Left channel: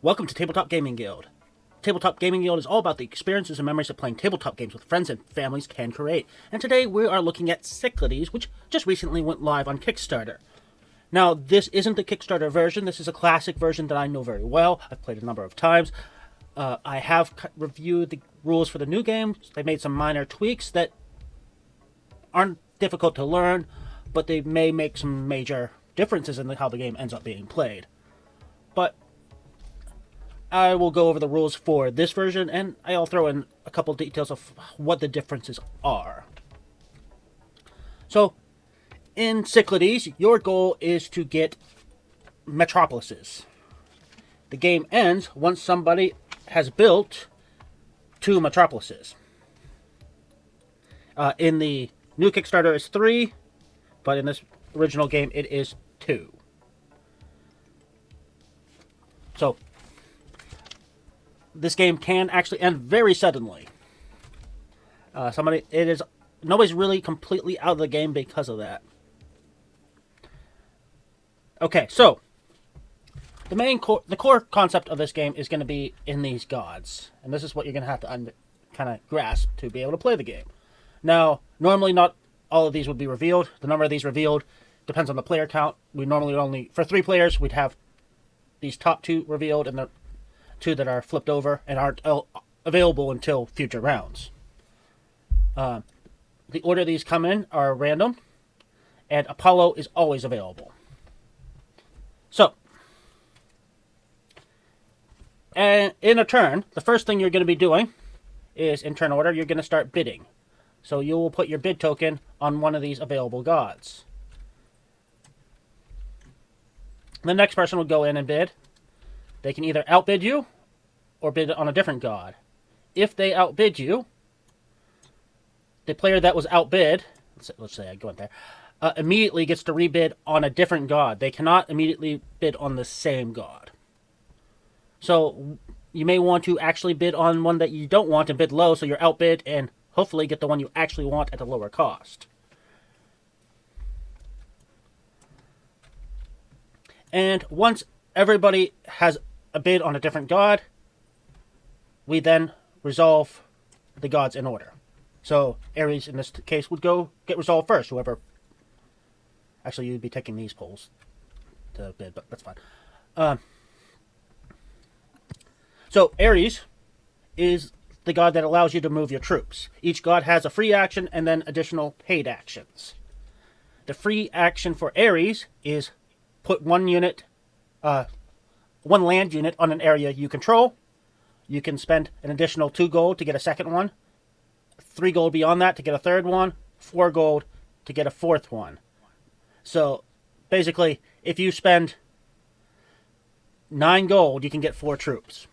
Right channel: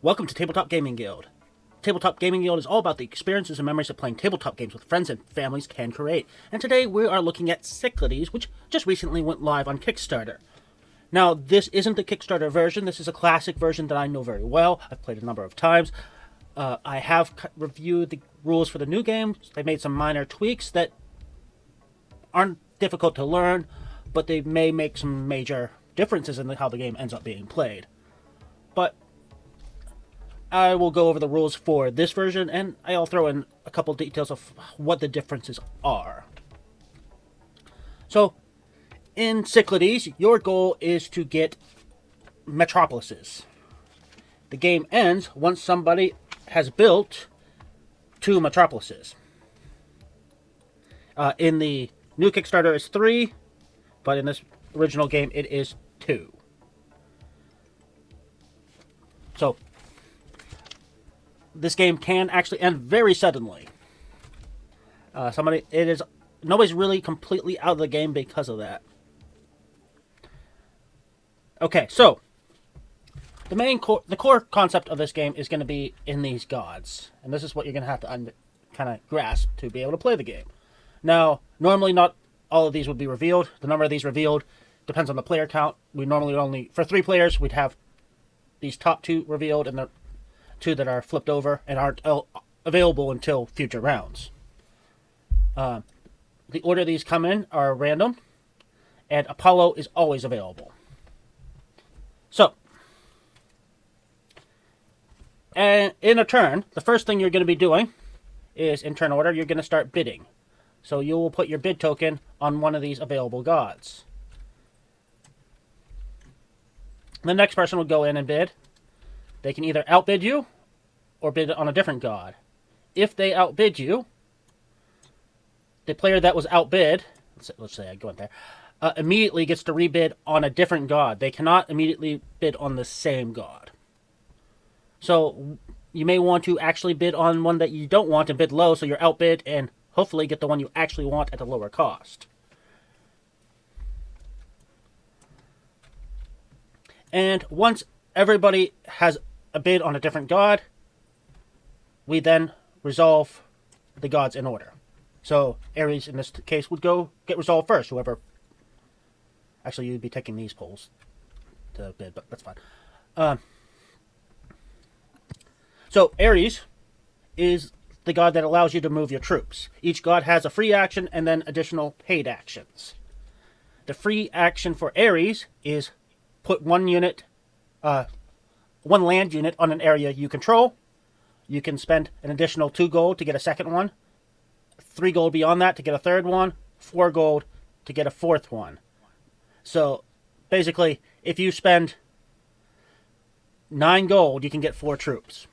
Welcome to Tabletop Gaming Guild. Tabletop Gaming Guild is all about the experiences and memories that playing tabletop games with friends and families can create. And today we are looking at Cyclades, which just recently went live on Kickstarter. Now, this isn't the Kickstarter version. This is a classic version that I know very well. I've played a number of times. I have reviewed the rules for the new game. They made some minor tweaks that aren't difficult to learn, but they may make some major differences in how the game ends up being played. But I will go over the rules for this version, and I'll throw in a couple details of what the differences are. So, in Cyclades, your goal is to get metropolises. The game ends once somebody has built 2 metropolises. In the new Kickstarter is 3, but in this original game it is 2. So, this game can actually end very suddenly. Nobody's really completely out of the game because of that. Okay, so the core concept of this game is going to be in these gods, and this is what you're going to have to kind of grasp to be able to play the game. Now, normally not all of these would be revealed. The number of these revealed depends on the player count. We normally only, for 3 players, we'd have these top 2 revealed, and the 2 that are flipped over and aren't available until future rounds. The order these come in are random, and Apollo is always available. So, and in a turn, the first thing you're going to be doing is, in turn order, you're going to start bidding. So you will put your bid token on one of these available gods. The next person will go in and bid. They can either outbid you or bid on a different god. If they outbid you, the player that was outbid, let's say I go in there, immediately gets to rebid on a different god. They cannot immediately bid on the same god. So you may want to actually bid on one that you don't want and bid low, so you're outbid and hopefully get the one you actually want at a lower cost. And once everybody has a bid on a different god, we then resolve the gods in order. So Ares in this case would go get resolved first. Whoever, actually you'd be taking these polls to build, but that's fine. So Ares is the god that allows you to move your troops. Each god has a free action and then additional paid actions. The free action for Ares is put one land unit on an area you control. You can spend an additional 2 gold to get a second one, 3 gold beyond that to get a third one, 4 gold to get a fourth one. So basically, if you spend 9 gold, you can get 4 troops.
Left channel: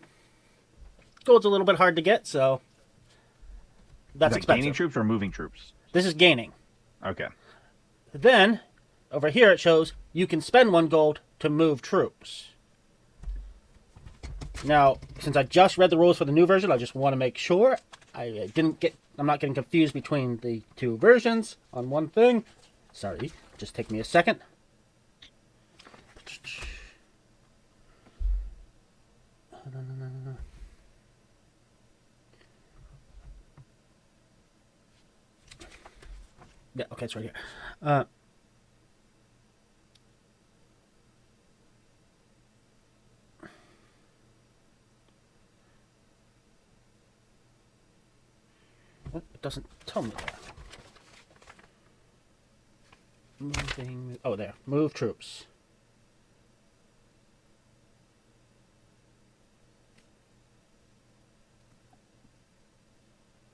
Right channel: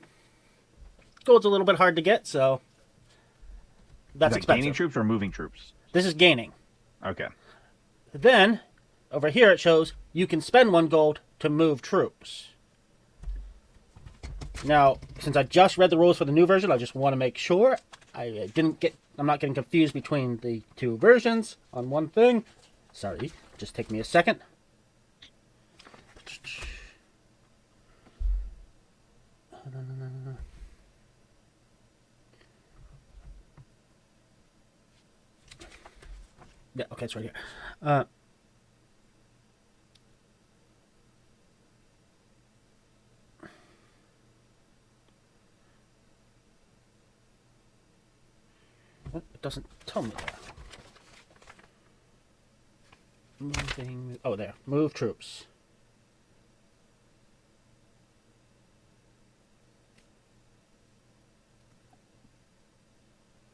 Gold's a little bit hard to get, so that's expensive. Gaining troops or moving troops? This is gaining. Okay. Then, over here it shows you can spend 1 gold to move troops. Now, since I just read the rules for the new version, I just want to make sure I'm not getting confused between the 2 versions on one thing. Sorry, just take me a second. Yeah, okay, it's right here. It doesn't tell me that. Moving. Oh, there. Move troops.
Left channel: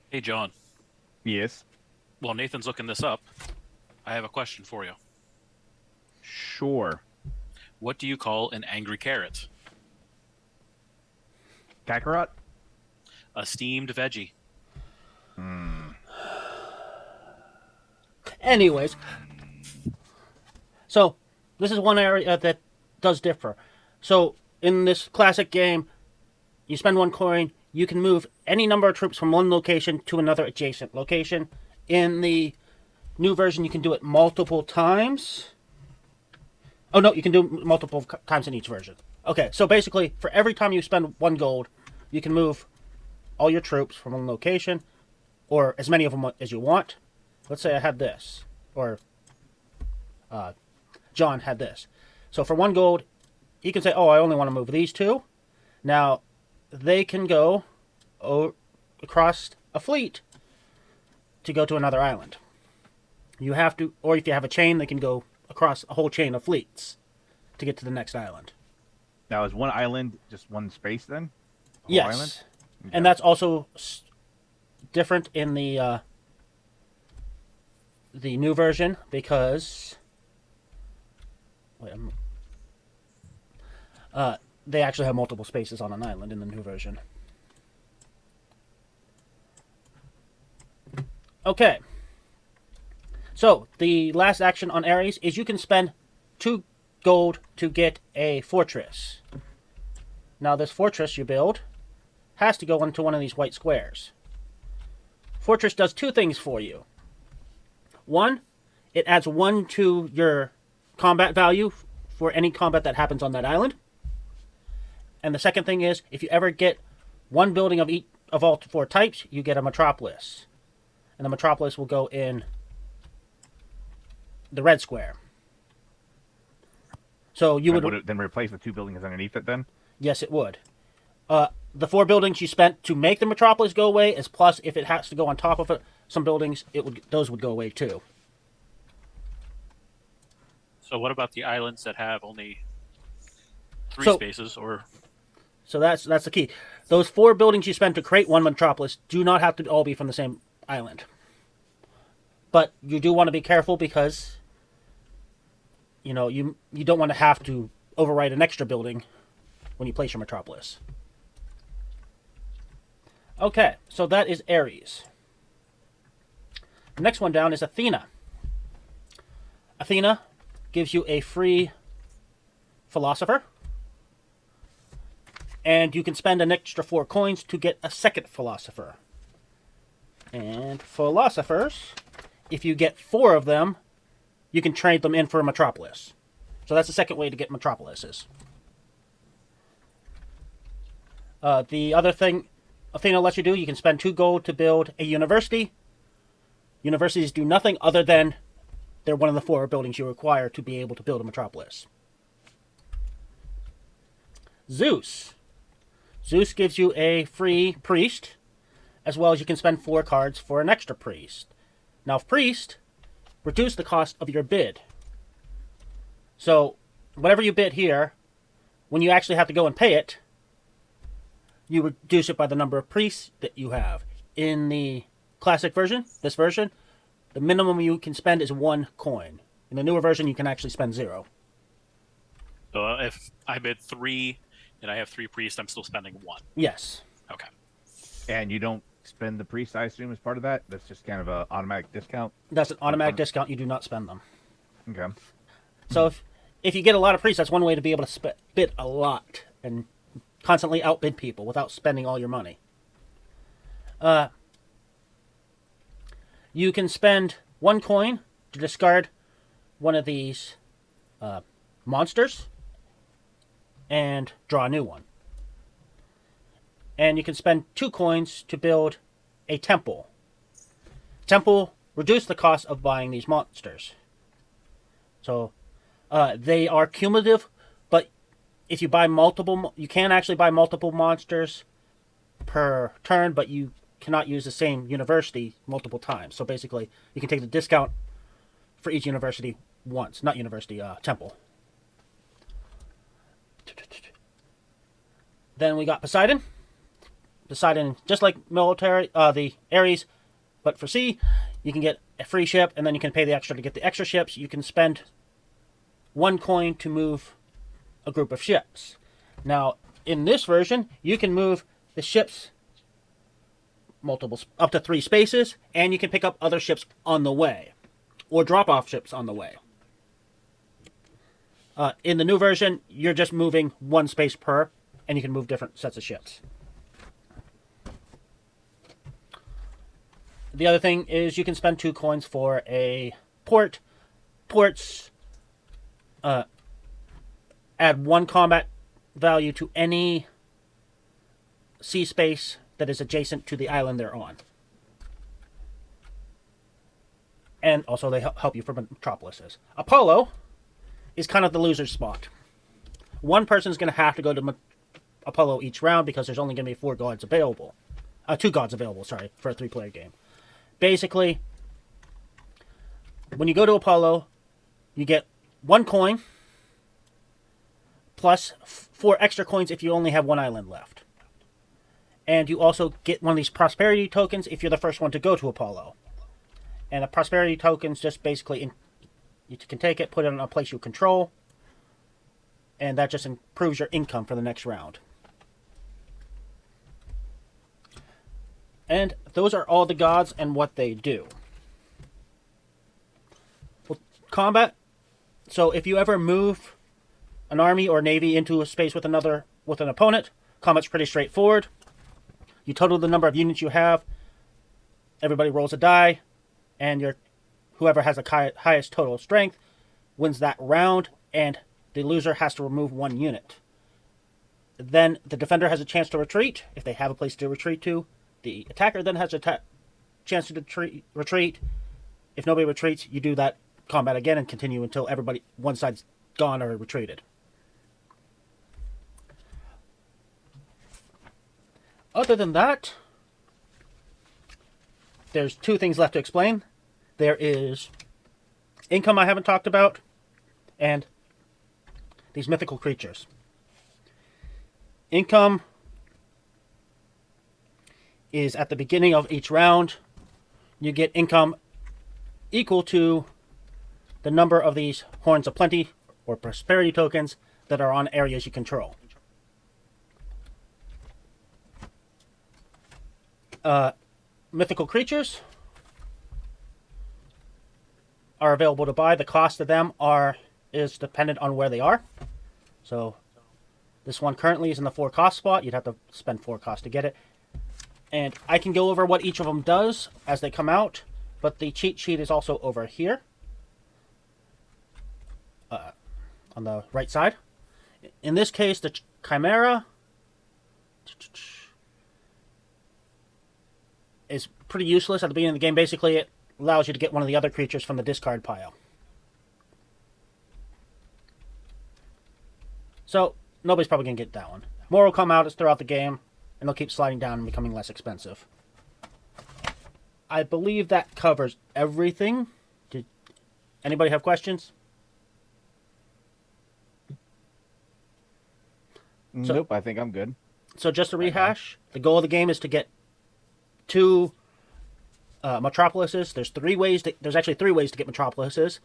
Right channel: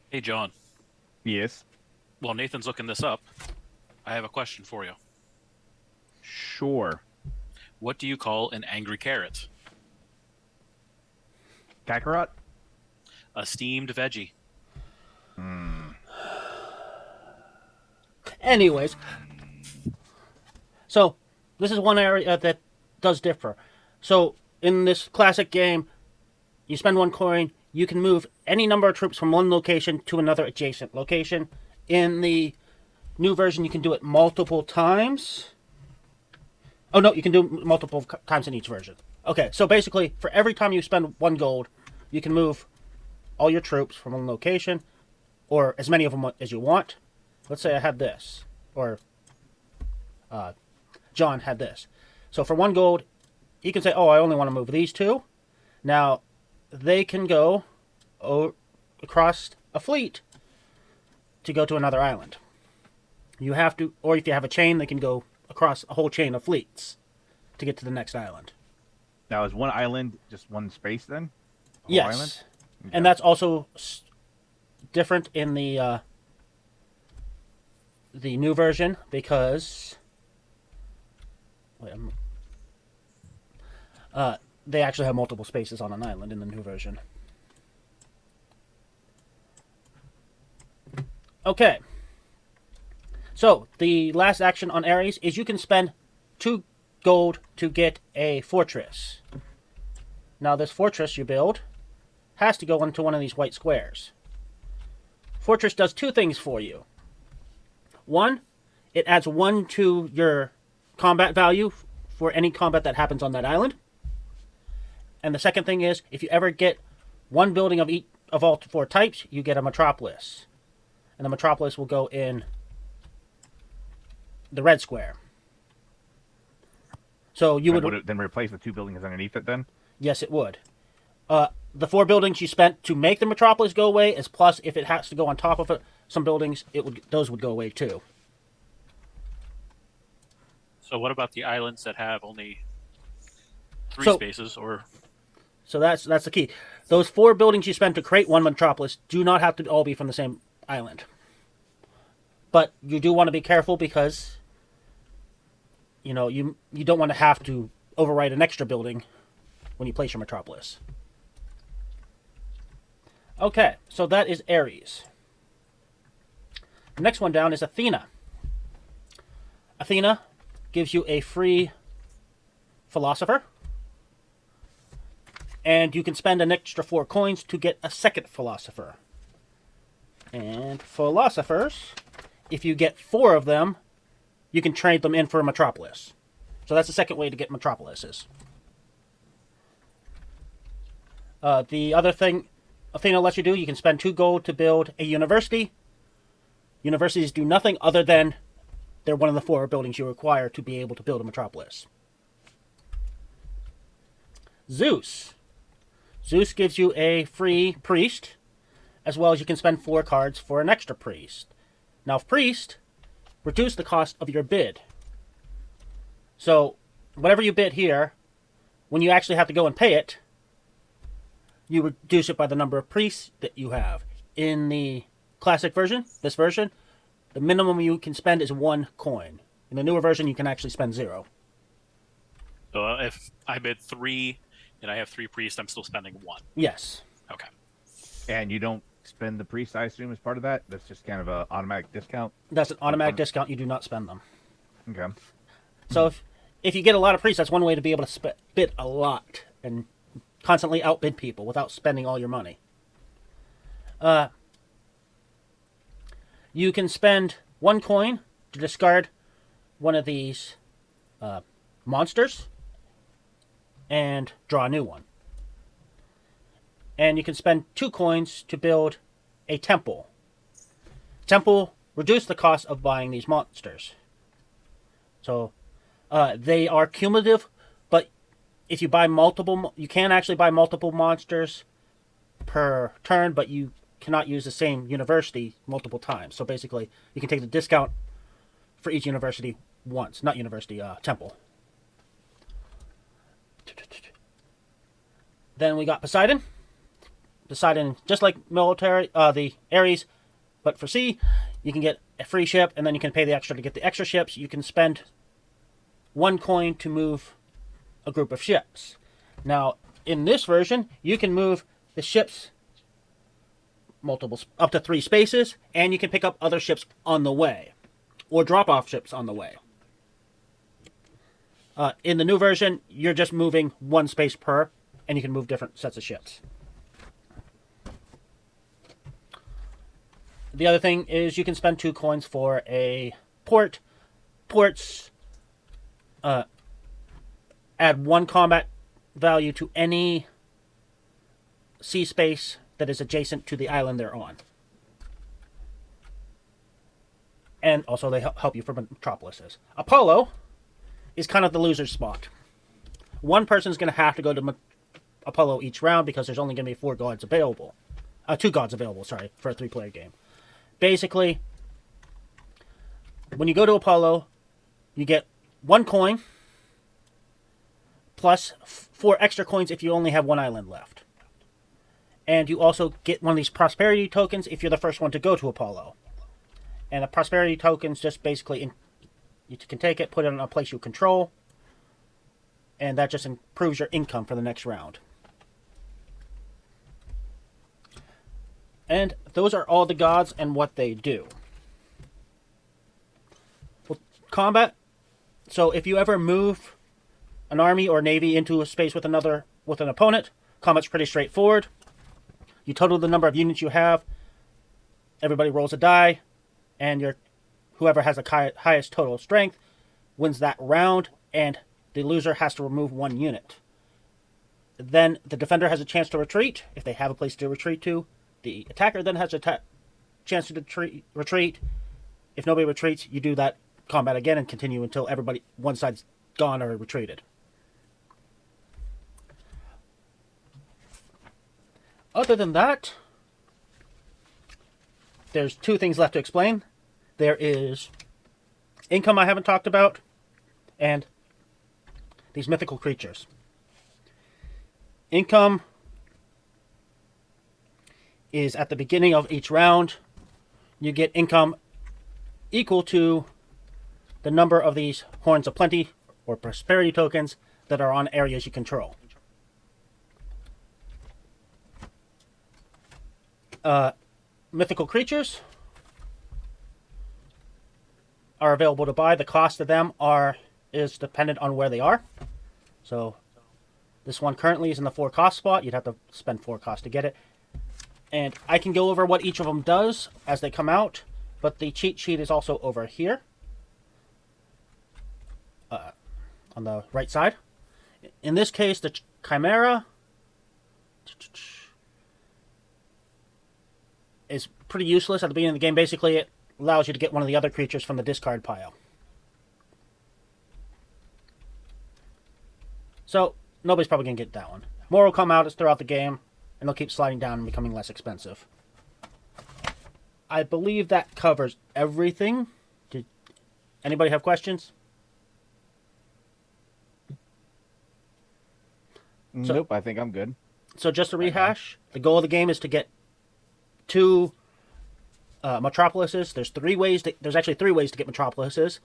Hey, John. Yes. While Nathan's looking this up, I have a question for you. Sure. What do you call an angry carrot? Kakarot? A steamed veggie. Anyways, so this is one area that does differ. So in this classic game, you spend 1 coin, you can move any number of troops from one location to another adjacent location. In the new version, you can do it multiple times. Oh no, you can do multiple times in each version. Okay, so basically, for every time you spend 1 gold, you can move all your troops from one location, or as many of them as you want. Let's say I had this, or John had this. So for 1 gold, he can say, oh, I only want to move these 2. Now, they can go across a fleet to go to another island. You have to, or if you have a chain, they can go across a whole chain of fleets to get to the next island. Now, is one island just one space then? Yes. Island? Okay. And that's also different in the new version because they actually have multiple spaces on an island in the new version. Okay. So, the last action on Ares is you can spend 2 gold to get a fortress. Now, this fortress you build has to go into one of these white squares. Fortress does 2 things for you. 1, it adds 1 to your combat value for any combat that happens on that island. And the second thing is, if you ever get 1 building of all 4 types, you get a metropolis. And the metropolis will go in the red square. So you would it then replace the 2 buildings underneath it then? Yes, it would. The 4 buildings you spent to make the metropolis go away, is plus if it has to go on top of it, some buildings those would go away too. So what about the islands that have only 3 spaces? So that's the key. Those 4 buildings you spent to create 1 metropolis do not have to all be from the same island. But you do want to be careful because you don't want to have to overwrite an extra building when you place your metropolis. Okay, so that is Ares. The next one down is Athena. Athena gives you a free philosopher. And you can spend an extra 4 coins to get a second philosopher. And philosophers, if you get 4 of them, you can trade them in for a metropolis. So that's the second way to get metropolises. The other thing Athena lets you do, you can spend 2 gold to build a university. Universities do nothing other than they're one of the 4 buildings you require to be able to build a metropolis. Zeus. Zeus gives you a free priest, as well as you can spend 4 cards for an extra priest. Now, priest, reduce the cost of your bid. So, whatever you bid here, when you actually have to go and pay it, you reduce it by the number of priests that you have. In the classic version, this version, the minimum you can spend is 1 coin. In the newer version, you can actually spend 0. So if I bid 3 and I have 3 priests, I'm still spending 1. Yes. Okay. And you don't spend the priest, I assume, as part of that? That's just kind of an automatic discount? That's an automatic discount. You do not spend them. Okay. So if you get a lot of priests, that's one way to be able to bid a lot and constantly outbid people without spending all your money. You can spend 1 coin to discard one of these monsters and draw a new one. And you can spend 2 coins to build a temple. Temple reduce the cost of buying these monsters. So they are cumulative, but if you buy multiple, you can actually buy multiple monsters per turn, but you cannot use the same university multiple times. So basically, you can take the discount for each university once. Not university, temple. Then we got Poseidon. Poseidon, just like military, the Ares, but for sea, you can get a free ship, and then you can pay the extra to get the extra ships. You can spend 1 coin to move a group of ships. Now, in this version, you can move the ships up to 3 spaces, and you can pick up other ships on the way, or drop off ships on the way. In the new version, you're just moving 1 space per, and you can move different sets of ships. The other thing is you can spend 2 coins for a port. Ports add 1 combat value to any sea space that is adjacent to the island they're on. And also they help you for metropolises. Apollo is kind of the loser's spot. One person's going to have to go to Apollo each round because there's only going to be 4 gods available. 2 gods available, sorry, for a 3-player game. Basically, when you go to Apollo, you get 1 coin plus 4 extra coins if you only have 1 island left. And you also get one of these prosperity tokens if you're the first one to go to Apollo. And a prosperity token's just basically, you can take it, put it in a place you control, and that just improves your income for the next round. And those are all the gods and what they do. Well, combat. So if you ever move an army or navy into a space with an opponent, combat's pretty straightforward. You total the number of units you have. Everybody rolls a die, and whoever has the highest total strength wins that round, and the loser has to remove 1 unit. Then the defender has a chance to retreat, if they have a place to retreat to. The attacker then has a chance to retreat. If nobody retreats, you do that combat again and continue until one side's gone or retreated. Other than that, there's 2 things left to explain. There is income I haven't talked about, and these mythical creatures. Income is at the beginning of each round. You get income equal to the number of these Horns of Plenty or prosperity tokens that are on areas you control. Mythical creatures are available to buy. The cost of them is dependent on where they are. So this one currently is in the 4 cost spot. You'd have to spend 4 cost to get it. And I can go over what each of them does as they come out, but the cheat sheet is also over here on the right side. In this case, the Chimera is pretty useless at the beginning of the game. Basically, it allows you to get one of the other creatures from the discard pile. So, nobody's probably going to get that one. More will come out as throughout the game, and they'll keep sliding down and becoming less expensive. I believe that covers everything. Did anybody have questions? Nope, I think I'm good. So just to rehash, the goal of the game is to get 2 metropolises. There's actually 3 ways to get metropolises.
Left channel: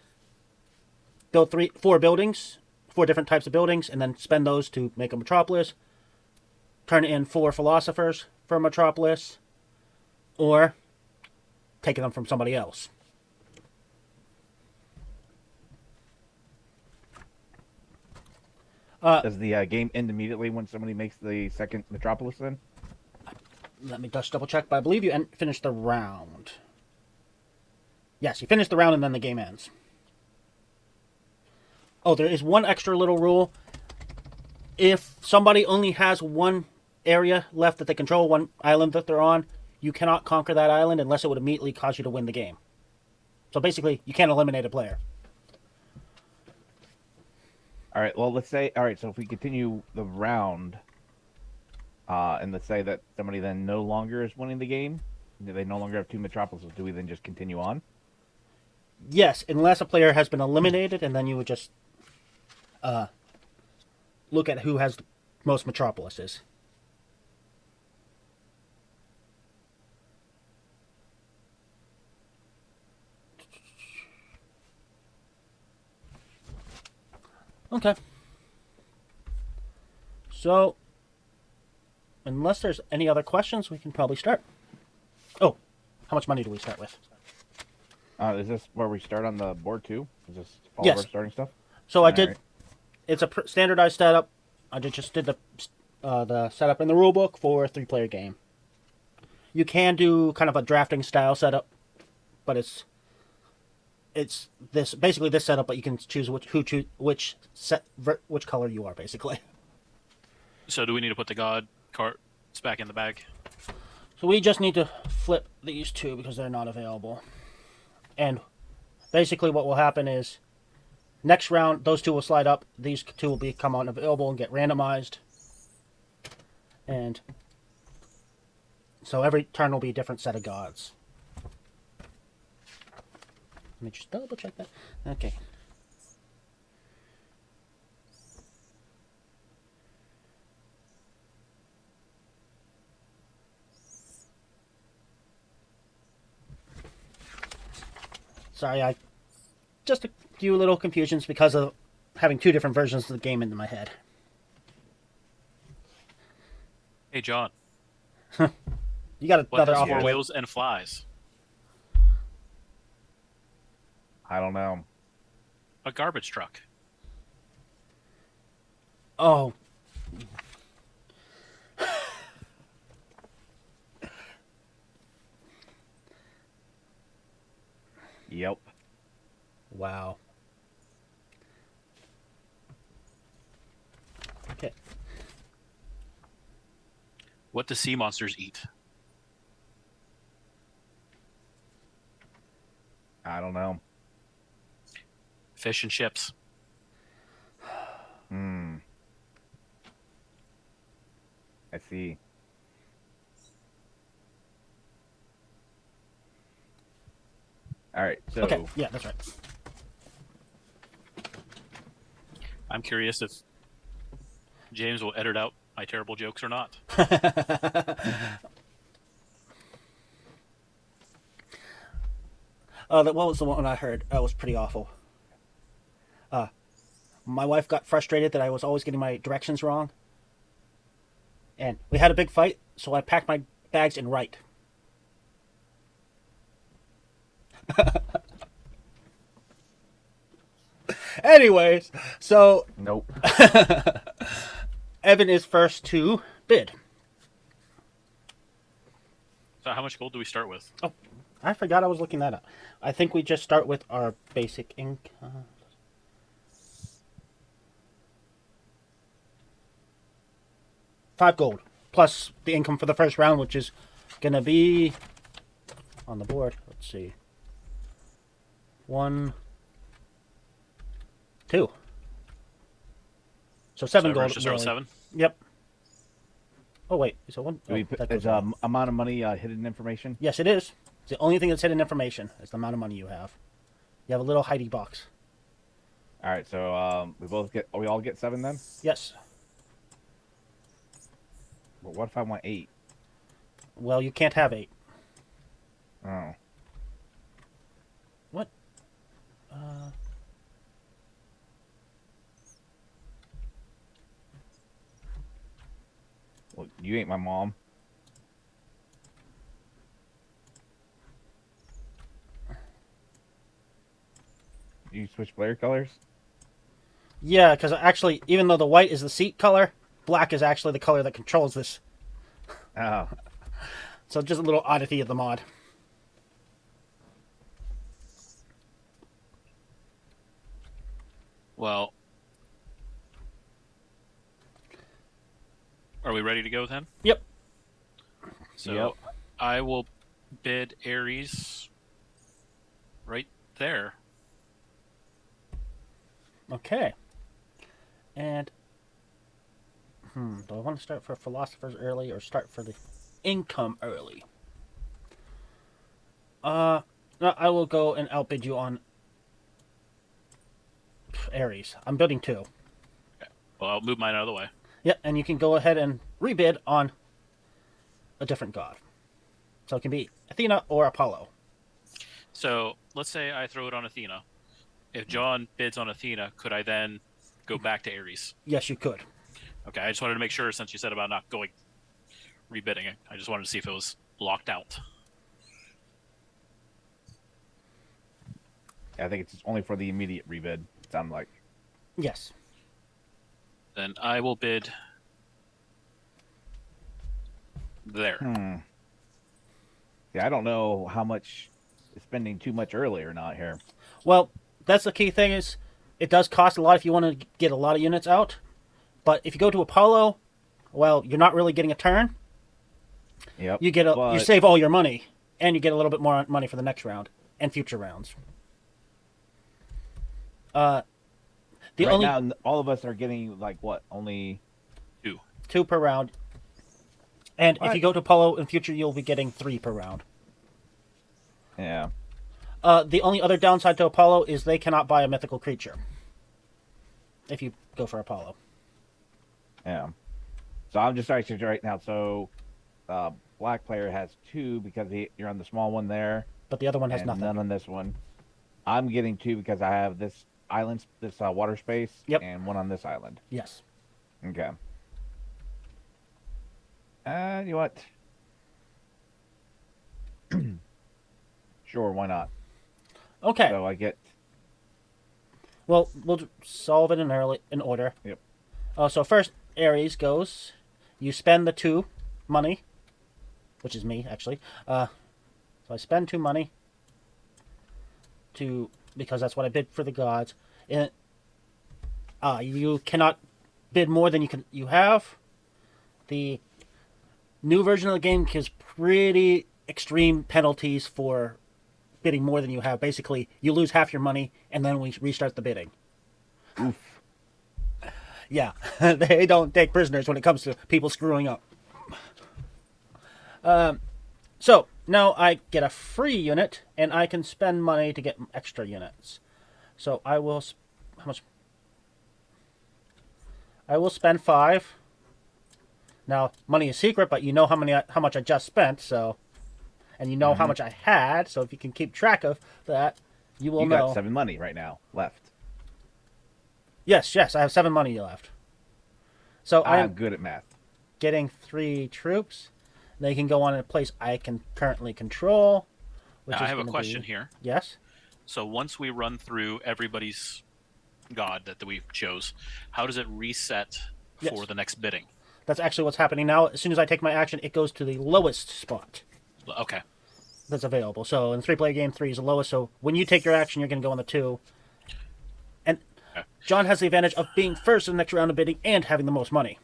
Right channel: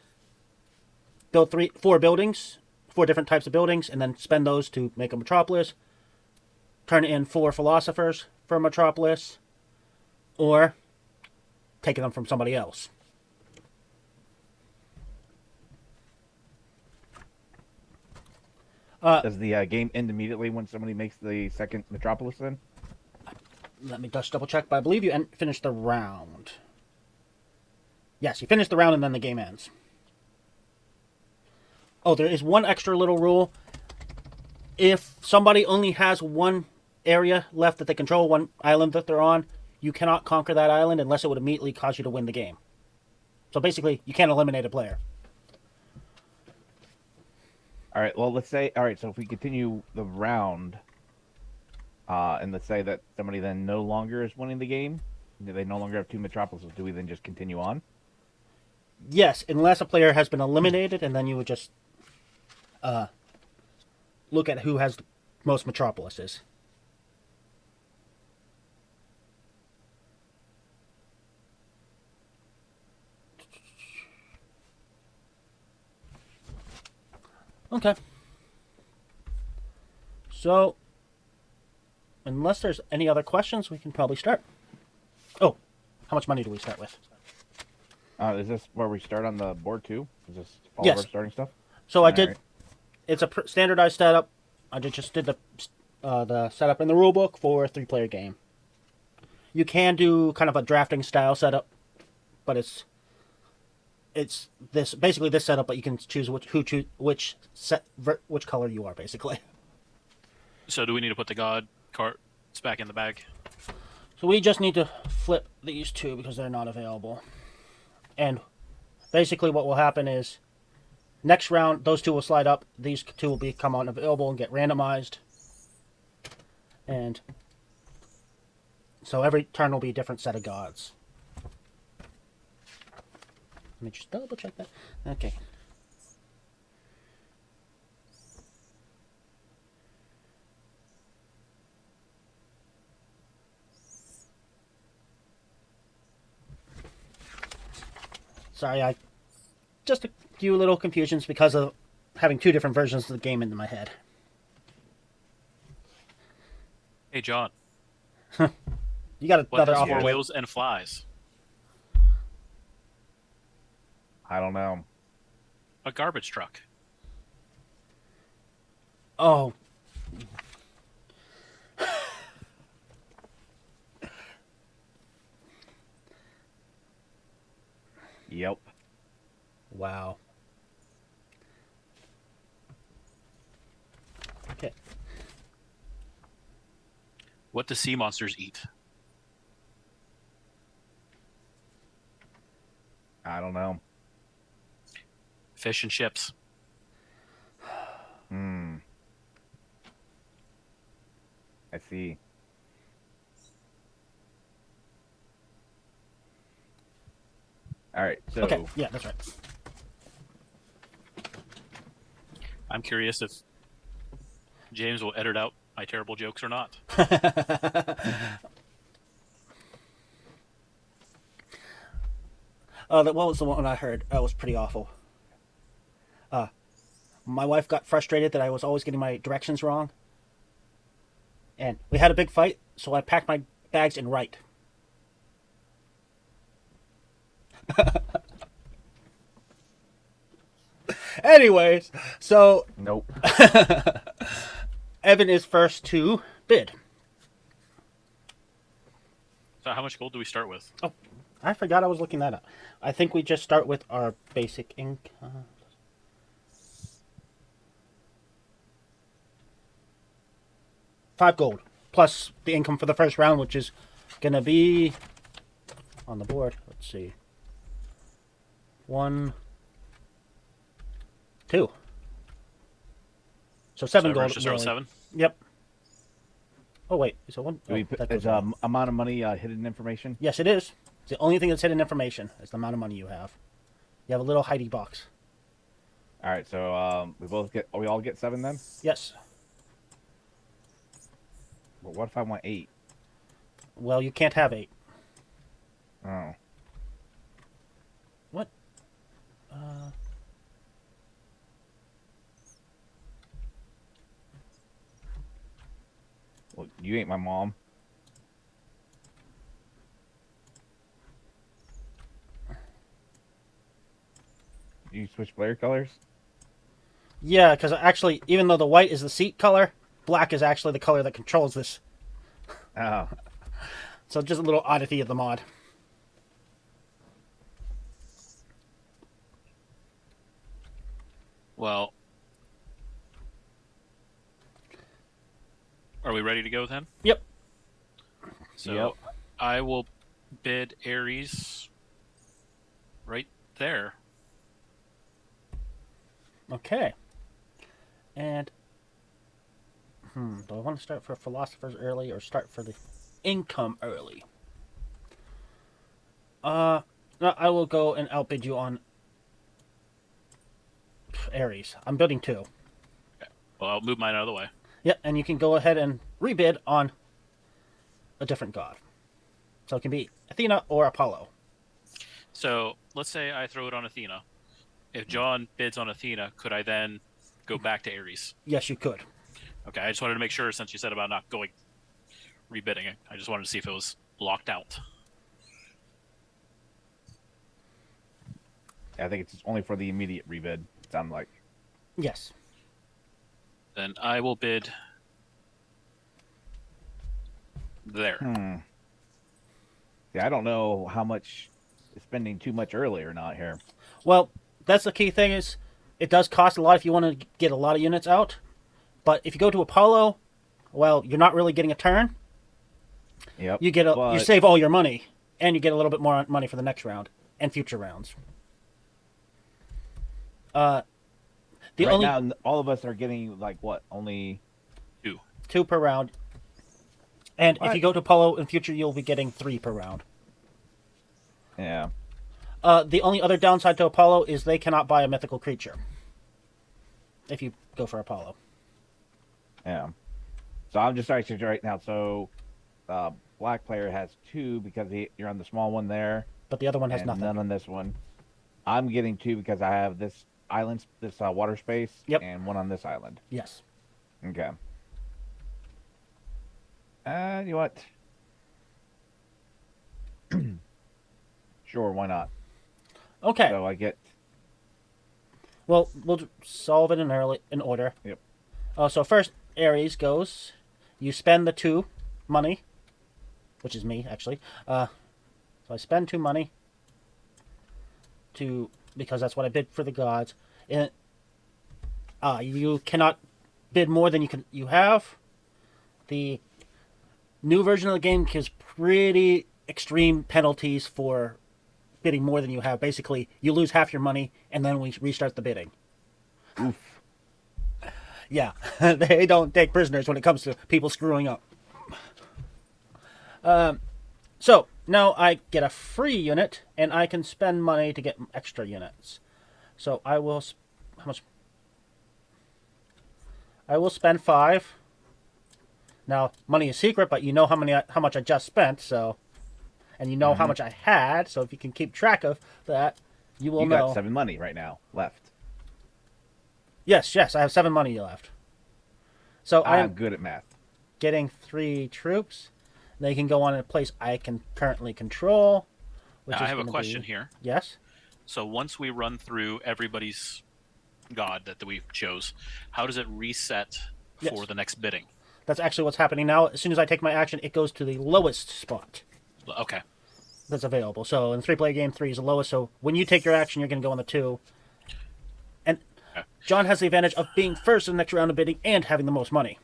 Build 4 buildings, 4 different types of buildings, and then spend those to make a metropolis. Turn in 4 philosophers for a metropolis, or taking them from somebody else. Does the game end immediately when somebody makes the second metropolis then? Let me just double check, but I believe you finish the round. Yes, you finish the round and then the game ends. Oh, there is one extra little rule. If somebody only has 1 area left that they control, 1 island that they're on, you cannot conquer that island unless it would immediately cause you to win the game. So basically, you can't eliminate a player. All right, well, let's say, so if we continue the round, and let's say that somebody then no longer is winning the game, they no longer have 2 metropolises, do we then just continue on? Yes, unless a player has been eliminated, and then you would just look at who has the most metropolises. Okay. So, unless there's any other questions, we can probably start. Oh, how much money do we start with? Is this where we start on the board too? Is this all Yes. of our starting stuff? So I did. Right. It's a standardized setup. I just did the setup in the rulebook for a 3-player game. You can do kind of a drafting style setup, but it's it's this basically this setup, but you can choose which color you are basically. So do we need to put the god cards back in the bag? So we just need to flip these two because they're not available. And basically what will happen is next round those two will slide up, these two will become unavailable and get randomized. And so every turn will be a different set of gods. Let me just double check that. Okay. Sorry, just a few little confusions because of having two different versions of the game in my head. Hey, John. You got What another has offer. four wheels and flies? I don't know. A garbage truck. Oh. Yep. Wow. Okay. What do sea monsters eat? I don't know. Fish and chips. I see. All right. So Okay. Yeah, that's right. I'm curious if James will edit out my terrible jokes or not. Oh, what was the one I heard? It was pretty awful. My wife got frustrated that I was always getting my directions wrong. And we had a big fight, so I packed my bags in right. Anyways, so nope. Evan is first to bid. So how much gold do we start with? Oh, I forgot I was looking that up. I think we just start with our basic income. 5 gold plus the income for the first round, which is gonna be on the board. Let's see. 1, 2. So 7 gold. Just roll 7? Yep. Oh wait, so one. Do we that put goes is wrong. amount of money hidden information? Yes, it is. The only thing that's hidden information is the amount of money you have. You have a little Heidi box. All right. So we all get 7 then. Yes. But what if I want 8? Well, you can't have 8. Oh. What? Well, you ain't my mom. You switch player colors? Yeah, because actually, even though the white is the seat color, black is actually the color that controls this. Oh. So just a little oddity of the mod. Well, are we ready to go then? Yep. So Yep. I will bid Ares right there. Okay. And do I want to start for philosophers early or start for the income early? No, I will go and outbid you on Ares. I'm building 2. Well, I'll move mine out of the way. Yeah, and you can go ahead and rebid on a different god. So it could be Athena or Apollo. So let's say I throw it on Athena. If John bids on Athena, could I then go back to Ares? Yes, you could. Okay, I just wanted to make sure since you said about not going rebidding it. I just wanted to see if it was locked out. I think it's only for the immediate rebid. Sound like. Yes. Then I will bid there. Yeah, I don't know how much spending too much early or not here. Well, that's the key thing is it does cost a lot if you want to get a lot of units out. But if you go to Apollo, well, you're not really getting a turn. Yep. You save all your money, and you get a little bit more money for the next round and future rounds. Now, all of us are getting like what? Only two per round. And if you go to Apollo in future, you'll be getting 3 per round. Yeah. The only other downside to Apollo is they cannot buy a mythical creature. If you go for Apollo. Yeah. So I'm just actually right now. So black player has 2 because you're on the small one there. But the other one has nothing. None on this one. I'm getting 2 because I have this island, this water space, and 1 on this island. Yes. Okay. You know what? Sure, why not? Okay. So I get. Well, we'll solve it in order. Yep. So first, Ares goes. You spend the 2 money, which is me actually. So I spend 2 money because that's what I bid for the gods. And you cannot bid more than you have. The new version of the game has pretty extreme penalties for bidding more than you have. Basically, you lose half your money, and then we restart the bidding. Oof. Yeah, they don't take prisoners when it comes to people screwing up. So, now I get a free unit, and I can spend money to get extra units. So I will... How much? I will spend 5. Now, money is secret, but you know how much I just spent, so... And you know how much I had, so if you can keep track of that, you will know. You got 7 money right now left. Yes, I have 7 money left. So I'm good at math. Getting 3 troops. They can go on a place I can currently control. Now, I have a question here. Yes? So once we run through everybody's god that we chose, how does it reset for the next bidding? That's actually what's happening now. As soon as I take my action, it goes to the lowest spot. Okay. That's available. So in the 3-player game, 3 is the lowest. So when you take your action, you're going to go on the 2. And John has the advantage of being first in the next round of bidding and having the most money.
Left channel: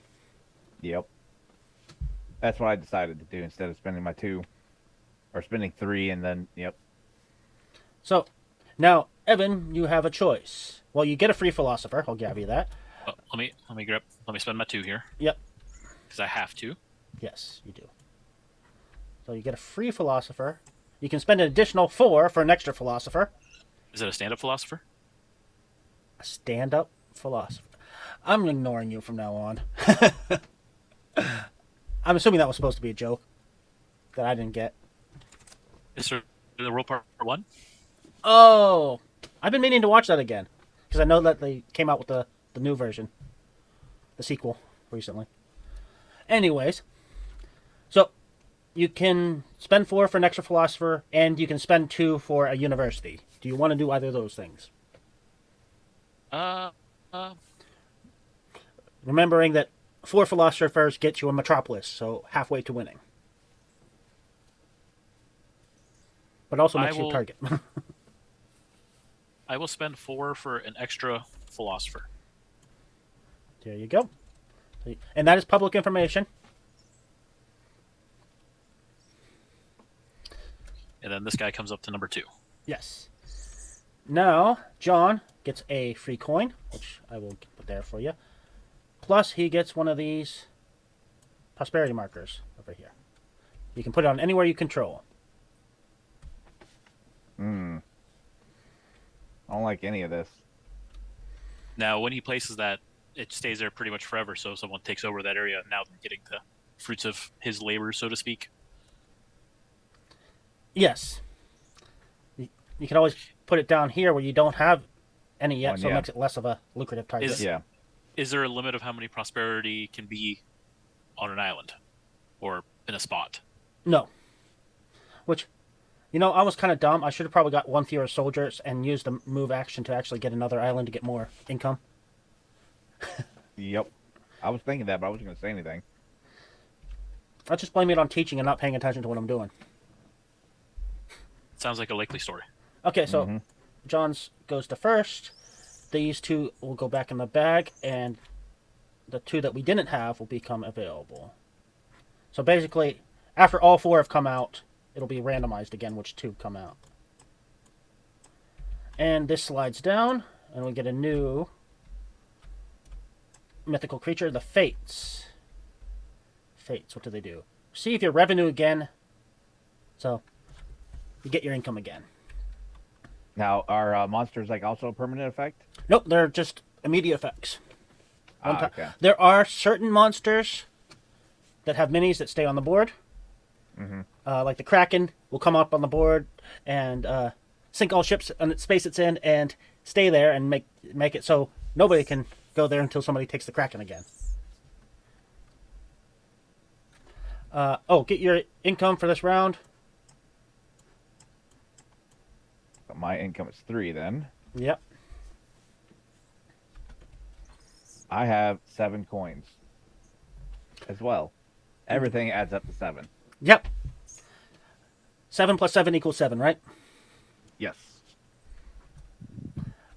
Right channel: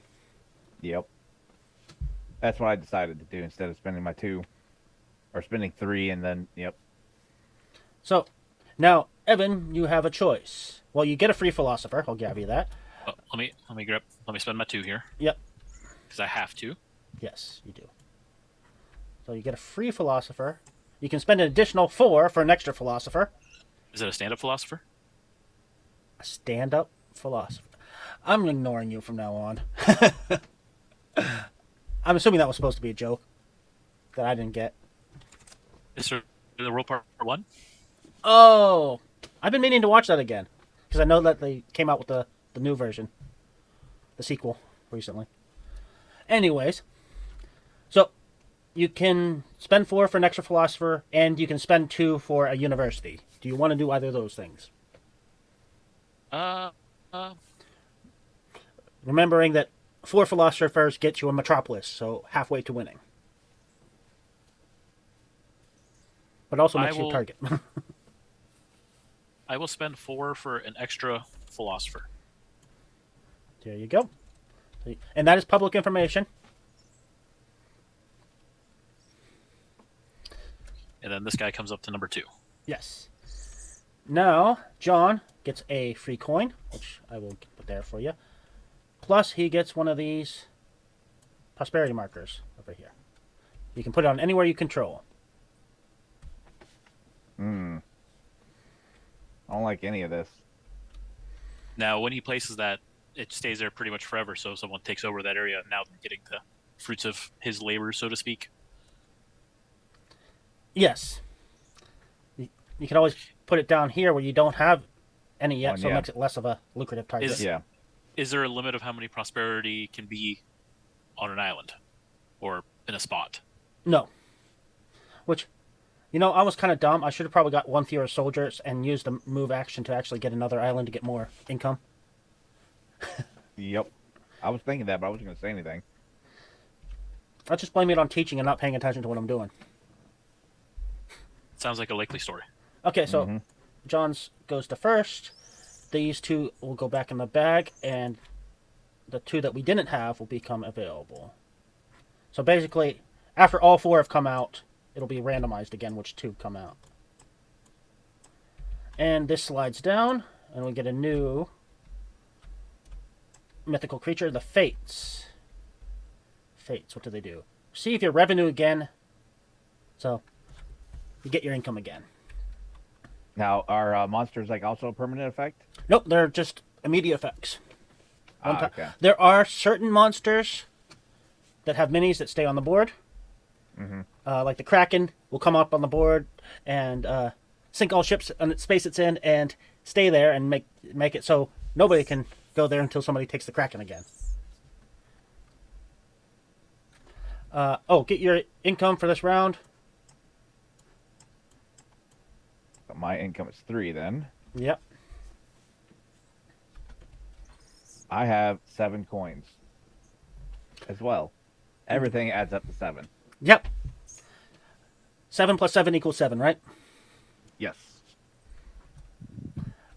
Yep. That's what I decided to do instead of spending my 2. Or spending 3 and then, yep. So, now, Evan, you have a choice. Well, you get a free philosopher. I'll give you that. Let me spend my 2 here. Yep. Because I have to. Yes, you do. So you get a free philosopher. You can spend an additional 4 for an extra philosopher. Is it a stand-up philosopher? A stand-up philosopher. I'm ignoring you from now on. I'm assuming that was supposed to be a joke that I didn't get. Is there the World Part 1? Oh! I've been meaning to watch that again. Because I know that they came out with the new version. The sequel, recently. Anyways. So, you can spend 4 for an extra philosopher, and you can spend 2 for a university. Do you want to do either of those things? Remembering that 4 philosophers get you a metropolis, so halfway to winning. But also makes you a target. I will spend 4 for an extra philosopher. There you go. And that is public information. And then this guy comes up to number 2. Yes. Now, John gets a free coin, which I will put there for you. Plus, he gets one of these prosperity markers over here. You can put it on anywhere you control. I don't like any of this. Now, when he places that, it stays there pretty much forever, so if someone takes over that area, now they're getting the fruits of his labor, so to speak. Yes. You can always put it down here where you don't have any yet, so it makes it less of a lucrative target. Is there a limit of how many prosperity can be on an island? Or in a spot? No. Which, I was kind of dumb. I should have probably got 1 fewer soldiers and used the move action to actually get another island to get more income. Yep. I was thinking that, but I wasn't going to say anything. I just blame it on teaching and not paying attention to what I'm doing. Sounds like a likely story. Okay, so John's goes to first. These two will go back in the bag, and the two that we didn't have will become available. So basically, after all 4 have come out, it'll be randomized again which 2 come out. And this slides down, and we get a new mythical creature, the Fates. Fates, what do they do? Receive your revenue again. So, you get your income again. Now, are monsters like also a permanent effect? Nope, they're just immediate effects. Okay. There are certain monsters that have minis that stay on the board. Like the Kraken will come up on the board and sink all ships and the space it's in and stay there and make it so nobody can go there until somebody takes the Kraken again. Get your income for this round. My income is 3 then. Yep. I have 7 coins as well. Everything adds up to 7. Yep. 7 plus 7 equals 7, right? Yes.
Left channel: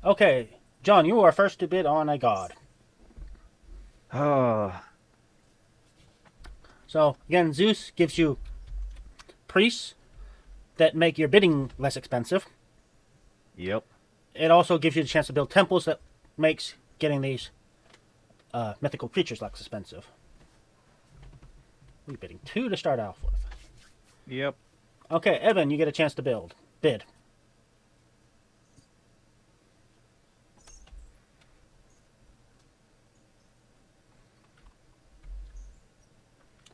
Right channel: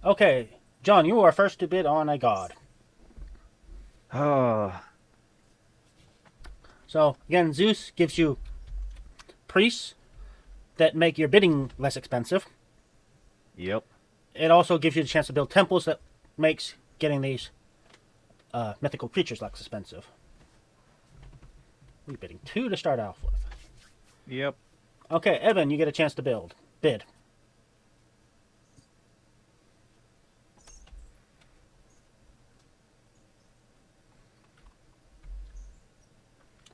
Okay, John, you are first to bid on a god. So, again, Zeus gives you priests that make your bidding less expensive. Yep. It also gives you the chance to build temples that makes getting these mythical creatures less expensive. We're bidding 2 to start off with. Yep. Okay, Evan, you get a chance to bid.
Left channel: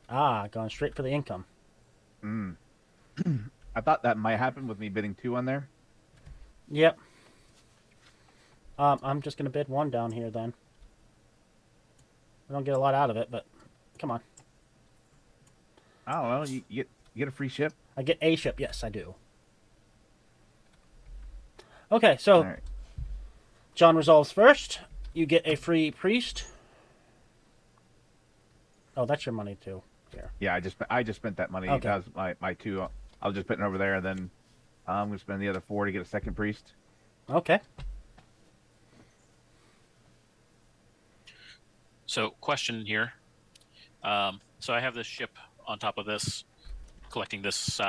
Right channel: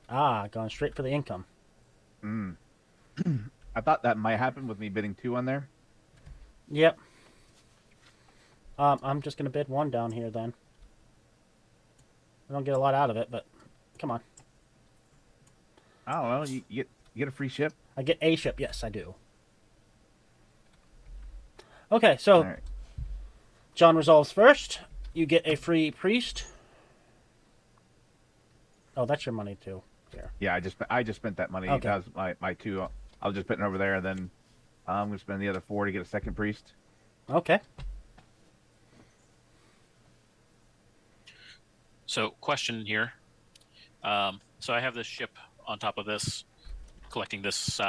Yeah, going straight for the income. Yep. I'm just going to bid 1 down here then. I don't get a lot out of it, but come on. I don't know. You get a free ship? I get a ship. Yes, I do. Okay, so All right. John resolves first. You get a free priest. Oh, that's your money too. Here. Yeah, I just spent that money. Okay. That was my 2. I was just putting over there, and then I'm going to spend the other 4 to get a second priest. Okay. So, question here. So I have this ship on top of this, collecting this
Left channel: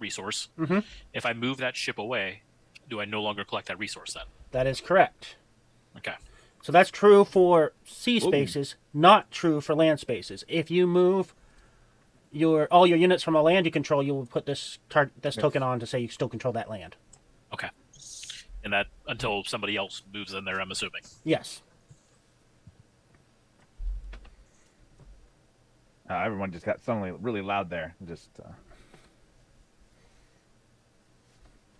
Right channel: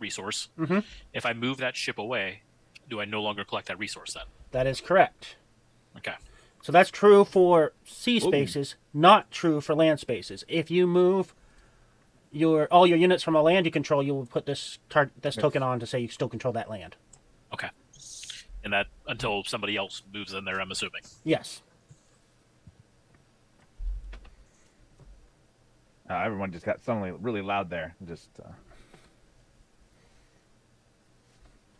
resource. Mm-hmm. If I move that ship away, do I no longer collect that resource then? That is correct. Okay. So that's true for sea spaces, not true for land spaces. If you move all your units from a land you control, you will put this token on to say you still control that land. Okay. And that until somebody else moves in there, I'm assuming. Yes. Everyone just got suddenly really loud there.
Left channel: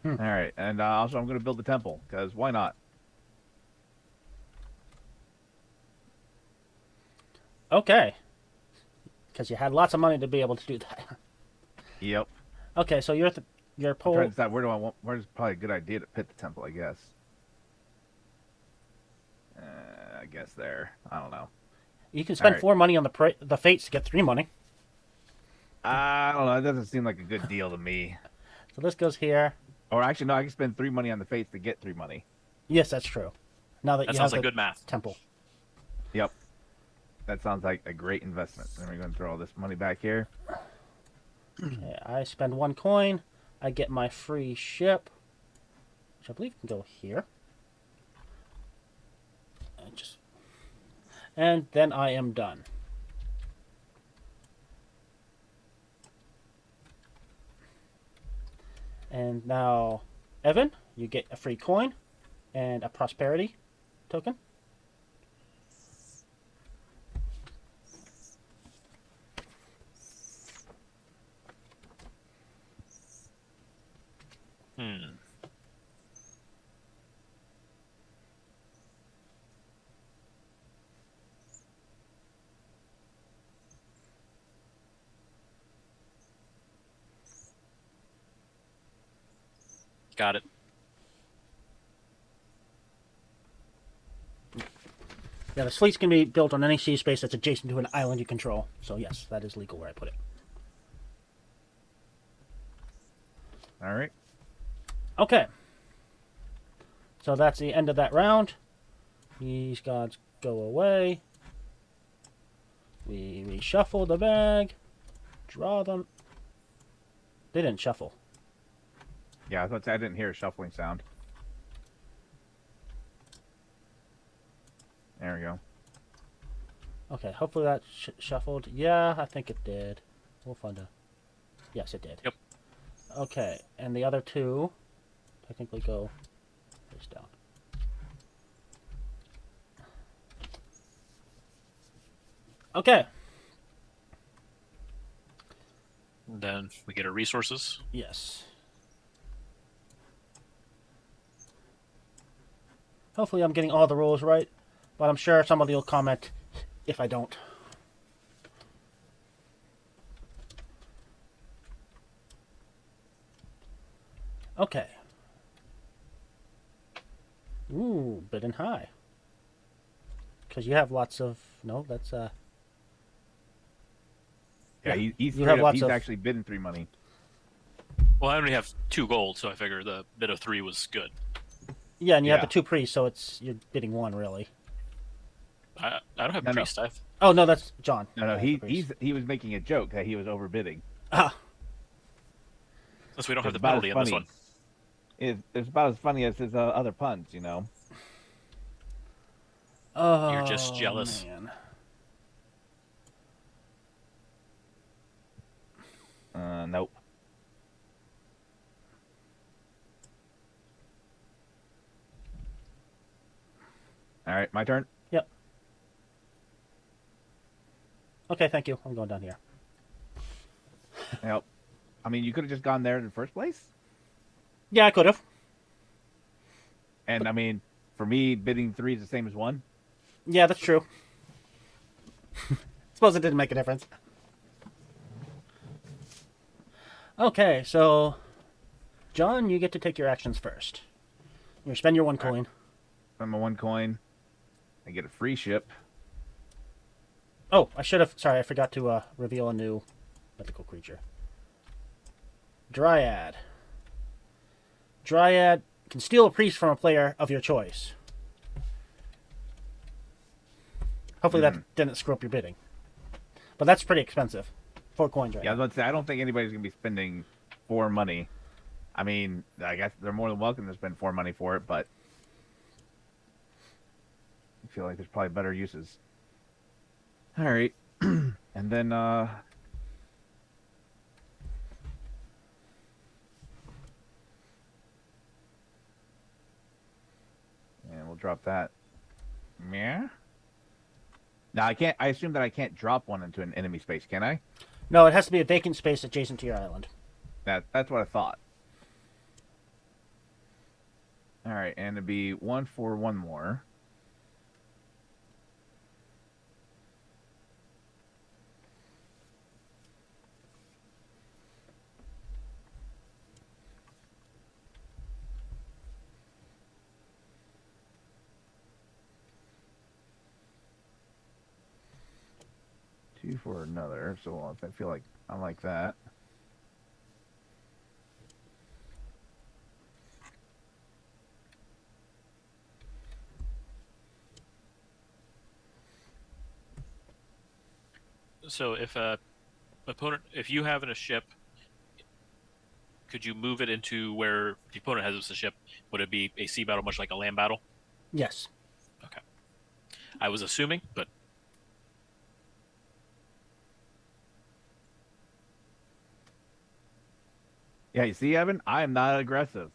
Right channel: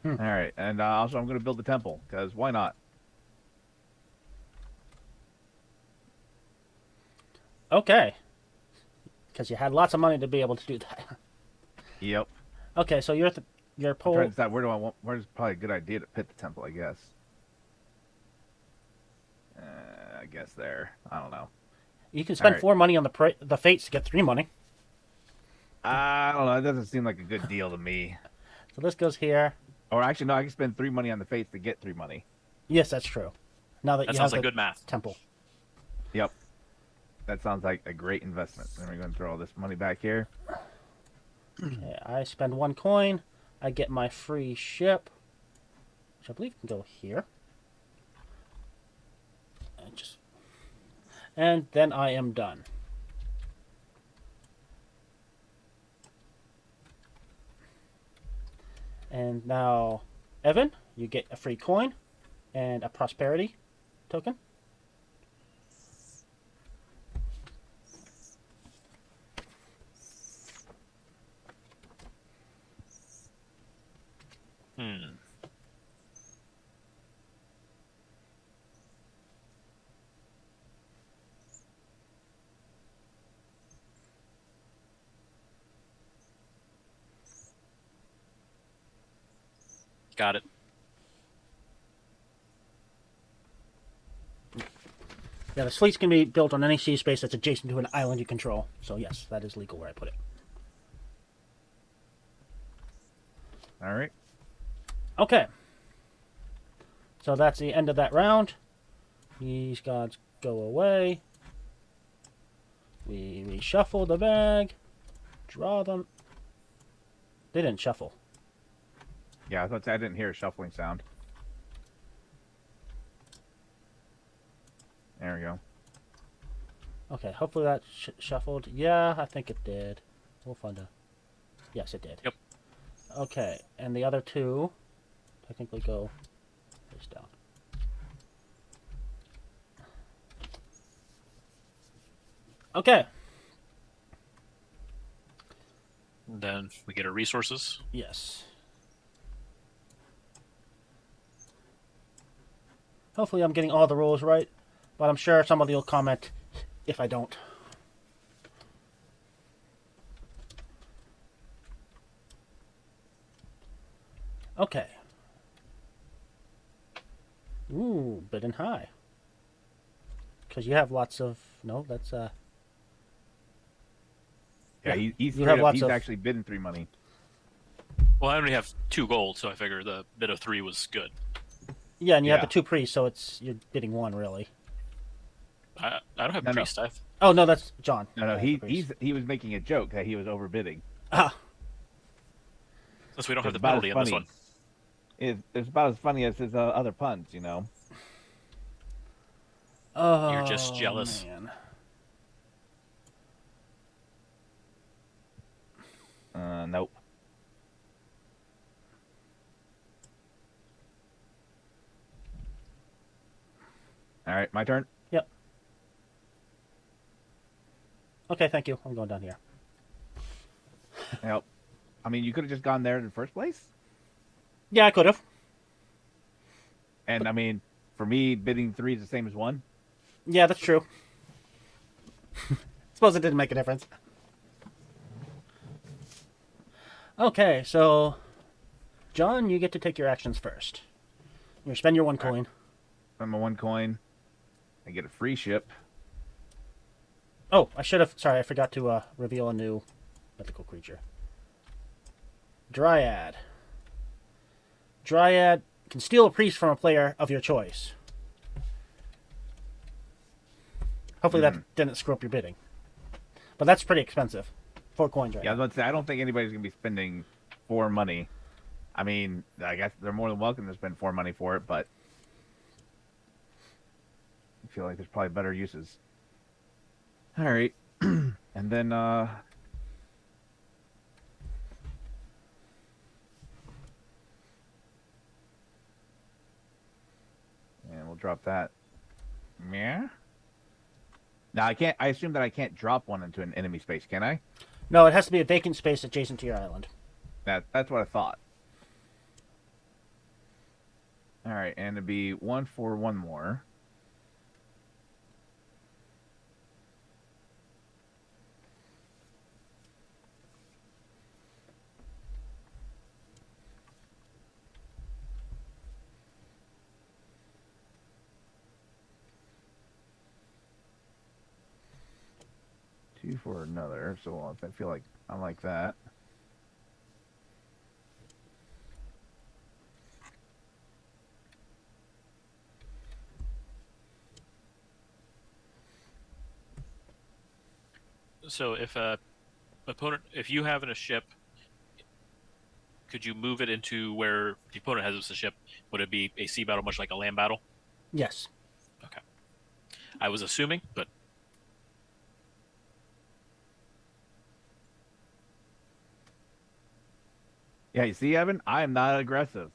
All right, and also I'm going to build the temple because why not? Okay. Because you had lots of money to be able to do that. Yep. Okay, so your I'm poll. trying to decide where's probably a good idea to pit the temple. I guess. I guess there. I don't know. You can spend Alright. 4 money on the fates to get 3 money. I don't know. It doesn't seem like a good deal to me. So this goes here. Or actually, no. I can spend 3 money on the fates to get 3 money. Yes, that's true. Now that That you sounds have like the good math. temple. Yep. That sounds like a great investment. Then we're going to throw all this money back here. Okay, I spend 1 coin. I get my free ship, which I believe can go here. And then I am done. And now, Evan, you get a free coin and a prosperity token. Got it. Yeah, the fleets can be built on any sea space that's adjacent to an island you control. So yes, that is legal where I put it. All right. Okay. So that's the end of that round. These guys go away. We reshuffle the bag. Draw them. They didn't shuffle. Yeah, I didn't hear a shuffling sound. There we go. Okay, hopefully that shuffled. Yeah, I think it did. We'll find out. Yes, it did. Yep. Okay, and the other two technically go face down. Okay. And then we get our resources. Yes. Hopefully I'm getting all the rules right, but I'm sure somebody will comment if I don't. Okay. Big and high. Because you have lots of... No, that's... Yeah, he's actually bidding 3 money. Well, I only have 2 gold, so I figure the bid of 3 was good. Yeah, and you have the 2 priests, so you're bidding 1, really. I don't have priest. No. Oh, no, that's John. No, he was making a joke that he was overbidding. Ah. Since we don't have the bottom It's about as funny as his other puns, you know. Oh, You're just jealous. Man. Nope. All right, my turn. Yep. Okay, thank you. I'm going down here. Yep. I mean, you could have just gone there in the first place. Yeah, I could have. And I mean, for me, bidding 3 is the same as 1. Yeah, that's true. Suppose it didn't make a difference. Okay, so John, you get to take your actions first. You spend your 1 coin. Spend my 1 coin. I get a free ship. Oh, I should have. Sorry, I forgot to reveal a new mythical creature. Dryad. Dryad can steal a priest from a player of your choice. Hopefully that didn't screw up your bidding. But that's pretty expensive. 4 coins right Yeah, I was about to say, I don't think anybody's going to be spending 4 money. I mean, I guess they're more than welcome to spend 4 money for it, but I feel like there's probably better uses. All right. And then, and we'll drop that. Yeah. Now, I assume that I can't drop one into an enemy space, can I? No, it has to be a vacant space adjacent to your island. That's what I thought. All right, and it'll be 1 for 1 more. Two for another, so I feel like I like that. So if if you have in a ship, could you move it into where the opponent has a ship? Would it be a sea battle, much like a land battle? Yes. Okay. I was assuming, but Yeah, you see, Evan, I am not aggressive.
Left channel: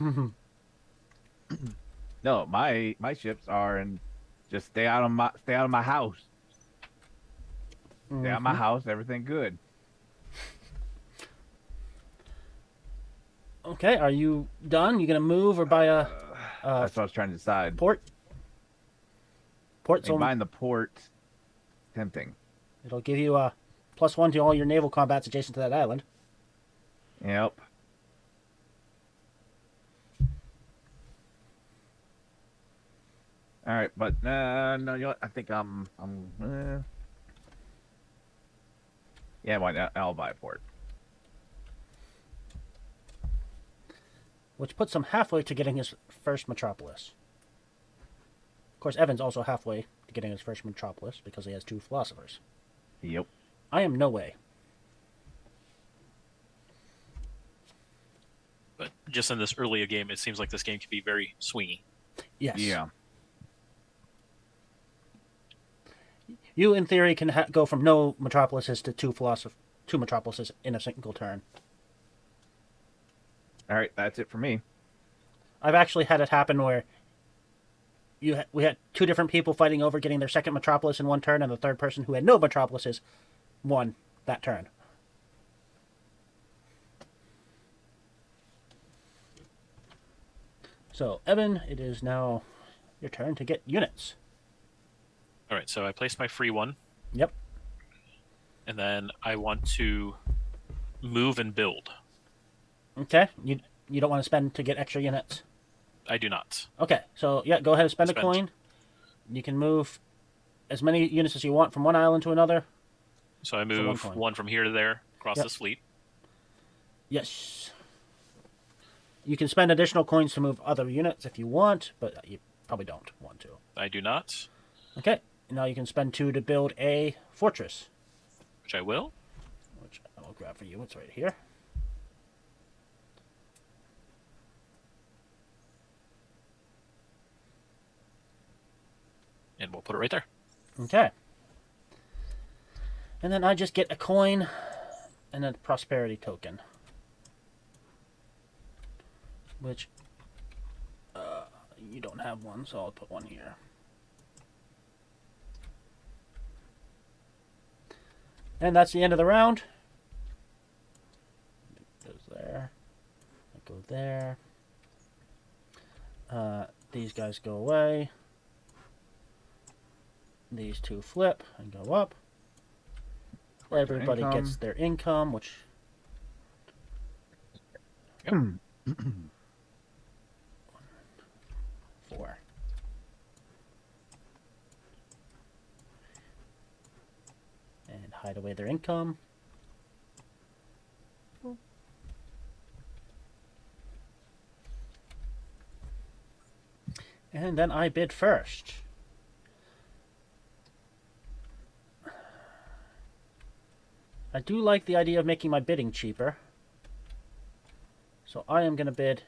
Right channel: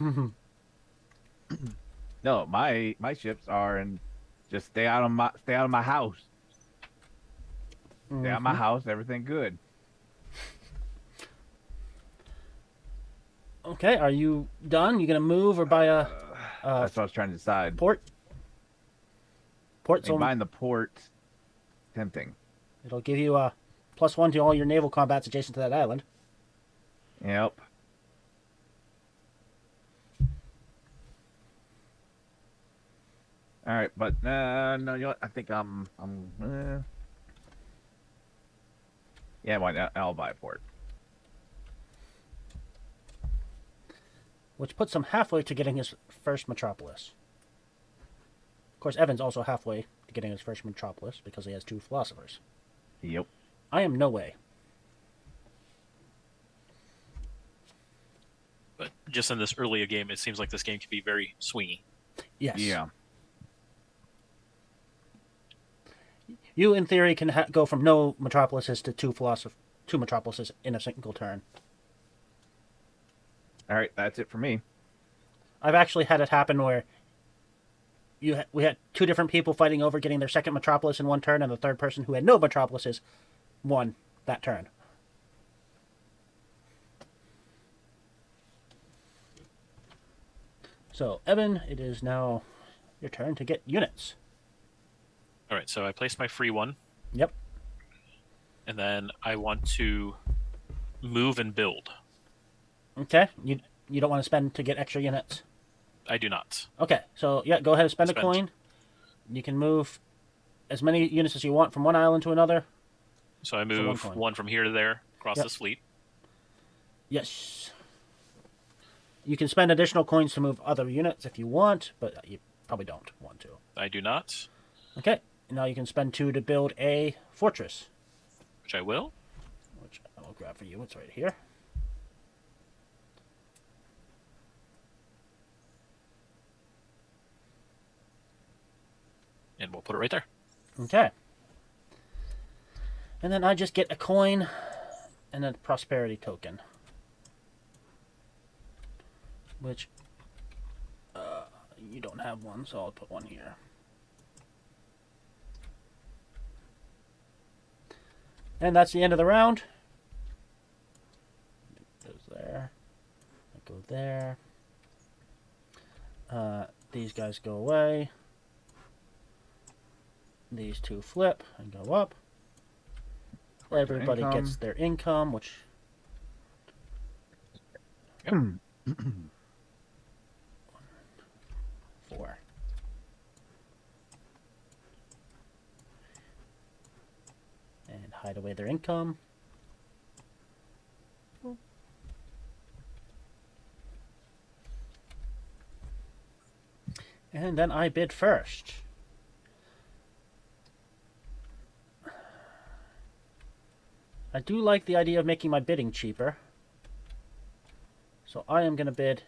No, my ships are in. Just stay out of my house. Stay out of my house. And we're gonna do it. Okay, are you done? You gonna move or buy a That's what I was trying to decide. port? Port's combine the port. Tempting. It'll give you a +1 to all your naval combats just to the island. Yeah. All right, but no, you know what? I think yeah, why not? I'll buy a port. which puts him halfway to getting his first metropolis. Of course, Evan's also halfway to getting his first metropolis because he has 2 philosophers. Yep. I am no way. But just in this early game, it seems like this game can be very swingy. Yes. Yeah. You, in theory, can go from no metropolises to 2 metropolises in a single turn. All right, that's it for me. I've actually had it happen where we had 2 different people fighting over getting their second metropolis in one turn, and the third person who had no metropolises won that turn. Your turn to get units. All right, so I placed my free one, Yep. and then I want to move and build. Okay. You don't want to spend to get extra units. I do not. Okay, so yeah, go ahead and spend a Spend. coin. You can move as many units as you want from one island to another. So I one move coin. one from here to there. Place this. You can spend additional coins to move other units if you want, but you probably don't want to. I do not. Okay, now you can spend 2 to build a fortress, Which I will. which I will grab for you. It's right here. And we'll put it right there. Okay. And then I just get a coin and a prosperity token. Which, you don't have one, so I'll put one here. And that's the end of the round. It goes there. It goes there. These guys go away. These 2 flip and go up. Everybody gets their income, which... 4. And hide away their income. And then I bid first. I do like the idea of making my bidding cheaper. So I am going to bid...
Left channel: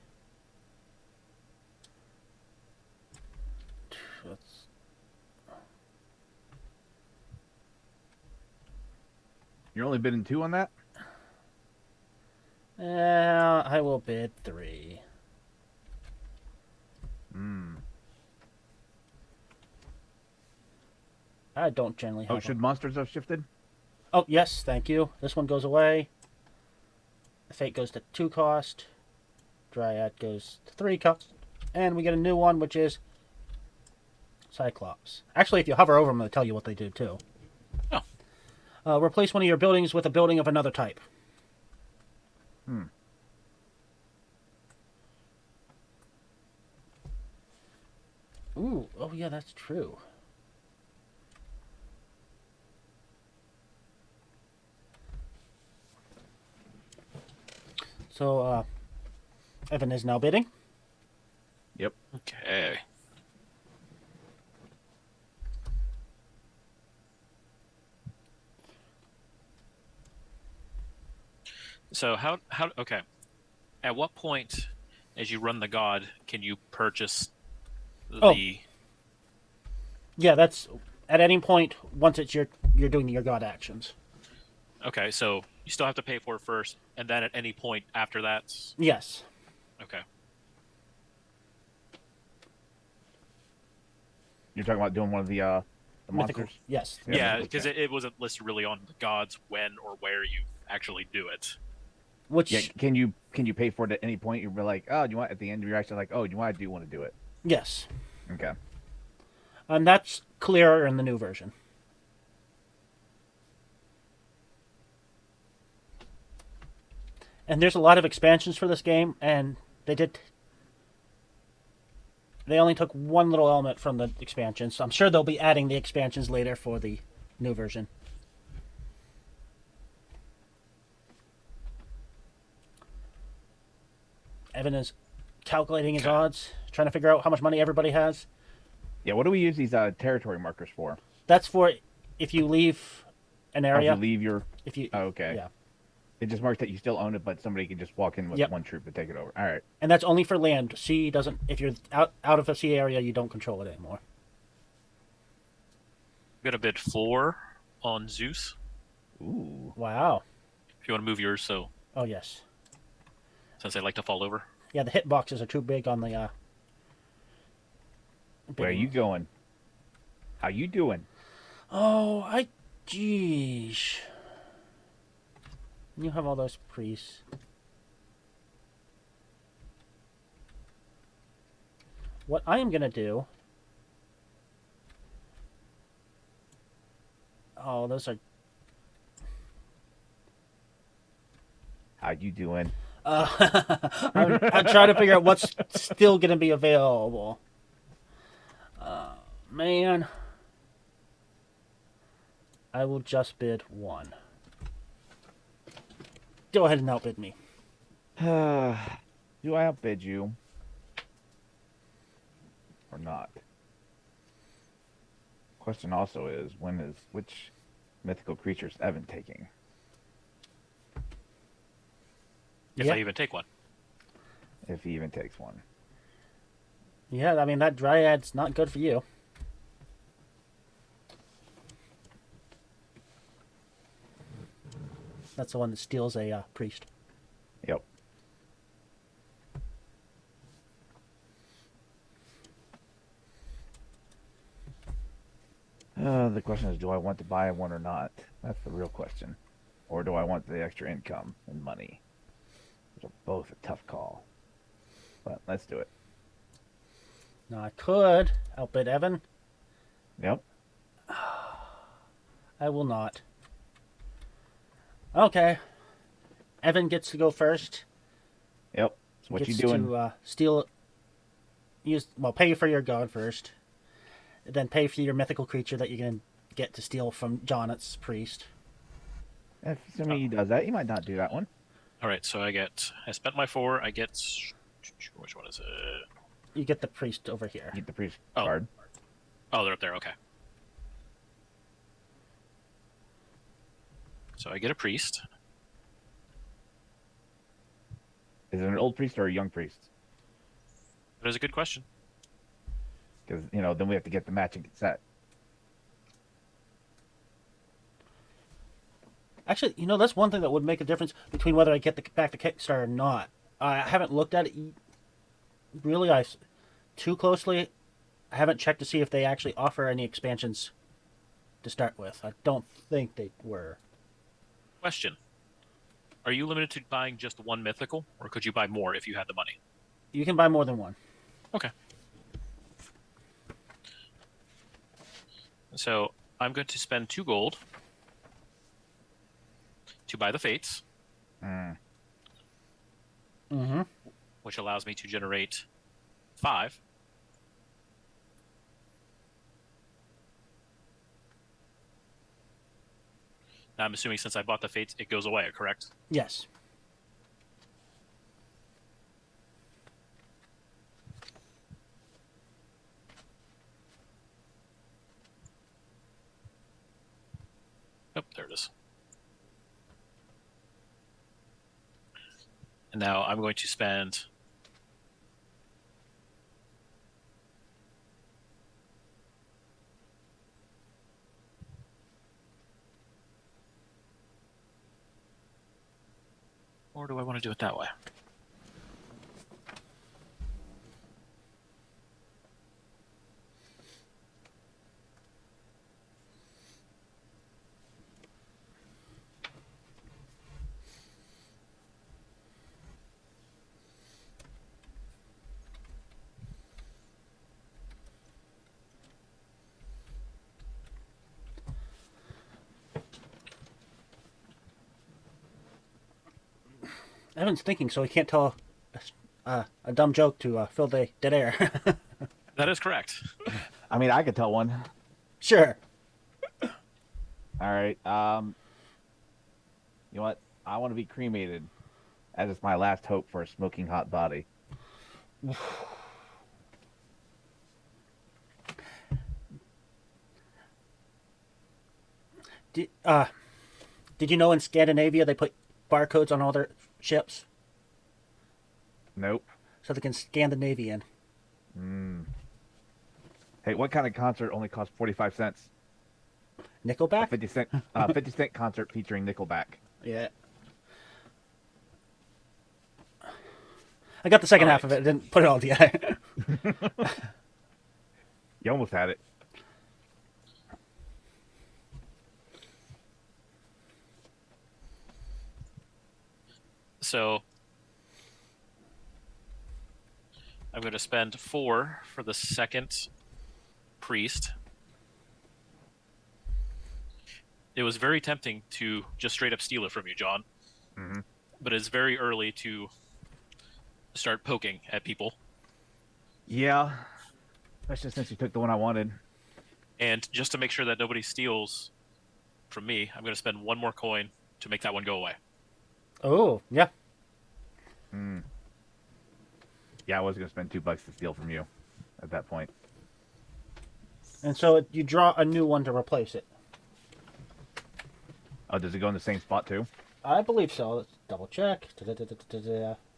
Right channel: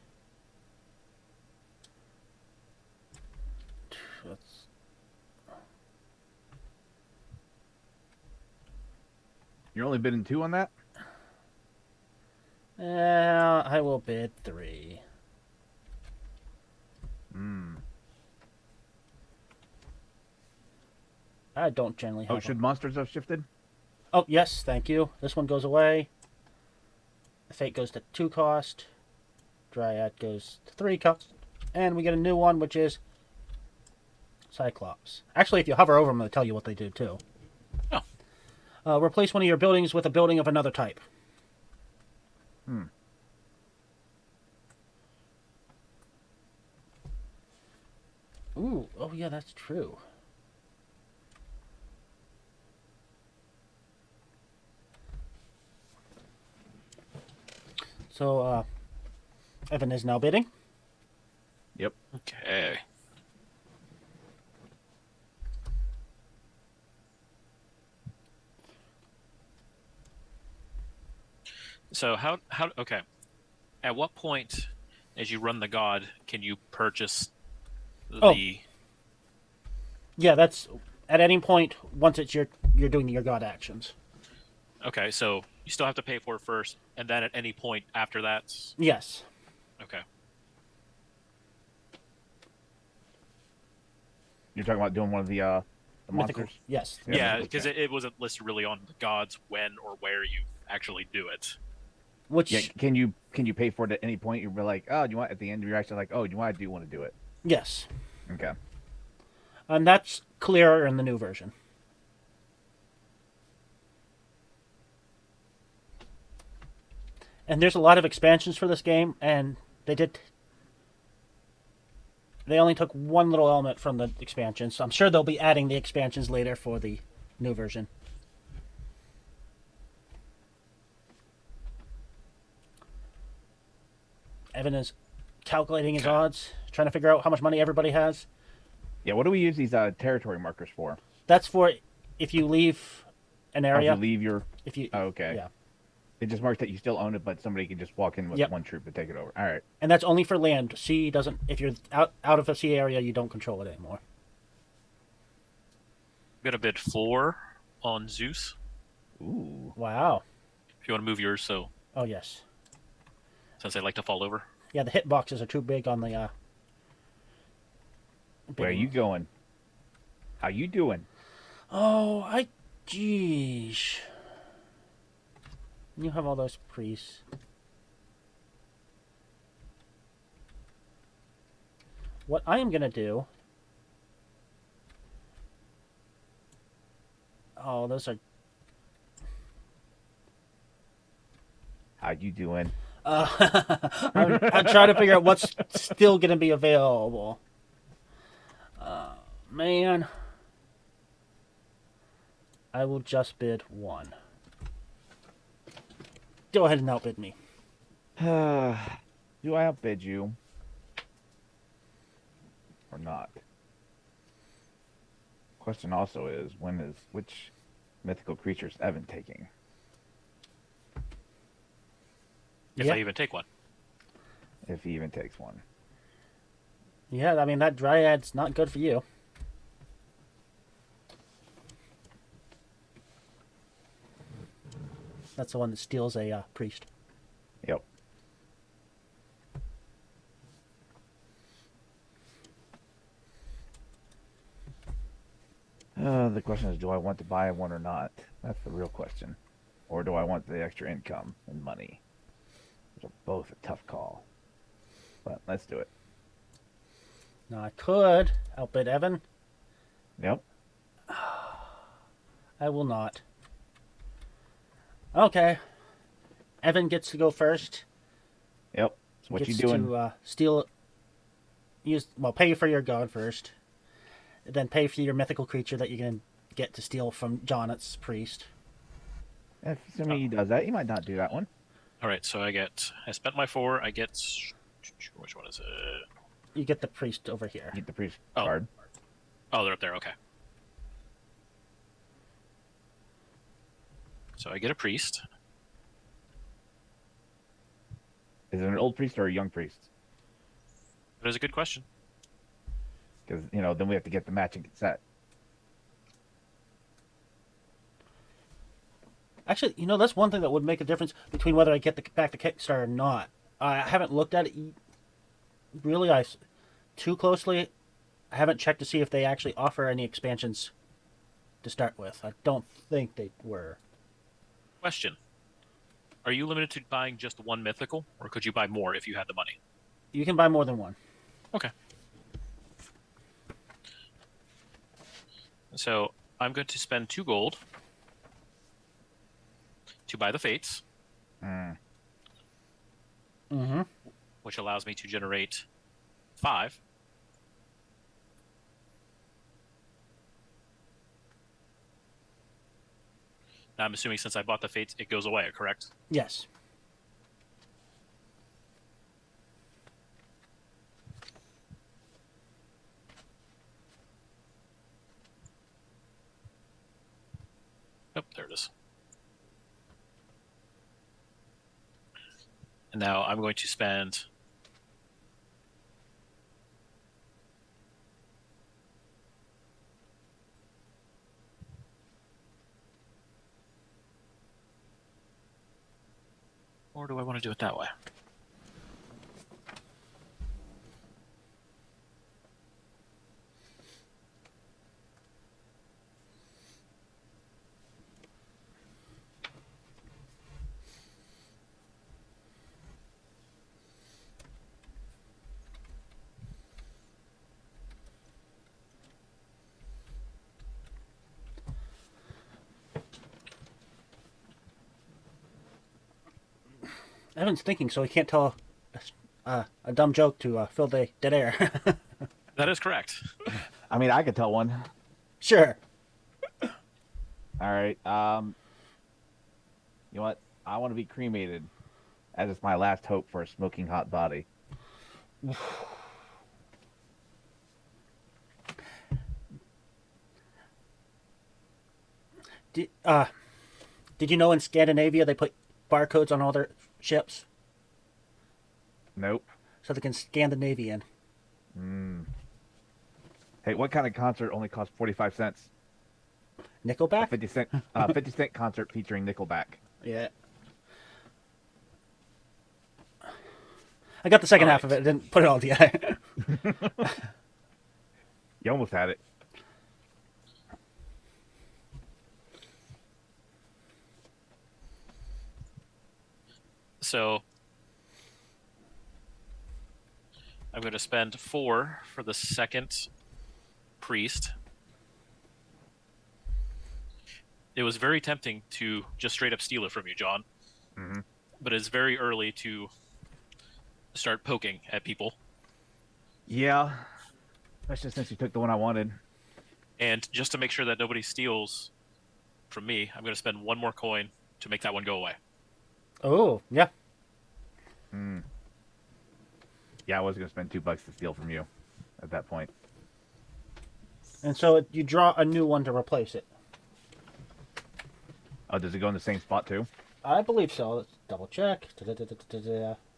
You're only bidding 2 on that? I will bid 3. I don't generally have... Oh, should monsters have shifted? Oh, yes, thank you. This one goes away. Fate goes to 2 cost. Dryad goes to 3 cost. And we get a new one, which is... Cyclades. Actually, if you hover over, I'll tell you what they did, too. Replace one of your buildings with a building of another type. Ooh, oh yeah, that's true. So, Evan is now bidding. Yep. Okay. So okay. At what point, as you run the god, can you purchase the... Yeah, that's at any point once it's you're doing your god actions. Okay, so you still have to pay for it first, and then at any point after that... Yes. Okay. You're talking about doing one of the Mythical. monsters? Yes. Yeah, because it wasn't listed really on the gods when or where you actually do it. Which Yeah, can you pay for it at any point? You'll be like, oh, do you want at the end you're actually like, oh, do you want to do it? yes, Okay. and that's clearer in the new version. And there's a lot of expansions for this game, and they only took one little element from the expansions, so I'm sure they'll be adding the expansions later for the new version. Evan is calculating his odds, trying to figure out how much money everybody has. Yeah, what do we use these territory markers for? That's for if you leave an area. If you leave your... If you, okay. Yeah. It just marks that you still own it, but somebody can just walk in with one troop to take it over. All right. And that's only for land. Sea doesn't. If you're out of a sea area, you don't control it anymore. I'm gonna bid 4 on Zeus. Ooh. Wow. If you want to move yours, so Oh yes. since they like to fall over. Yeah, the hit boxes are too big on the. Where are you going? How you doing? Oh, geez. You have all those priests. What I am gonna do. Oh, those are. How you doing? I'm trying to figure out what's still gonna be available. Man. I will just bid 1. Go ahead and outbid me. Do I outbid you? Or not? Question also is, which mythical creatures Evan taking? If I even take one. If he even takes one. Yeah, I mean, that Dryad's not good for you. That's the one that steals a priest. Yep. The question is, do I want to buy one or not? That's the real question. Or do I want the extra income and money? Which are both a tough call. But let's do it. Now, I could outbid Evan. Yep. I will not. Okay. Evan gets to go first. Yep. So what you doing? To, steal. Pay for your guy first. And pay for your mythical creature that you can get to steal from Jonat's priest. If somebody does that, you might do that. Alright, so I spent my 4, I get... Which one is it? You get the priest over here. Get the priest card. Oh, they're up there, okay. So I get a priest. Is it an old priest or a young priest? That is a good question. Because, then we have to get the matching set. Actually, that's one thing that would make a difference between whether I get back to Kickstarter or not. I haven't looked at it really too closely. I haven't checked to see if they actually offer any expansions to start with. I don't think they were. Question. Are you limited to buying just one mythical, or could you buy more if you had the money? You can buy more than one. Okay. So I'm going to spend 2 gold to buy the Fates. Mm-hmm. Which allows me to generate 5. Now, I'm assuming since I bought the Fates, it goes away, correct? Yes. Yep, there it is. And now I'm going to spend... Or do I want to do it that way? Evan's thinking, so he can't tell a dumb joke to fill the dead air. That is correct. I mean, I could tell one. Sure. All right. You know what? I want to be cremated, as it's my last hope for a smoking hot body. Did you know in Scandinavia they put barcodes on all their ships Nope. so they can Scandinavian? Hey, what kind of concert only costs 45 cents? Nickelback? 50 cent concert featuring Nickelback. Yeah. I got the second half of it. Didn't put it all together. You almost had it. So I'm going to spend 4 for the second priest. It was very tempting to just straight up steal it from you, John. Mm-hmm. But it's very early to start poking at people. Yeah. That's just actually took the one I wanted. And just to make sure that nobody steals from me, I'm going to spend 1 more coin to make that one go away. Oh, yeah. Yeah, I was going to spend $2 to steal from you at that point. And so you draw a new one to replace it. Oh, does it go in the same spot too? I believe so. Let's double check.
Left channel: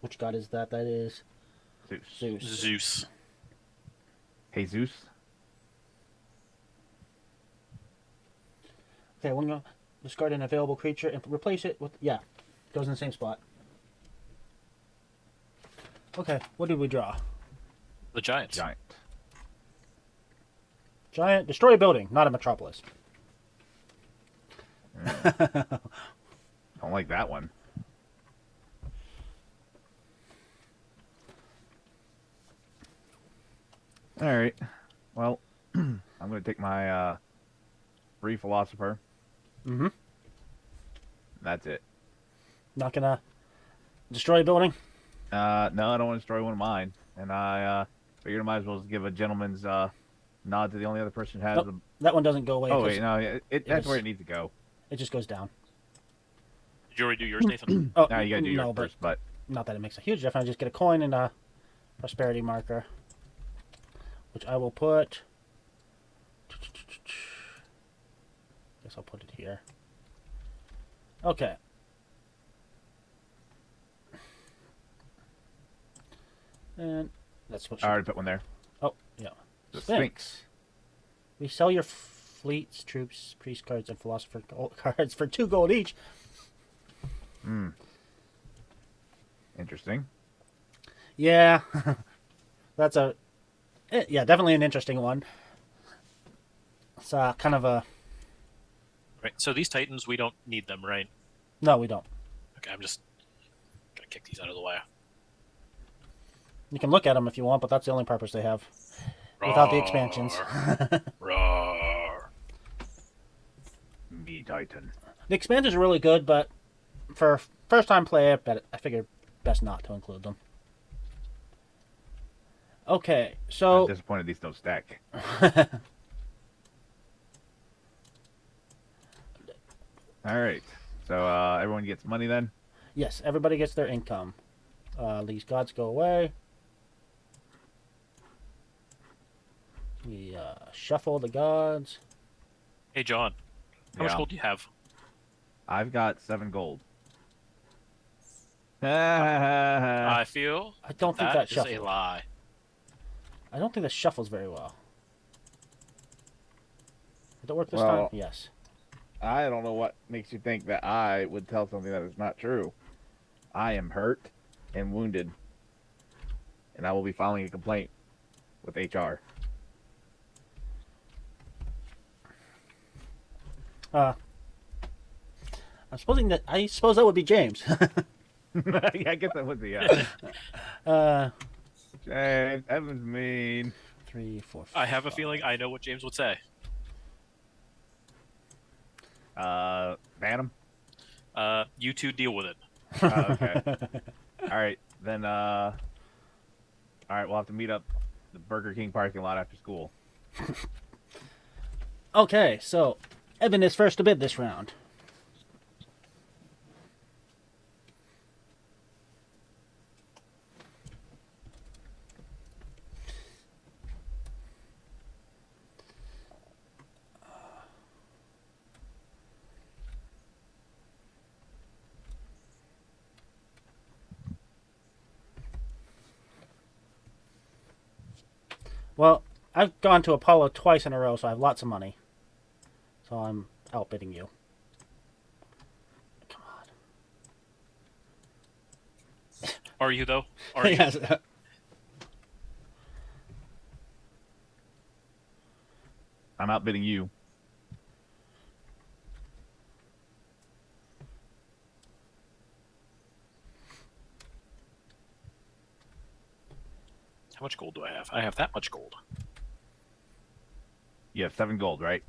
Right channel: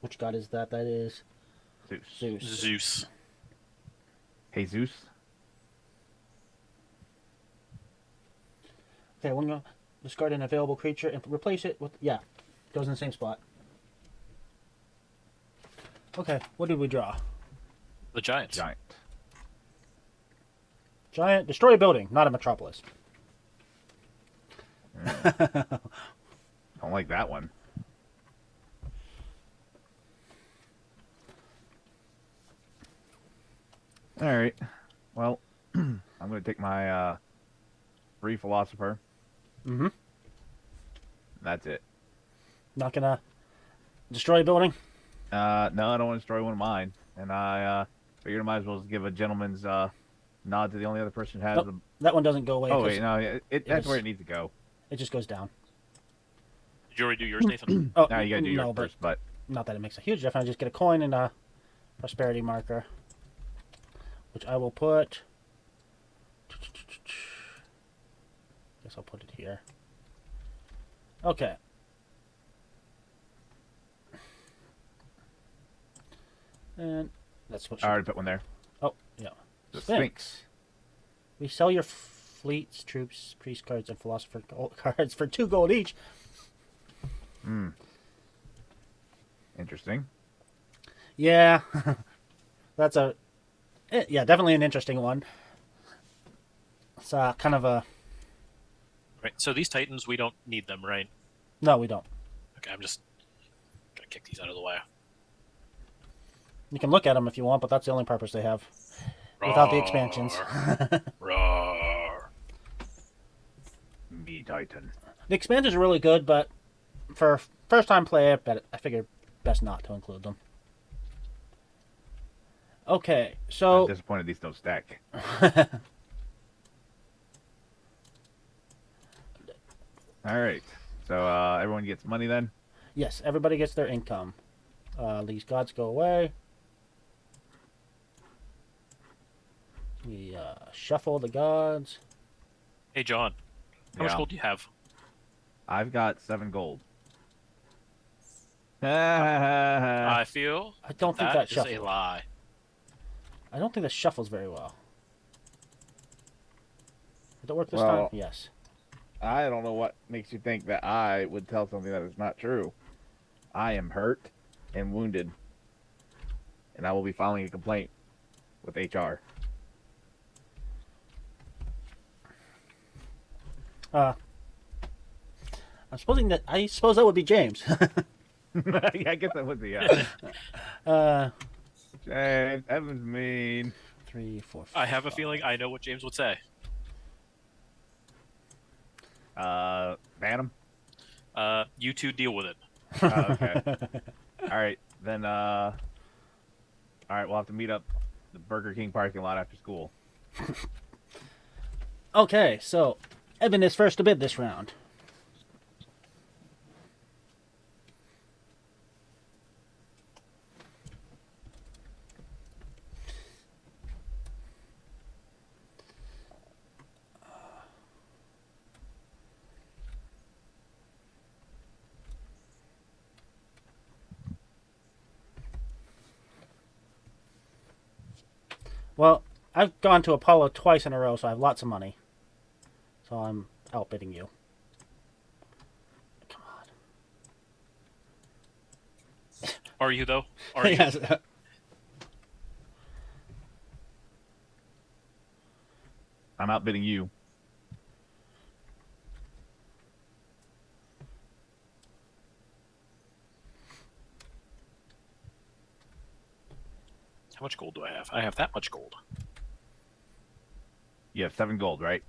Which god is that? That is Zeus. Zeus. Hey, Zeus. Okay, we're gonna discard an available creature and replace it with goes in the same spot. Okay, what did we draw? The Giants. Giant, destroy a building, not a metropolis. Don't like that one. All right. Well, I'm going to take my free philosopher. Mm-hmm. That's it. Not gonna destroy a building? No, I don't want to destroy one of mine. And I figured I might as well just give a gentleman's nod to the only other person who has Nope, that one doesn't go away. Oh, wait, no, that's where it needs to go. It just goes down. Did you already do yours, Nathan? Oh, No, you gotta do yours no, first, but... Not that it makes a huge difference. I just get a coin and a prosperity marker, which I will put... Guess I'll put it here. Okay. And that's what. I already put one there. Oh, yeah. Thanks. We sell your fleets, troops, priest cards, and philosopher cards for 2 gold each. Interesting. Yeah, that's definitely an interesting one. It's kind of a... Right. So these Titans, we don't need them, right? No, we don't. Okay, I'm just gonna kick these out of the way. You can look at them if you want, but that's the only purpose they have. Without the expansions. Me Titan. The expansions are really good, but for first-time player, I figured best not to include them. Okay, so... I'm disappointed these don't stack. Alright. So, everyone gets money then? Yes, everybody gets their income. These gods go away. We shuffle the gods. Hey, John. How much gold do you have? I've got 7 gold. I feel I don't think that is shuffles. a lie. I don't think that shuffles very well. Did it work this Well, time? Yes. I don't know what makes you think that I would tell something that is not true. I am hurt and wounded, and I will be filing a complaint with HR. I suppose that would be James. Yeah, I guess that would be, yeah. James, Evan's mean. 3, 4, 5. I have a feeling I know what James would say. Phantom? You two deal with it. Okay. Alright, then, alright, we'll have to meet up the Burger King parking lot after school. Okay, so Evan is first to bid this round. Well, I've gone to Apollo twice in a row, so I have lots of money. So I'm outbidding you. Are you, though? Are you? Yes. I'm outbidding you. How much gold do I have? I have that much gold. You have 7 gold, right?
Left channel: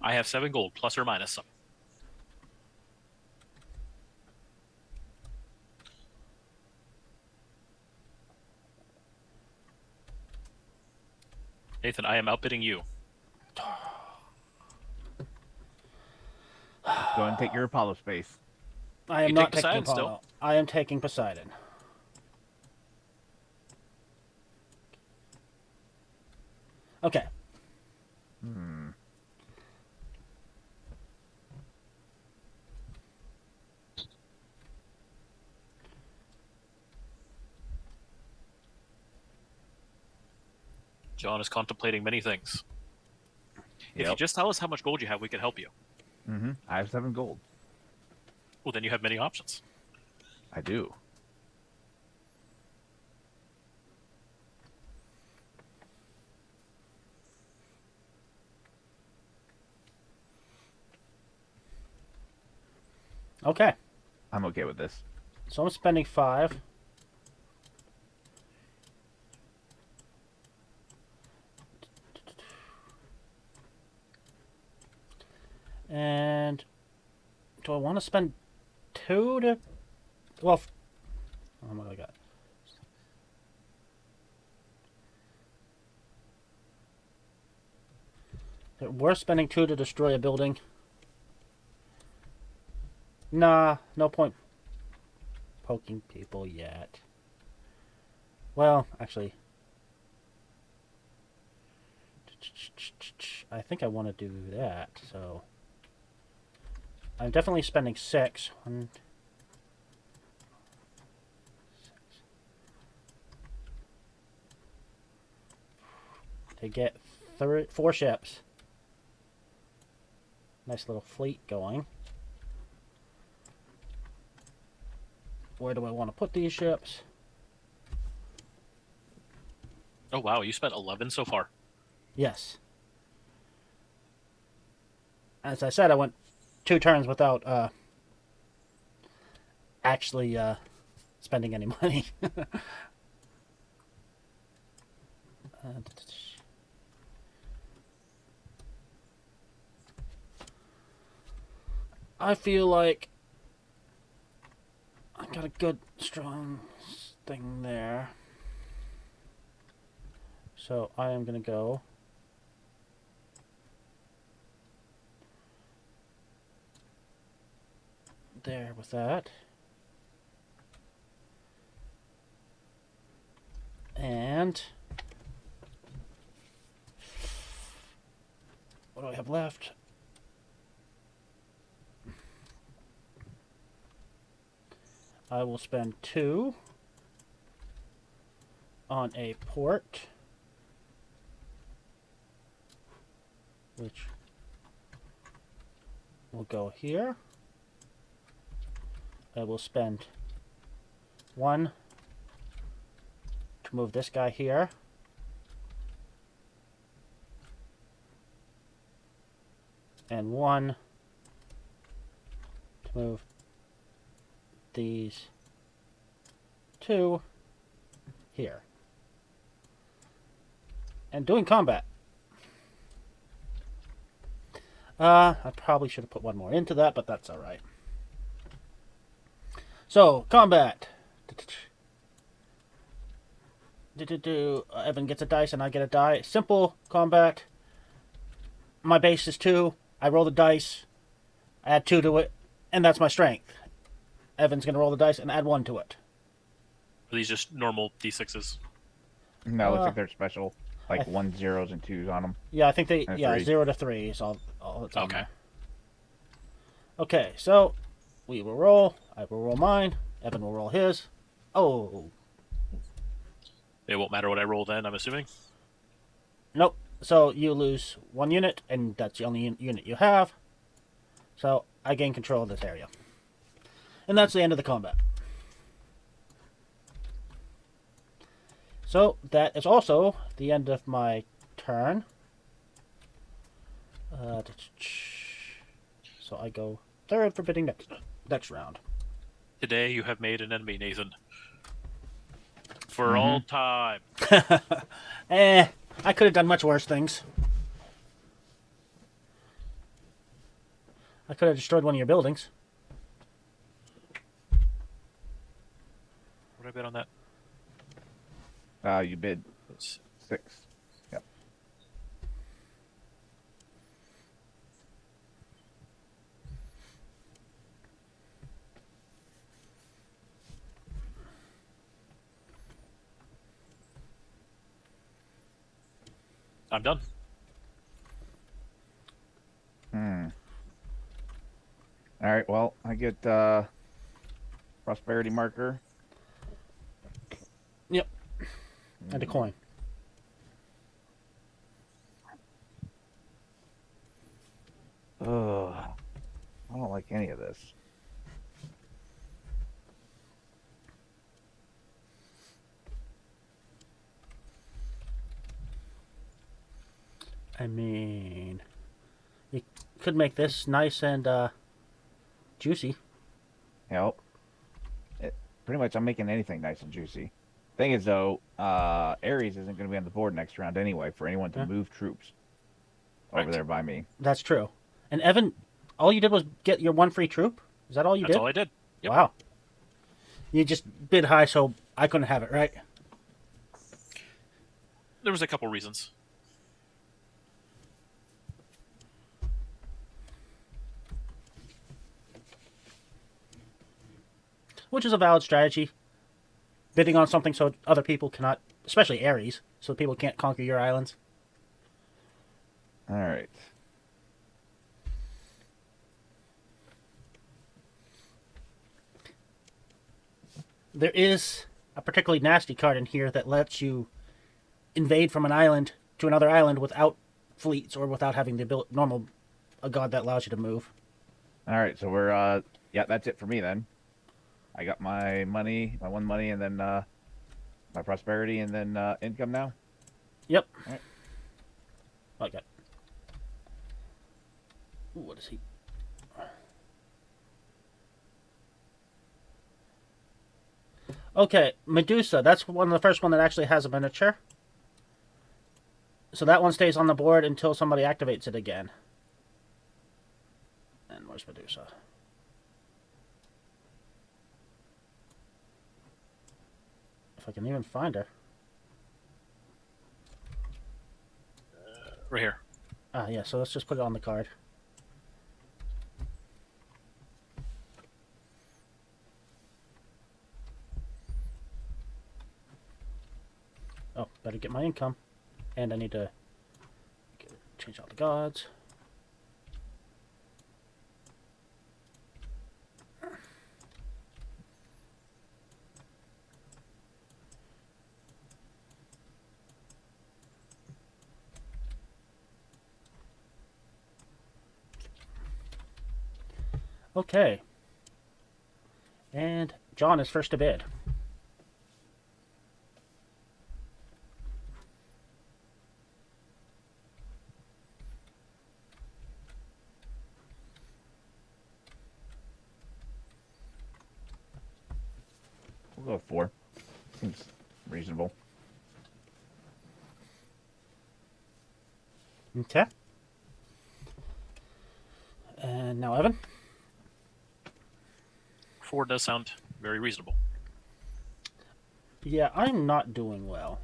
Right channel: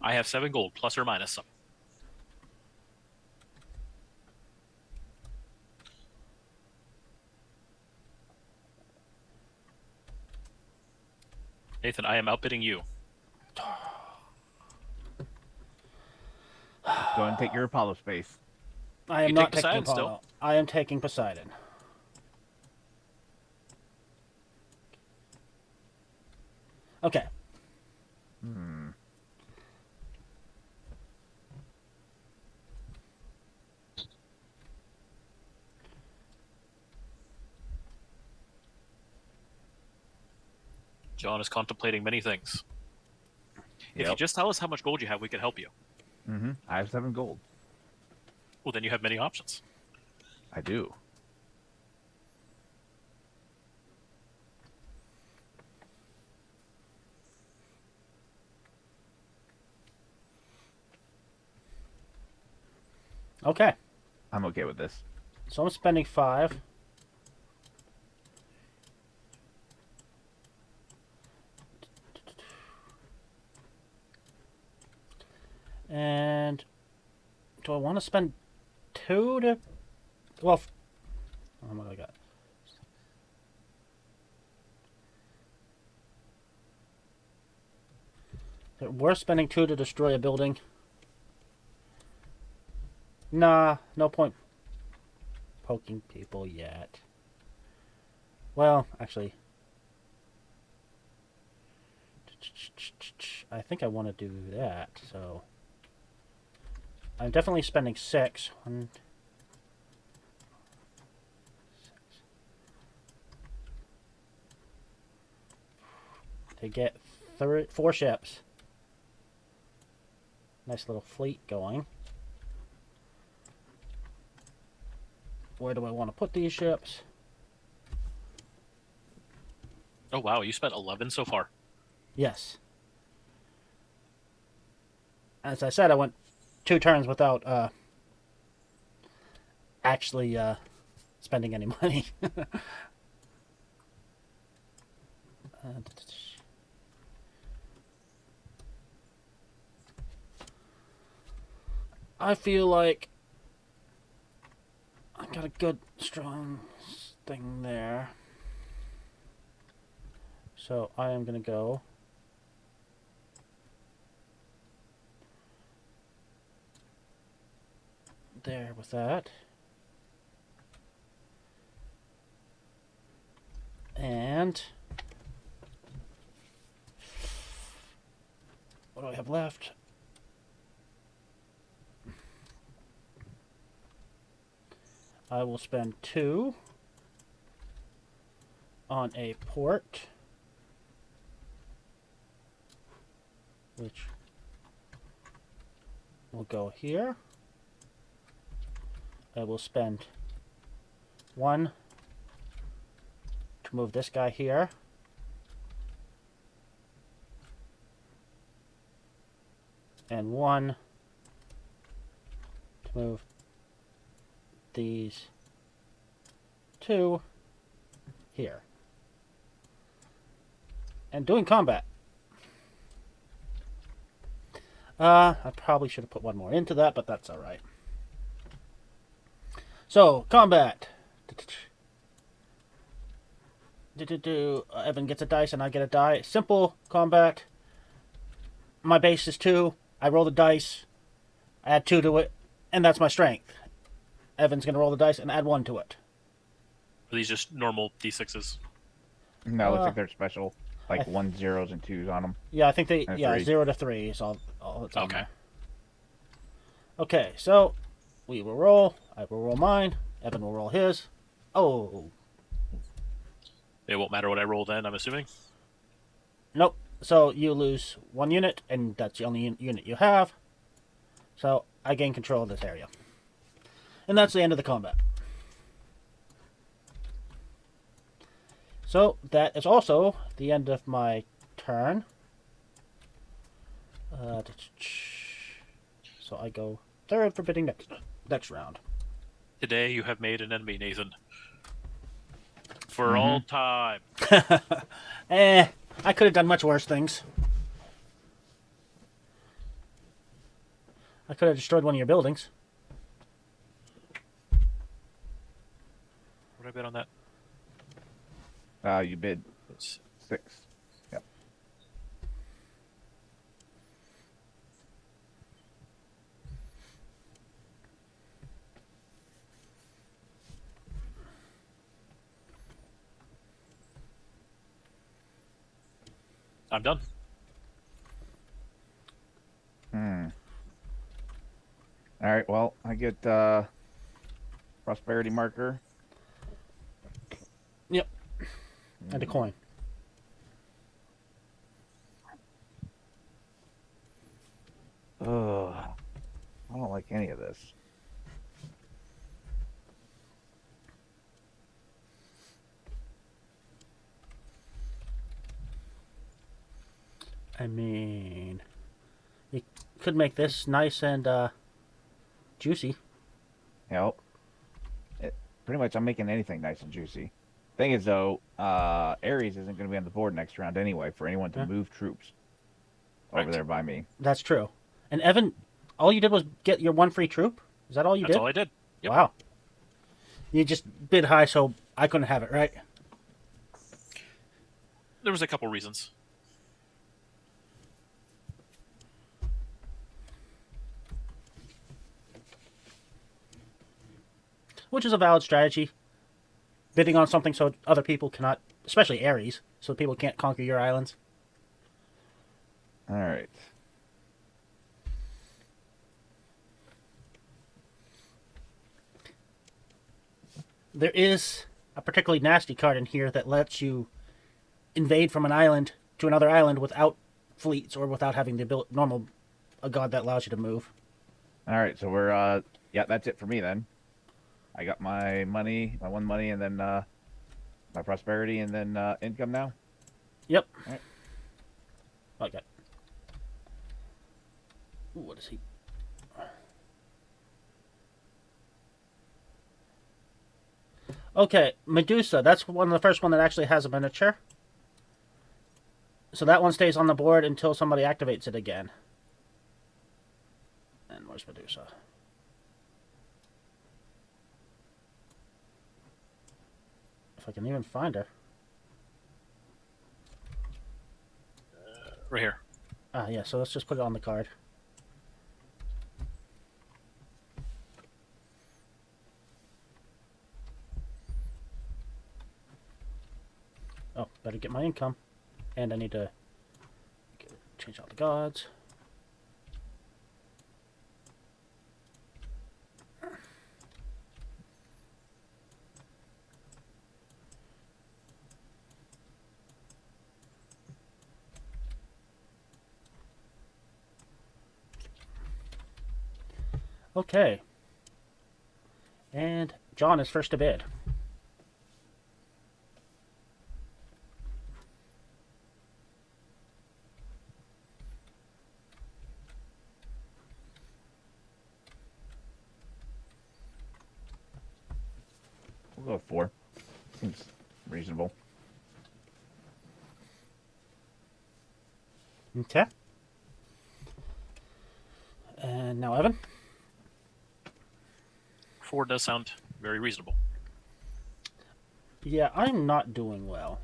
I have 7 gold, plus or minus. Nathan, I am outbidding you. Go ahead and take your Apollo space. I am You not take taking Poseidon still? Apollo. I am taking Poseidon. Okay. John is contemplating many things. If you Yep. just tell us how much gold you have, we can help you. I have 7 gold. Well, then you have many options. I do. Okay. I'm okay with this. So I'm spending 5. And do I want to spend 2 to... Well, oh my god. We're spending 2 to destroy a building. Nah, no point poking people yet. Well, actually, I think I want to do that, so I'm definitely spending 6. To get 4 ships. Nice little fleet going. Where do I want to put these ships? Oh, wow, you spent 11 so far. Yes. As I said, I went 2 turns without actually spending any money. I feel like I got a good, strong thing there. So I am going to go there with that. And what do I have left? I will spend 2 on a port, which will go here. I will spend 1 to move this guy here. And 1 to move these 2 here. And doing combat. I probably should have put 1 more into that, but that's alright. So, combat. Evan gets a dice and I get a die. Simple combat. My base is 2. I roll the dice, add 2 to it, and that's my strength. Evan's going to roll the dice and add 1 to it. These just normal D6s. No, looks like they're special. Like 1 zeros and 2s on them. Yeah, I think they... That's yeah, right. 0 to 3 is all it's on Okay. there. Okay, so we will roll. I will roll mine. Evan will roll his. Oh. It won't matter what I roll then, I'm assuming. Nope. So you lose 1 unit, and that's the only unit you have. So I gain control of this area. And that's the end of the combat. So that is also the end of my turn. So I go third for bidding next round. Today you have made an enemy, Nathan. For all time. I could have done much worse things. I could have destroyed one of your buildings. What did I bet on that? You bid 6. Yep. I'm done. All right. Well, I get prosperity marker. Yep. And a coin. Ugh. I don't like any of this. I mean, you could make this nice and juicy. Help. Pretty much, I'm making anything nice and juicy. Thing is, though, Ares isn't going to be on the board next round anyway for anyone to move troops over there by me. That's true. And Evan, all you did was get your 1 free troop? Is that all you did? That's all I did. Yep. Wow. You just bid high, so I couldn't have it, right? There was a couple reasons. Which is a valid strategy. Bidding on something so other people cannot, especially Ares, so people can't conquer your islands. All right. There is a particularly nasty card in here that lets you invade from an island to another island without fleets or without having the normal a god that allows you to move. All right. So we're yeah, that's it for me then. I got my money, my 1 money, and then my prosperity, and then income now. Yep. Right. Like that. Ooh, what is he? Okay, Medusa. That's one of the first one that actually has a miniature. So that one stays on the board until somebody activates it again. And where's Medusa? If I can even find her. Right here. Ah, yeah, so let's just put it on the card. Oh, better get my income. And I need to change out the gods. Okay. And John is first to bid. We'll go 4. Seems reasonable. Okay. And now Evan. 4 does sound very reasonable. Yeah, I'm not doing well.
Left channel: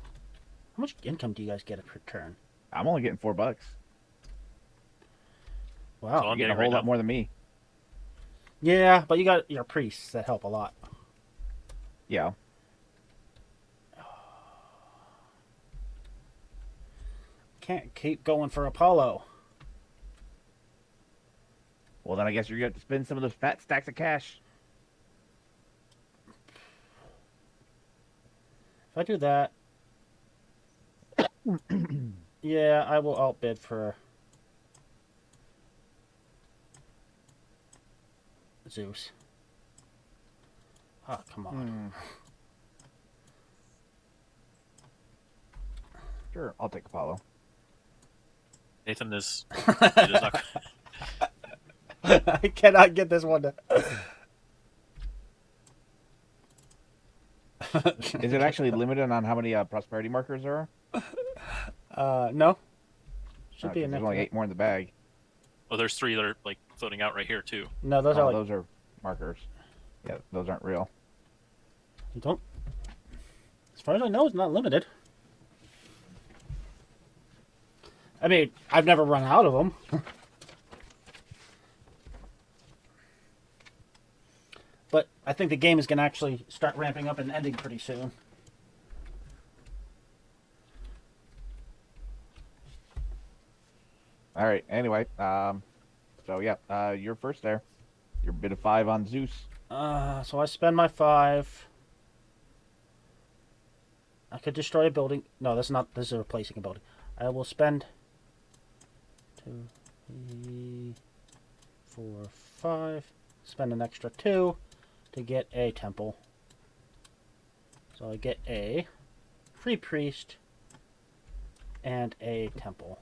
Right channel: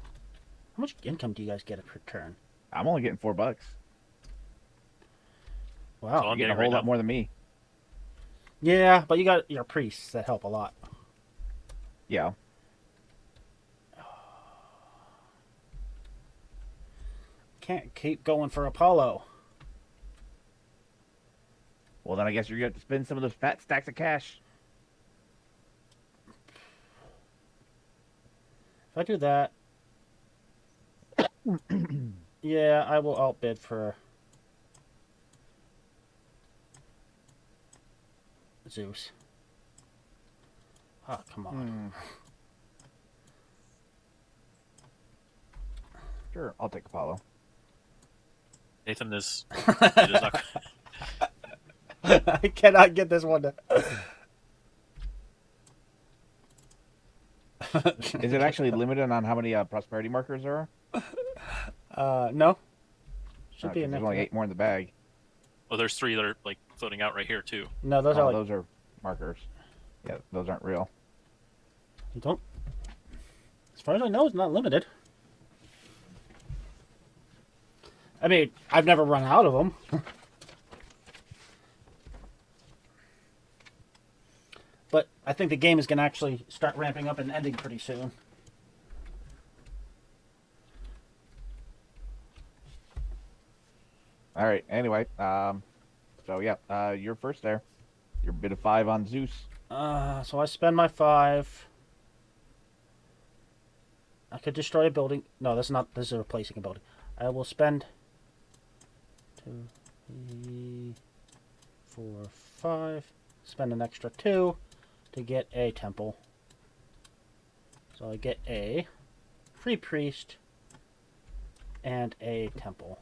How much income do you guys get per turn? I'm only getting $4. Wow. So You're getting a whole lot more than me. Yeah, but you got your priests that help a lot. Yeah. Can't keep going for Apollo. Well, then I guess you're going to have to spend some of those fat stacks of cash. If I do that, Yeah, I will outbid for Zeus. Oh, come on. Sure, I'll take Apollo. Nathan is. I cannot get this one. Is it actually limited on how many prosperity markers there are? No. Should be There's enough. only 8 more in the bag. Well, there's 3 that are like floating out right here too. No, those are like... those are markers. Yeah, those aren't real. You don't... As far as I know, it's not limited. I mean, I've never run out of them. But I think the game is going to actually start ramping up and ending pretty soon. All right. Anyway, so yeah, you're first there. Your bid of 5 on Zeus. So I spend my 5. I could destroy a building. No, that's not. This is replacing a building. I will spend 2, 3, 4, 5. Spend an extra 2 to get a temple. So I get a free priest and a temple.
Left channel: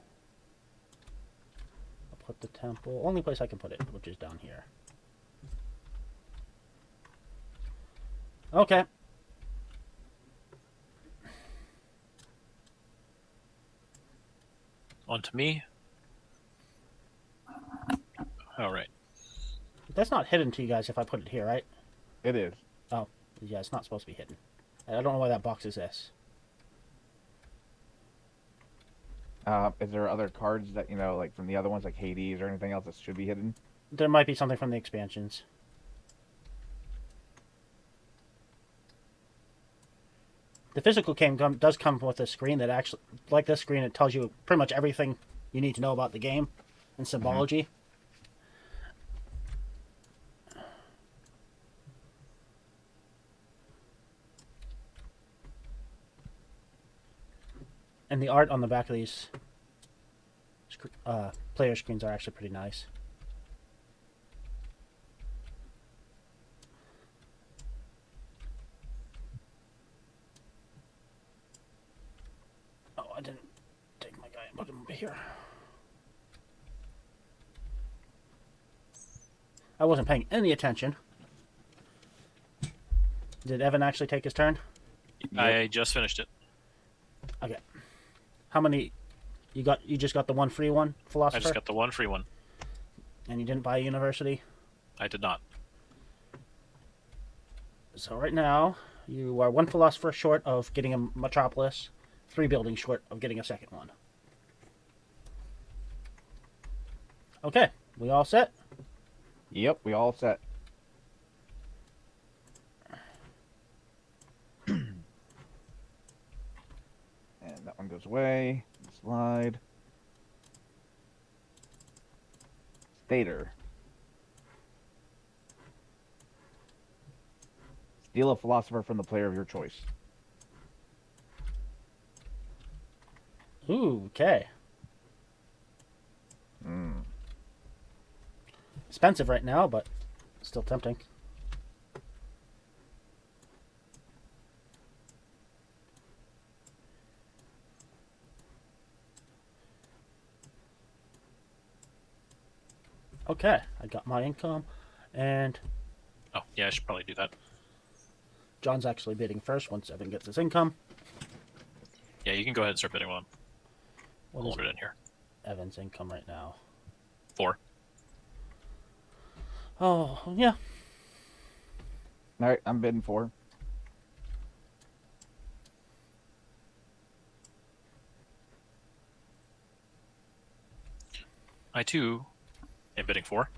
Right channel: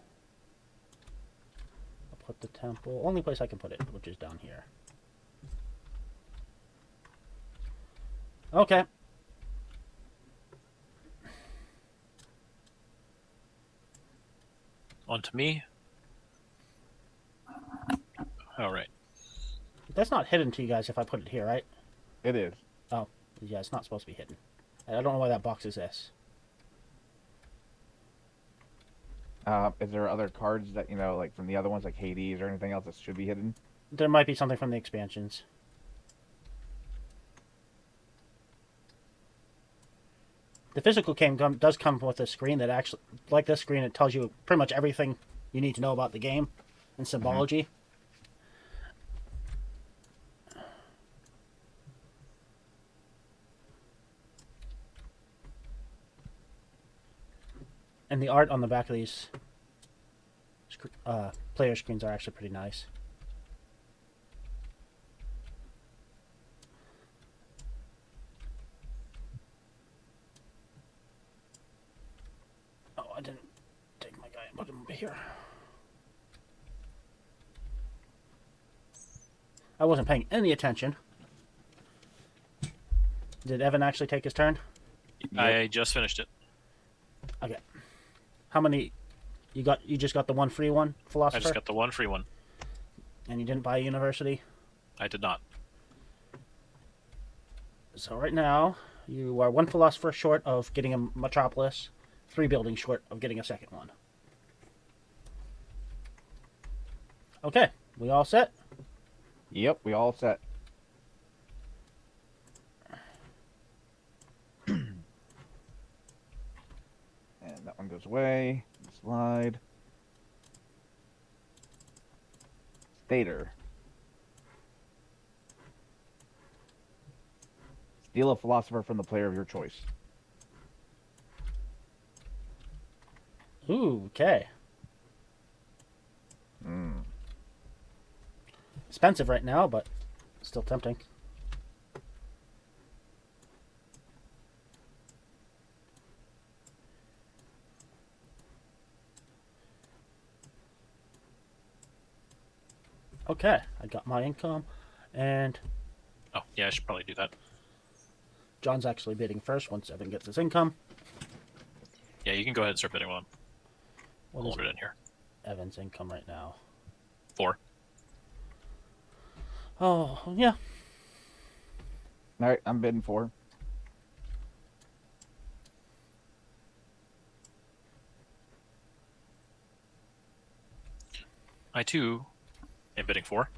I'll put the temple. Only place I can put it, which is down here. Okay. On to me. All right. That's not hidden to you guys if I put it here, right? It is. Oh, yeah, it's not supposed to be hidden. I don't know why that box is this. Is there other cards that, like from the other ones, like Hades or anything else that should be hidden? There might be something from the expansions. The physical game does come with a screen that actually, like this screen, it tells you pretty much everything you need to know about the game and symbology. Player screens are actually pretty nice. Oh, I didn't take my guy and put him over here. I wasn't paying any attention. Did Evan actually take his turn? I just finished it. How many? You got? You just got the one free one, philosopher. I just got the one free one. And you didn't buy a university. I did not. So right now you are one philosopher short of getting a metropolis, 3 buildings short of getting a second one. Okay, we all set? Yep, we all set. And that one goes away. Slide. Stater. Steal a philosopher from the player of your choice. Ooh, okay. Expensive right now, but still tempting. Okay, I got my income, and Oh, yeah, I should probably do that. John's actually bidding first once Evan gets his income. Yeah, you can go ahead and start bidding one. What Hold is it in here. Evan's income right now? 4. Oh, yeah. All right, I'm bidding 4. I too am bidding 4.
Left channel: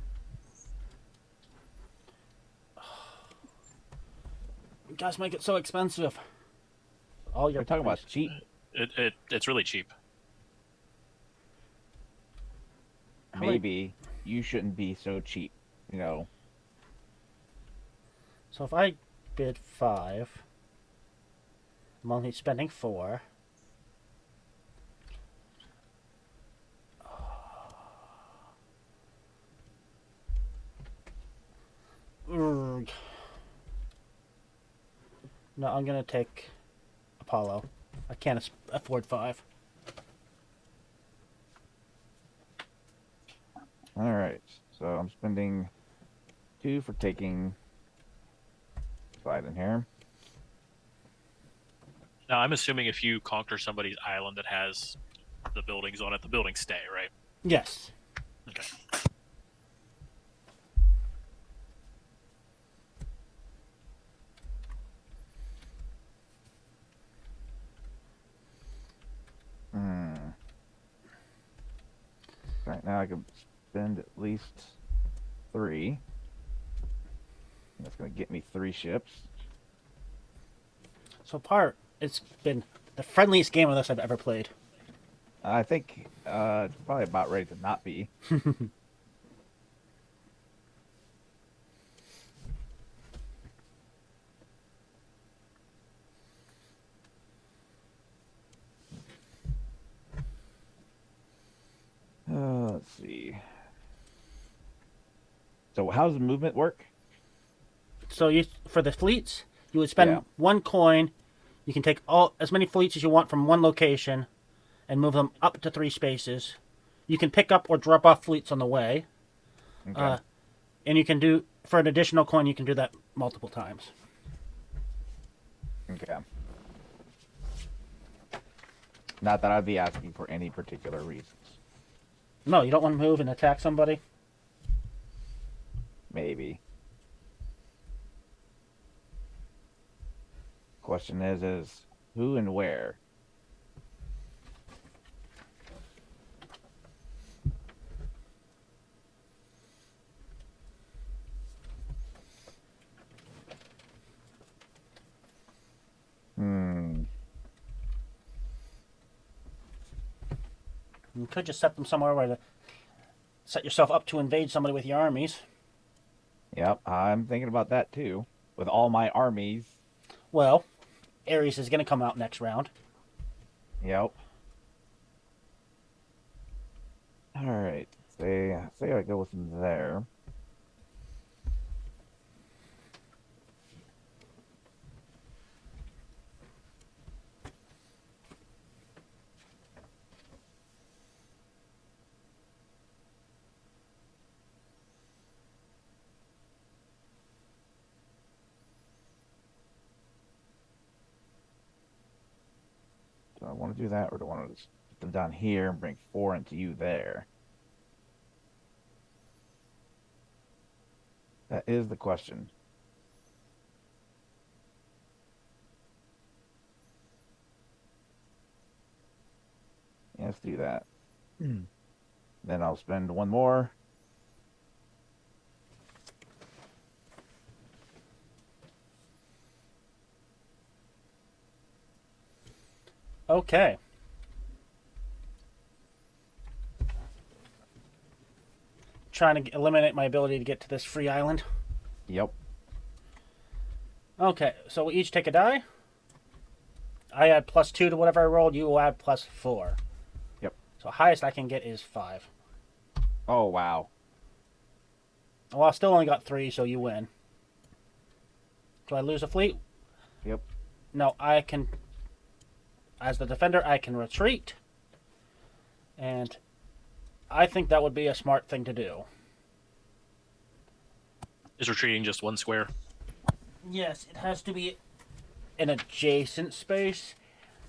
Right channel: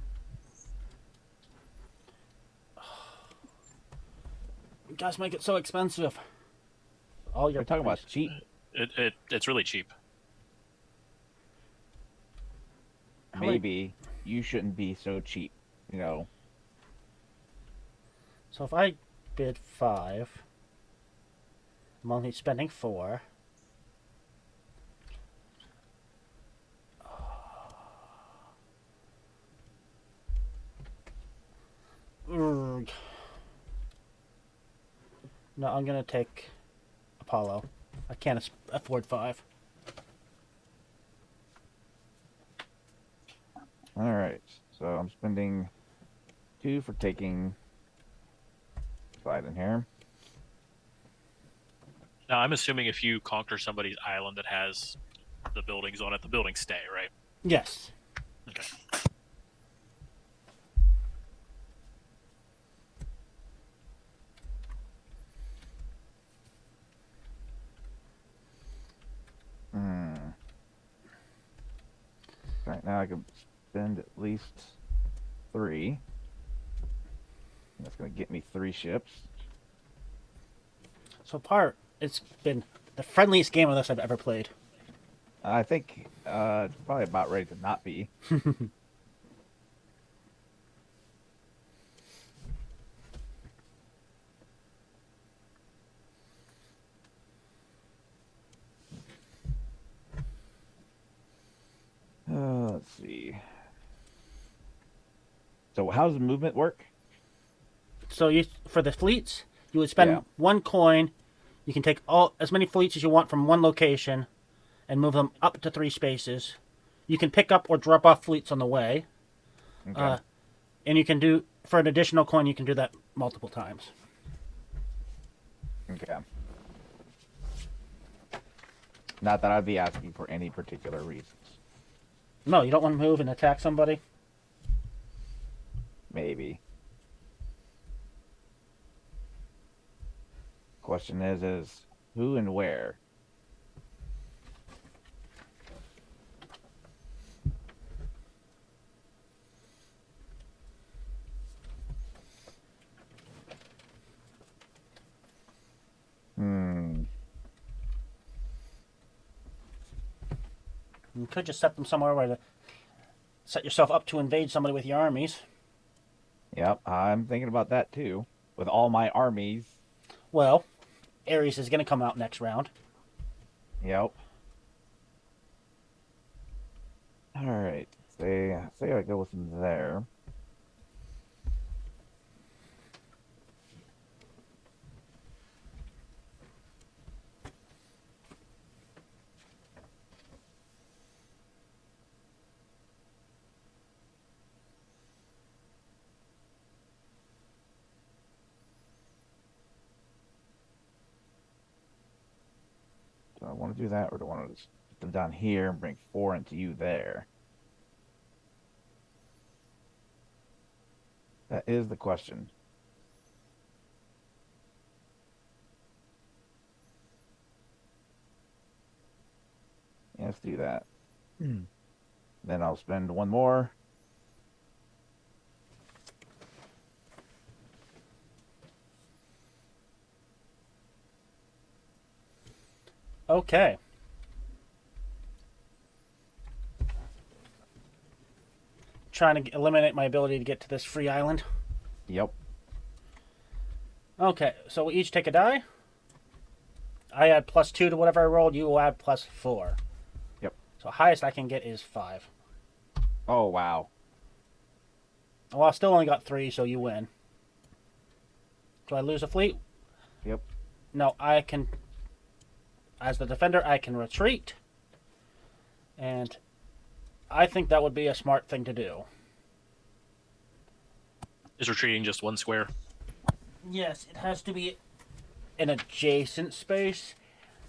You guys make it so expensive. Oh, you're talking about cheap. It's really cheap. Maybe you shouldn't be so cheap, So if I bid 5, I'm only spending 4. No, I'm gonna take Apollo. I can't afford 5. All right. So I'm spending 2 for taking 5 in here. Now, I'm assuming if you conquer somebody's island that has the buildings on it, the buildings stay, right? Yes. Okay. Right now I can spend at least 3. That's going to get me 3 ships. So far, it's been the friendliest game of this I've ever played. I think it's probably about ready to not be. Let's see. So how does the movement work? So for the fleets, you would spend 1 coin. You can take as many fleets as you want from one location and move them up to 3 spaces. You can pick up or drop off fleets on the way. Okay. And you can do, for an additional coin, you can do that multiple times. Okay. Not that I'd be asking for any particular reasons. No, you don't want to move and attack somebody? Maybe. Question is who and where? You could just set them somewhere where to set yourself up to invade somebody with your armies. Yep, I'm thinking about that too. With all my armies. Well, Ares is going to come out next round. Yep. Alright. Say I go with them there. Do I want to do that, or do I want to just put them down here and bring 4 into you there? That is the question. Yeah, let's do that. Then I'll spend 1 more. Okay. Trying to eliminate my ability to get to this free island. Yep. Okay, so we each take a die. I add +2 to whatever I rolled. You will add +4. Yep. So highest I can get is 5. Oh, wow. Well, I still only got 3, so you win. Do I lose a fleet? Yep. No, I can... As the defender, I can retreat. And I think that would be a smart thing to do. Is retreating just 1 square? Yes, it has to be an adjacent space.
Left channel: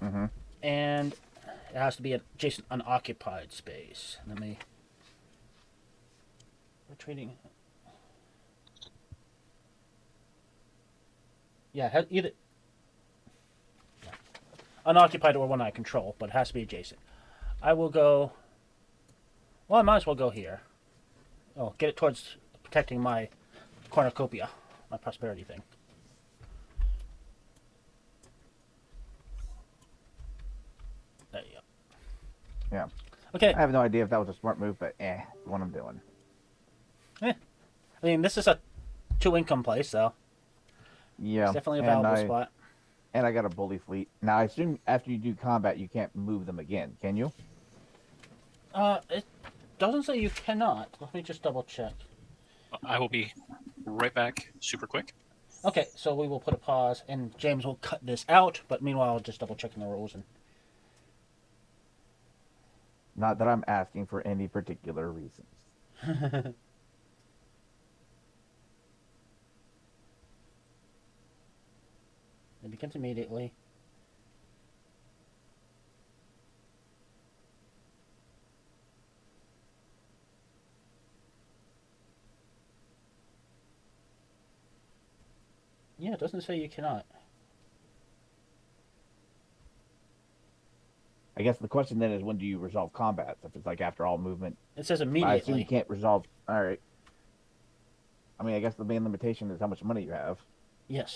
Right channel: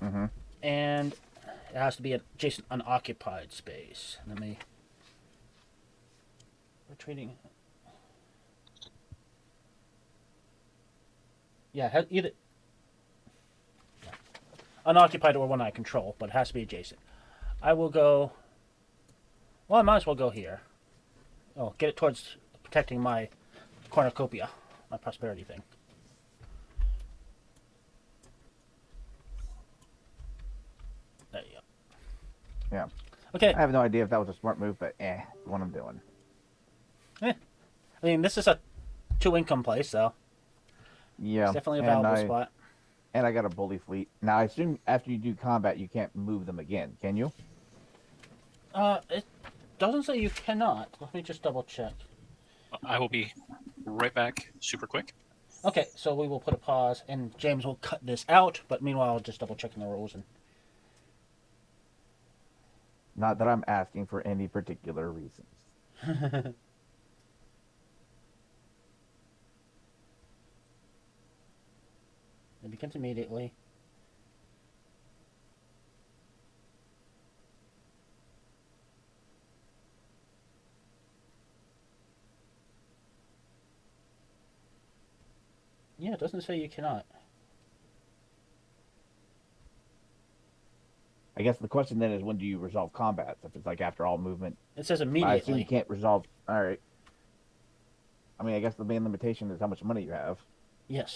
Mm-hmm. And it has to be an adjacent unoccupied space. Let me... Retreating... Yeah, either... Yeah. Unoccupied or one I control, but it has to be adjacent. I will go... Well, I might as well go here. Oh, get it towards protecting my cornucopia, my prosperity thing. There you go. Yeah. Okay. I have no idea if that was a smart move, but what I'm doing. I mean, this is a 2-income place, so Yeah. it's definitely a valuable spot. And I got a bully fleet. Now, I assume after you do combat, you can't move them again, can you? It doesn't say you cannot. Let me just double check. I will be right back super quick. Okay, so we will put a pause, and James will cut this out, but meanwhile, I'll just double checking the rules. And... Not that I'm asking for any particular reason. It begins immediately. Yeah, it doesn't say you cannot. I guess the question then is, when do you resolve combat? If it's like after all movement. It says I assume immediately. you can't resolve. All right. I mean, I guess the main limitation is how much money you have. Yes.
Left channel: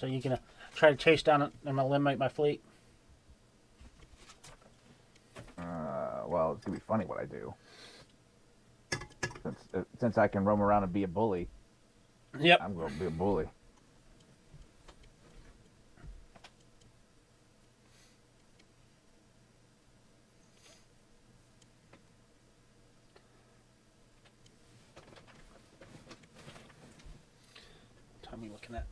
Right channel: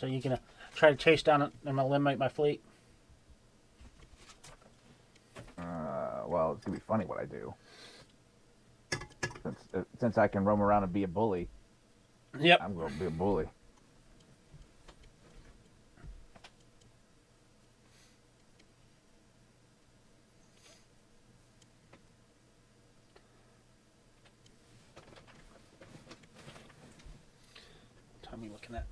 So you're gonna try to chase down and eliminate my fleet? Well, it's gonna be funny what I do. Since I can roam around and be a bully, Yep. I'm going to be a bully. Tell me looking at.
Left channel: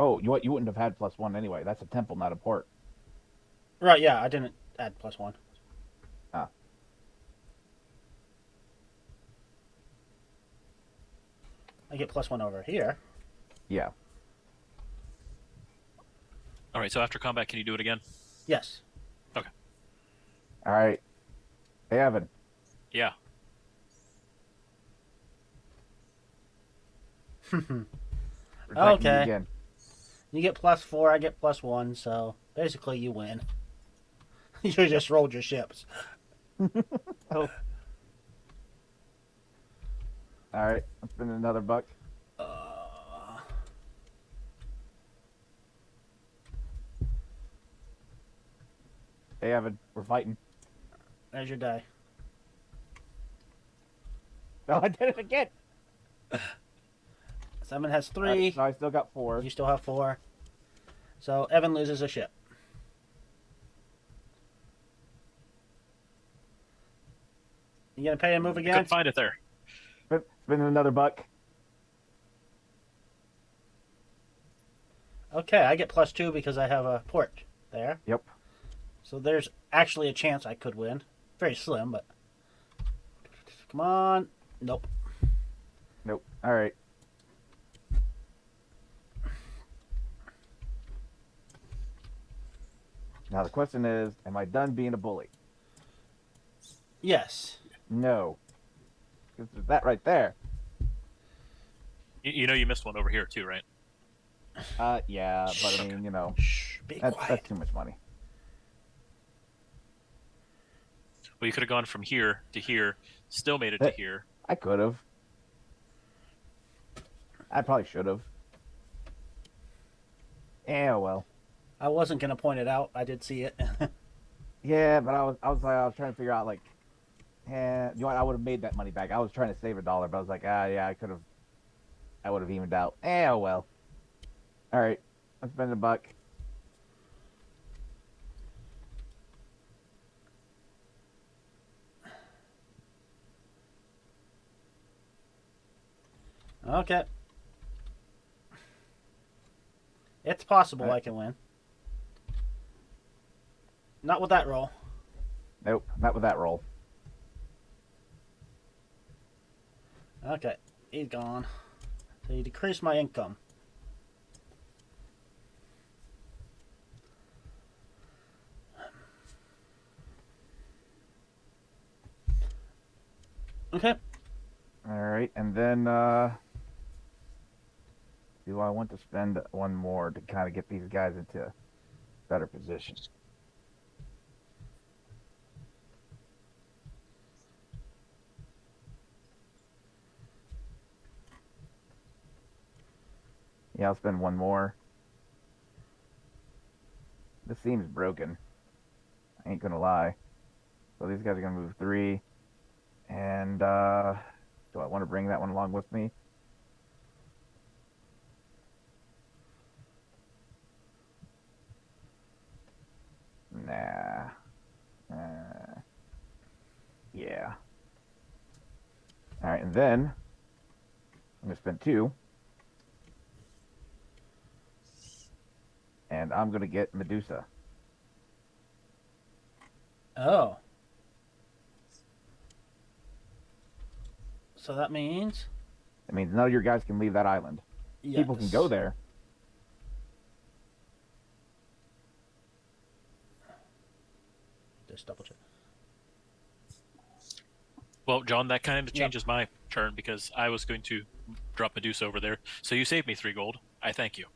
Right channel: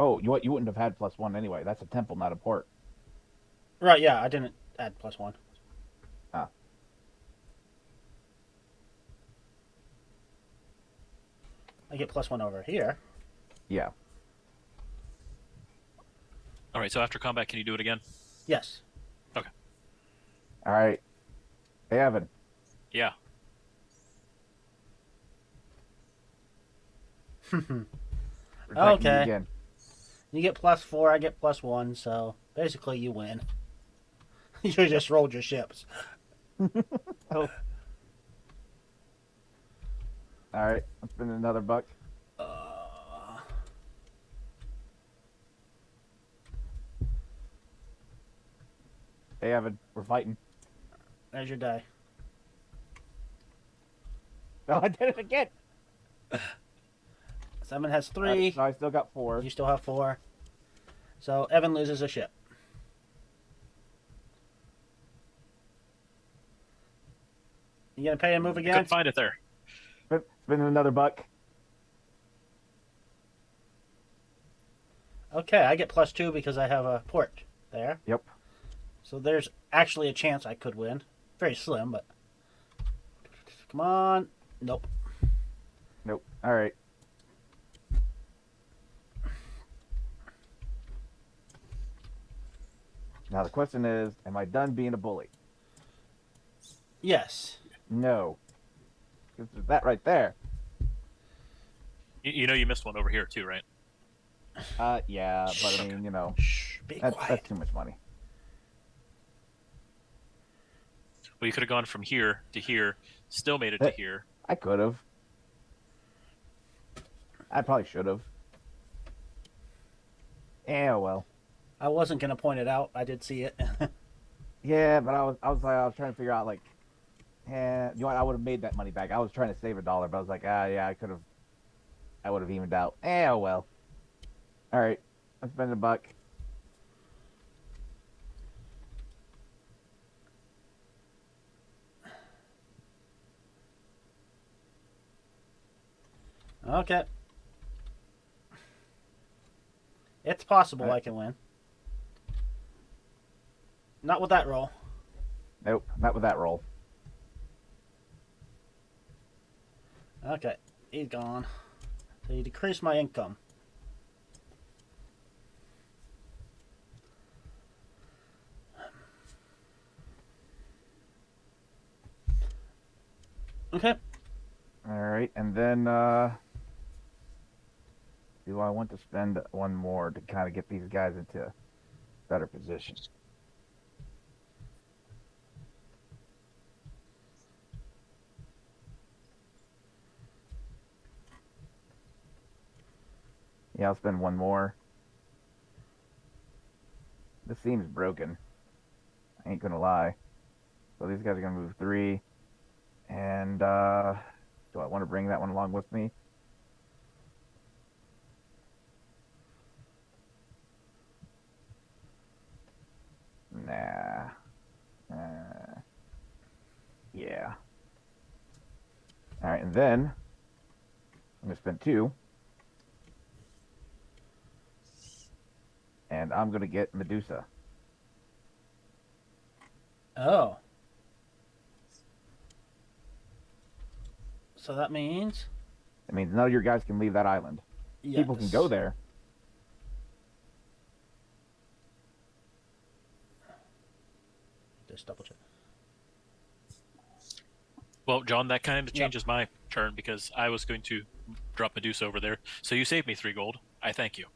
Oh, you wouldn't have had +1 anyway. That's a temple, not a port. Right, yeah, I didn't add +1. Ah. I get +1 over here. Yeah. All right. So after combat, can you do it again? Yes. Okay. All right. Hey, Evan. Yeah. Okay. Again. You get +4, I get +1, so basically you win. You just rolled your ships. Oh. All right. I'm spending another buck. Hey, Evan. We're fighting. There's your die. Oh, I did it again. Simon has 3. So I still got 4. You still have 4. So Evan loses a ship. You gonna pay and move again? Couldn't find it there. Spending another buck. Okay, I get +2 because I have a port there. Yep. So there's actually a chance I could win. Very slim, but come on. Nope. Nope. All right. Now the question is, am I done being a bully? Yes. No. That right there. You know you missed one over here too, right? Yeah, but I mean, you know, Shh, be that's quiet. too much money. Well, you could have gone from here to here, still made it to here. I could have. I probably should have. Yeah, well. I wasn't gonna point it out. I did see it. Yeah, but I was trying to figure out like, you know what? I would have made that money back. I was trying to save $1, but I was like, yeah, I would have evened out. Yeah, well. All right, let's spend a buck. Okay. It's possible Right. I can win. Not with that roll. Nope, not with that roll. Okay, he's gone. So you decrease my income. Okay. All right, and then do I want to spend one more to kind of get these guys into better positions? Yeah, I'll spend one more. This seems broken. I ain't gonna lie. So these guys are gonna move 3. And, do I want to bring that one along with me? Yeah. Alright, and then I'm going to spend 2. And I'm going to get Medusa. Oh. So that means? It means none of your guys can leave that island. Yes. People can go there. Just double check. Well, John, that kind of changes my turn because I was going to drop Medusa over there. So you saved me 3 gold. I thank you.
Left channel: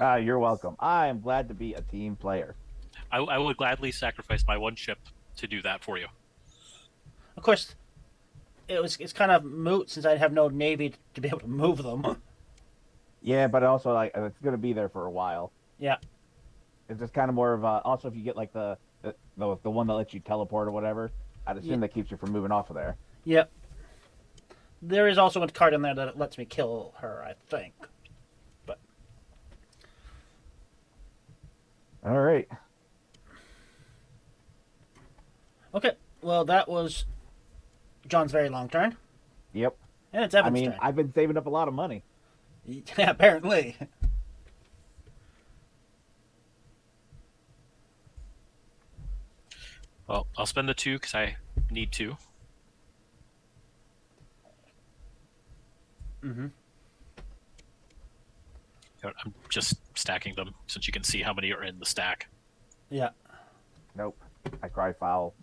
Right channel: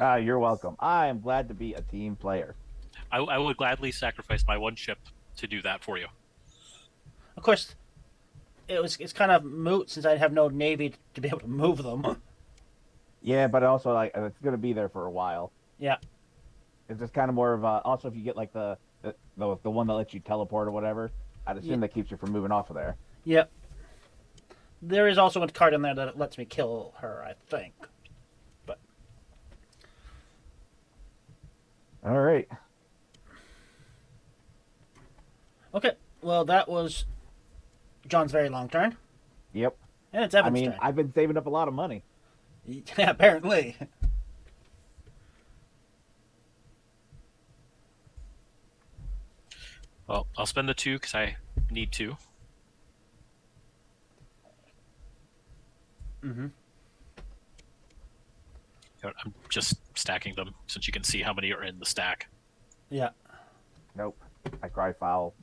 You're welcome. I am glad to be a team player. I would gladly sacrifice my 1 ship to do that for you. Of course, it's kind of moot since I have no navy to be able to move them. Yeah, but also like it's gonna be there for a while. Yeah. It's just kind of more of also if you get like the one that lets you teleport or whatever, I'd assume that keeps you from moving off of there. Yeah. There is also a card in there that lets me kill her, I think. Okay, well, that was John's very long turn. Yep. And it's Evan's I mean, turn. I've been saving up a lot of money. Yeah, apparently. Well, I'll spend the 2 because I need to. Mm-hmm. I'm just stacking them since you can see how many are in the stack. Yeah. Nope. I cry foul.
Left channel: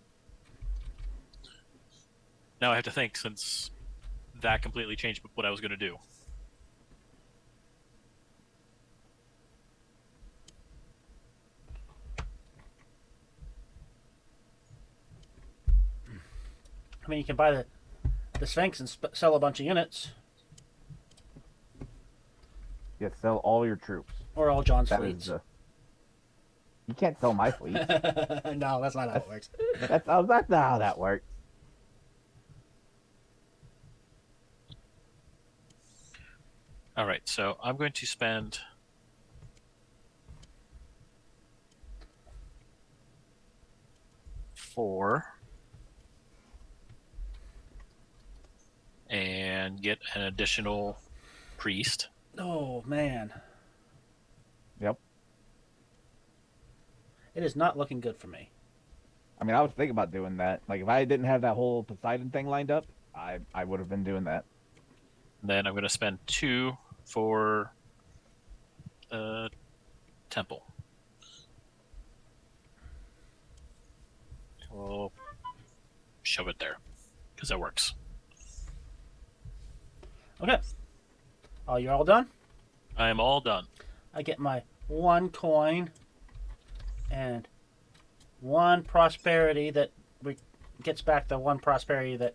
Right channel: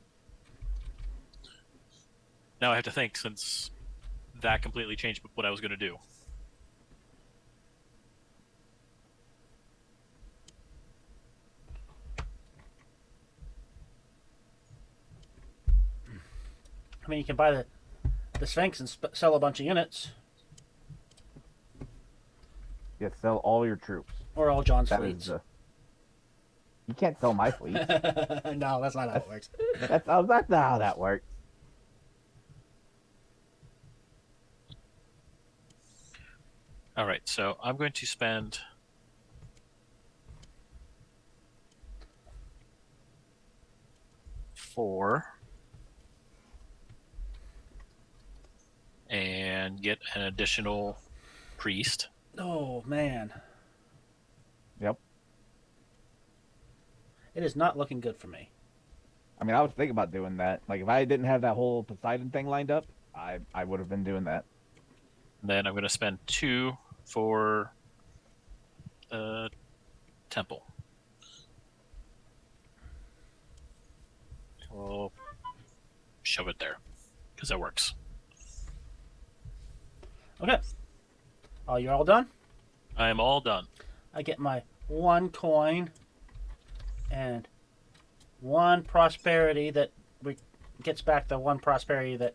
Now I have to think since that completely changed what I was going to do. I mean, you can buy the Sphinx and sell a bunch of units. Just sell all your troops. Or all John's That fleets. is, you can't sell my fleet. No, that's not how it works. That's not how that works. All right, so I'm going to spend 4 and get an additional priest. Oh, man. Yep. It is not looking good for me. I was thinking about doing that. Like, if I didn't have that whole Poseidon thing lined up, I would have been doing that. Then I'm going to spend 2 for temple. We'll shove it there because that works. Okay. Oh, you're all done? I am all done. I get my 1 coin and 1 prosperity that gets back the 1 prosperity that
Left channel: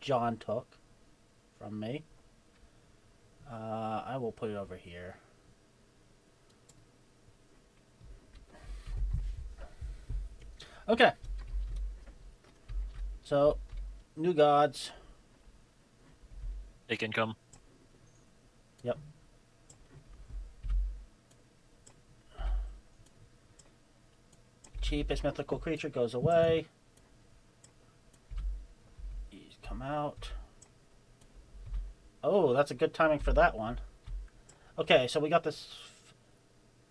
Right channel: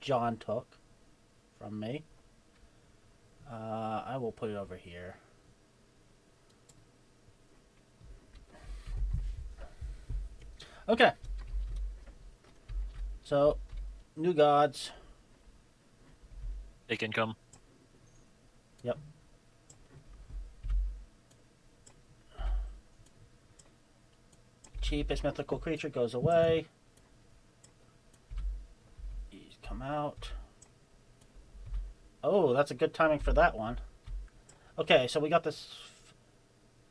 John took from me. I will put it over here. Okay. So, new gods. Take income. Yep. Cheapest mythical creature goes away. These come out. Oh, that's a good timing for that one. Okay, so we got this.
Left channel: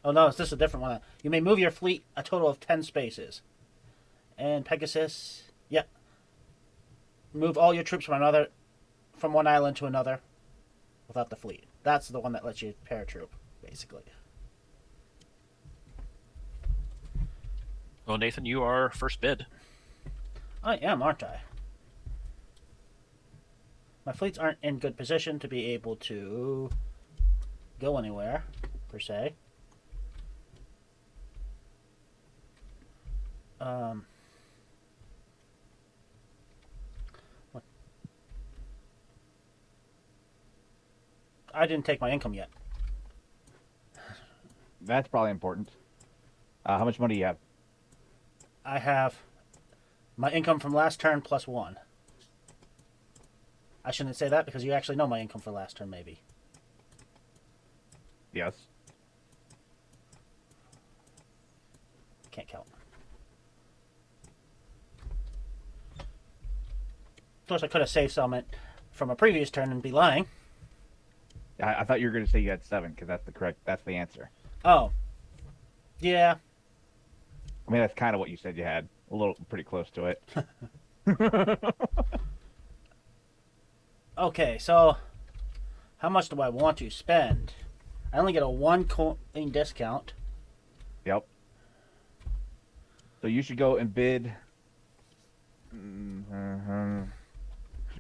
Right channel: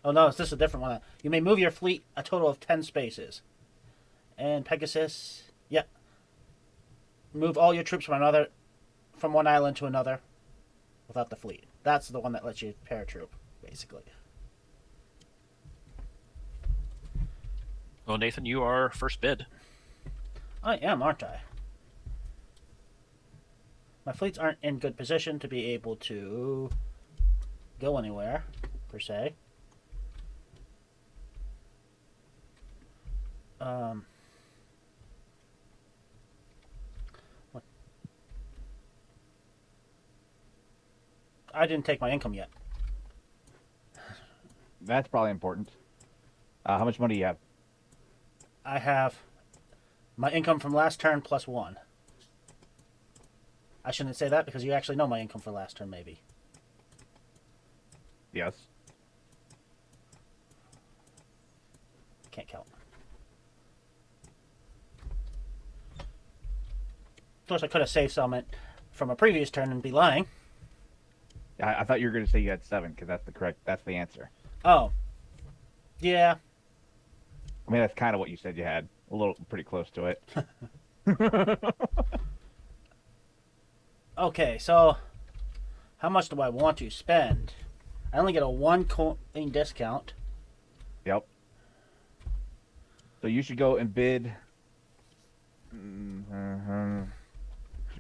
Oh no, is this a different one? You may move your fleet a total of 10 spaces. And Pegasus, yep. Move all your troops from one island to another without the fleet. That's the one that lets you paratroop, basically. Well, Nathan, you are first bid. I am, aren't I? My fleets aren't in good position to be able to go anywhere, per se. I didn't take my income yet. That's probably important. How much money do you have? I have my income from last turn plus 1. I shouldn't say that because you actually know my income for last turn, maybe. Yes. Can't count. Of course, I could have saved some from a previous turn and be lying. I thought you were going to say you had 7 because that's the answer. Oh. Yeah. I mean, that's kind of what you said you had. Pretty close to it. Okay, so how much do I want to spend? I only get a 1 coin discount. Yep. So you should go and bid.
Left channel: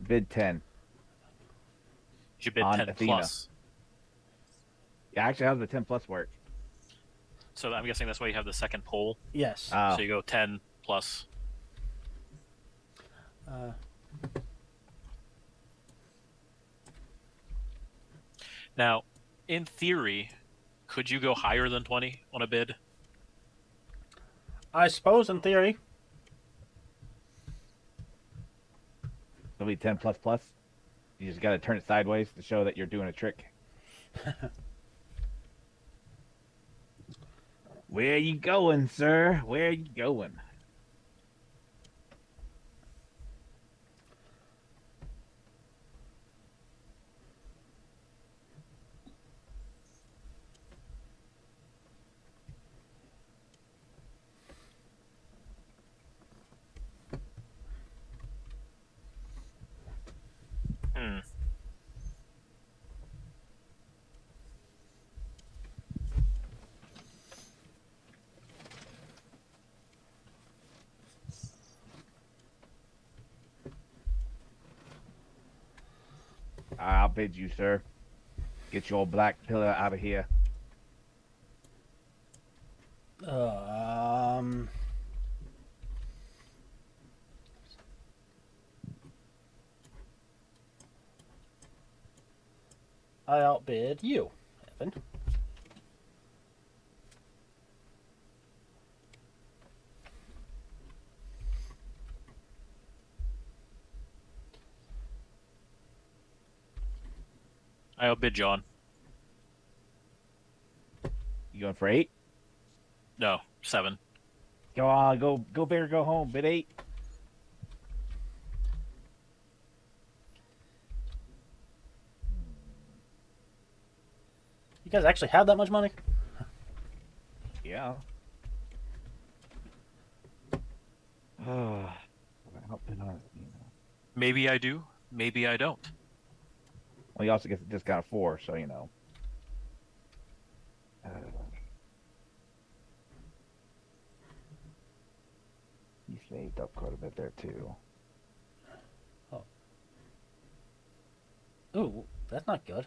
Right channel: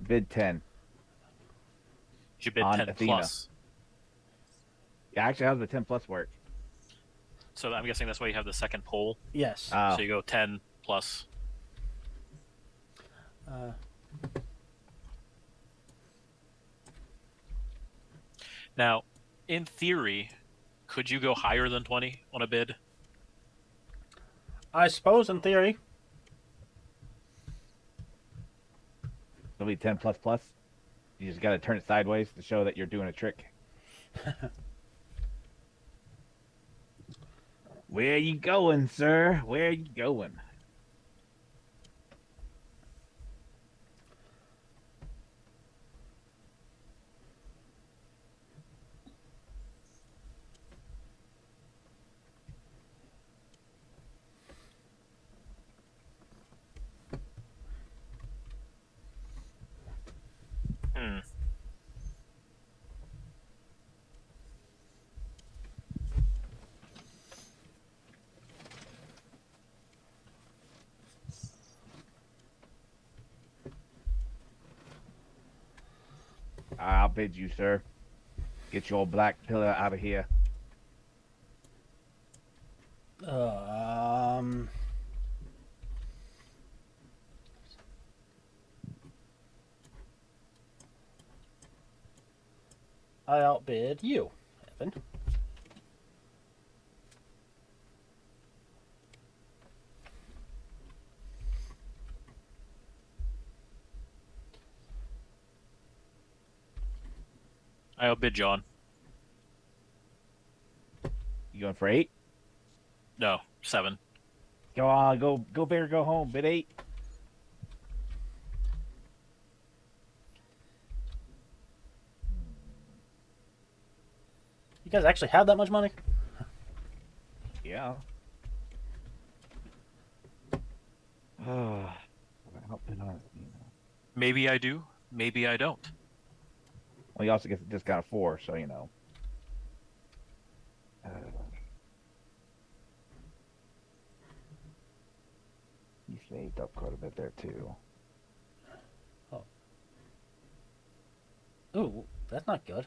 Bid 10. You bid On 10 Athena. plus. Yeah, actually, how does the 10 plus work? So I'm guessing that's why you have the second pull. Yes. So you go 10 plus. Now, in theory, could you go higher than 20 on a bid? I suppose in theory. It'll be 10 plus plus. You just got to turn it sideways to show that you're doing a trick. Where you going, sir? Where you going? I outbid you, sir. Get your black pillar out of here. I outbid you. I outbid John. You going for 8? No, 7. Go on, go bear, go home. Bid 8. You guys actually have that much money? Maybe I do. Maybe I don't. Well, he also gets a discount of 4, so you know. You saved up quite a bit there too. Oh. Ooh, that's not good.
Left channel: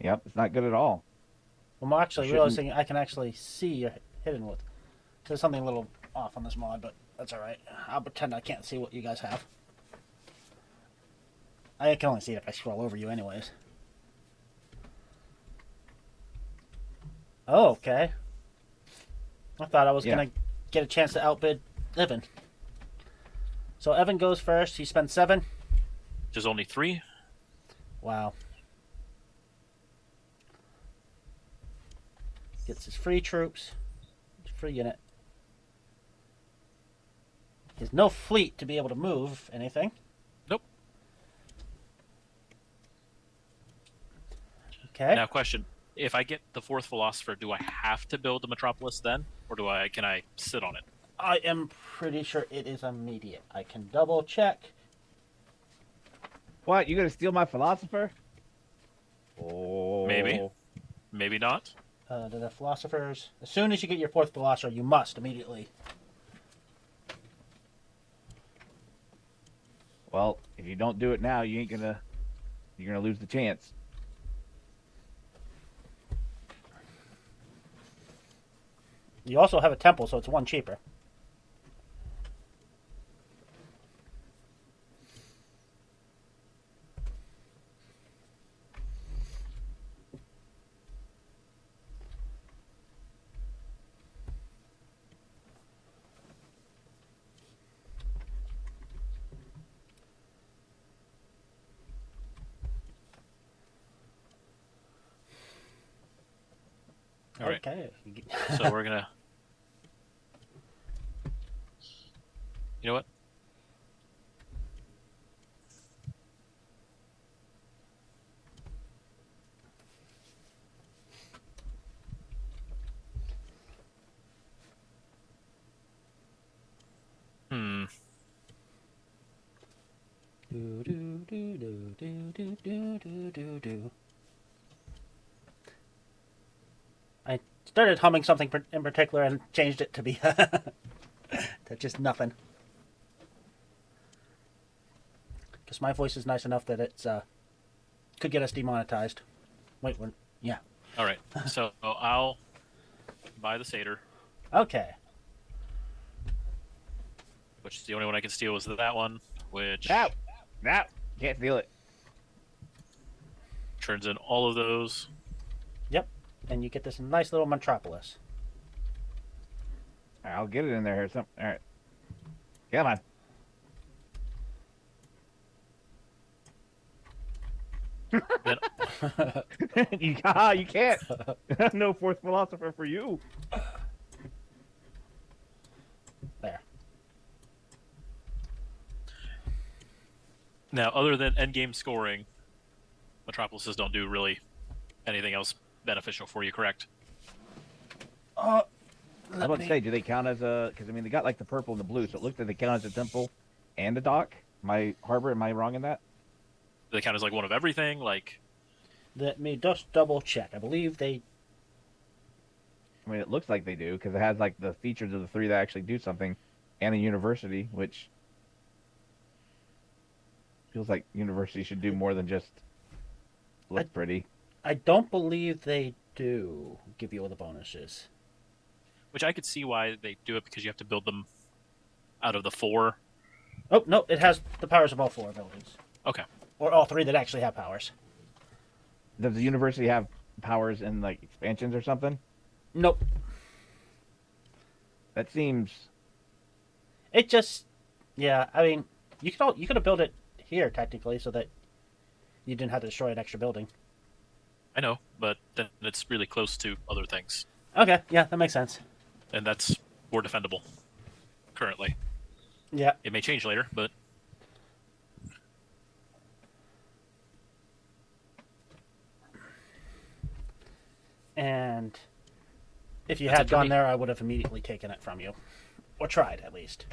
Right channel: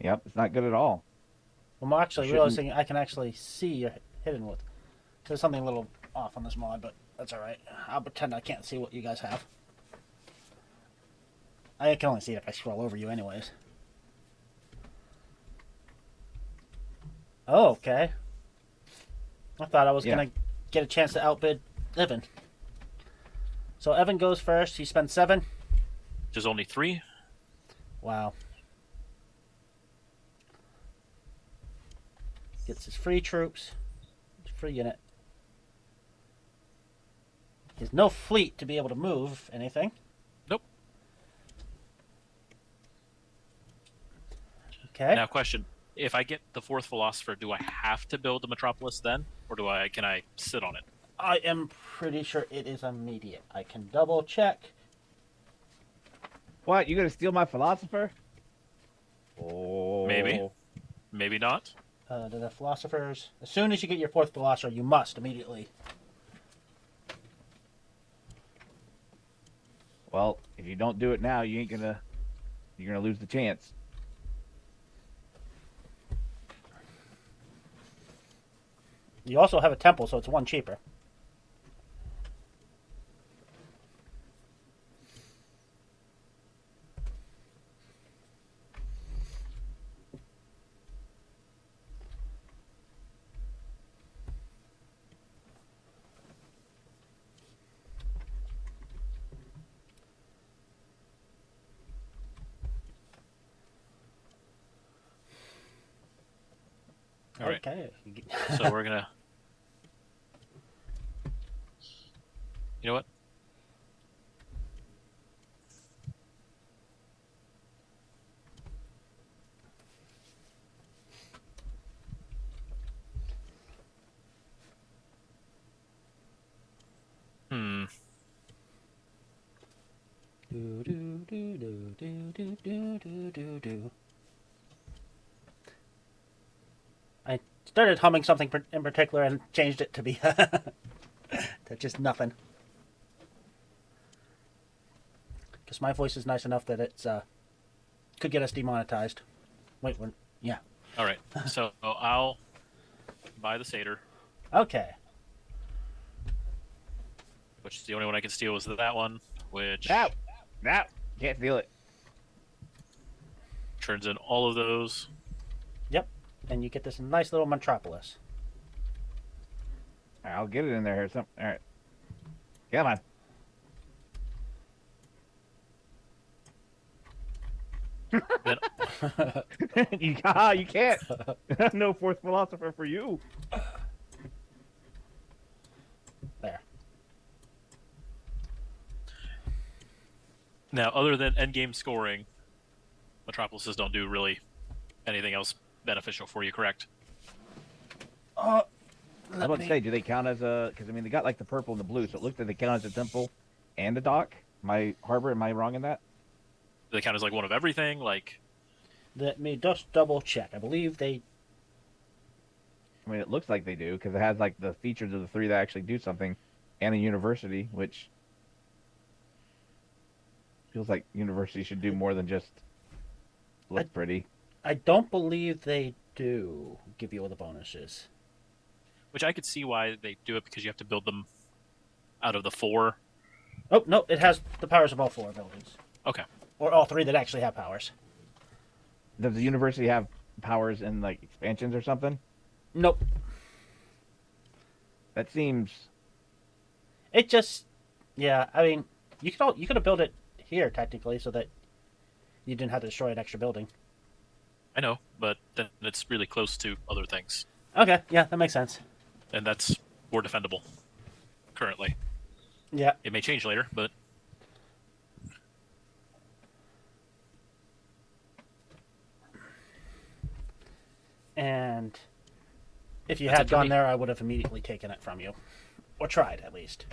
Yep, it's not good at all. I'm actually realizing I can actually see a hidden with. There's something a little off on this mod, but that's alright. I'll pretend I can't see what you guys have. I can only see it if I scroll over you anyways. Oh, okay. I thought I was going to get a chance to outbid Evan. So Evan goes first. He spends 7. There's only 3. Wow. Gets his free troops. Free unit. There's no fleet to be able to move anything. Nope. Okay. Now, question: if I get the 4th philosopher, do I have to build the metropolis then, or can I sit on it? I am pretty sure it is immediate. I can double check. What? You gonna steal my philosopher? Oh. Maybe not. The philosophers. As soon as you get your 4th philosopher, you must immediately. Well, if you don't do it now, you're gonna lose the chance. You also have a temple, so it's 1 cheaper. All right. Okay. So we're gonna. You know what? Hmm. I started humming something in particular and changed it to be just nothing. Because my voice is nice enough that it's could get us demonetized. Wait, yeah. All right. So I'll buy the satyr, Okay. which is the only one I can steal is that one, which Yeah, can't feel it. turns in all of those. Yep. And you get this nice little metropolis. I'll get it in there or something. All right. Come on. You can't. No fourth philosopher for you. There. Now, other than endgame scoring, metropolises don't do really anything else beneficial for you, correct? I was about to say, do they count as a? Because I mean, they got like the purple and the blue, so it looks like they count as a temple and a dock. My harbor, am I wrong in that? Do they count as like one of everything? Like, Let me just double check. I believe they. I mean, it looks like they do because it has like the features of the three that actually do something, and a university, which feels like university should do more than just look pretty. I don't believe they do give you all the bonuses. which I could see why they do it because you have to build them out of the 4. Oh, no, it has the powers of all 4 abilities. Okay. Or all 3 that actually have powers. Does the university have powers in like expansions or something? Nope. That seems. It just, yeah, I mean, you could have built it here, technically, so that you didn't have to destroy an extra building. I know, but that's really close to other things. Okay, yeah, that makes sense. And that's more defendable currently. Yeah. It may change later, but And if you That's had it for gone me. there, I would have immediately taken it from you. Or tried, at least.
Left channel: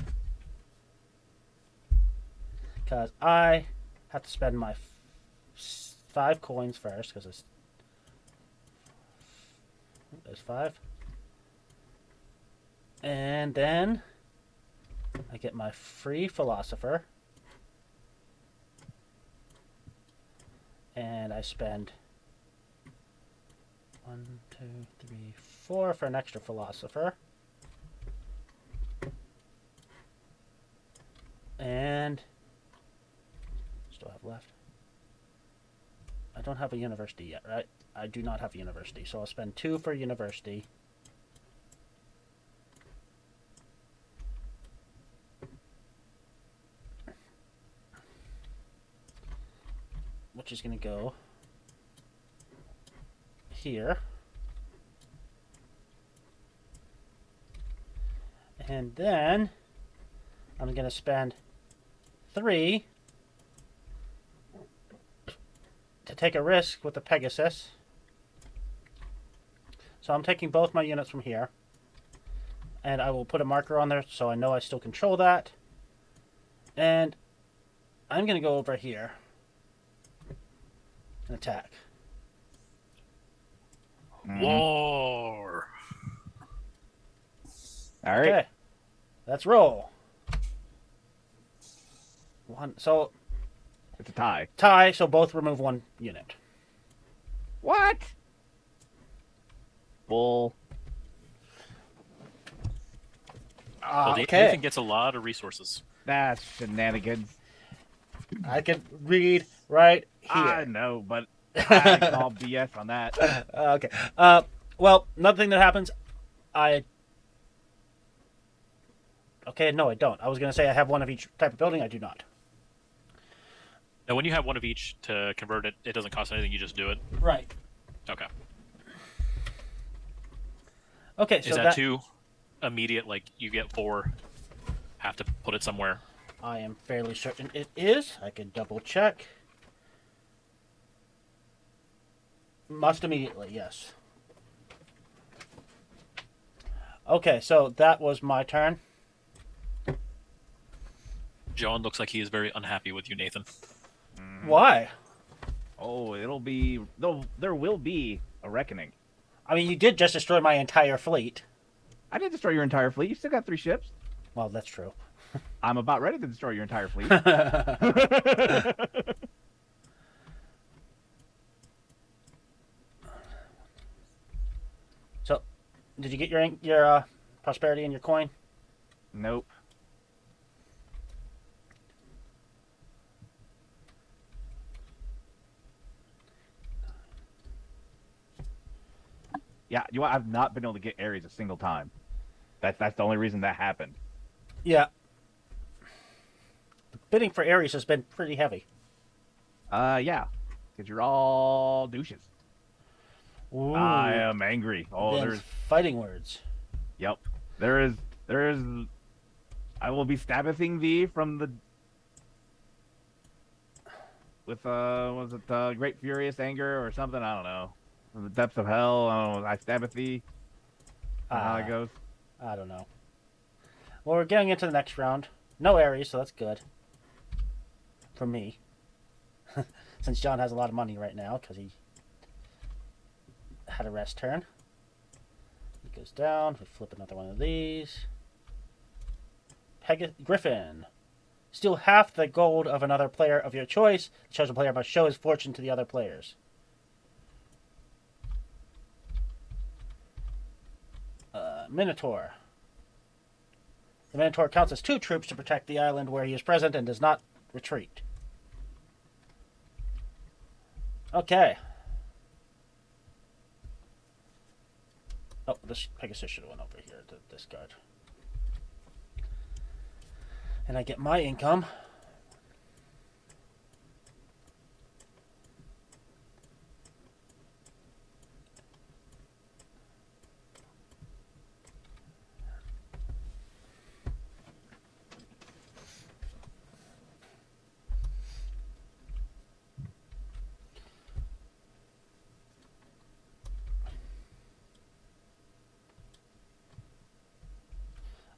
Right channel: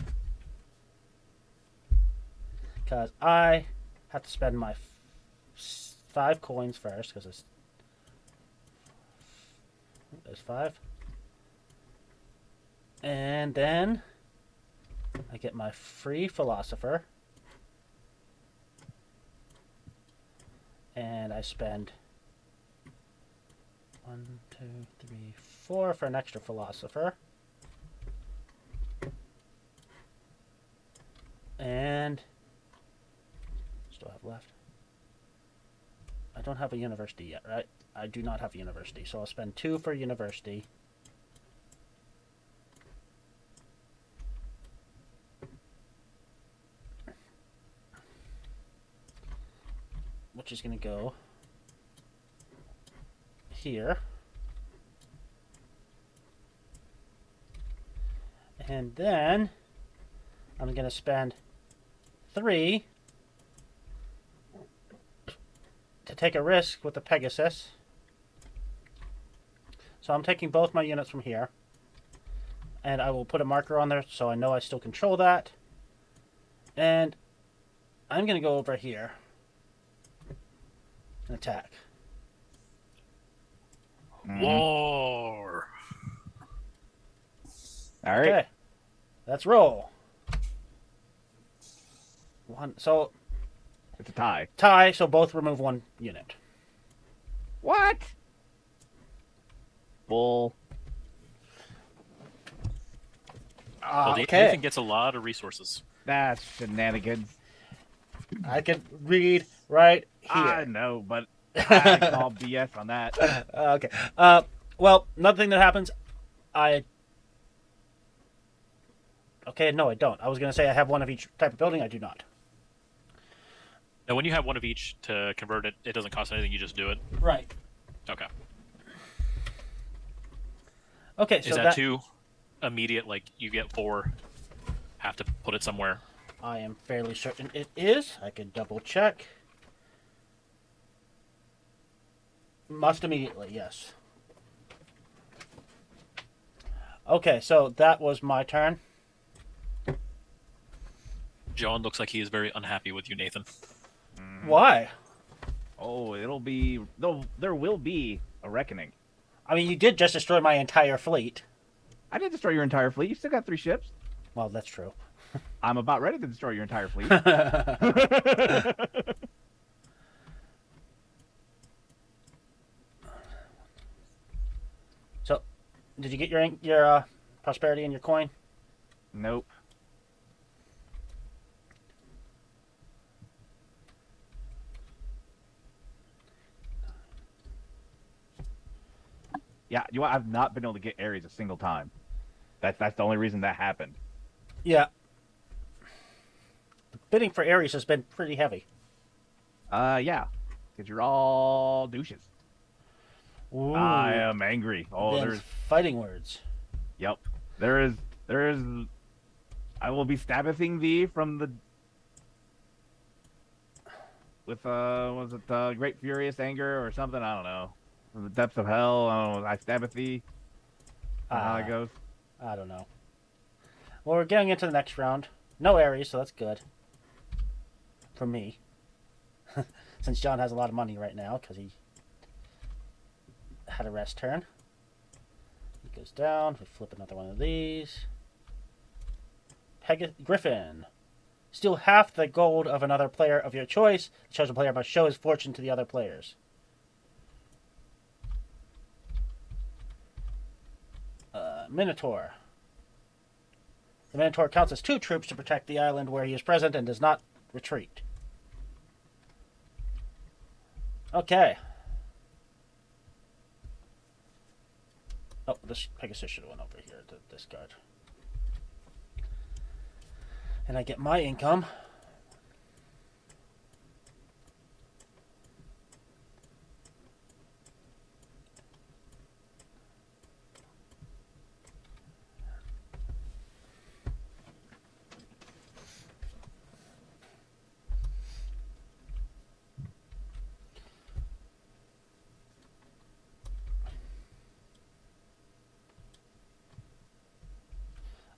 Because I have to spend my 5 coins first, because there's 5. And then I get my free philosopher. And I spend 1, 2, 3, 4 for an extra philosopher. And still have left. I don't have a university yet, right? I do not have a university, so I'll spend 2 for university. Which is going to go here. And then I'm going to spend 3 to take a risk with the Pegasus. So I'm taking both my units from here. And I will put a marker on there so I know I still control that. And I'm going to go over here and attack. War. Alright. Let's roll. 1. So It's a tie. tie, so both remove 1 unit. What? Bull. Well, Okay. Nathan gets a lot of resources. That's shenanigans. I can read, I know, but I call BS on that. Okay. Well, another thing that happens, Okay, no, I don't. I was going to say I have 1 of each type of building. I do not. Now, when you have 1 of each to convert it, it doesn't cost anything. You just do it. Right. Okay. Okay, so Is that too immediate? Like you get 4, have to put it somewhere. I am fairly certain it is. I can double check. Must immediately, yes. Okay, so that was my turn. John looks like he is very unhappy with you, Nathan. Why? Oh, there will be a reckoning. I mean, you did just destroy my entire fleet. I didn't destroy your entire fleet. You still got 3 ships. Well, that's true. I'm about ready to destroy your entire fleet. So, did you get your prosperity and your coin? Nope. Yeah, I've not been able to get Ares a single time. That's the only reason that happened. Yeah. The bidding for Ares has been pretty heavy. Yeah, because you're all douches. Ooh. I am angry. Oh, Then there's fighting words. Yep. There is. I will be stabbing thee from the. With was it great furious anger or something? I don't know. From the depths of hell. I don't know. I stabbeth thee. How it goes. I don't know. Well, we're getting into the next round. No Ares, so that's good. For me. Since John has a lot of money right now, because he had a rest turn. He goes down. We flip another one of these. Griffin. Steal half the gold of another player of your choice. The chosen player must show his fortune to the other players. Minotaur. The Minotaur counts as 2 troops to protect the island where he is present and does not retreat. Okay. Oh, this Pegasus should have went over here to this guard. And I get my income.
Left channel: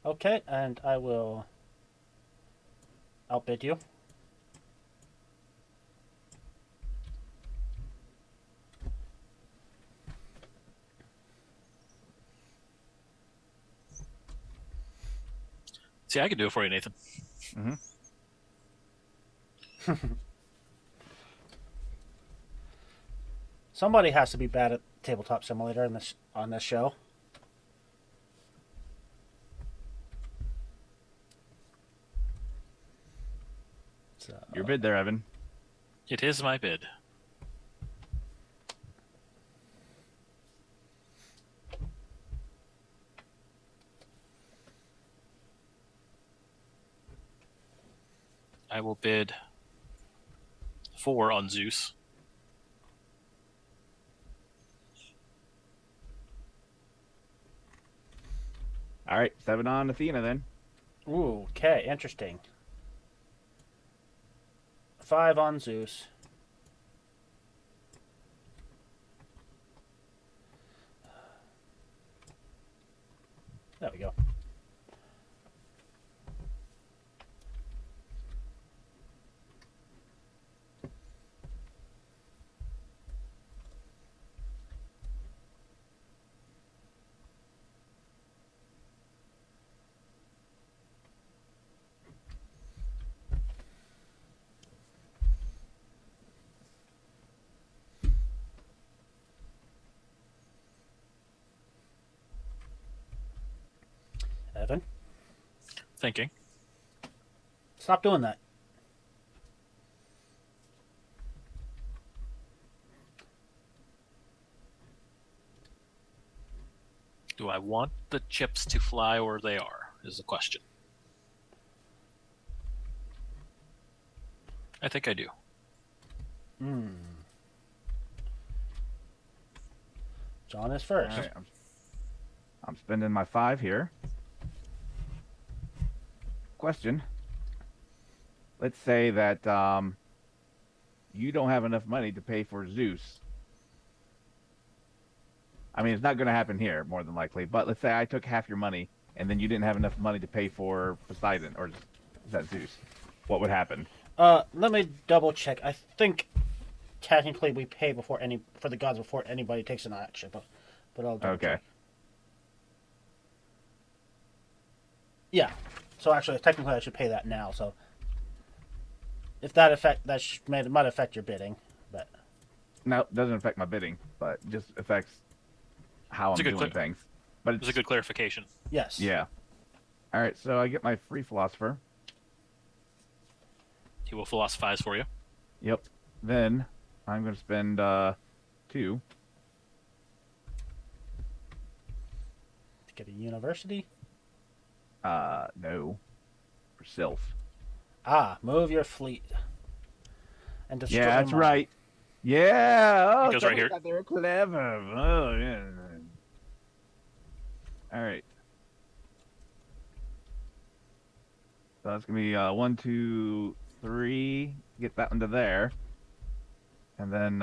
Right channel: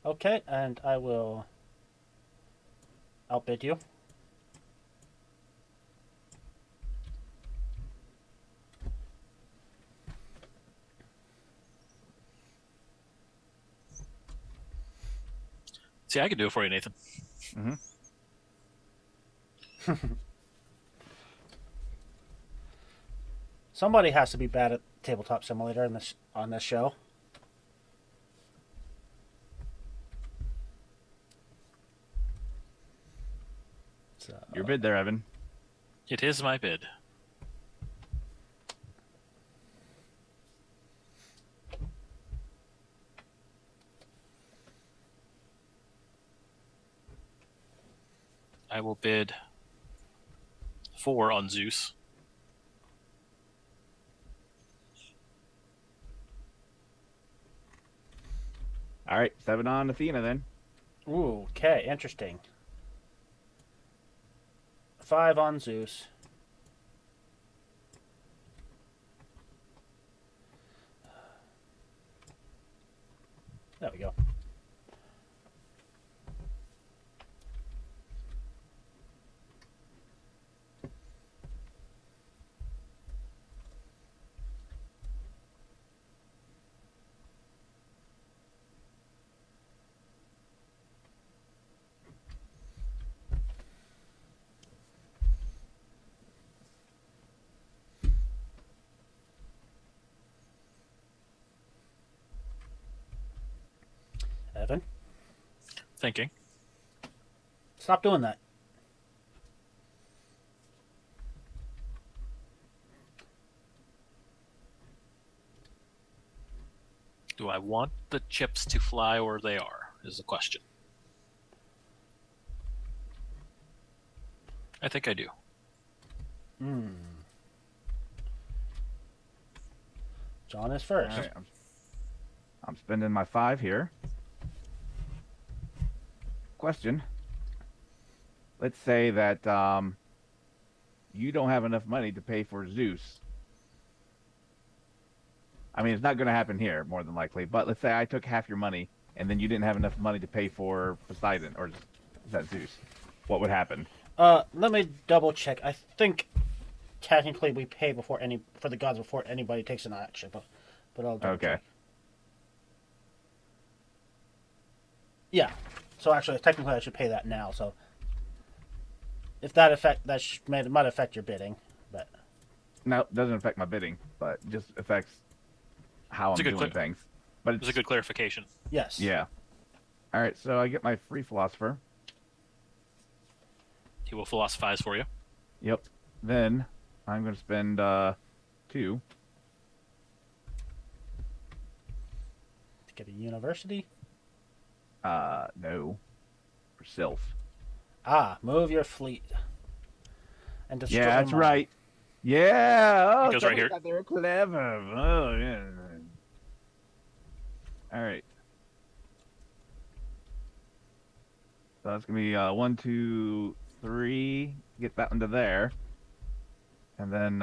Okay, and I will outbid you. See, I can do it for you, Nathan. Mm-hmm. Somebody has to be bad at Tabletop Simulator on this show. Your bid there, Evan. It is my bid. I will bid 4 on Zeus. All right, 7 on Athena then. Ooh, okay, interesting. 5 on Zeus. There we go. Evan, Thinking. stop doing that. Do I want the chips to fly where they are, is the question. I think I do. John is first. All right, I'm spending my 5 here. Question. Let's say that you don't have enough money to pay for Zeus. I mean, it's not going to happen here, more than likely. But let's say I took half your money, and then you didn't have enough money to pay for Poseidon, or is that Zeus? What would happen? Let me double check. I think technically we pay for the gods before anybody takes an action, but I'll double check. Yeah. So actually, technically, I should pay that now. So if that might affect your bidding, but No, it doesn't affect my bidding, but it just affects how I'm doing things. But it's a good clarification. Yes. Yeah. All right, so I get my free philosopher. He will philosophize for you. Yep. Then I'm going to spend 2 to get a university. No, for Sylph. Move your fleet and destroy. Yeah, that's right. Yeah. Oh, it goes right here. They're clever. Oh, yeah. All right. So that's gonna be 1, 2, 3. Get that under there, and then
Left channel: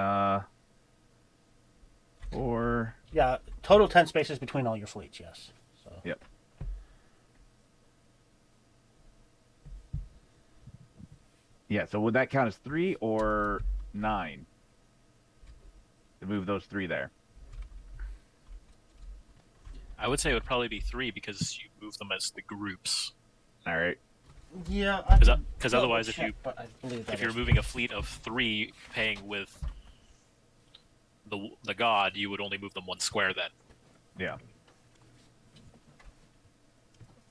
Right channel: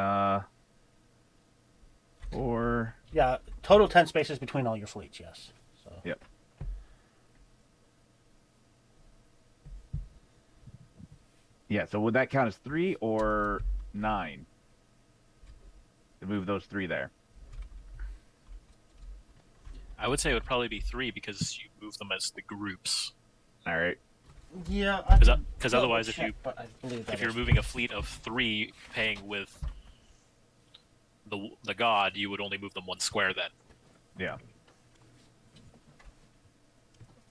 4. Yeah, total 10 spaces between all your fleets. Yes. So. Yep. Yeah. So would that count as 3 or 9? To move those 3 there. I would say it would probably be 3 because you move them as the groups. All right. Yeah. Because otherwise, if you're moving a fleet of 3, paying with the god, you would only move them 1 square then. Yeah.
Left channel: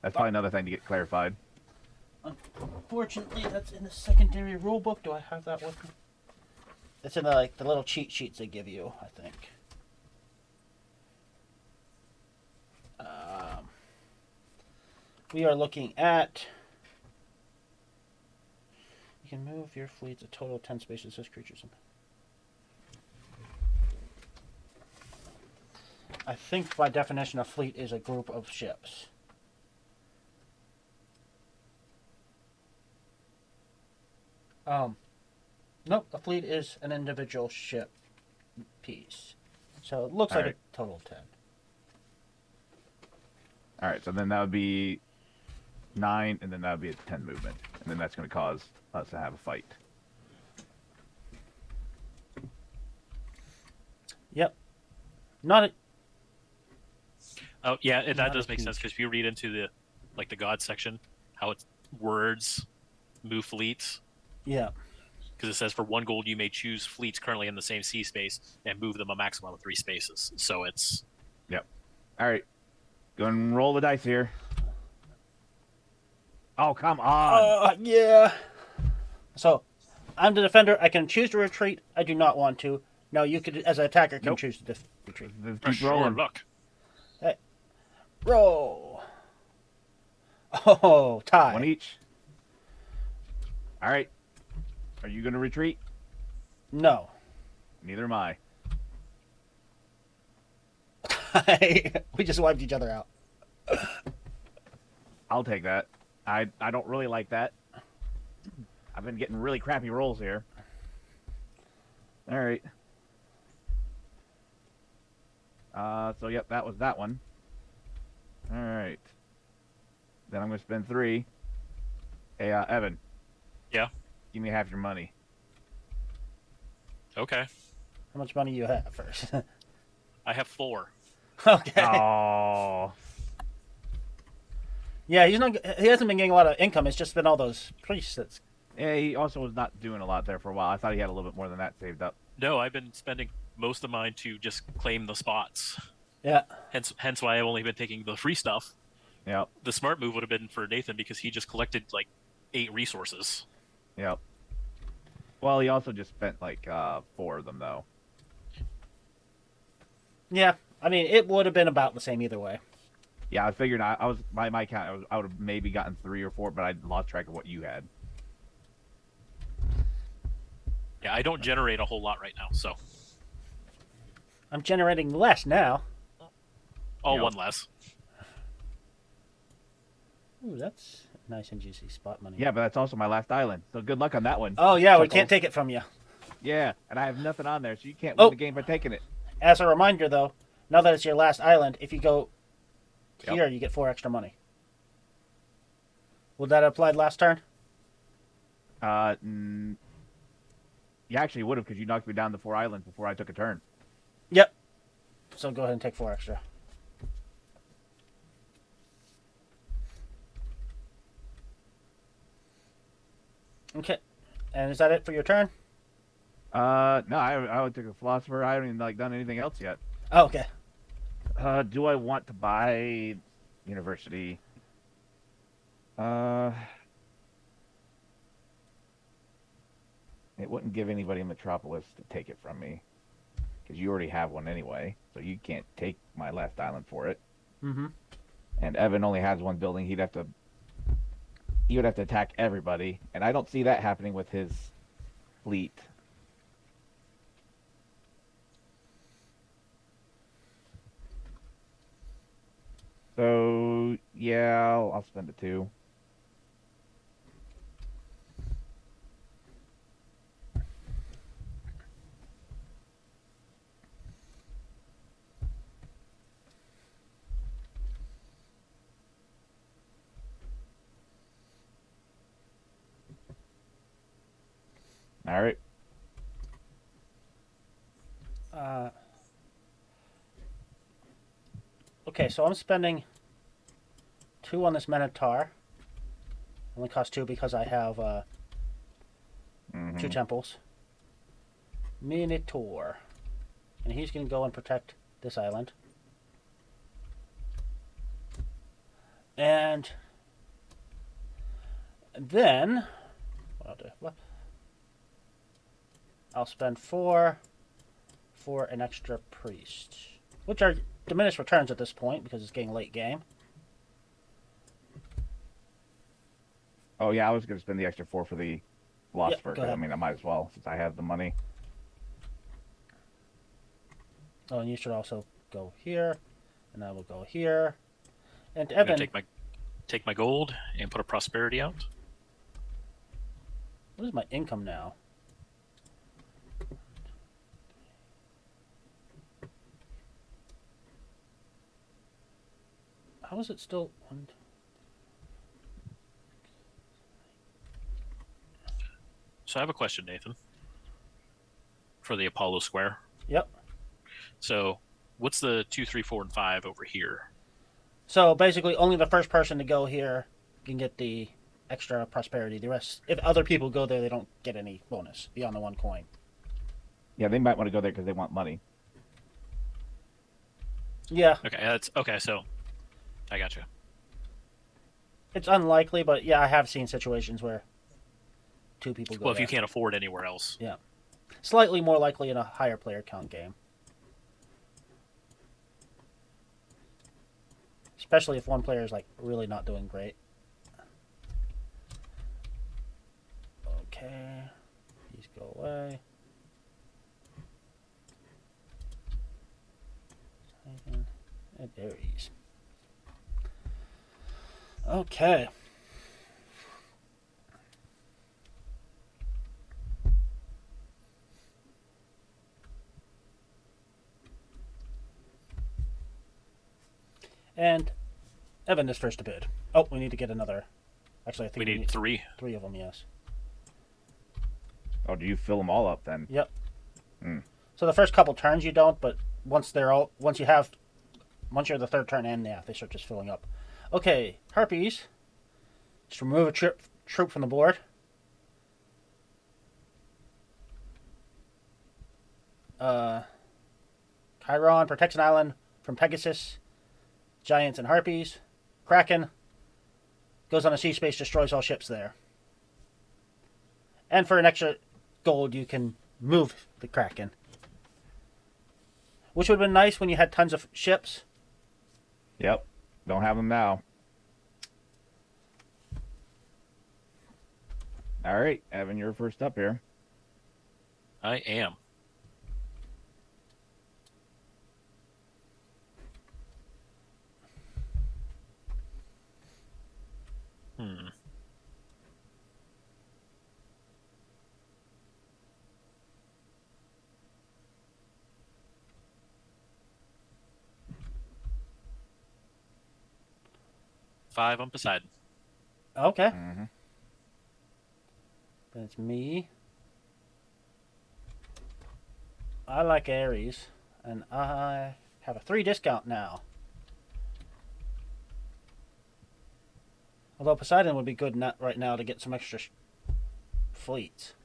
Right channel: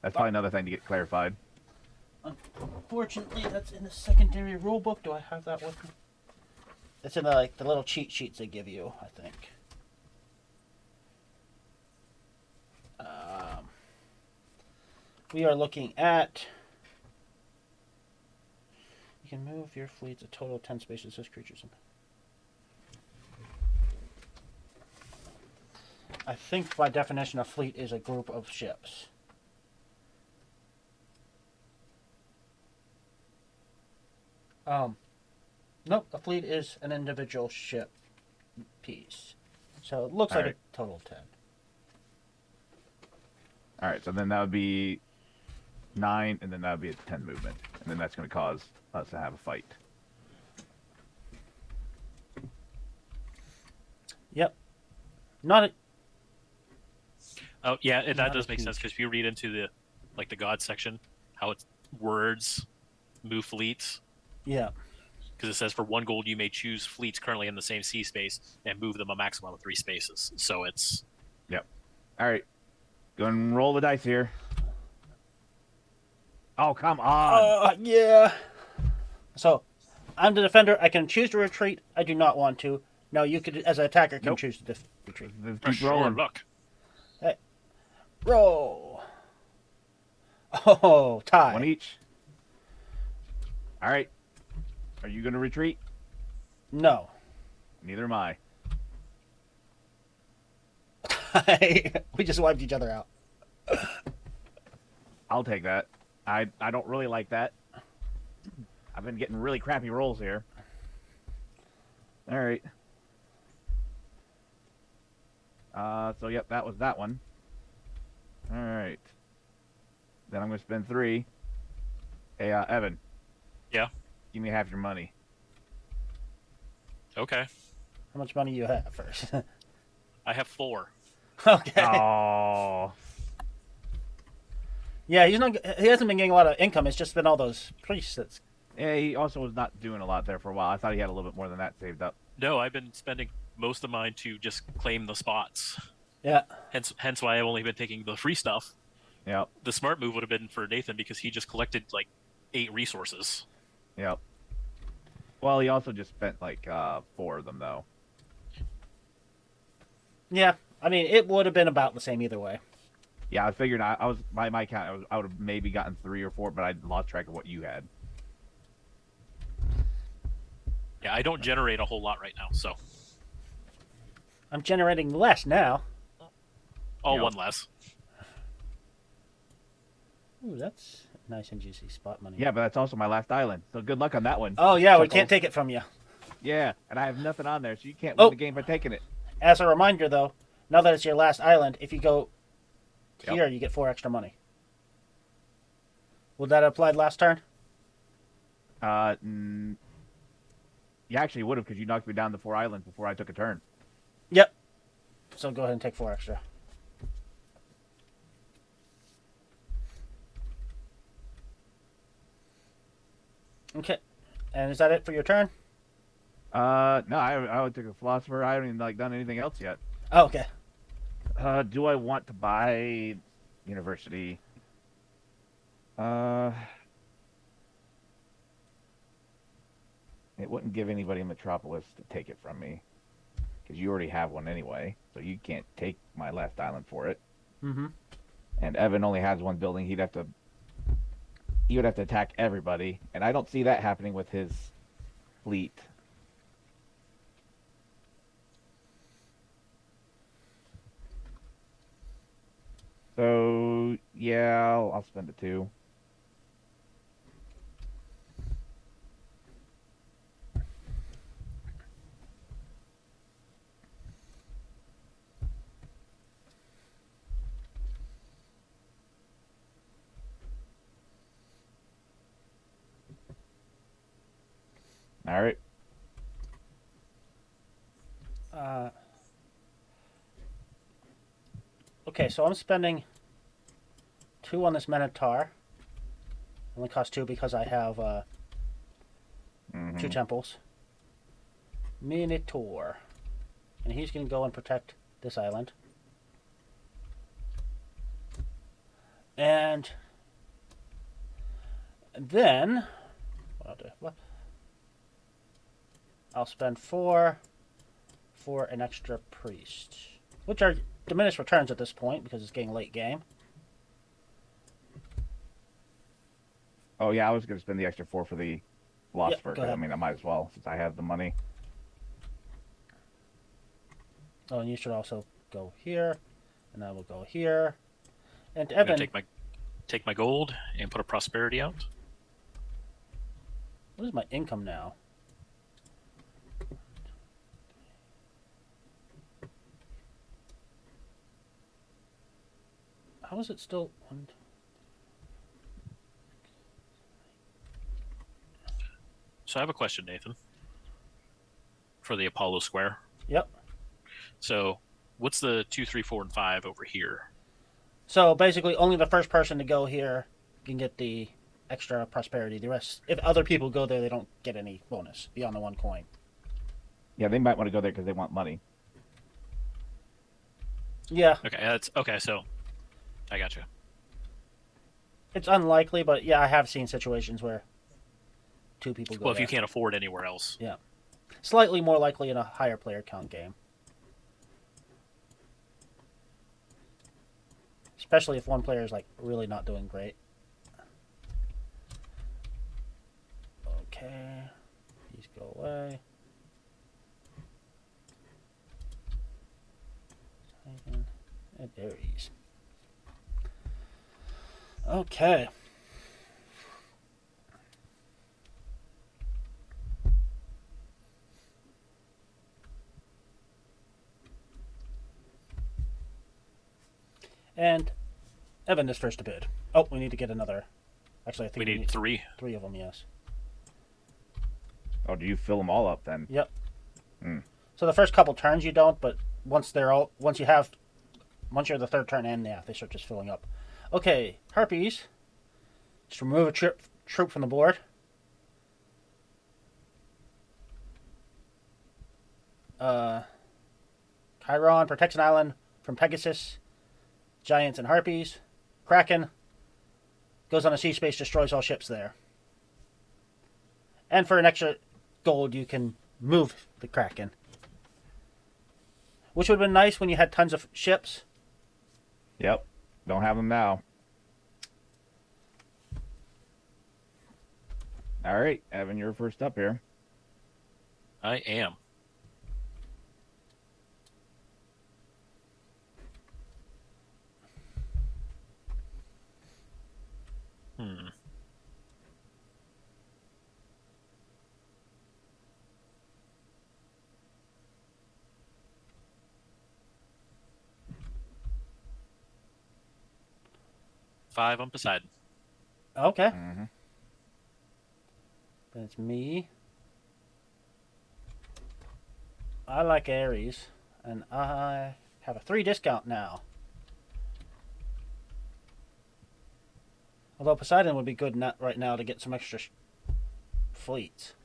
That's probably another thing to get clarified. Unfortunately, that's in the secondary rulebook. Do I have that with me? It's in the little cheat sheets they give you, I think. We are looking at. You can move your fleets a total of 10 spaces as creatures. I think by definition, a fleet is a group of ships. Nope, a fleet is an individual ship piece. So it looks like a total of 10. All right, so then that would be 9, and then that would be a 10 movement. And then that's going to cause us to have a fight. Yep. Not a... Oh, yeah, and that does make sense, because if you read into the God section, how it's words, move fleets. Yeah. Because it says for 1 gold you may choose fleets currently in the same sea space and move them a maximum of 3 spaces. So it's... Yep. All right. Go and roll the dice here. Oh, come on. Yeah. So, I'm the defender. I can choose to retreat. I do not want to. No, you could, as an attacker, can choose to retreat. Keep rolling. Luck. Hey. Roll. Oh, tie. 1 each. All right. Are you going to retreat? No. Neither am I. We just wiped each other out. I'll take that. I don't really like that. I've been getting really crappy rolls here. All right. So yep, that was that one. All right. Then I'm gonna spend 3. Hey, Evan. Yeah. Give me half your money. Okay. How much money you have first? I have 4. Okay. Oh. Yeah, he hasn't been getting a lot of income. It's just been all those priests. Yeah, he also was not doing a lot there for a while. I thought he had a little bit more than that saved up. No, I've been spending most of mine to just claim the spots. Yeah. Hence why I've only been taking the free stuff. Yep. The smart move would have been for Nathan because he just collected 8 resources. Yep. Well, he also just spent 4 of them though. Yeah, I mean, it would have been about the same either way. Yeah, I figured I was my count. I would have maybe gotten 3 or 4, but I lost track of what you had. Yeah, I don't generate a whole lot right now, so. I'm generating less now. Oh, Yep. 1 less. Ooh, that's a nice and juicy spot money. Yeah, but that's also my last island. So good luck on that one. Oh, yeah, we can't take it from you. Yeah, and I have nothing on there, so you can't Oh. win the game by taking it. As a reminder, though, now that it's your last island, if you go here, you get 4 extra money. Would that have applied last turn? You actually would have, because you knocked me down to 4 islands before I took a turn. Yep. So go ahead and take 4 extra. Okay. And is that it for your turn? No, I only took a philosopher. I haven't even done anything else yet. Oh, okay. Do I want to buy university? It wouldn't give anybody in Metropolis to take it from me, because you already have one anyway, so you can't take my last island for it. Mm-hmm. And Evan only has one building. He would have to attack everybody, and I don't see that happening with his fleet. So yeah, I'll spend it 2. All right. Okay, so I'm spending 2 on this Minotaur. Only cost 2 because I have 2 temples. Minotaur. And he's going to go and protect this island. And then, what I'll do, I'll spend 4 for an extra priest, which are diminished returns at this point because it's getting late game. Oh yeah, I was going to spend the extra 4 for the philosopher. Go ahead. I mean, I might as well since I have the money. Oh, and you should also go here, and I will go here. And I'm gonna Evan, take my gold and put a prosperity out. what is my income now? How is it still? So I have a question, Nathan, for the Apollo Square. Yep. So what's the 2, 3, 4, and 5 over here? So basically, only the first person to go here can get the extra prosperity. The rest, if other people go there, they don't get any bonus beyond the 1 coin. Yeah, they might want to go there because they want money. Yeah. Okay, that's okay. So I got you. It's unlikely, but yeah, I have seen situations where 2 people go Well, if there. you can't afford anywhere else, Yeah. Slightly more likely in a higher player count game. Especially if one player is really not doing great. Okay. These go away. And berries. Okay. And Evan is first to bid. Oh, we need to get another. Actually, I think we need 3. 3 of them, yes. Oh, do you fill them all up then? Yep. Hmm. So the first couple turns you don't, but once they're the 3rd turn in, yeah, they start just filling up. Okay, harpies. Giants and harpies. Kraken goes into sea space, destroys all ships there. And for an extra gold, you can move the Kraken. Which would have been nice when you had tons of ships. Yep. Don't have them now. All right, Evan, you're first up here. I am. 5 on Poseidon. Okay. That's me. I like Aries. I have a 3 discount now. Although Poseidon would be good not right now to get some extra fleets.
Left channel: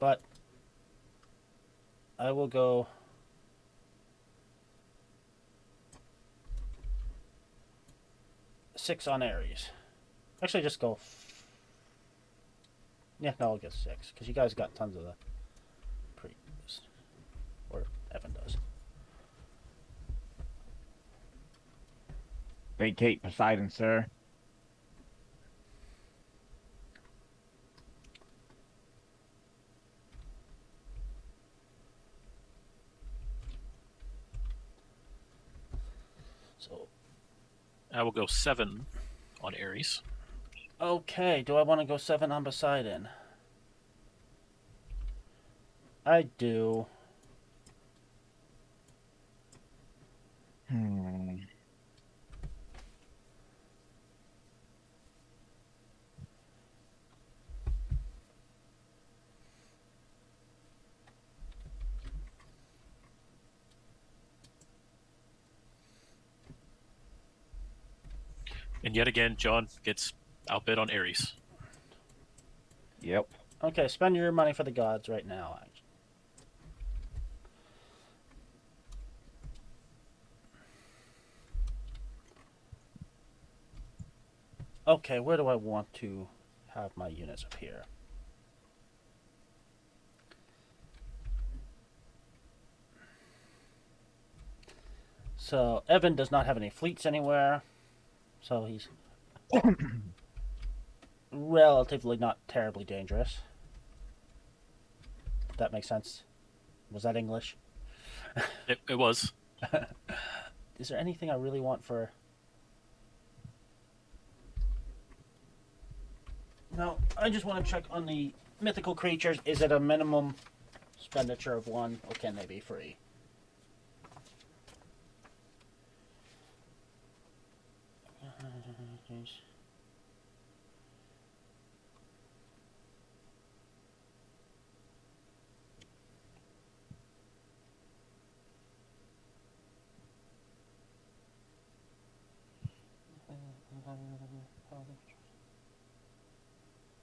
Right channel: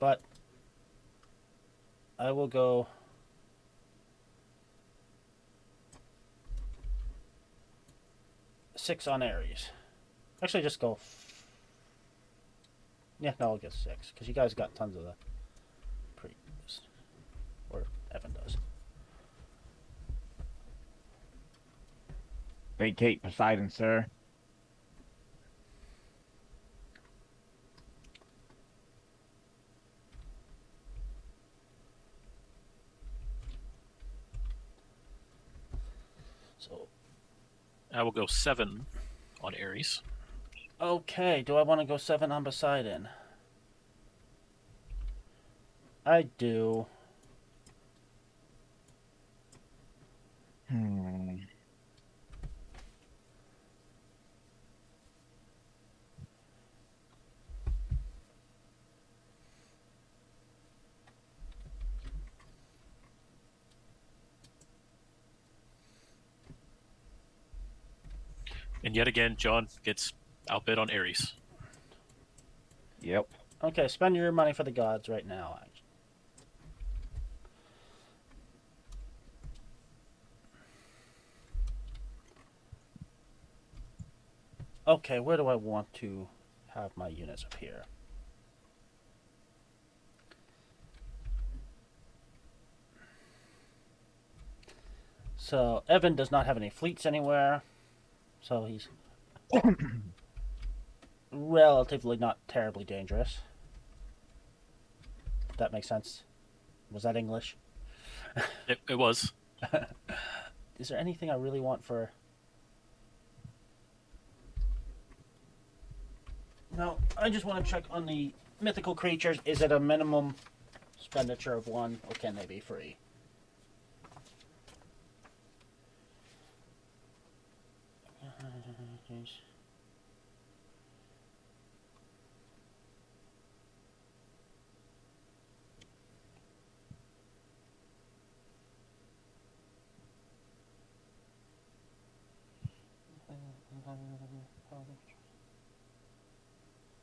But I will go six on Aries. Actually, just go. Yeah, no, I'll get 6 because you guys got tons of the premiums, or Evan does. Vacate Poseidon, sir. So, I will go 7 on Aries. okay, do I want to go 7 on Poseidon? I do. And yet again, John gets outbid on Aries. Yep. Okay, spend your money for the gods right now. Okay, where do I want to have my units here? So, Evan does not have any fleets anywhere. So he's relatively not terribly dangerous. If that makes sense. Was that English? It was. Is there anything I really want for... No, I just want to check on the mythical creatures. Is it a minimum expenditure of 1, or can they be free?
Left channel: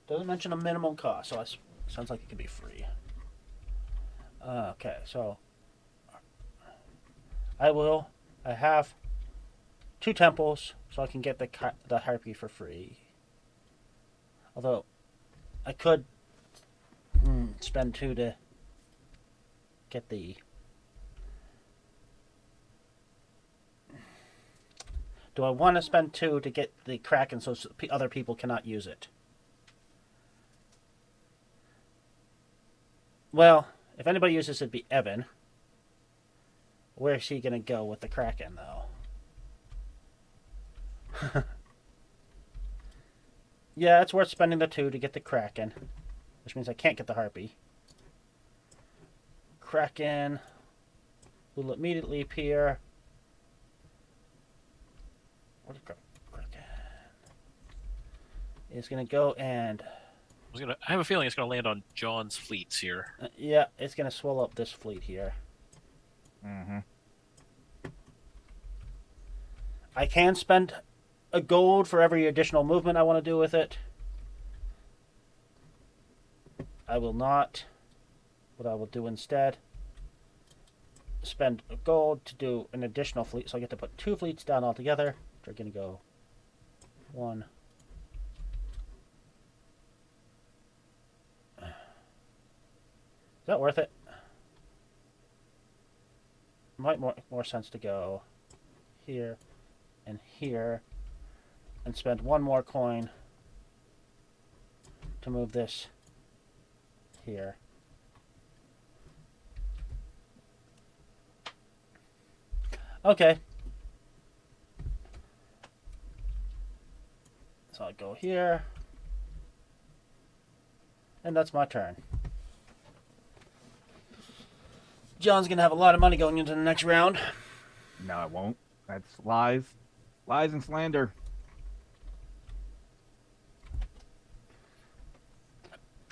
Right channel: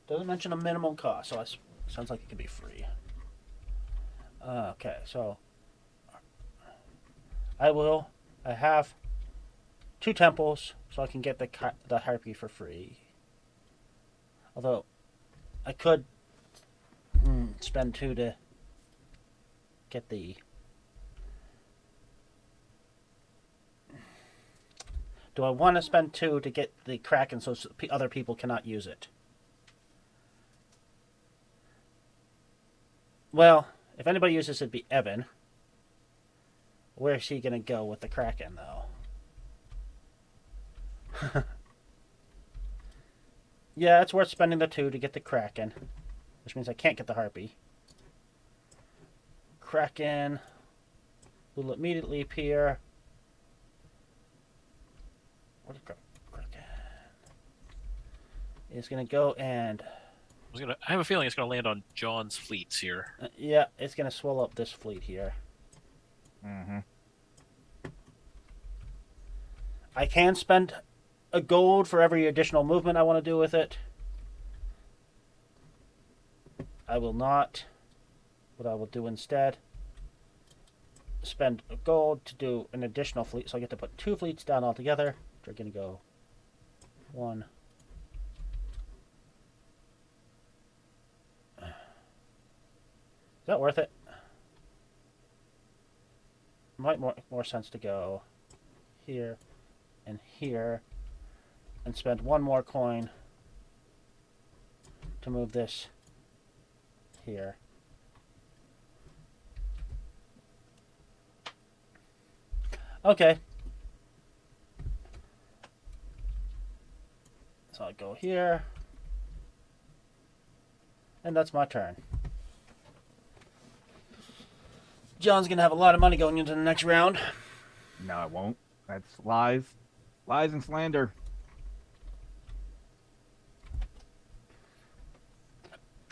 Doesn't mention a minimum cost, so it sounds like it could be free. Okay, so I have 2 temples, so I can get the harpy for free. Although I could spend 2 to get the... Do I want to spend 2 to get the Kraken so other people cannot use it? Well, if anybody uses it, it'd be Evan. Where's he going to go with the Kraken, though? Yeah, it's worth spending the 2 to get the Kraken. Which means I can't get the Harpy. Kraken will immediately appear. What is Kraken? It's going to go and... I have a feeling it's going to land on John's fleets here. Yeah, it's going to swell up this fleet here. Mm-hmm. I can spend a gold for every additional movement I want to do with it. I will not. What I will do instead, spend a gold to do an additional fleet, so I get to put 2 fleets down altogether. So I'm going to go 1. Is that worth it? Might more sense to go here and here and spend 1 more coin to move this here. Okay. So I'll go here. And that's my turn. John's going to have a lot of money going into the next round. No, it won't. That's lies. Lies and slander.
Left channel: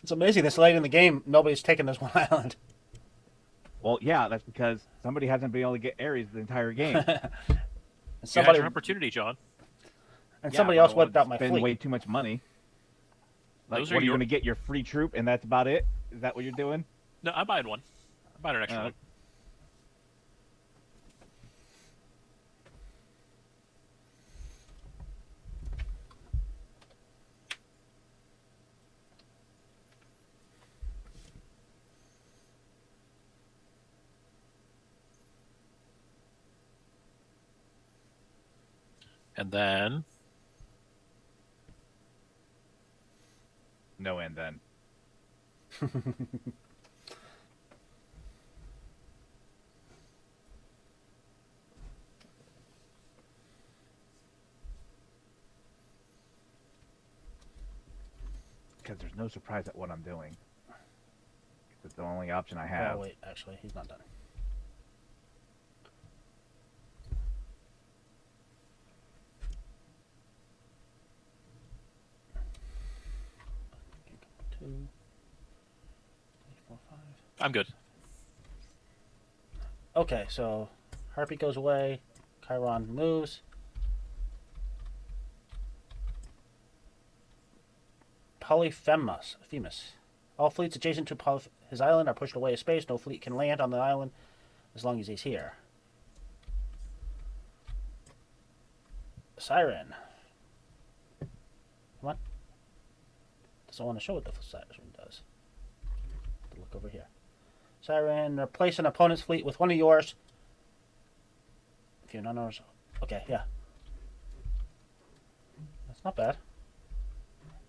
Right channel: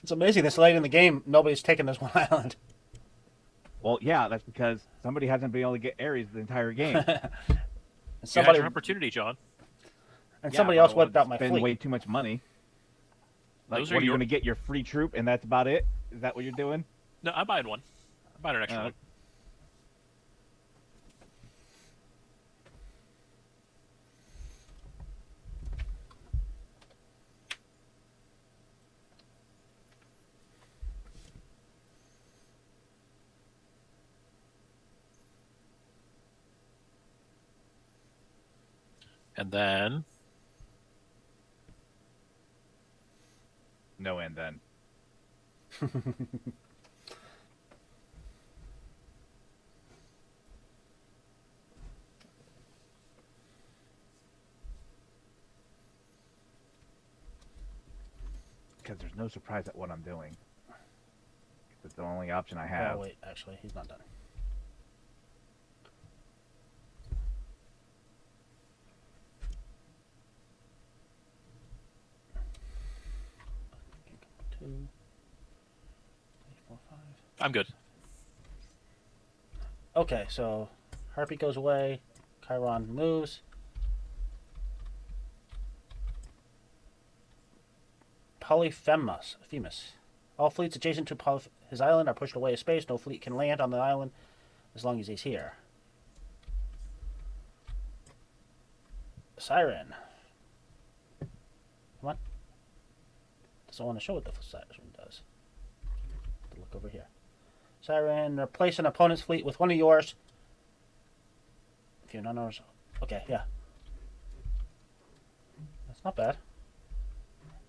It's amazing this late in the game, nobody's taken this one island. Well, yeah, that's because somebody hasn't been able to get Ares the entire game. You had your opportunity, John. And somebody else wiped out my spend fleet. way too much money. Like, Those what are are you your- going to get your free troop, and that's about it? Is that what you're doing? No, I'm buying one. I'm buying an extra one. And then No, and then. Because there's no surprise at what I'm doing. It's the only option I have. Oh, wait, actually, he's not done. I'm good. Okay, so Harpy goes away. Chiron moves. Polyphemus. All fleets adjacent to his island are pushed away a space. No fleet can land on the island as long as he's here. Siren. What? Doesn't want to show what the Siren does. Look over here. Siren, replace an opponent's fleet with one of yours. If you're not ours. Okay, yeah. That's not bad.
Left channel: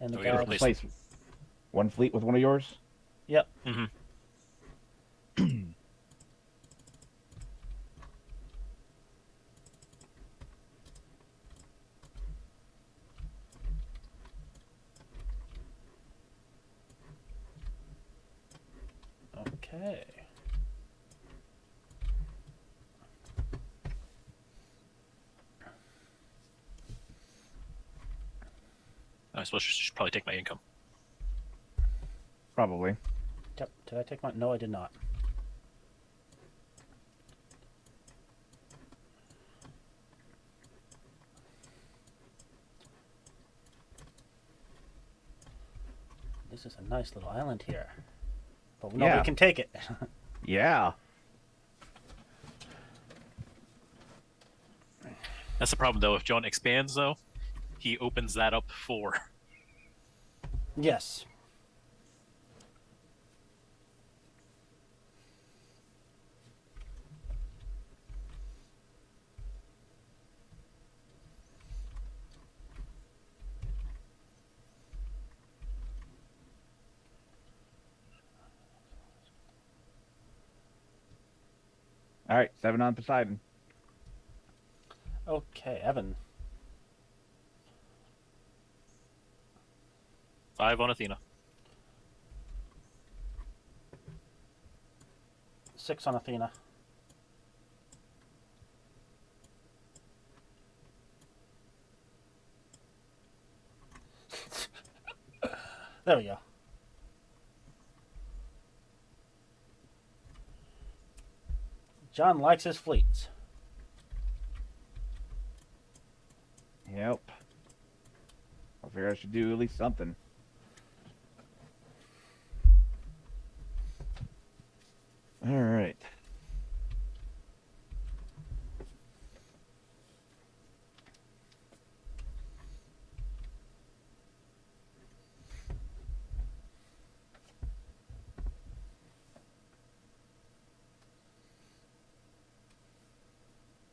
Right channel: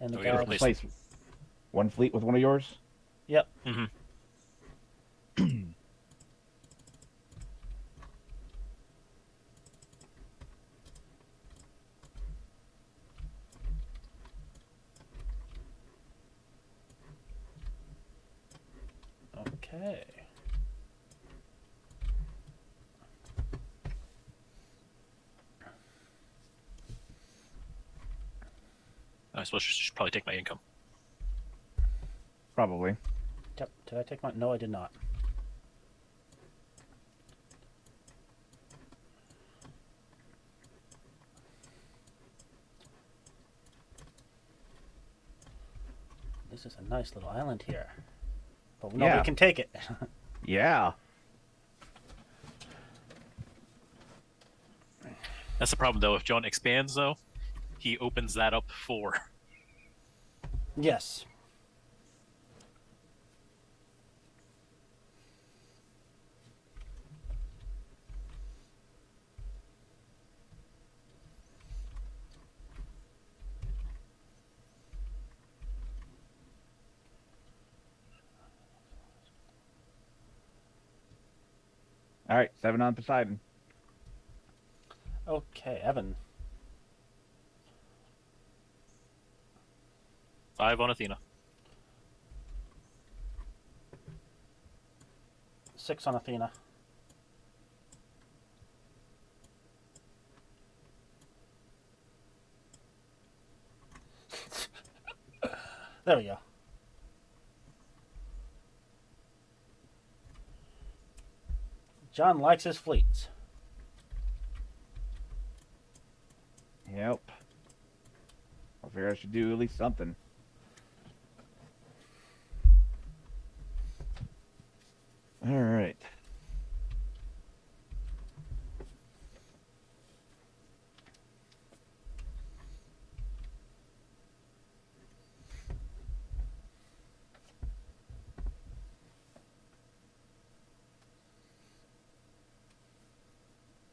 And the yeah, Replace one fleet with one of yours? Yep. Mm-hmm. Okay. I suppose I should probably take my income. Probably. Yep. Did I take my? No, I did not. This is a nice little island here. But nobody can take it. That's the problem, though. If John expands, though, he opens that up for. Yes. All right, 7 on Poseidon. Okay, Evan. 5 on Athena. 6 on Athena. There we go. John likes his fleets. Yep. I figure I should do at least something. All right.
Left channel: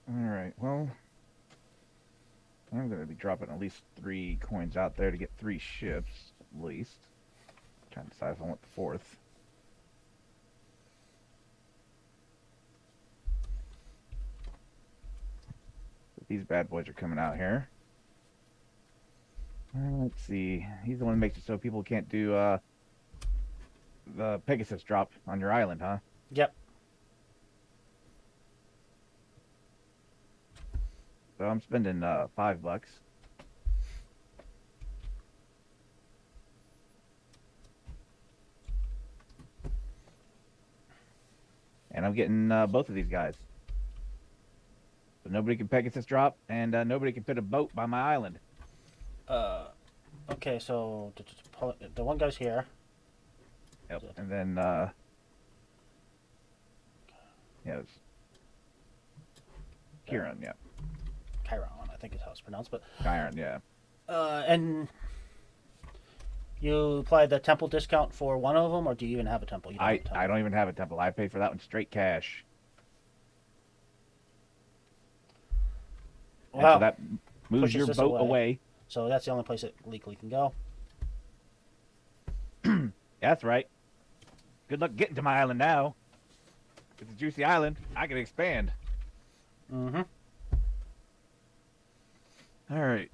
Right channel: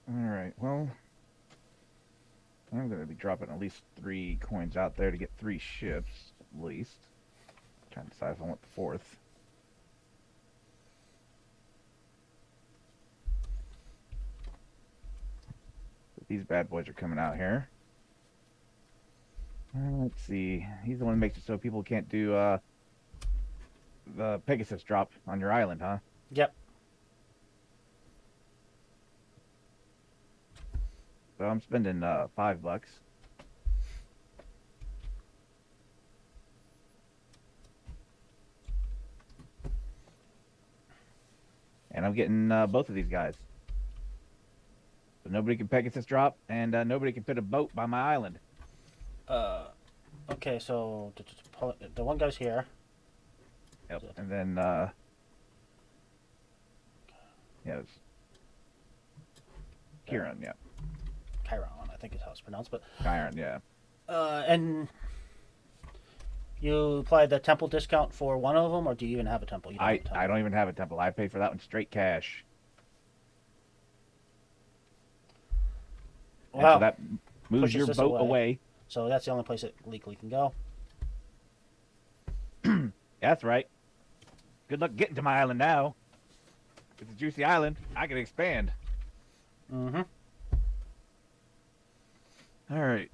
All right. Well, I'm going to be dropping at least 3 coins out there to get 3 ships, at least. Trying to decide if I want the 4th. These bad boys are coming out here. Let's see. He's the one who makes it so people can't do the Pegasus drop on your island, huh? Yep. So I'm spending $5. I'm getting both of these guys. So nobody can Pegasus drop, and nobody can fit a boat by my island. Okay, so the one guy's here. Yep. And then, yes. Kieran, yeah. Chiron, I think is how it's pronounced, but Chiron, yeah. and you applied the temple discount for one of them, or do you even have a temple? You don't have a temple. I don't even have a temple. I paid for that one straight cash. Wow. So that moves your boat away. So that's the only place it legally can go. That's right. Good luck getting to my island now. It's a juicy island. I can expand. Mm-hmm. All right.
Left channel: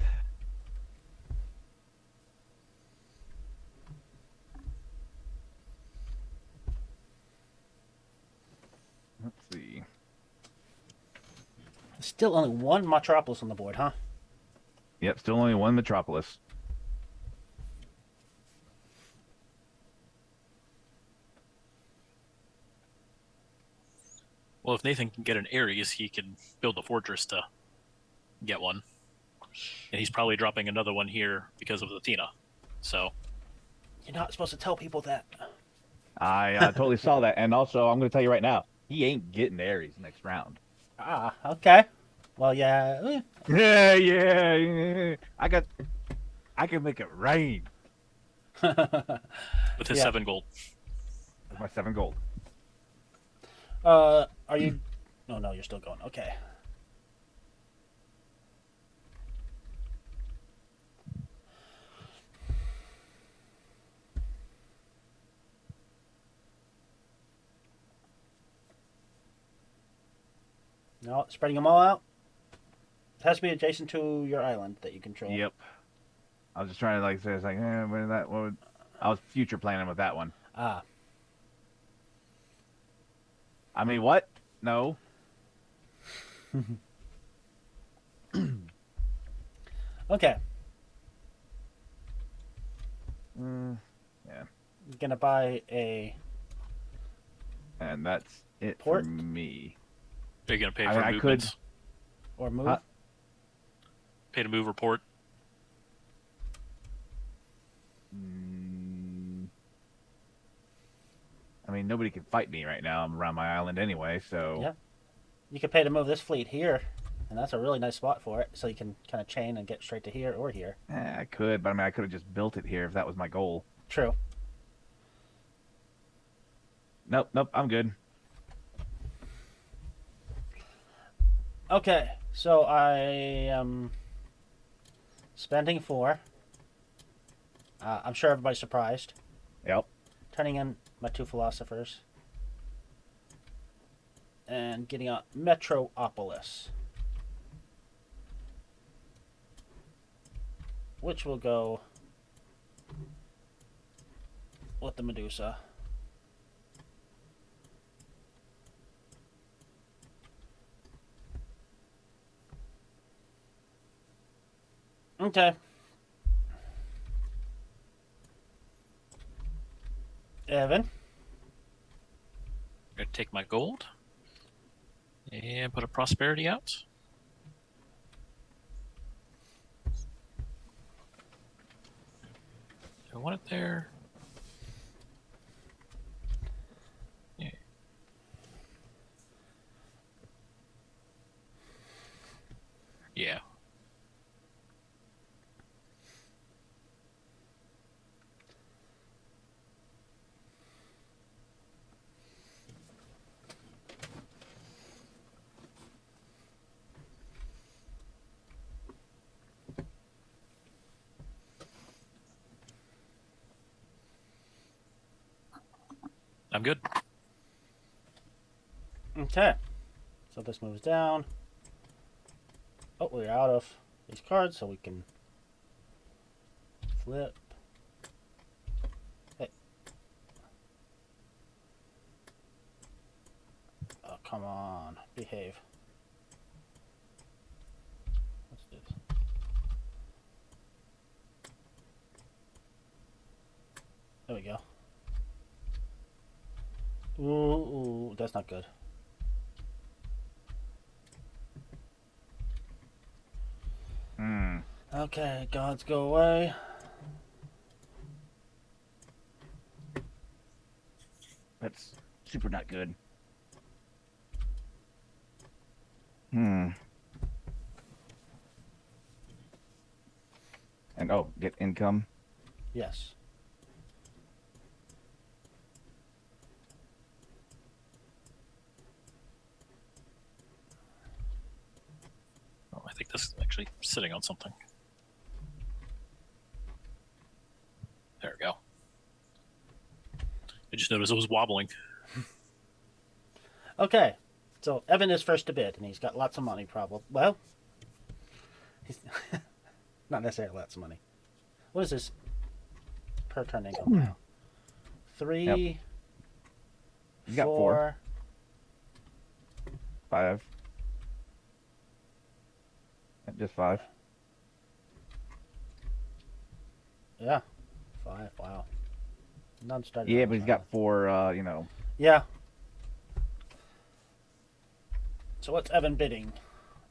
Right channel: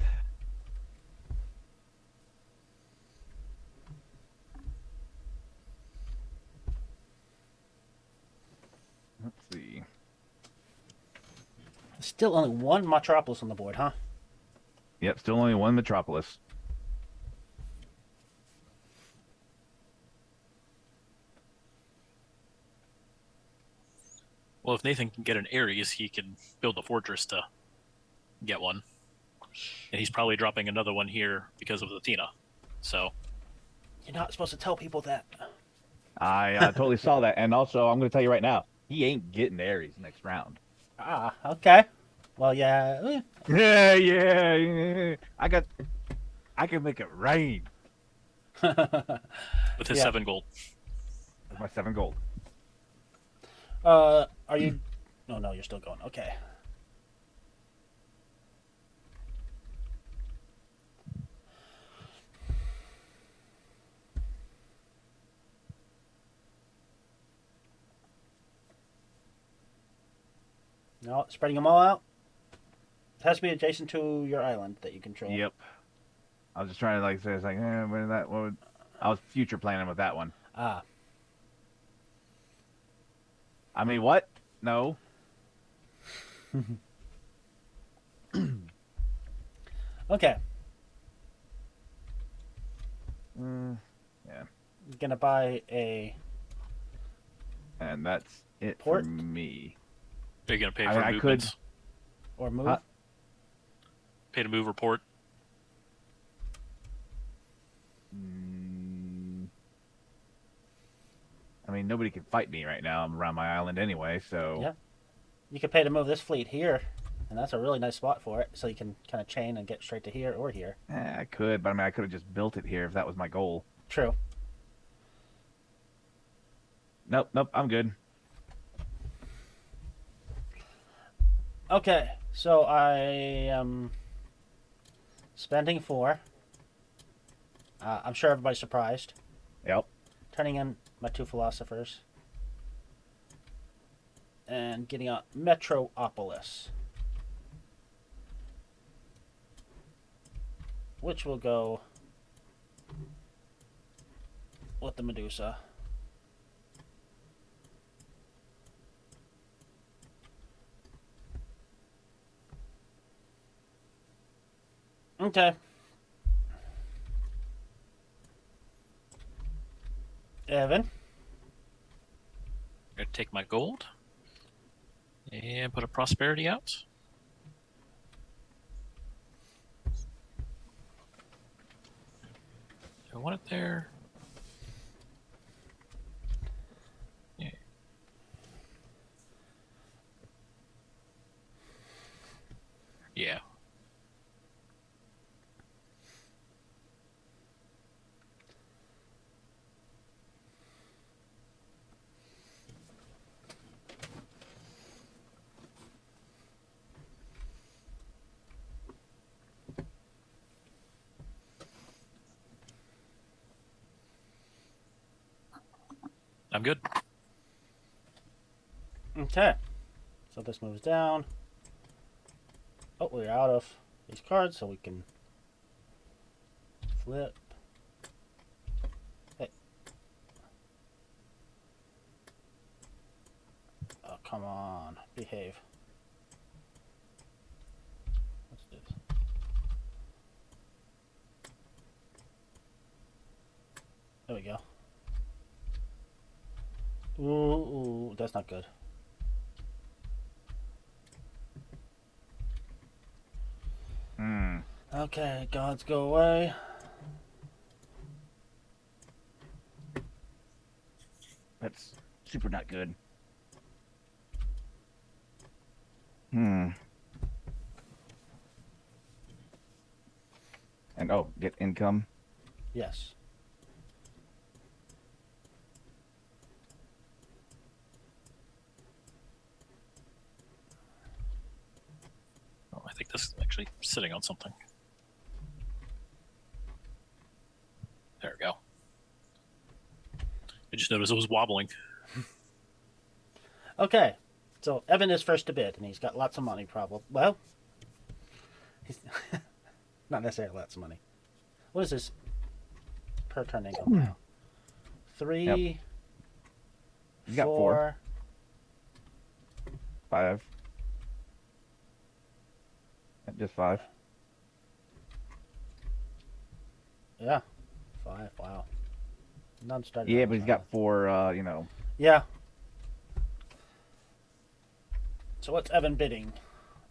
Let's see. Still only one metropolis on the board, huh? Yep, still only one metropolis. Well, if Nathan can get an Ares, he can build a fortress to get one. And he's probably dropping another one here because of Athena. So You're not supposed to tell people that. I totally saw that, and also I'm going to tell you right now, he ain't getting Ares next round. Oh, okay. Well, yeah. Yeah. I can make it right. it's a 7 gold. Yeah, 7 gold. Are you? No, you're still going. Okay. No, spreading them all out. It has to be adjacent to your island that you can trade. Yep. I was trying like so it's like, where's that one? I was future planning with that one. I mean, what? No. Okay. Yeah. You're gonna buy a And that's it port? for me. Are you going to pay I for mean, I movements? or move. Pay to move report? I mean, nobody can fight me right now. I'm around my island anyway, so... Yeah. You could pay to move this fleet here, and that's a really nice spot for it, so you can kind of chain and get straight to here or here. I could, but I mean, I could have just built it here if that was my goal. True. Nope, I'm good. Okay, so I am spending 4. I'm sure everybody's surprised. Yep. Turning in my 2 philosophers. And getting a Metropolis. Which will go with the Medusa. Okay. Evan? I'm going to take my gold and put a prosperity out. I want it there. Yeah. Yeah. I'm good. Okay. So this moves down. Oh, we're out of these cards, so we can flip. Hey. Oh, come on. Behave. What's this? There we go. Ooh, that's not good. Okay, gods go away. That's super not good. And get income. Yes. Oh, I think this is actually sitting on something. There we go. I just noticed it was wobbling. Okay, so Evan is first to bid, and he's got lots of money, probably. Well, he's not necessarily lots of money. What is this per turn income now? 3, Yep. You got 4. 5. Just 5. Yeah, 5. Wow. None started. Yeah, but he's got 4. Yeah. So what's Evan bidding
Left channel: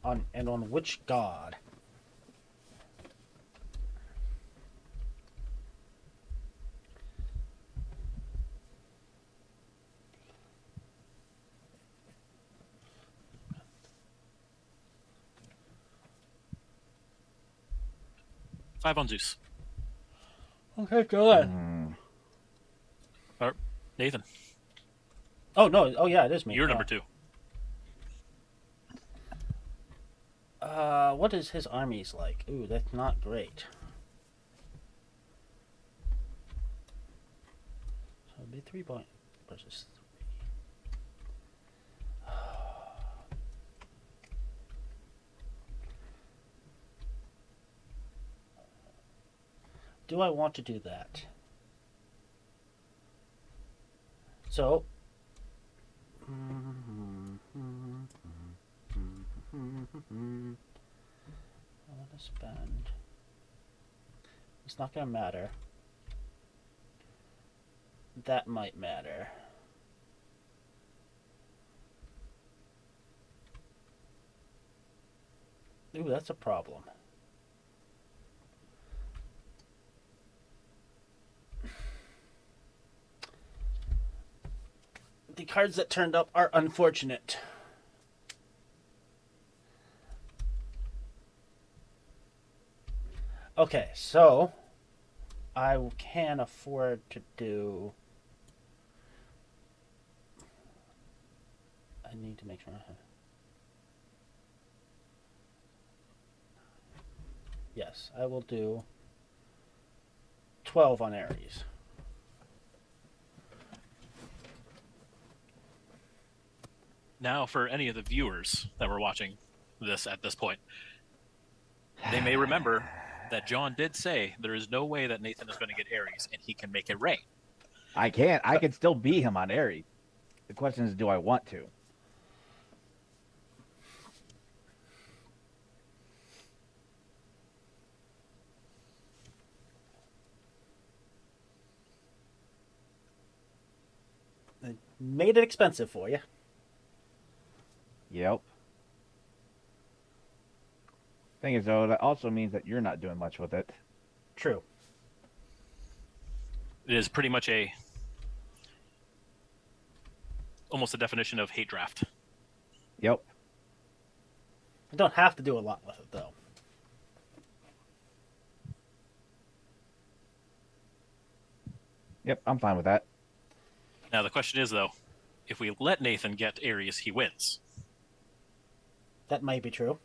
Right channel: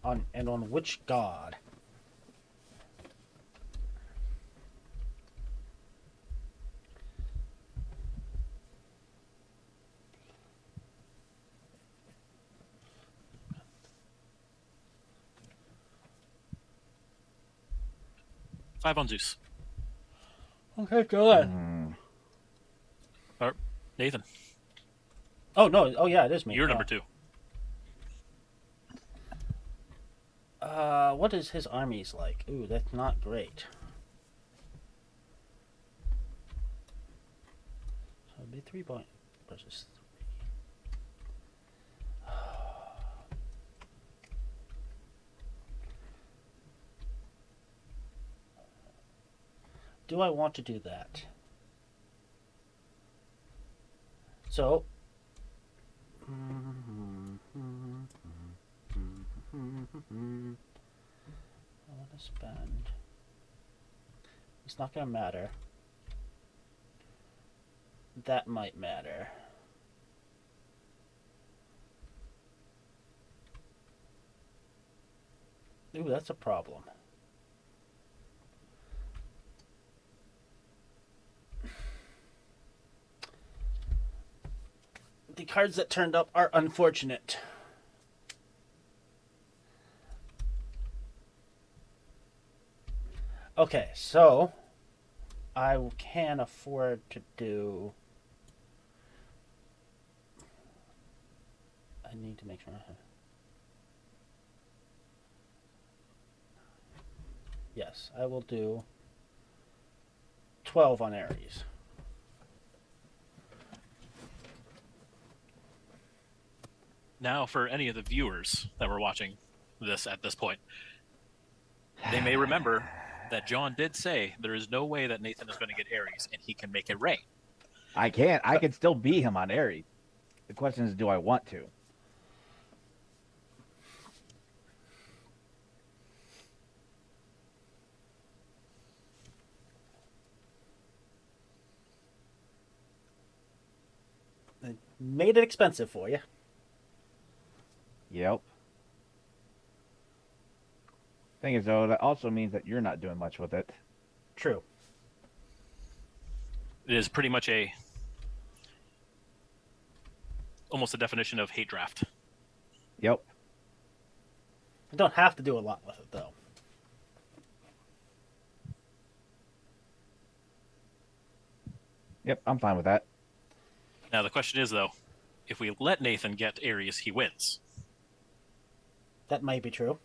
on, and on which god? Five on Zeus. Okay, good. Nathan, Oh no! Oh yeah, it is me. you're number 2. What is his armies like? Ooh, that's not great. So it'd be 3 point versus 3. Do I want to do that? So. I want to spend. It's not going to matter. That might matter. Ooh, that's a problem. The cards that turned up are unfortunate. Okay, so I can afford to do. I need to make sure. Yes, I will do 12 on Aries. Now, for any of the viewers that were watching this at this point, they may remember that John did say there is no way that Nathan is going to get Aries, and he can make it rain. I can't. I can still beat him on Aries. The question is, do I want to? Made it expensive for you. Yep. Thing is, though, that also means that you're not doing much with it. True. It is pretty much almost a definition of hate draft. Yep. I don't have to do a lot with it, though. Yep, I'm fine with that. Now, the question is, though, if we let Nathan get Aries, he wins. That may be true.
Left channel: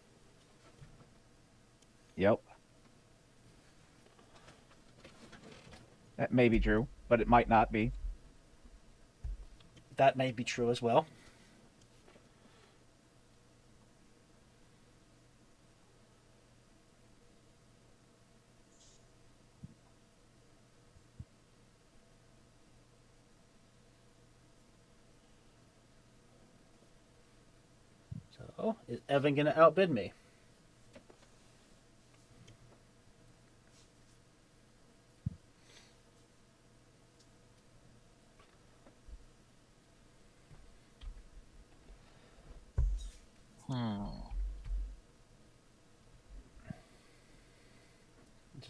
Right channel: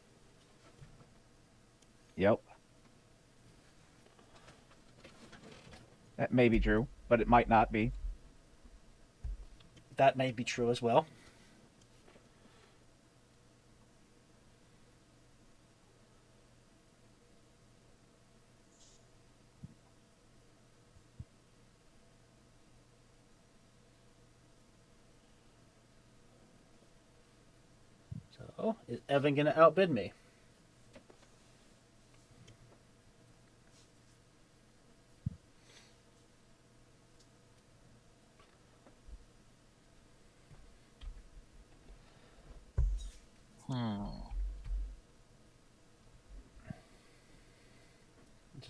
Yep. It may be true, but it might not be. That may be true as well. So, is Evan going to outbid me?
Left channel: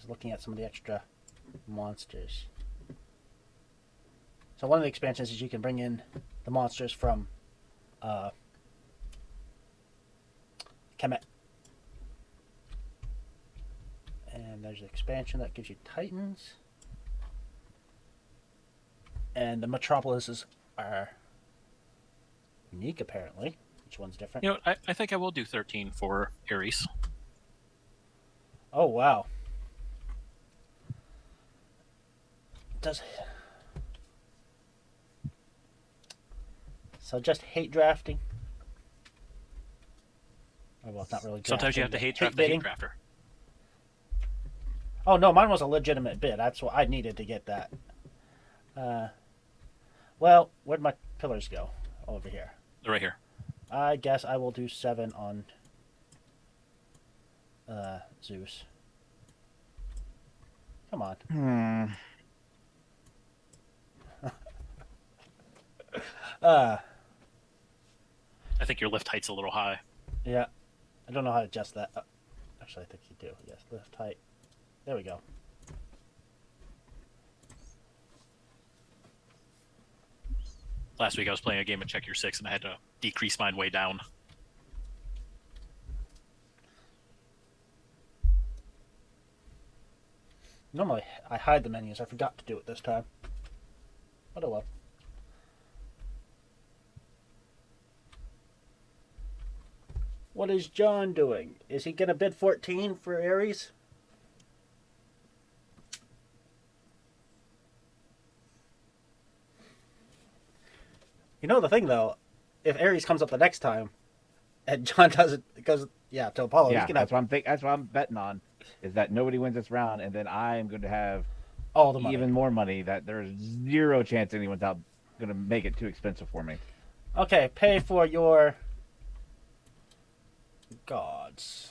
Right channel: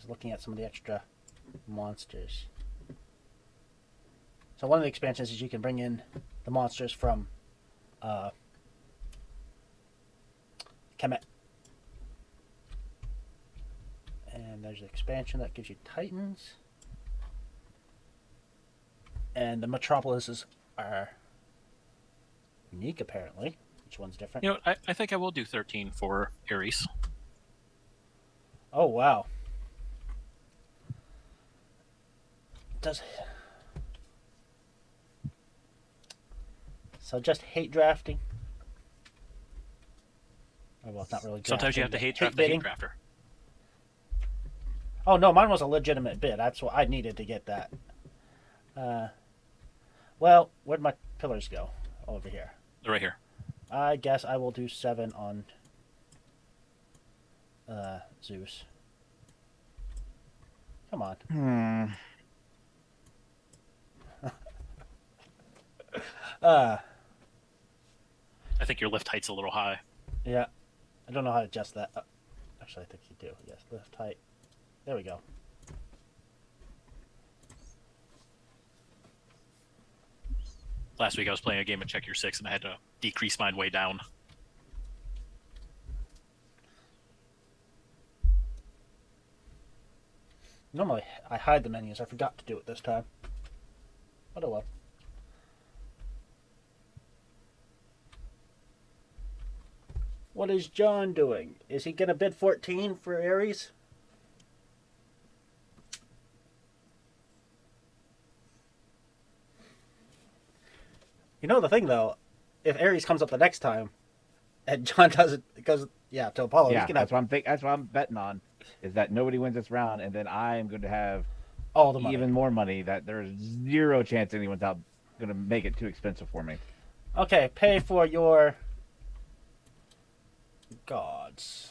Just looking at some of the extra monsters. So one of the expansions is you can bring in the monsters from Kemet. And there's an expansion that gives you Titans. And the Metropolises are unique, apparently. Each one's different. You know, I think I will do 13 for Ares. Oh, wow. So just hate drafting? Oh, well, not really drafting. Sometimes you have to hate draft the hate drafter. Oh, no, mine was a legitimate bid. That's what I needed to get that. Well, where'd my pillars go? Over here. They're right here. I guess I will do 7 on Zeus. Come on. I think your lift height's a little high. Yeah. I don't know how to adjust that. Actually, I think you do. Yes, lift height. There we go. Last week I was playing a game of Check Your Six and I had to decrease mine way down. Normally, I hide the menus. I forgot to do it this time. But oh well. What is John doing? Is he going to bid 14 for Ares? You know the thing, though. If Ares comes up the next time, and John doesn't, because, to Apollo, Yeah, he can have that's what I'm betting on. Is that nobody wins this round, and then I'm going to have all the money. even more money. That there is zero chance anyone's going to make it too expensive for me. Okay, pay for your gods.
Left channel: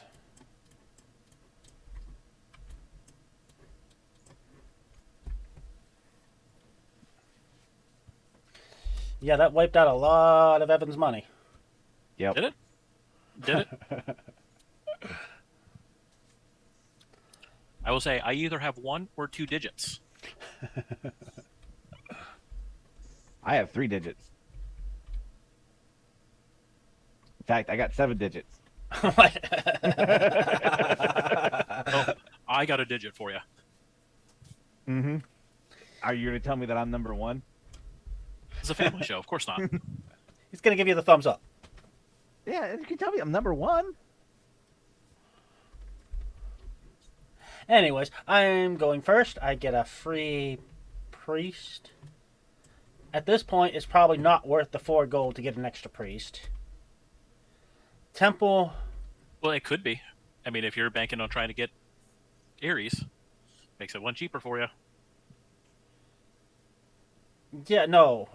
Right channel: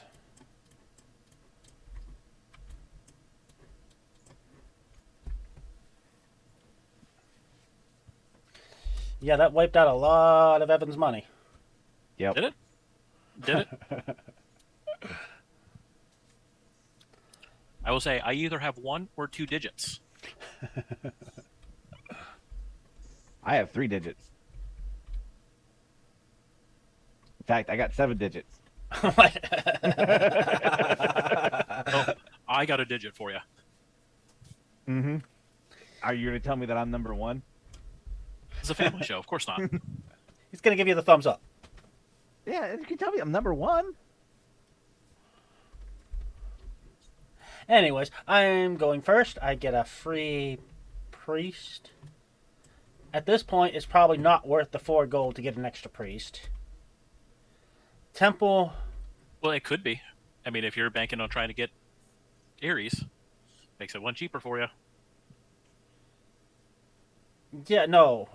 Yeah, that wiped out a lot of Evan's money. Yep. Did it? Did it? I will say, I either have 1 or 2 digits. I have 3 digits. In fact, I got 7 digits. Oh, I got a digit for you. Mm-hmm. Are you going to tell me that I'm number 1? It's a family show, of course not. He's going to give you the thumbs up. Yeah, you can tell me I'm number 1. Anyways, I'm going first. I get a free priest. At this point, it's probably not worth the 4 gold to get an extra priest. Temple. Well, it could be. I mean, if you're banking on trying to get Ares, makes it 1 cheaper for you. Yeah, no.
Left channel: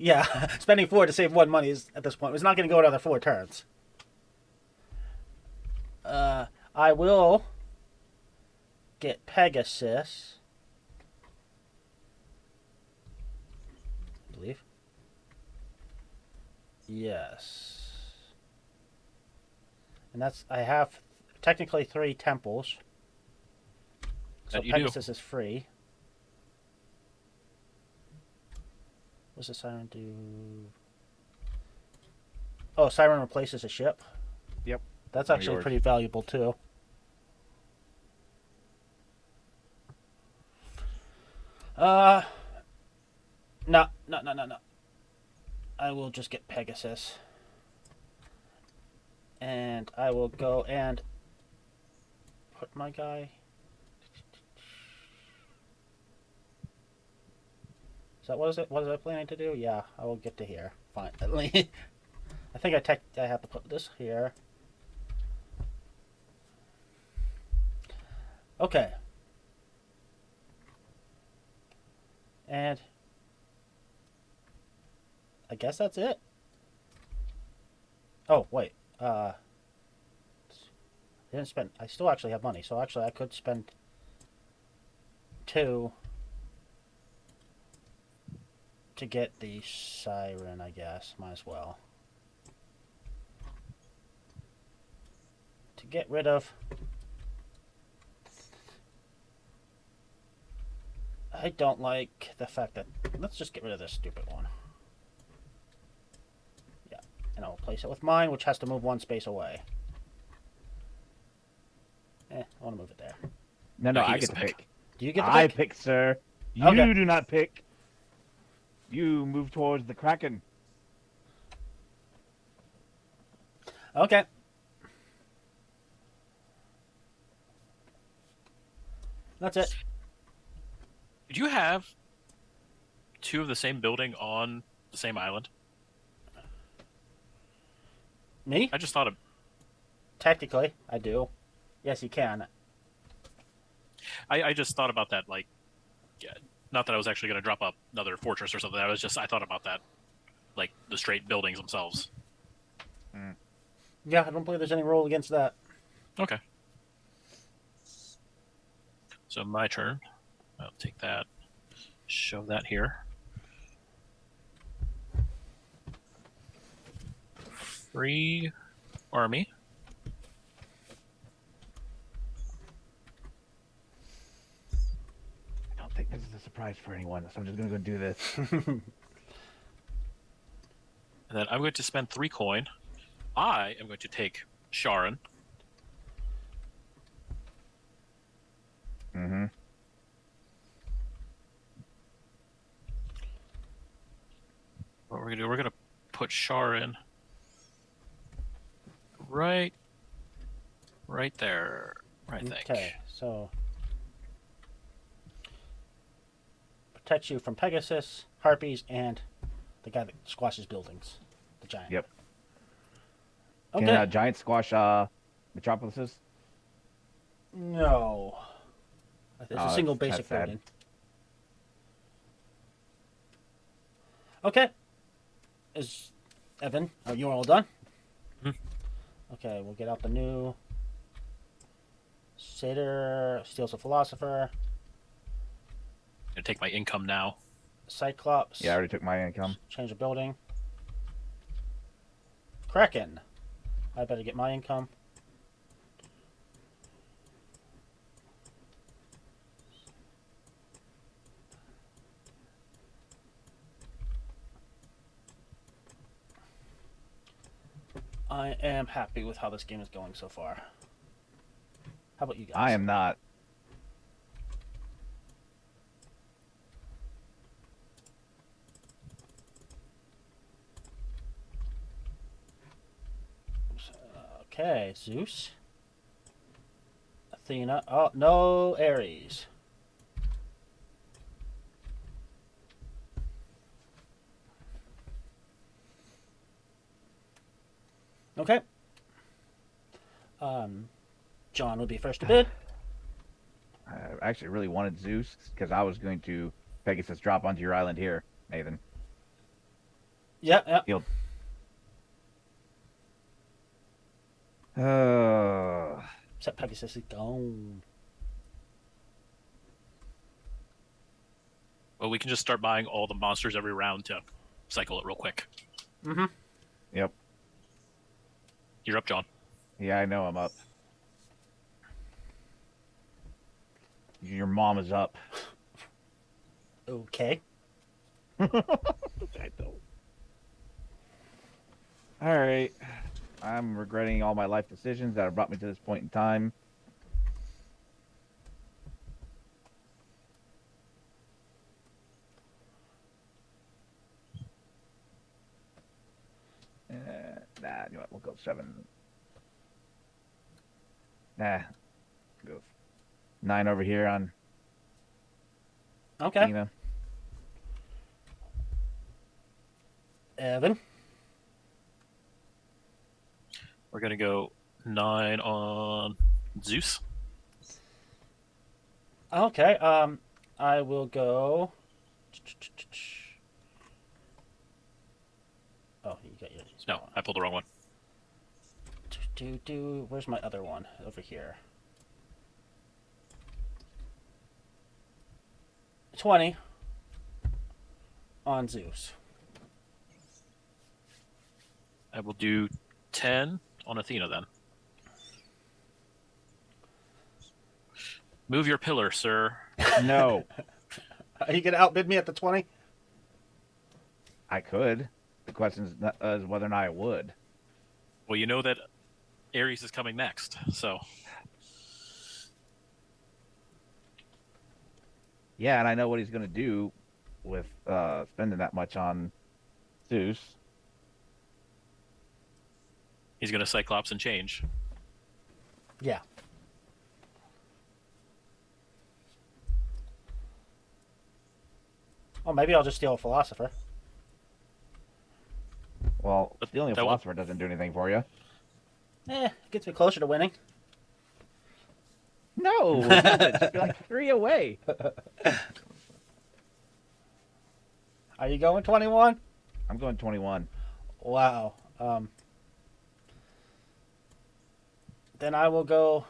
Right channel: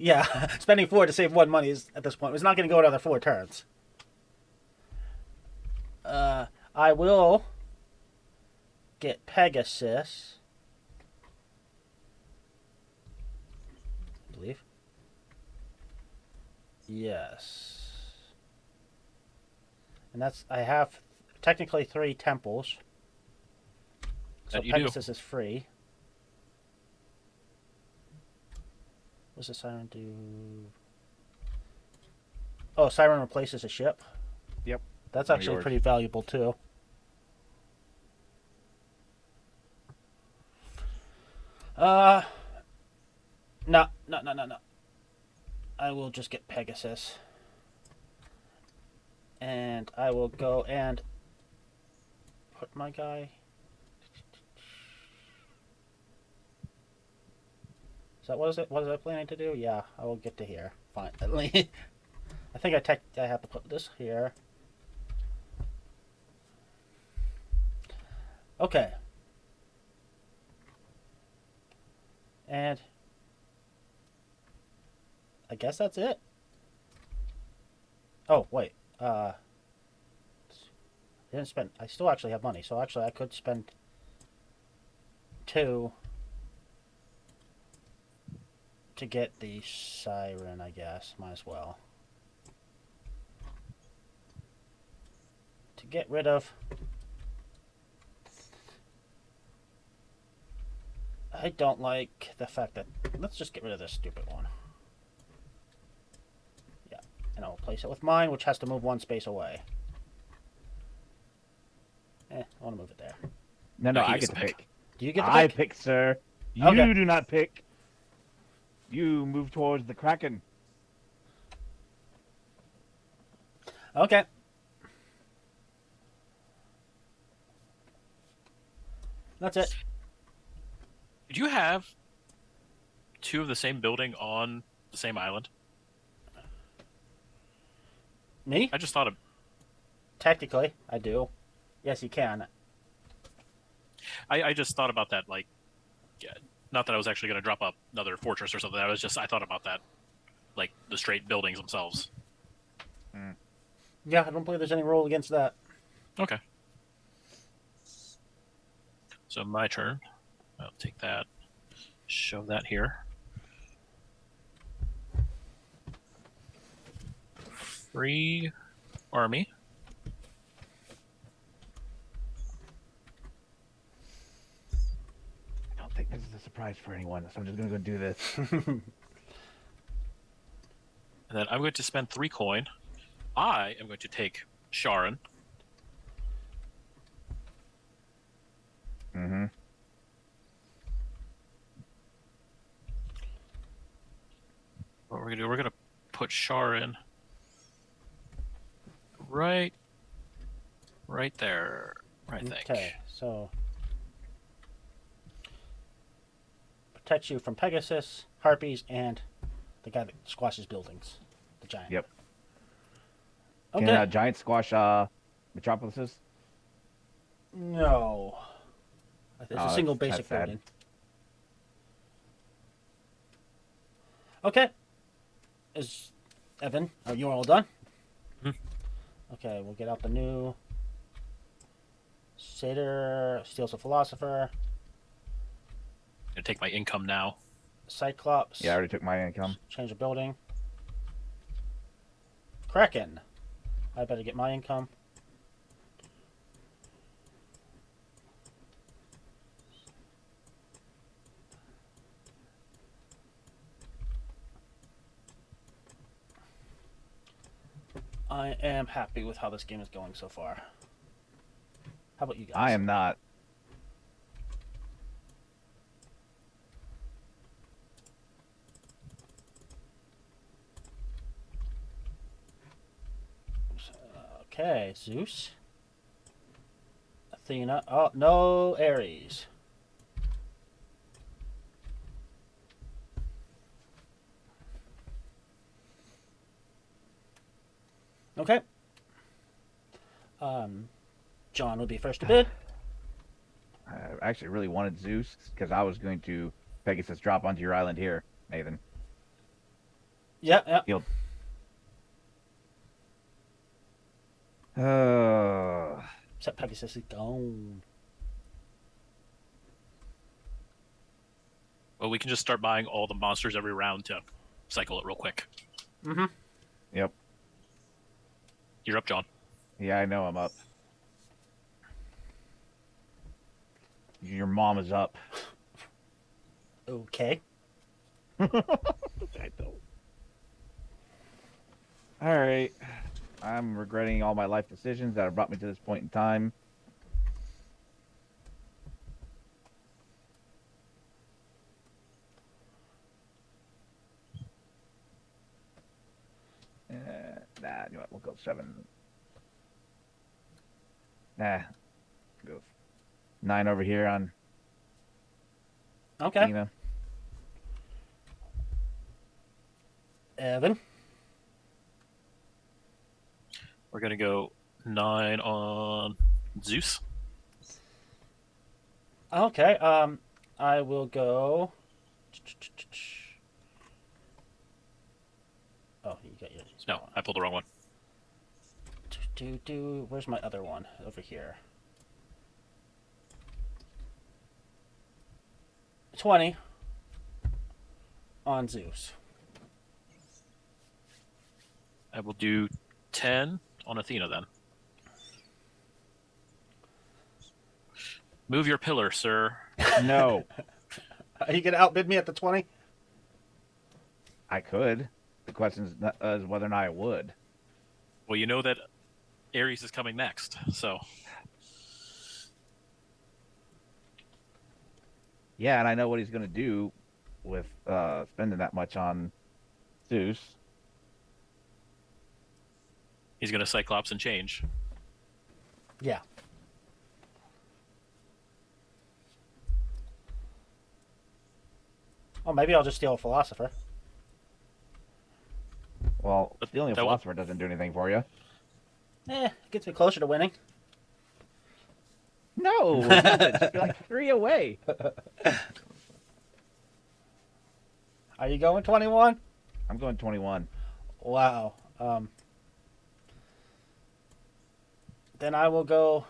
Yeah, spending 4 to save 1 money is, at this point, it's not going to go another 4 turns. I will get Pegasus. I believe. Yes. And that's, I have technically 3 temples. So Pegasus is free. What's the Siren do? Oh, Siren replaces a ship? Yep. That's actually pretty valuable, too. No. I will just get Pegasus. And I will go and put my guy... So what is it? What was I planning to do? Yeah, I will get to here finally. I think I have to put this here. Okay. And I guess that's it. Oh, wait. I didn't spend. I still actually have money, so actually I could spend 2 to get the Siren, I guess. Might as well. To get rid of I don't like the fact that... Let's just get rid of this stupid one. Yeah, and I'll place it with mine, which has to move one space away. I want to move it there. No, I get to pick. Do you get to I pick? pick, sir. You Okay. do not pick. You move towards the Kraken. Okay. That's it. Did you have two of the same building on the same island? Me? I just thought of... Technically, I do. Yes, you can. I just thought about that, like... Yeah, not that I was actually going to drop up another fortress or something. I thought about that. Like, the straight buildings themselves. Yeah, I don't believe there's any rule against that. Okay. So, my turn. I'll take that. Shove that here. Free army. I don't think this is a surprise for anyone, so I'm just going to go do this. And then I'm going to spend 3 coin. I am going to take Sharon. Mm-hmm. What we're going to do, we're going to put Sharon right there, I think. Okay, so... Protects you from Pegasus, Harpies, and the guy that squashes buildings. The giant. Yep. Okay. Can giant squash metropolises? No. It's a single that's basic sad. building. Okay. Is Evan, are you all done? Okay, we'll get out the new Satyr, Steals a Philosopher, I'm going to take my income now. Cyclops. Yeah, I already took my income. Change the building. Kraken. I better get my income. I am happy with how this game is going so far. How about you guys? I am not. Okay, Zeus. Athena. Oh, no Ares. Okay. John would be first to bid. I actually really wanted Zeus because I was going to Pegasus drop onto your island here, Nathan. Yeah. Yep. Except Pegasus is gone. Well, we can just start buying all the monsters every round to cycle it real quick. Mm-hmm. Yep. You're up, John. Yeah, I know I'm up. Your mom is up. Okay. I don't. All right. I'm regretting all my life decisions that have brought me to this point in time. Nah, you know what? We'll go 7. Nah. Go 9 over here on Okay. Tina. Evan. We're going to go 9 on Zeus. Okay. I will go. Oh, you got yours. No, I pulled the wrong one. Where's my on Zeus. I will do 10 on Athena then. Move your pillar, sir. No. Are you gonna outbid me at the 20? I could. The question is whether or not I would. Well, you know that Ares is coming next, so Yeah, and I know what he's going to do with spending that much on Zeus. he's going to Cyclops and change. Yeah. Oh, maybe I'll just steal a philosopher. Well, stealing a philosopher doesn't do anything for you. Gets me closer to winning. No! You're like 3 away. Are you going 21? I'm going 21. Wow. Then I will go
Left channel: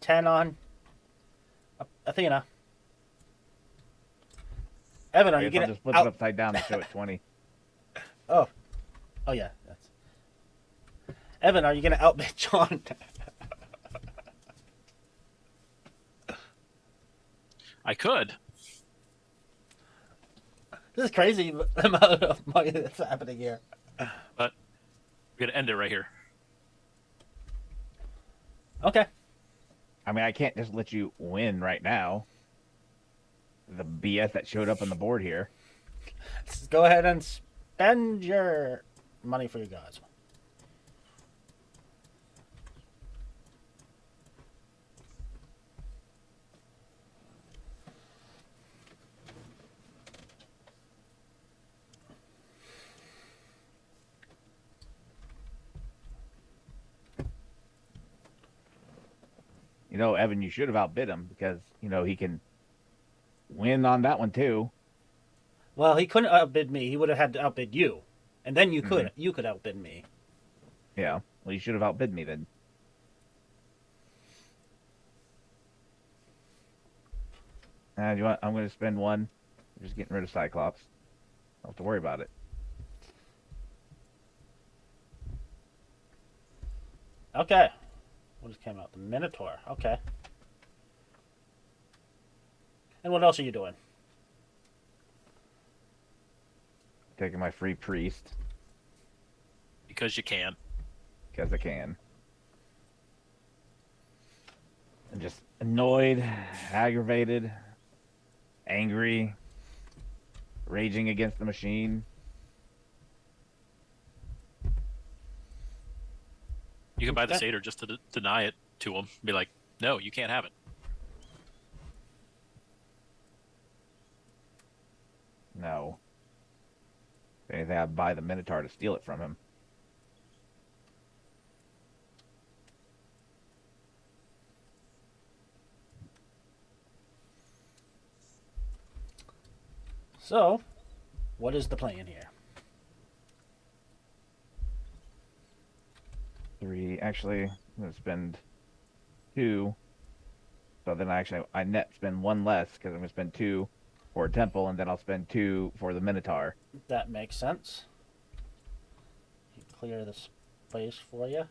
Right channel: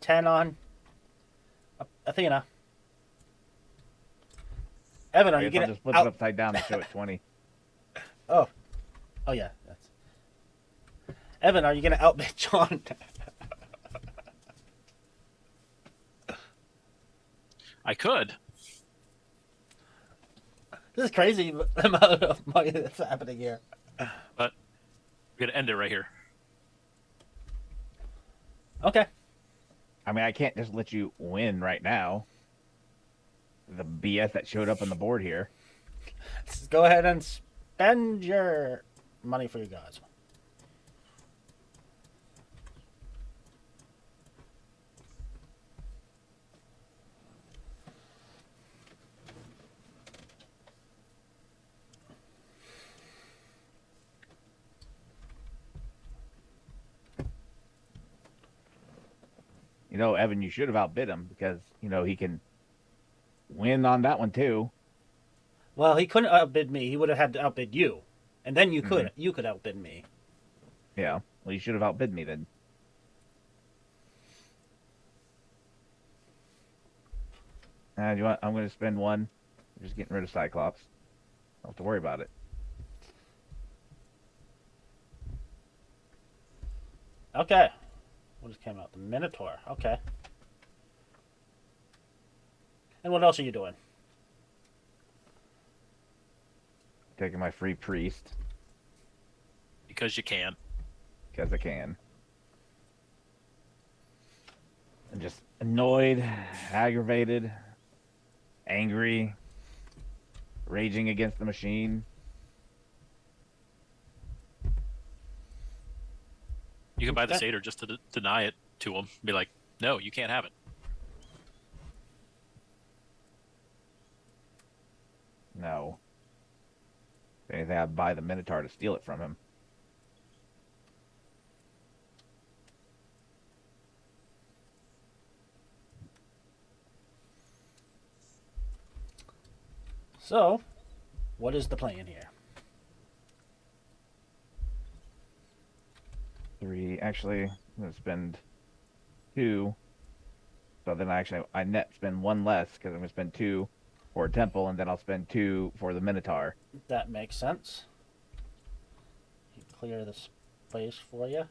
10 on Athena. Evan, are you I'll gonna just flip it upside down and show it 20. Oh yeah. That's... Evan, are you gonna outbid John? I could. This is crazy the amount of money that's happening here. But we're going to end it right here. Okay. I mean, I can't just let you win right now. The BS that showed up on the board here. Let's go ahead and spend your money for your gods. You know, Evan, you should have outbid him because, you know, he can win on that one too. Well, he couldn't outbid me. He would have had to outbid you, and then you could outbid me. Yeah. Well, you should have outbid me then. You know what? I'm going to spend one. I'm just getting rid of Cyclops. Don't have to worry about it. Okay. What just came out? The Minotaur. Okay. And what else are you doing? Taking my free priest. Because you can. Because I can. I'm just annoyed, aggravated, angry, raging against the machine. You can buy the satyr just to deny it to him. Be like, no, you can't have it. No. If anything, I'd buy the Minotaur to steal it from him. So, what is the plan here? So then I net spend one less because I'm going to spend 2 for a temple, and then I'll spend 2 for the Minotaur. That makes sense. Clear this place for you.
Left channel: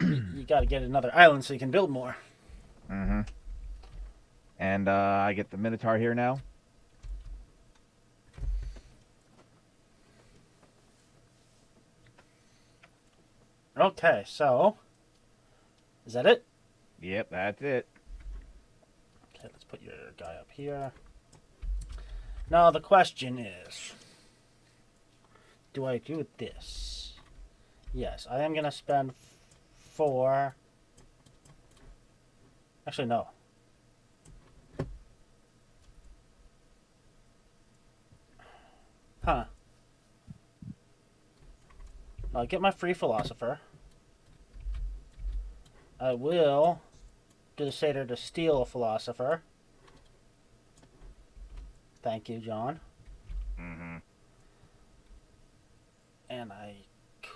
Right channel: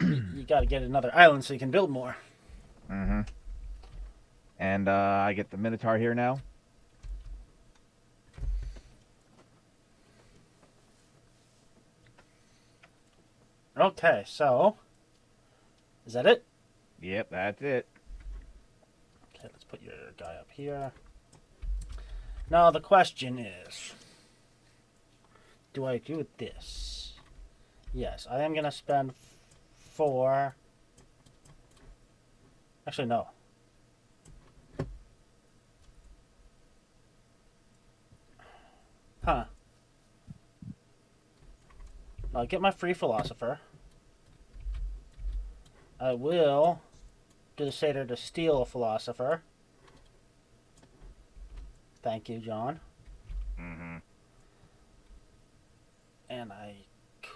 You got to get another island so you can build more. Mm-hmm. And I get the Minotaur here now. Okay, so is that it? Yep, that's it. Okay, let's put your guy up here. Now the question is, do I do this? Yes, I am going to spend 4. Actually, no. Huh. I'll get my free philosopher. I will do the satyr to steal a philosopher. Thank you, John. Mm-hmm. And I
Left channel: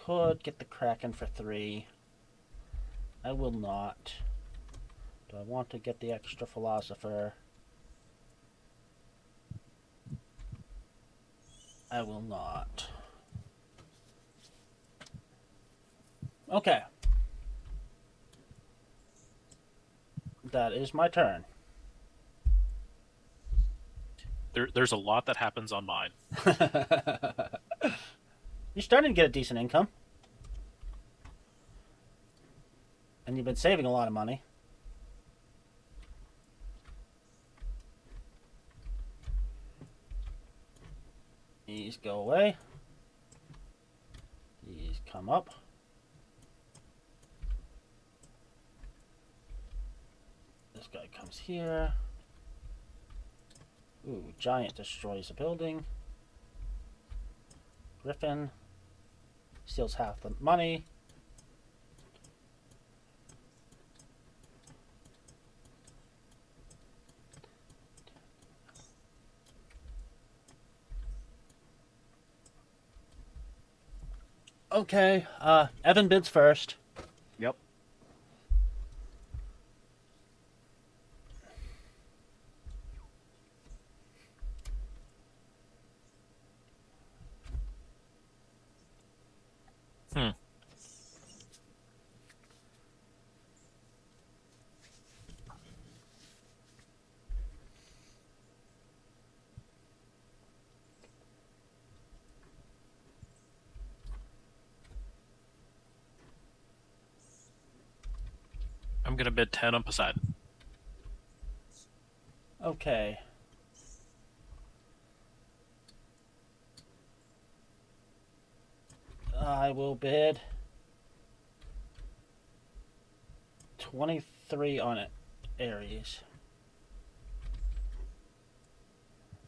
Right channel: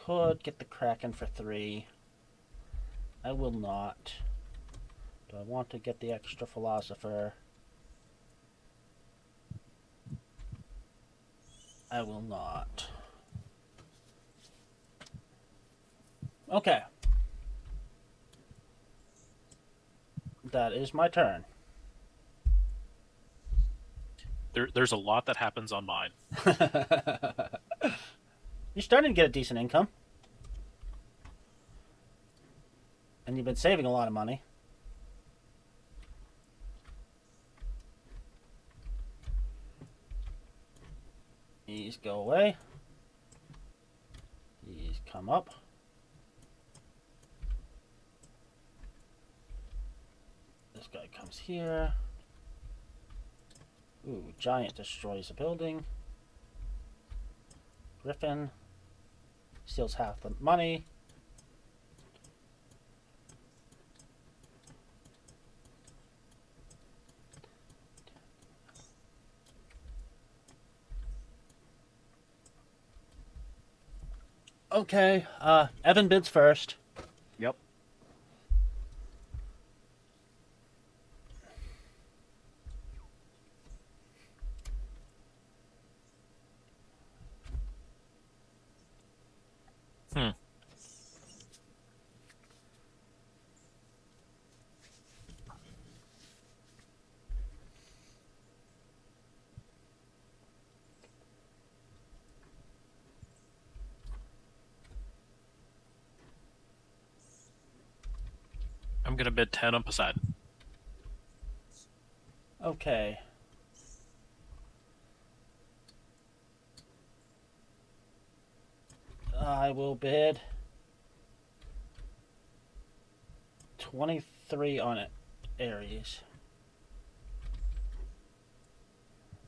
could get the Kraken for 3. I will not. Do I want to get the extra philosopher? I will not. Okay. That is my turn. There's a lot that happens on mine. You're starting to get a decent income. And you've been saving a lot of money. These go away. These come up. This guy comes here. Ooh, giant destroys a building. Griffin steals half the money. Okay, Evan bids first. Yep. I'm gonna bid 10 on Poseidon. Okay. I will bid 23 on it, Aries.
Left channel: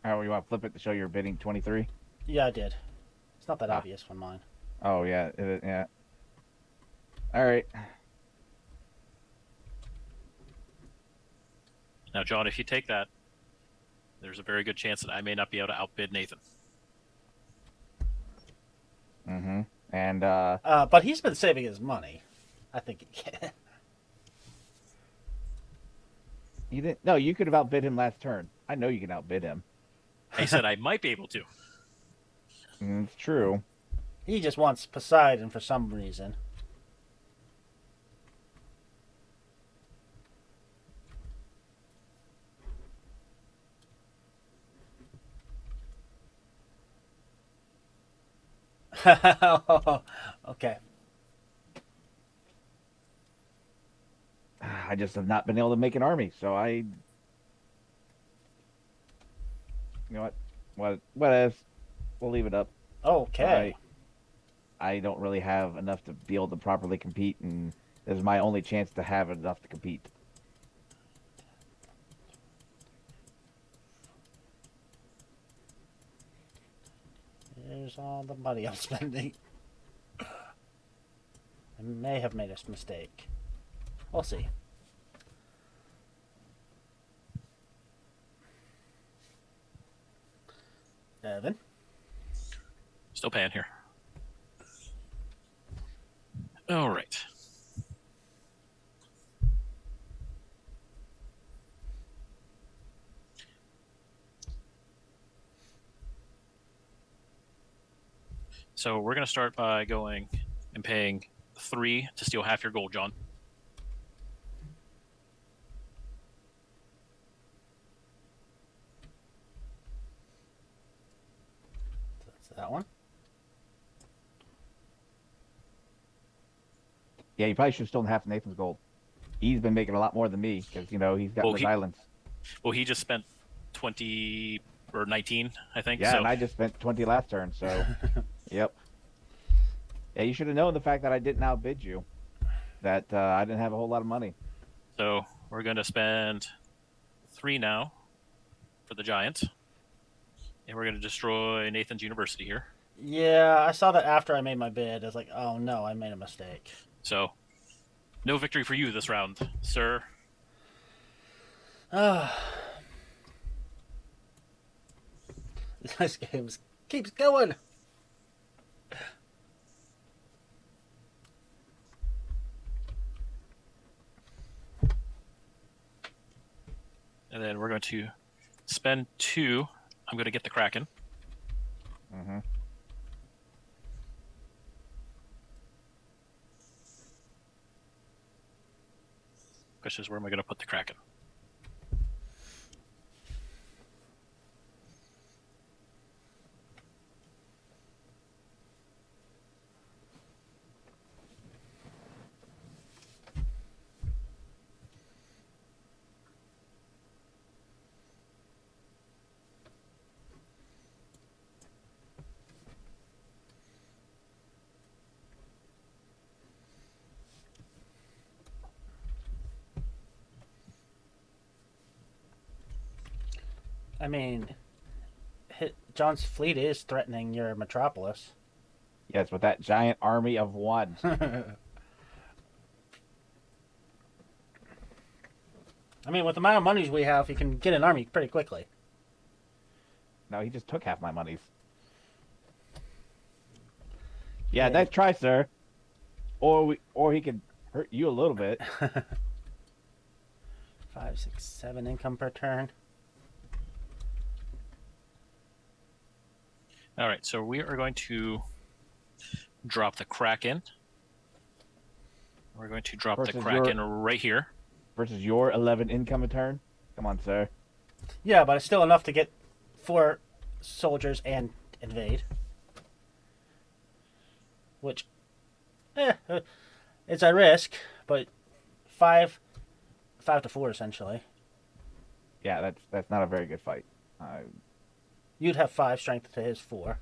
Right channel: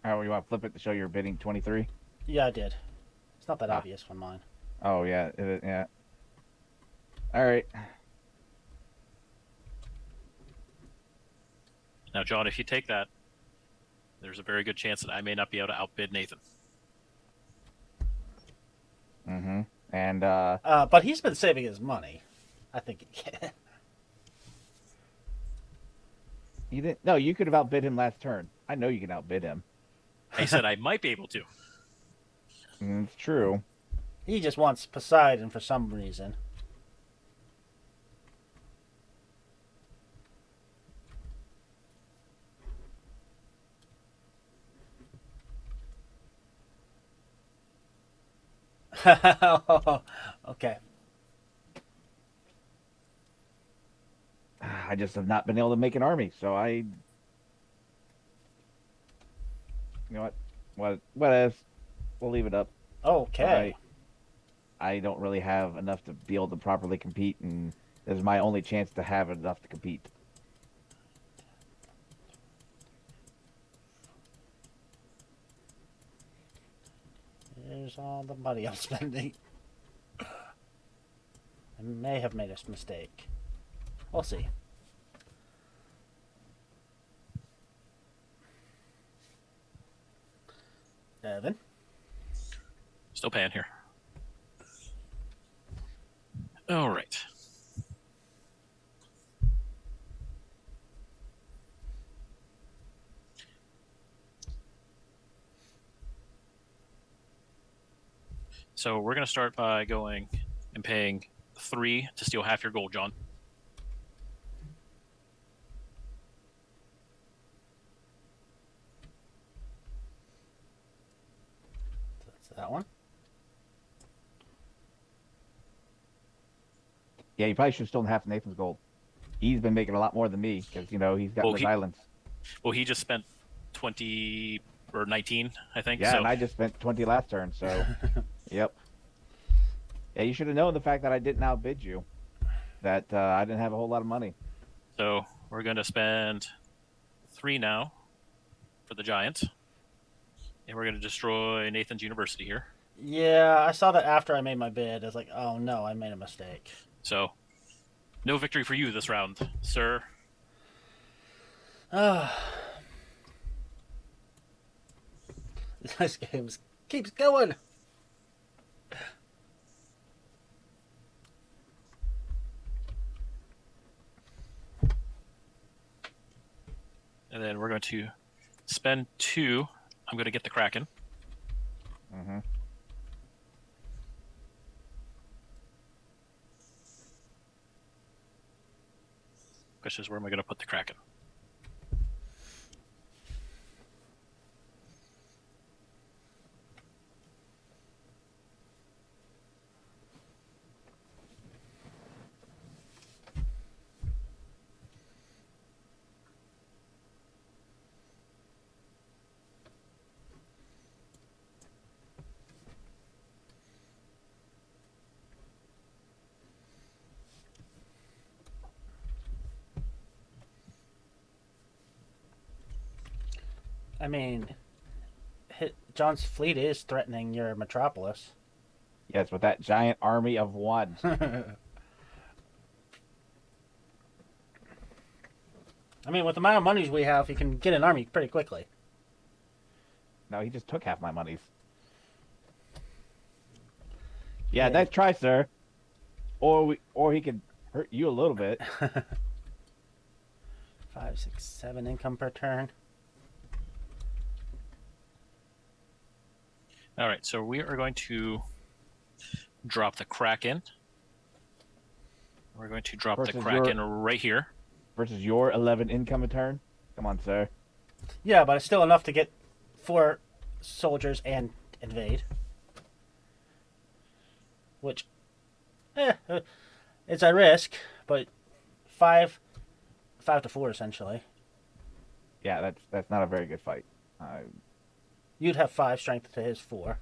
Oh, you want to flip it to show you're bidding 23? Yeah, I did. It's not that obvious on mine. Oh, yeah. Yeah. All right. Now, John, if you take that, there's a very good chance that I may not be able to outbid Nathan. Mm-hmm. And, but he's been saving his money. I think he can. you didn't. No, you could have outbid him last turn. I know you can outbid him. I said I might be able to. It's true. He just wants Poseidon for some reason. Okay. I just have not been able to make an army, so I. You know what? What else? We'll leave it up. Okay. I don't really have enough to be able to properly compete, and this is my only chance to have enough to compete. Here's all the money I'm spending. I may have made a mistake. We'll see. Evan? Still paying here. All right. So we're going to start by going and paying 3 to steal half your gold, John. That's that one. Yeah, you probably should have stolen half of Nathan's gold. He's been making a lot more than me because he's got his islands. Well, he just spent 20 or 19, I think. Yeah, so. and I just spent 20 last turn. So, yep. Yeah, you should have known the fact that I didn't outbid you. That I didn't have a whole lot of money. So we're going to spend 3 now for the giant, and we're going to destroy Nathan's university here. Yeah, I saw that after I made my bid. I was like, oh no, I made a mistake. So, no victory for you this round, sir. This game keeps going. And then we're going to spend 2. I'm going to get the Kraken. Mm-hmm. Question is, where am I going to put the Kraken? I mean, John's fleet is threatening your metropolis. Yes, with that giant army of one. I mean, with the amount of monies we have, you can get an army pretty quickly. No, he just took half my monies. Yeah, nice try, sir. Or he could hurt you a little bit. 5, 6, 7 income per turn. All right, so we are going to drop the Kraken. We're going to drop the Kraken right here. Versus your 11 income a turn? Come on, sir. Yeah, but it's still enough to get 4 soldiers and invade. Which, it's a risk, but 5 to 4 essentially. Yeah, that's not a very good fight. You'd have 5 strength to his 4.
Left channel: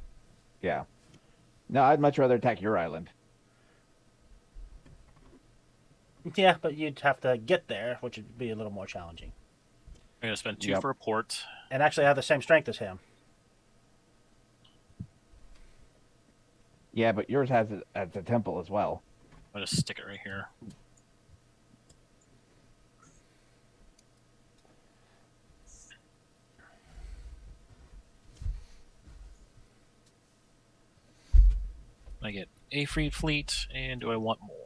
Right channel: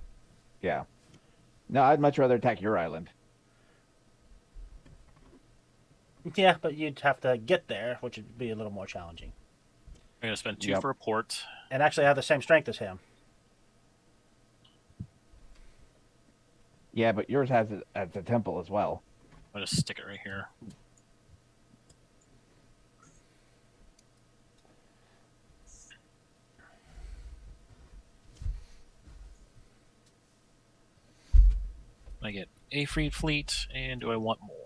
Yeah. No, I'd much rather attack your island. Yeah, but you'd have to get there, which would be a little more challenging. I'm going to spend 2 for a port. And actually have the same strength as him. Yeah, but yours has a temple as well. I'll just stick it right here. I get a free fleet, and do I want more?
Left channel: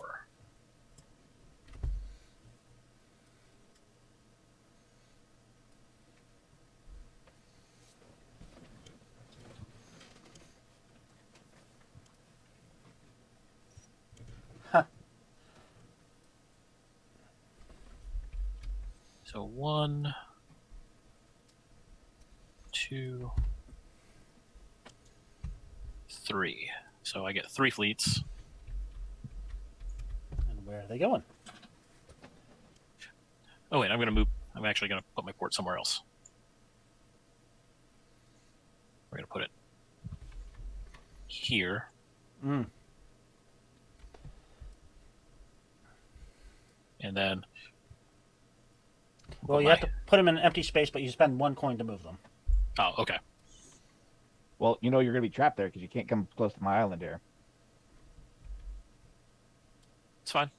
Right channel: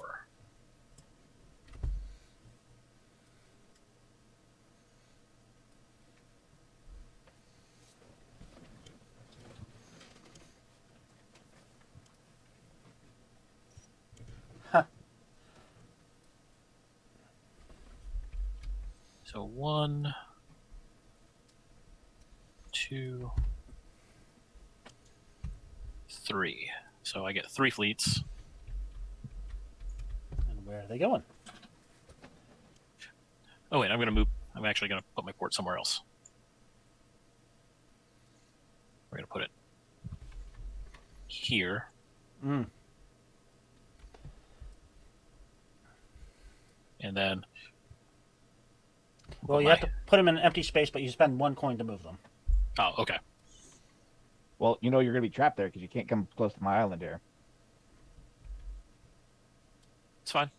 So 1, 2, 3. So I get 3 fleets. And where are they going? Oh wait, I'm going to move. I'm actually going to put my port somewhere else. We're going to put it here. Mm. And then... Well, you have to put them in an empty space, but you spend 1 coin to move them. Oh, okay. Well, you know you're going to be trapped there because you can't come close to my island here. It's fine.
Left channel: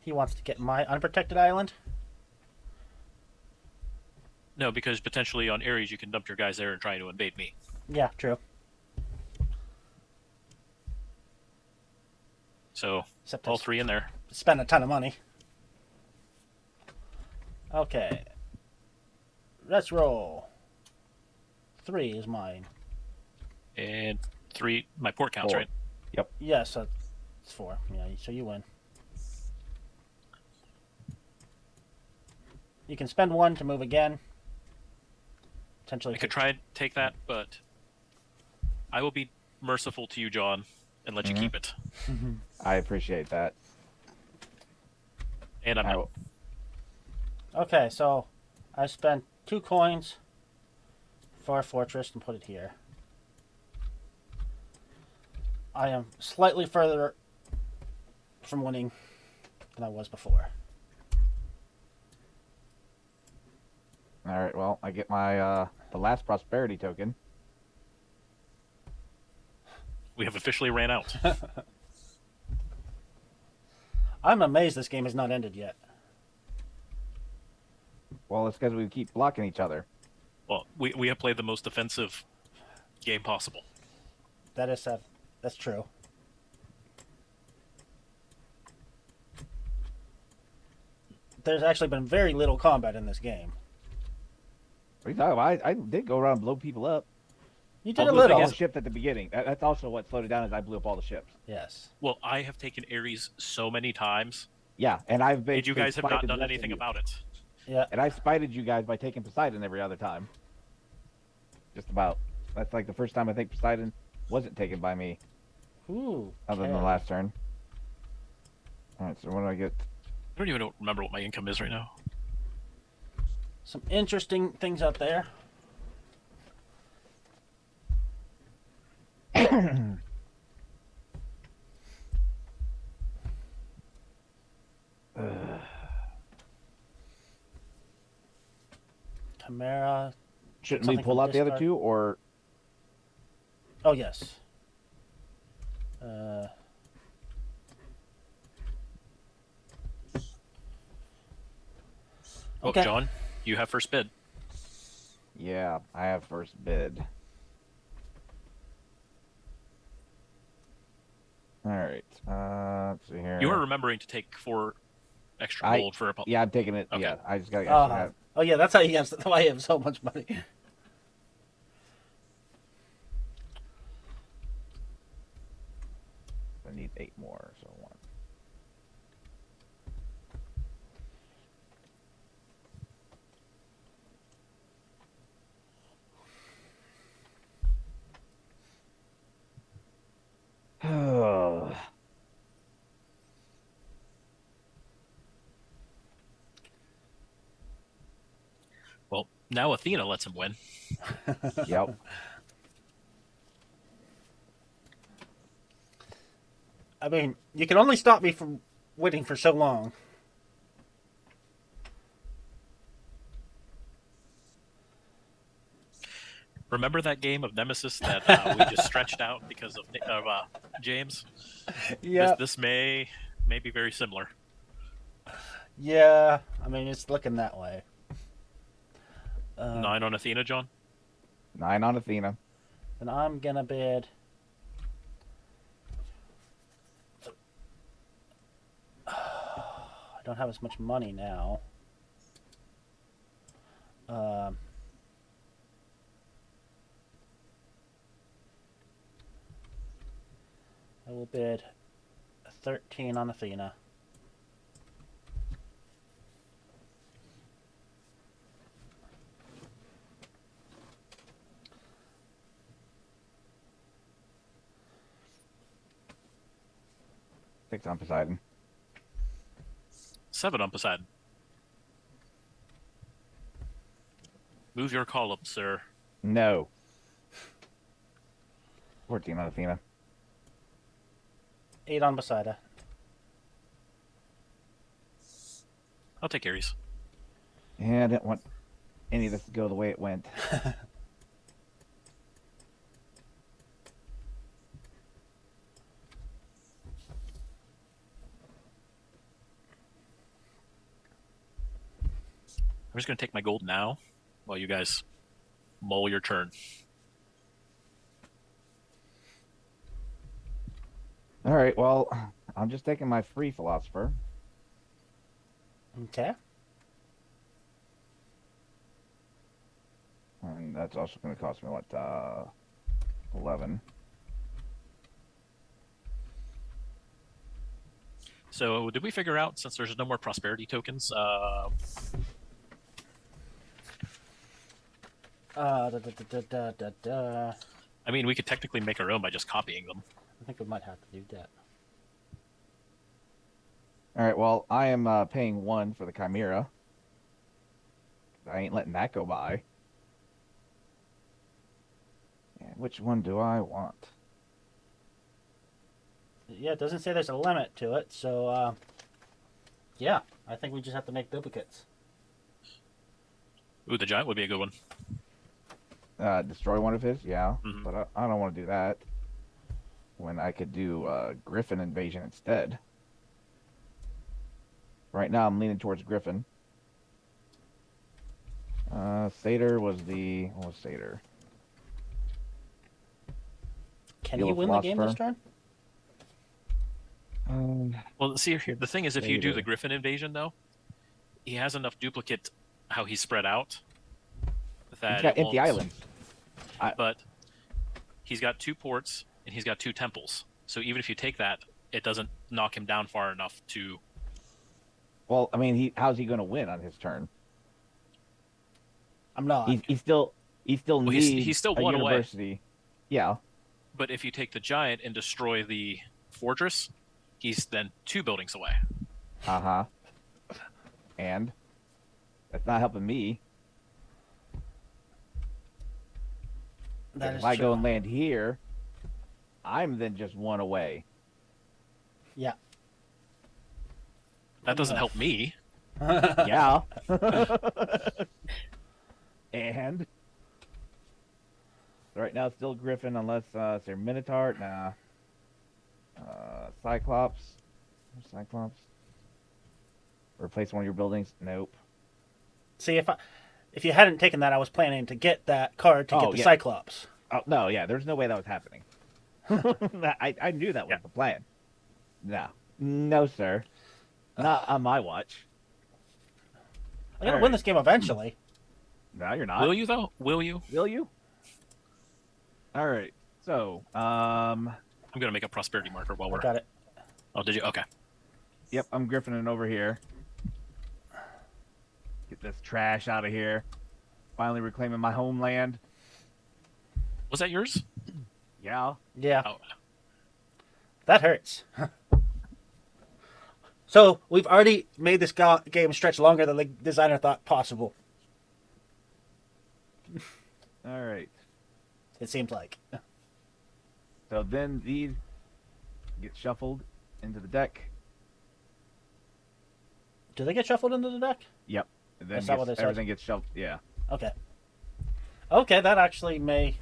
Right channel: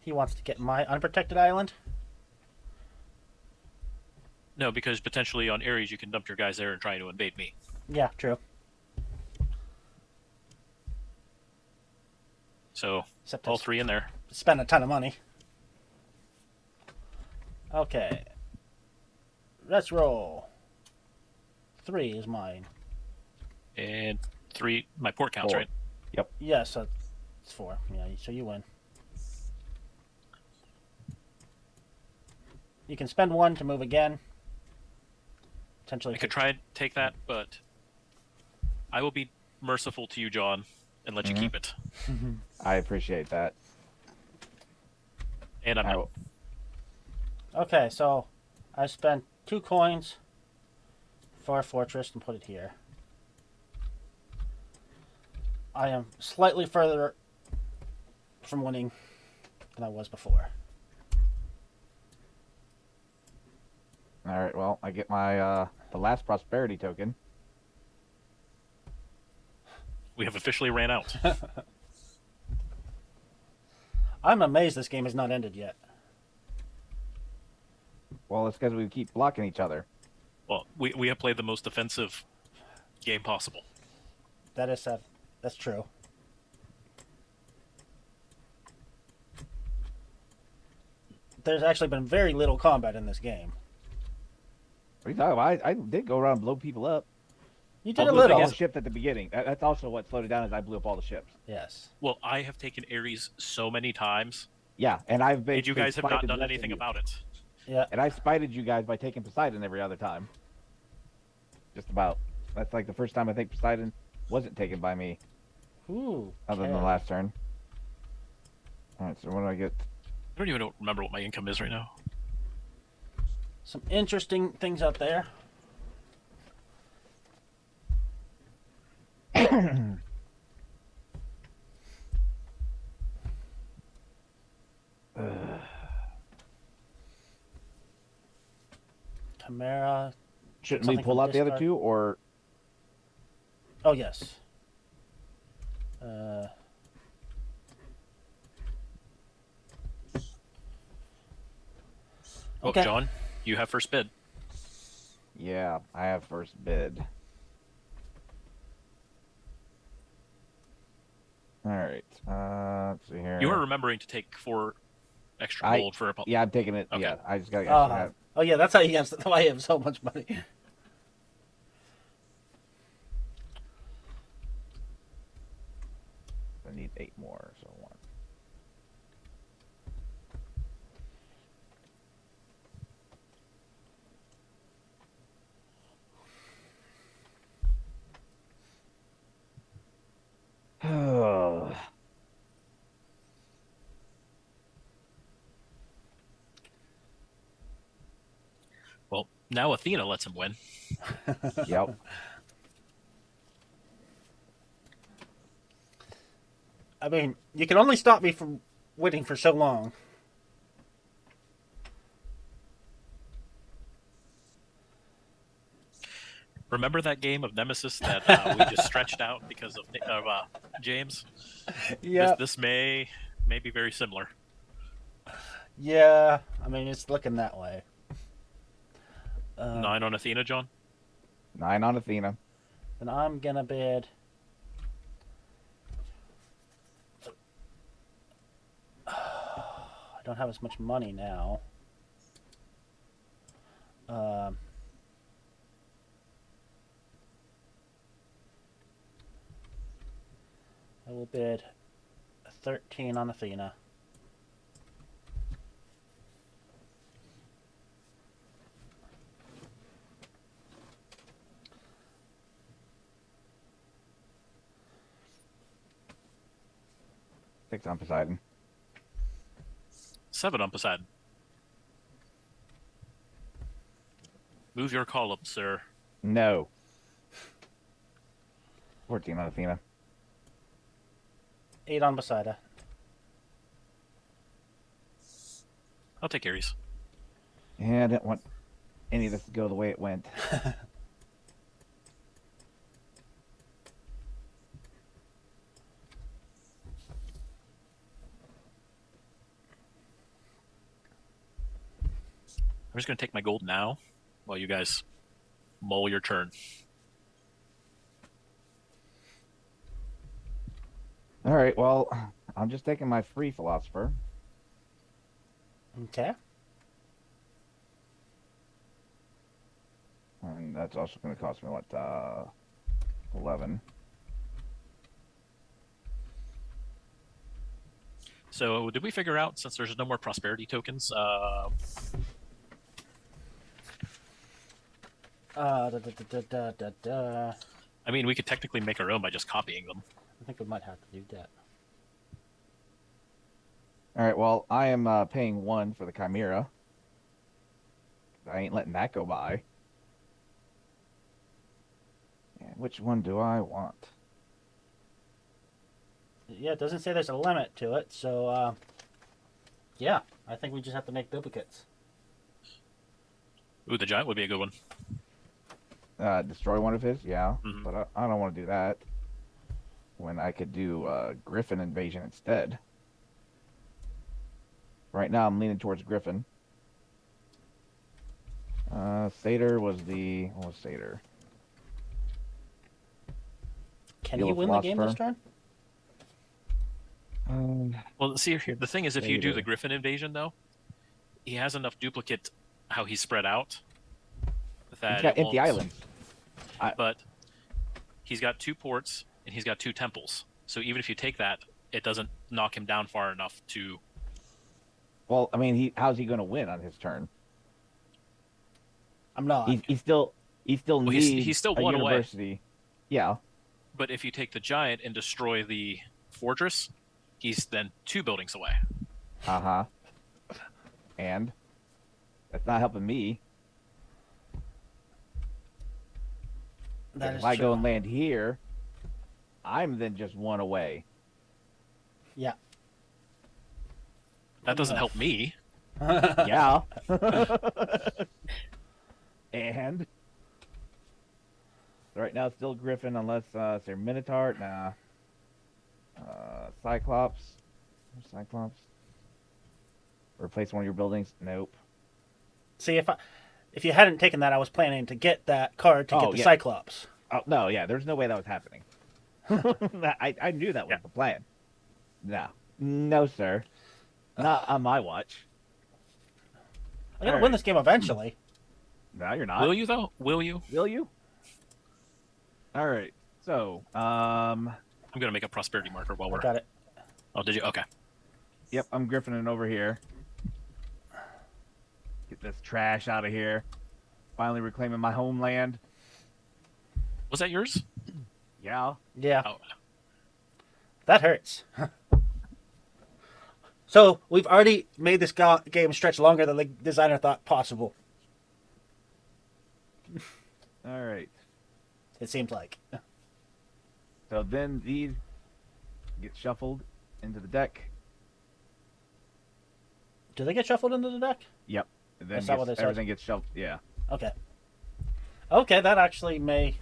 He wants to get my unprotected island? No, because potentially on Ares you can dump your guys there and try to invade me. Yeah, true. So, Except all 3 in there. Spend a ton of money. Okay. Let's roll. 3 is mine. And 3, my port counts, right? Yep. Yes, it's 4. Yeah, so you win. You can spend 1 to move again. Potentially. I could try and take that, but I will be merciful to you, John, and let you keep it. I appreciate that. And I'm out. Okay, so I spent 2 coins for a fortress and put it here. I am slightly further from winning than I was before. All right, well, I get my the last prosperity token. We have officially ran out. I'm amazed this game has not ended yet. Well, it's because we keep blocking each other. Well, we have played the most defensive game possible. That's true. There's actually been very little combat in this game. I did go around and blow people up. You did a All little. the ships at the beginning. That's also what slowed it down. Is I blew up all the ships. Yes. Well, I have taken Ares so many times Yeah, and I've been. And you guys have not done anything about it. Yeah. And I spited you guys by taking Poseidon every other time. Just about. That's like the first time I think Poseidon wasn't taken by me. Ooh. Other than the last turn. Alright, so what do I get? I don't even remember what my income is right now. Some interesting things out there. Chimera. Shouldn't we pull out the other two, or? Oh, yes. Okay. John, you have first bid. Yeah, I have first bid. Alright, let's see here. You are remembering to take 4 extra gold for a... Yeah, I'm taking it. Okay. Yeah, I just gotta oh, yeah, that's how you guys know I have so much money. I need 8 more, so 1. Well, now Athena lets him win. Yep. I mean, you can only stop me from waiting for so long. Remember that game of Nemesis that we just stretched out because of James? Yeah. This may be very similar. Yeah, I mean, it's looking that way. 9 on Athena, John? 9 on Athena. And I'm gonna bid... I don't have as much money now. I will bid 13 on Athena. Six on Poseidon. 7 on Poseidon. Move your column, sir. No. 14 on Athena. 8 on Poseidon. I'll take Ares. Yeah, I didn't want any of this to go the way it went. I'm just going to take my gold now while you guys mull your turn. All right, well, I'm just taking my free philosopher. Okay. And that's also going to cost me 11. So, did we figure out, since there's no more prosperity tokens, I mean, we could technically make our own by just copying them. I think we might have to do that. All right, well, I am paying 1 for the Chimera. I ain't letting that go by. And which one do I want? Yeah, it doesn't say there's a limit to it, so, yeah, I think we just have to make duplicates. Ooh, the giant would be a good one. Destroy one of his? Yeah, Mm-hmm. but I don't want to do that. When I could do Griffin Invasion instead. Right now, I'm leaning towards Griffin. Satyr was the... What was Satyr? Can you win the game this turn? Well, see, the thing is, if you do the Griffin Invasion, though, he has enough duplicate how he's spread out that he's got empty islands. But he's got 2 ports and he's got 2 temples. So even if you take that, it doesn't knock him down far enough to Well, I mean, how's he going to win on his turn? I'm not. He still Well, needs he's still a one away. university. Yeah. But if you take the giant and destroy the fortress, he's then 2 buildings away. Uh-huh. And that's not helping me. That is If I true. go and land here, I'm then just 1 away. Yeah. That doesn't help me. Yeah. And right now, still Griffin, unless it's your Minotaur. Nah. Cyclops. Replace one of your buildings. Nope. See, if you hadn't taken that, I was planning to get that card to get the Cyclops. Oh no, yeah. There's no way that was happening. I knew that was the plan. No, sir. Not on my watch. I'm gonna win this game eventually. No, you're not. Will you, though? Will you? Will you? All right. So, I'm going to make a prosperity marker while we're... Got it. Oh, did you? Okay. yep, I'm griffining over here. Get this trash out of here. Finally reclaiming my homeland. Was that yours? Yeah. Yeah. Oh. That hurts. So, we've already made this game stretch longer than the designer thought possible. All right. It seems like. So then these get shuffled into the deck. Do they get shuffled into the deck? Yep. And then Is that what it says? everything gets shuffled. Yeah. Okay. Okay, that actually may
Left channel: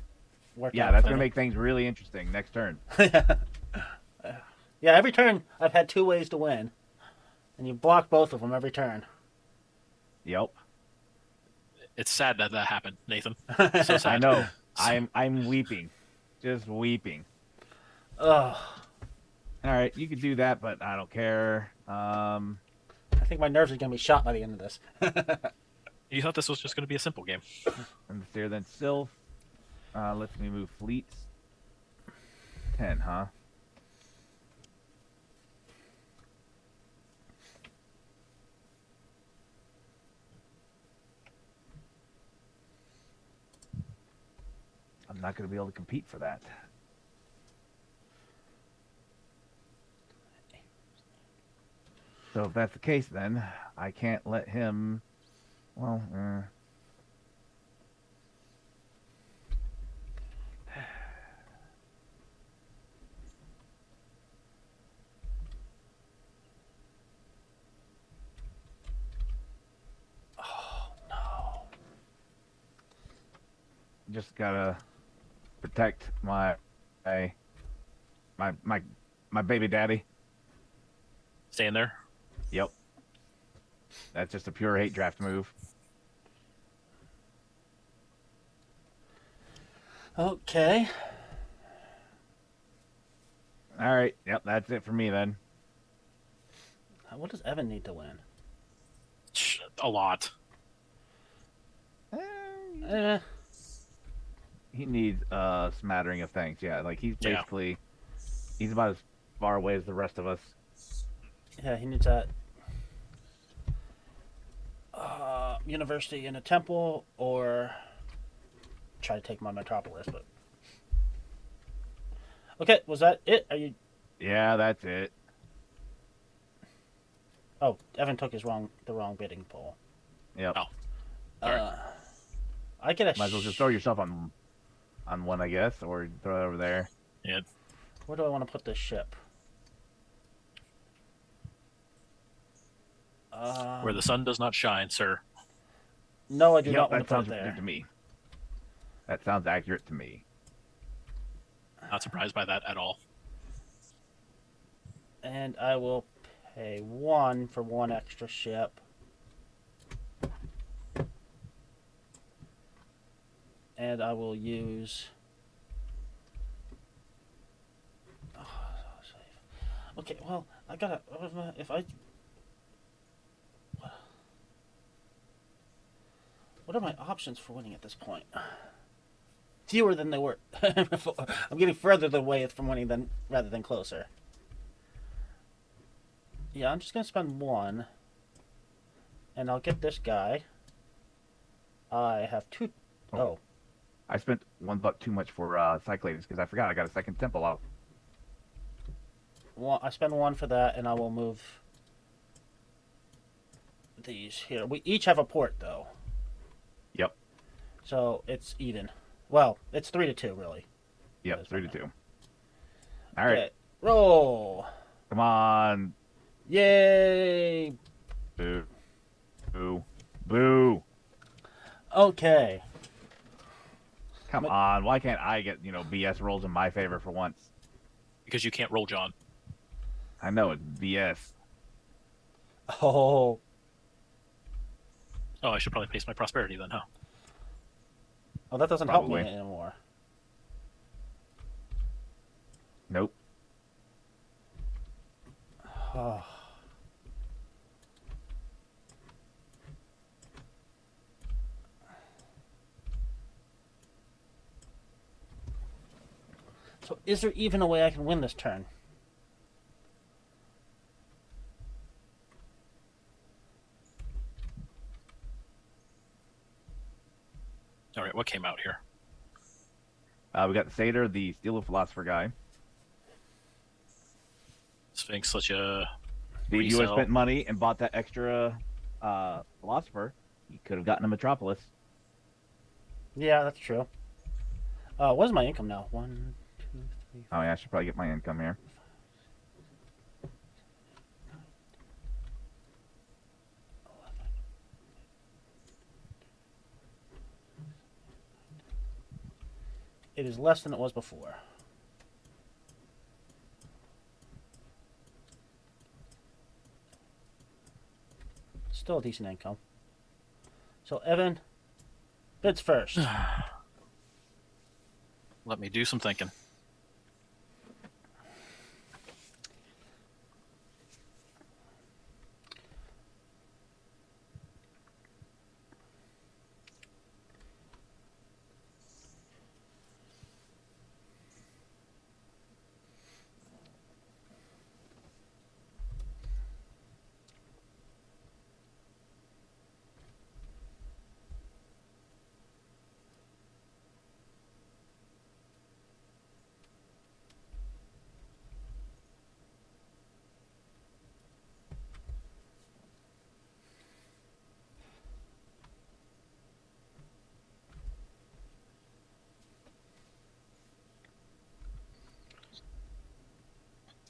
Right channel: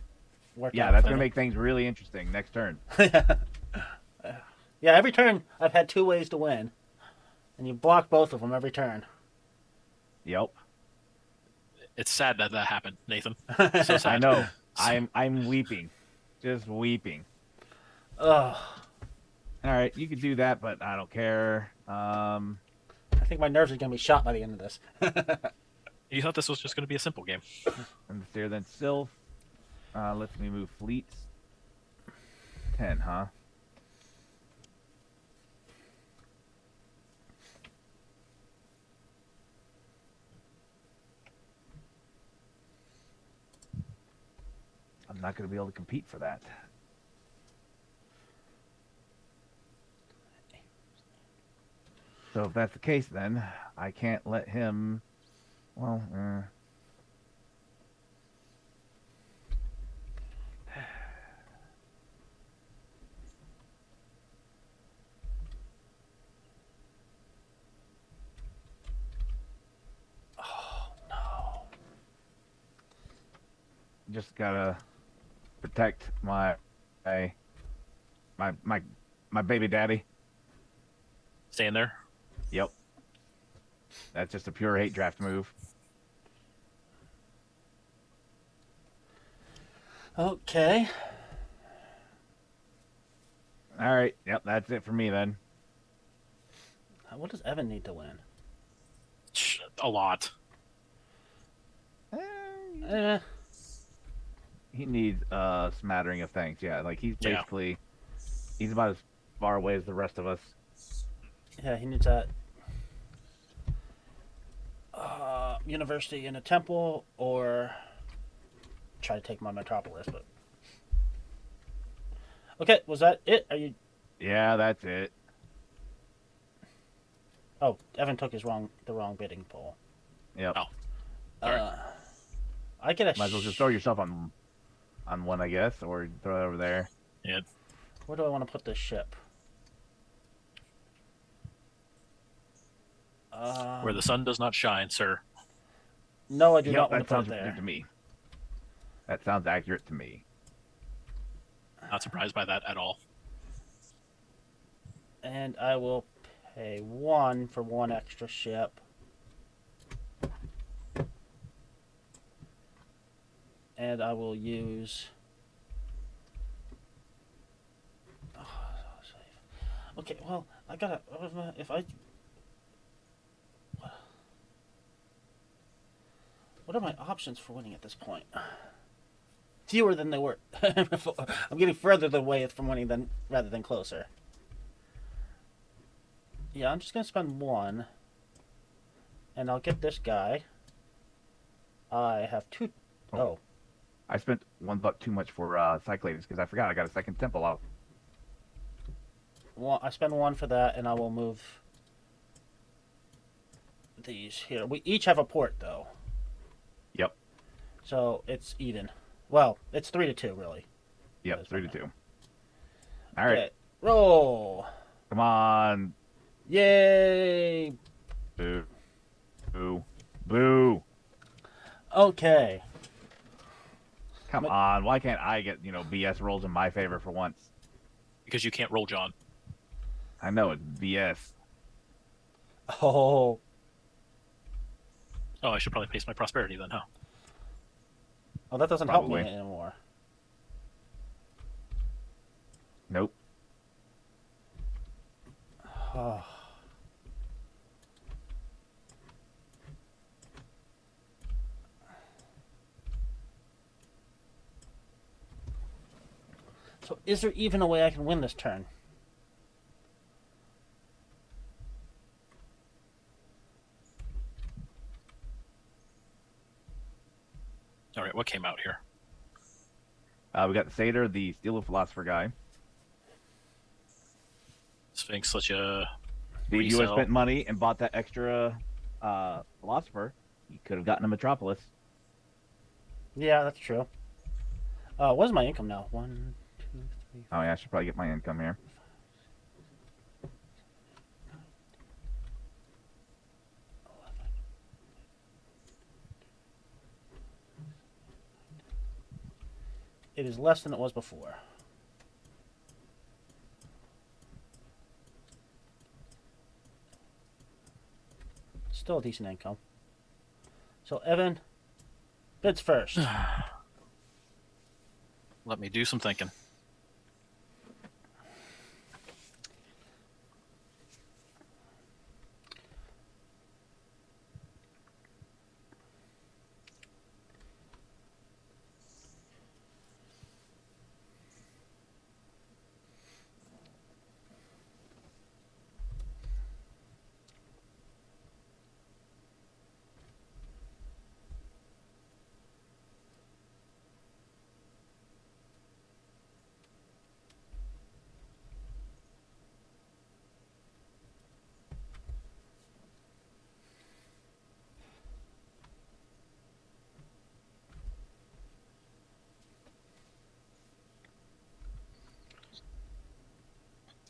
work out. Yeah, that's for going to me. make things really interesting next turn. Yeah, every turn I've had 2 ways to win. And you block both of them every turn. Yep. It's sad that happened, Nathan. So sad. I know. I'm weeping. Just weeping. Oh. All right, you can do that, but I don't care. I think my nerves are going to be shot by the end of this. You thought this was just going to be a simple game. And the stair then Sylph lets me move fleets. 10, huh? I'm not going to be able to compete for that. So if that's the case, then I can't let him. Well, just gotta protect my baby daddy. Staying there. Yep. That's just a pure hate draft move. Okay. All right. Yep. That's it for me then. What does Evan need to win? A lot. He needs a smattering of things. Yeah. Like he's basically he's about as far away as the rest of us. Yeah, he needs that university in a temple, or try to take my metropolis. But okay, was that it? Are you? Yeah, that's it. Oh, Evan took the wrong bidding pool. Yep. Oh. I did a. Might as well just throw yourself on one, I guess, or throw it over there. Yeah. Where do I want to put this ship? Where the sun does not shine, sir. No, I do Yep, not want that to put sounds it there. good to me. That sounds accurate to me. Not surprised by that at all. And I will pay 1 for 1 extra ship. And I will use... Okay, well, I gotta... If I... What are my options for winning at this point? Fewer than they were before. I'm getting further away from winning rather than closer. Yeah, I'm just gonna spend 1. And I'll get this guy. I have two. Oh. I spent $1 too much for Cyclades because I forgot I got a second temple out. Well, I spend 1 for that, and I will move these here. We each have a port, though. Yep. So it's even. Well, it's 3-2, really. Yep, 3-2. All right. Okay. Roll. Come on. Yay! Boo. Boo. Boo. Okay. Come on. Why can't I get, BS rolls in my favor for once? Because you can't roll, John. I know it's BS. Oh. Oh, I should probably pace my prosperity then, huh? Oh, that doesn't Probably. help me anymore. Nope. Oh. So, is there even a way I can win this turn? All right, what came out here? We got the Satyr, the Steel of Philosopher guy. Sphinx, such a If you would have resell. spent money and bought that extra Philosopher, you could have gotten a Metropolis. Yeah, that's true. What's my income now? 1, 2, 3. Oh, yeah, I should probably get my income here. It is less than it was before. Still a decent income. So, Evan, bids first. Let me do some thinking.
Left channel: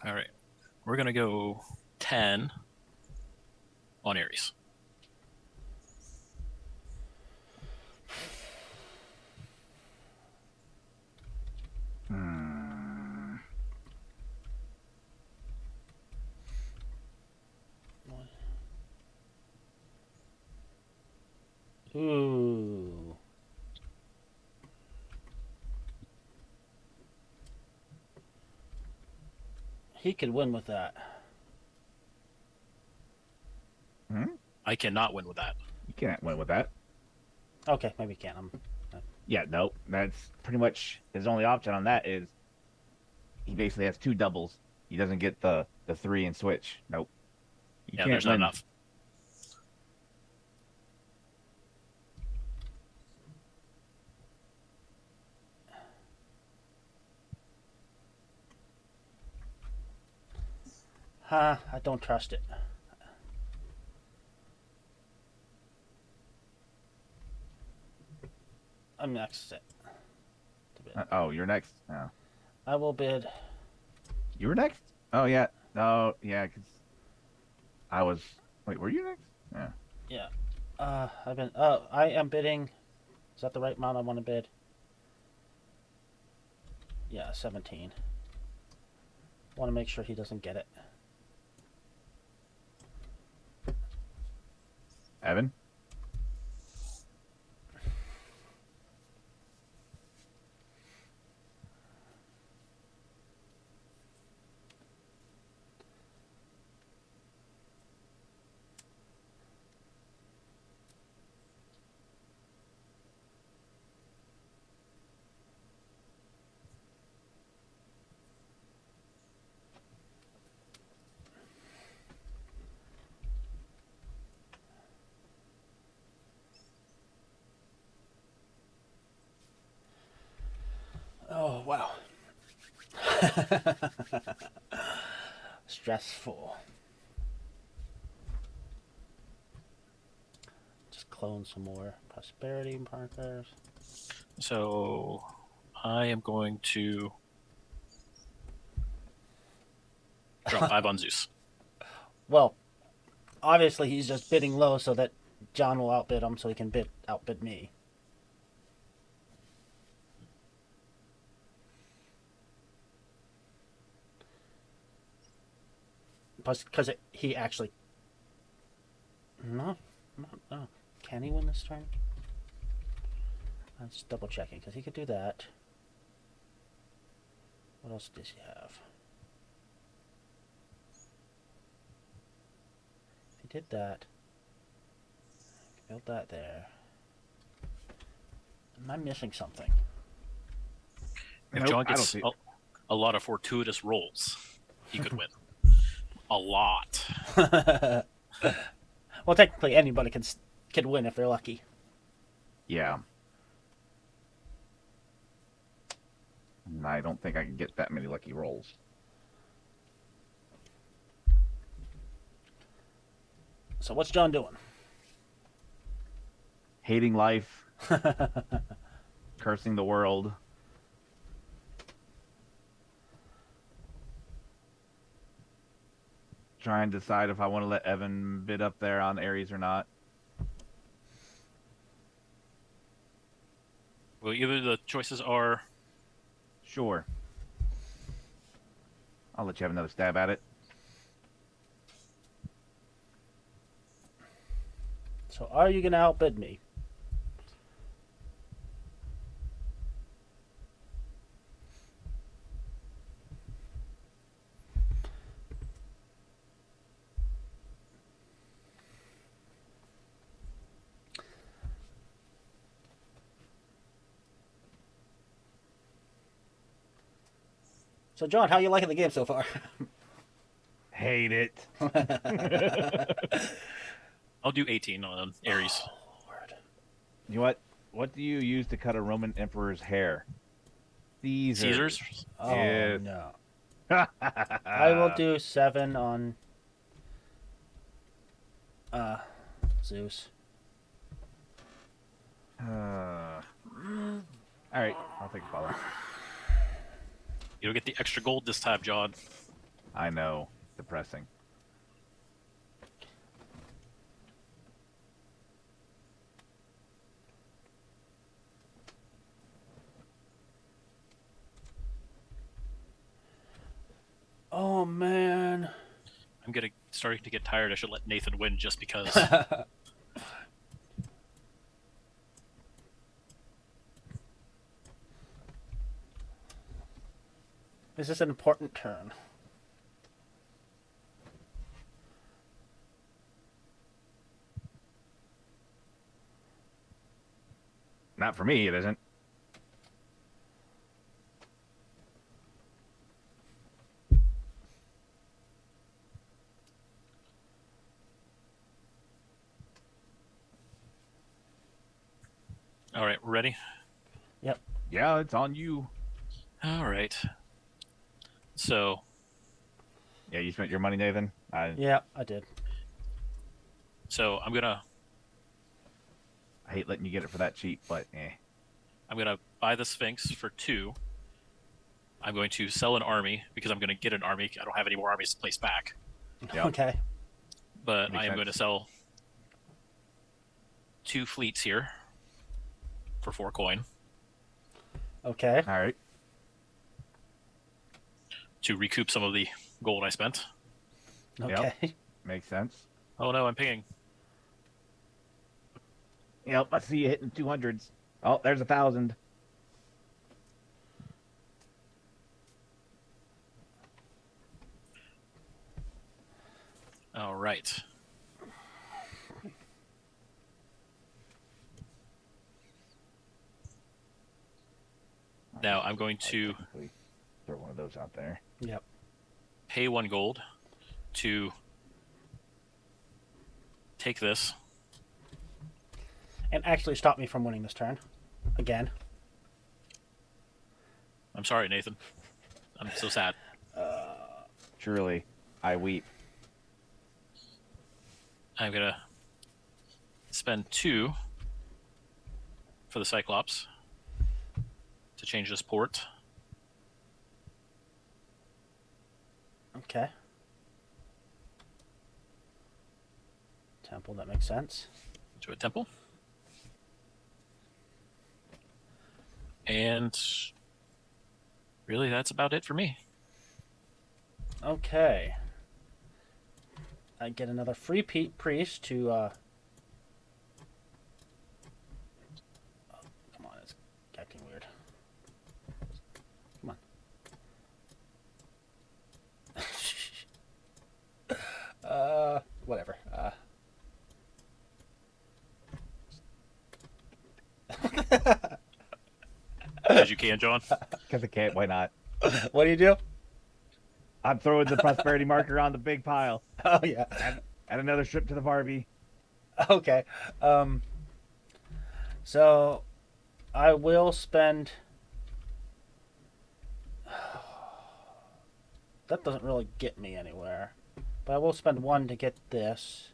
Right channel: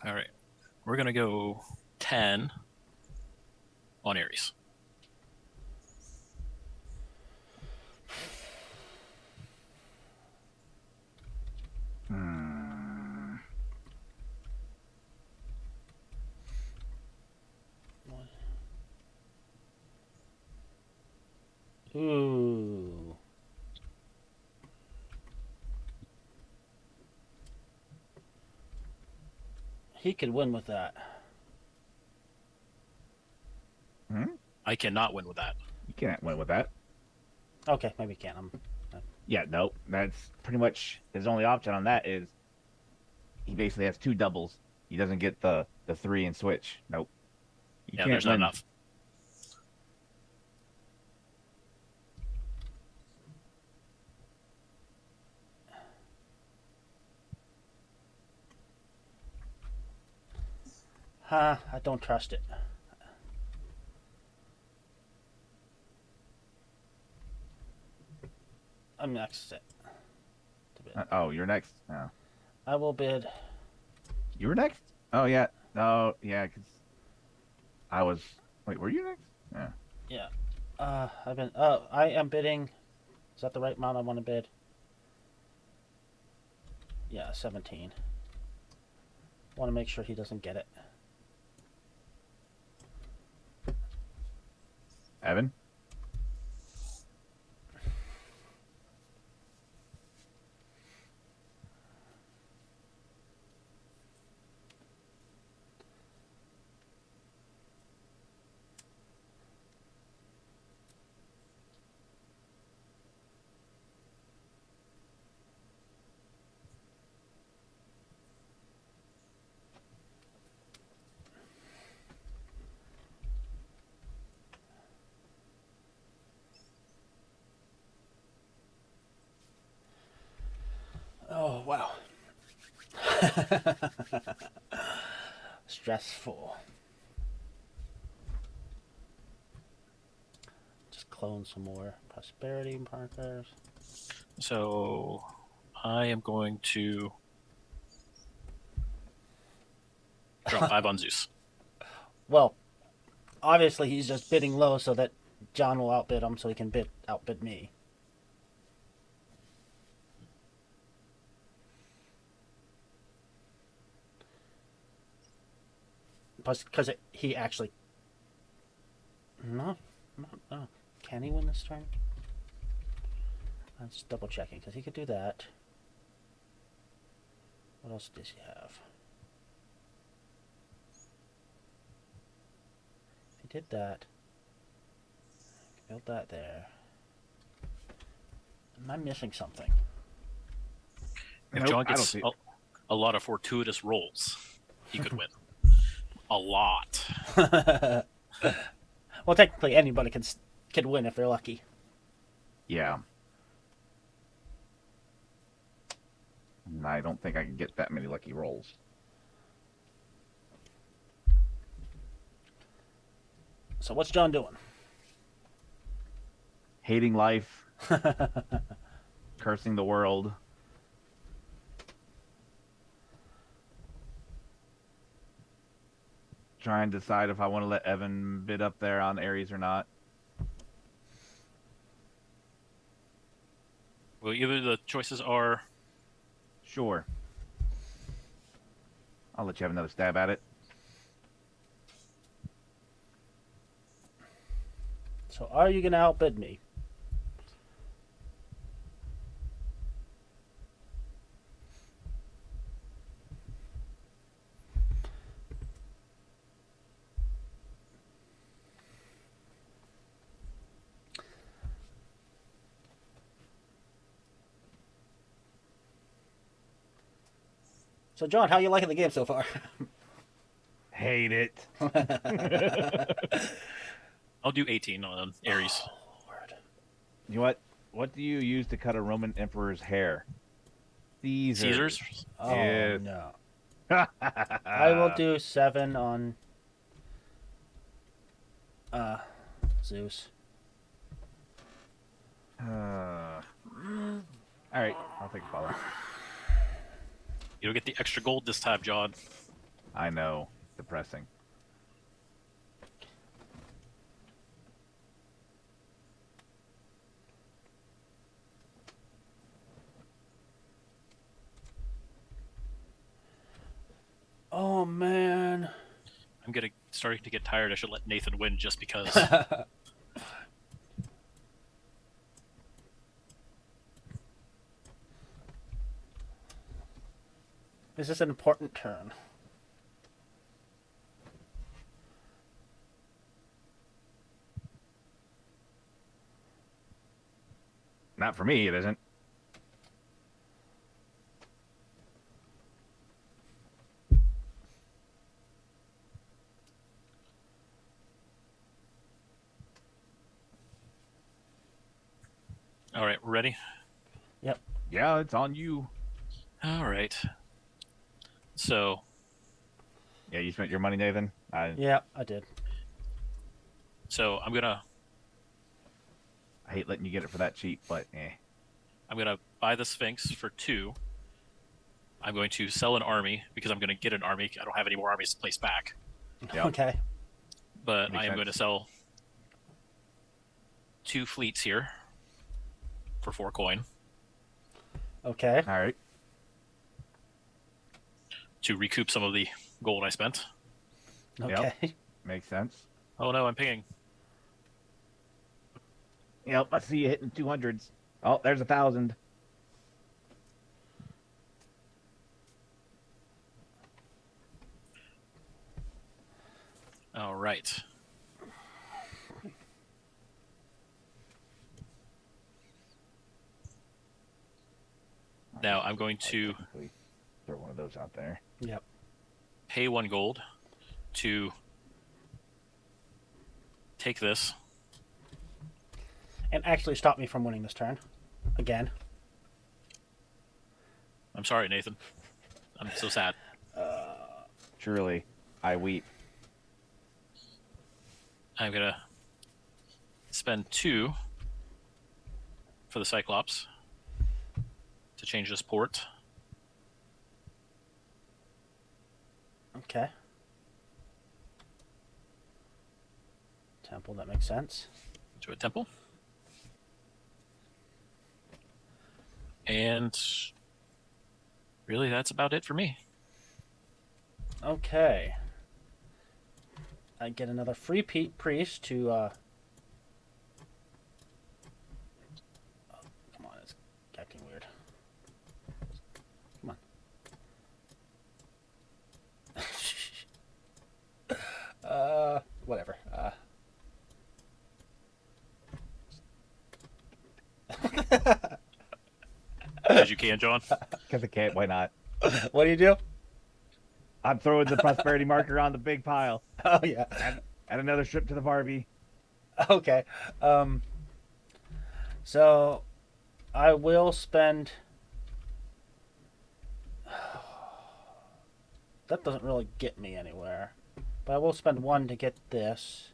All right, we're gonna go 10 on Aries. Ooh. He could win with that. I cannot win with that. You can't win with that. Okay, maybe he can't. Yeah, nope. That's pretty much his only option on that is he basically has 2 doubles. He doesn't get the 3 and switch. Nope. You Yeah, can't there's not win. enough. I don't trust it. I'm next. Oh, you're next. No. I will bid. You were next? Oh, yeah. No, yeah, because I was... Wait, were you next? Yeah. Yeah. I am bidding. Is that the right amount I want to bid? Yeah, 17. Want to make sure he doesn't get it. stressful. Just clone some more prosperity markers. So I am going to drop 5 on Zeus. Well, obviously he's just bidding low so that John will outbid him so he can outbid me. Because he actually... No. Can he win this turn? Let's double checking, because he could do that. What else does he have? He did that. A lot of fortuitous rolls. He could win. A lot. Well, technically anybody can win if they're lucky. Yeah. I don't think I can get that many lucky rolls. So what's John doing? Hating life. Cursing the world. Trying to decide if I want to let Evan bid up there on Ares or not. Well, either the choices are... Sure. I'll let you have another stab at it. So are you going to outbid me? So, John, how are you liking the game so far? Hate it. I'll do 18 on Ares. You know what? What do you use to cut a Roman emperor's hair? Caesars? Oh, neat. I'll do 7 on Zeus. Alright, I'll take a follow. You'll get the extra gold this time, John. I know. Depressing. Oh, man. I'm starting to get tired. I should let Nathan win just because. This is an important turn. Not for me, it isn't. All right, we're ready? Yep. Yeah, it's on you. All right. So. Yeah, you spent your money, Nathan? Yeah, I did. So I'm gonna I hate letting you get it for that cheap, but I'm gonna buy the Sphinx for 2. I'm going to sell an army because I'm gonna get an army. I don't have any more armies to place back. Yep. Okay. But Makes I am sense. going to sell 2 fleets here for 4 coin Okay. All right. to recoup some of the gold I spent. Okay. Makes sense. Oh no, I'm pinging. Yep, I see you hitting 200s. Oh, there's 1,000. All right. Now I'm going to Throw one of those out there. Yep. pay 1 gold to take this. And actually stop me from winning this turn. Again. I'm sorry, Nathan. I'm so sad. Surely. I weep. I'm gonna spend 2 for the Cyclops to change this port. Okay. Temple, that makes sense. To a temple. And really, that's about it for me. Okay. I get another free priest to. Oh, come on, it's acting weird. Come on. As you can, John. Because I can't. Why not? What do you do? I'm throwing the prosperity marker on the big pile. Oh yeah. Add another strip to the Barbie. Okay. So I will spend. That doesn't really get me anywhere, but I will spend 1 to get this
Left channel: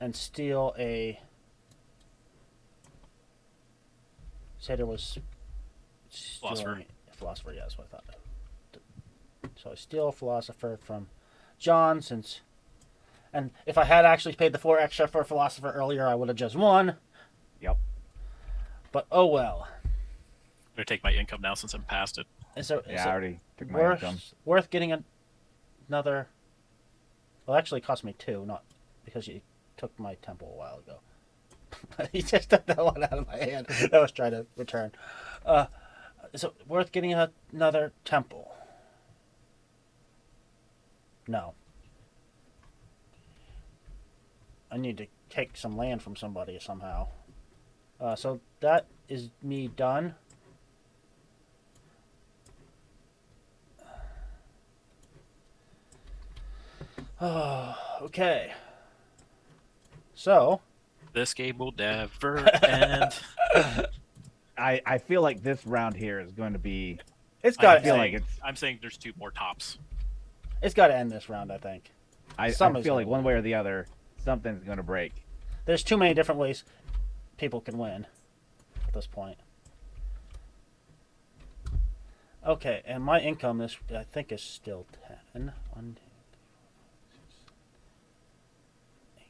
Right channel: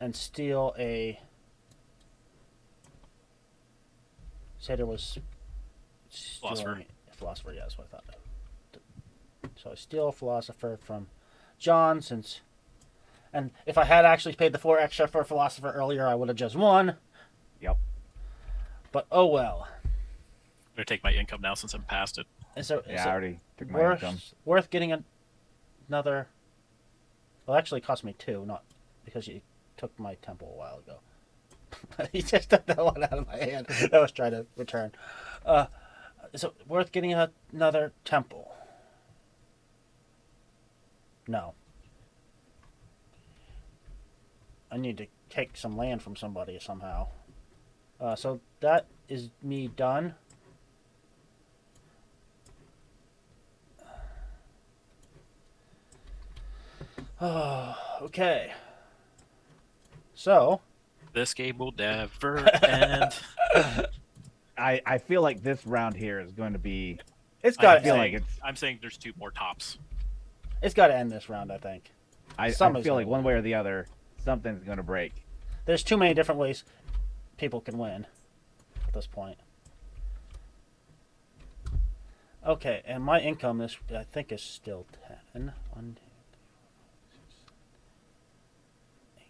and steal a. So there was. Philosopher, yeah, that's what I thought. So I steal a philosopher from John, and if I had actually paid the 4 extra for a philosopher earlier, I would have just won. Yep. But oh well. I'm gonna take my income now since I'm past it. I already took my income. Worth getting another? Well, actually, it cost me 2, not because you took my temple a while ago. He just took that one out of my hand. I was trying to return. Is it worth getting another temple? No. I need to take some land from somebody somehow. So that is me done. Okay. So. This game will never end. I feel like this round here is going to be. It's got to feel end. like it's. I'm saying there's 2 more tops. It's got to end this round, I think. I feel like one way or the other, something's going to break. There's too many different ways people can win at this point. Okay, and my income this I think is still 10. 1, 2, 3, 4, 5, 6, 7, 8,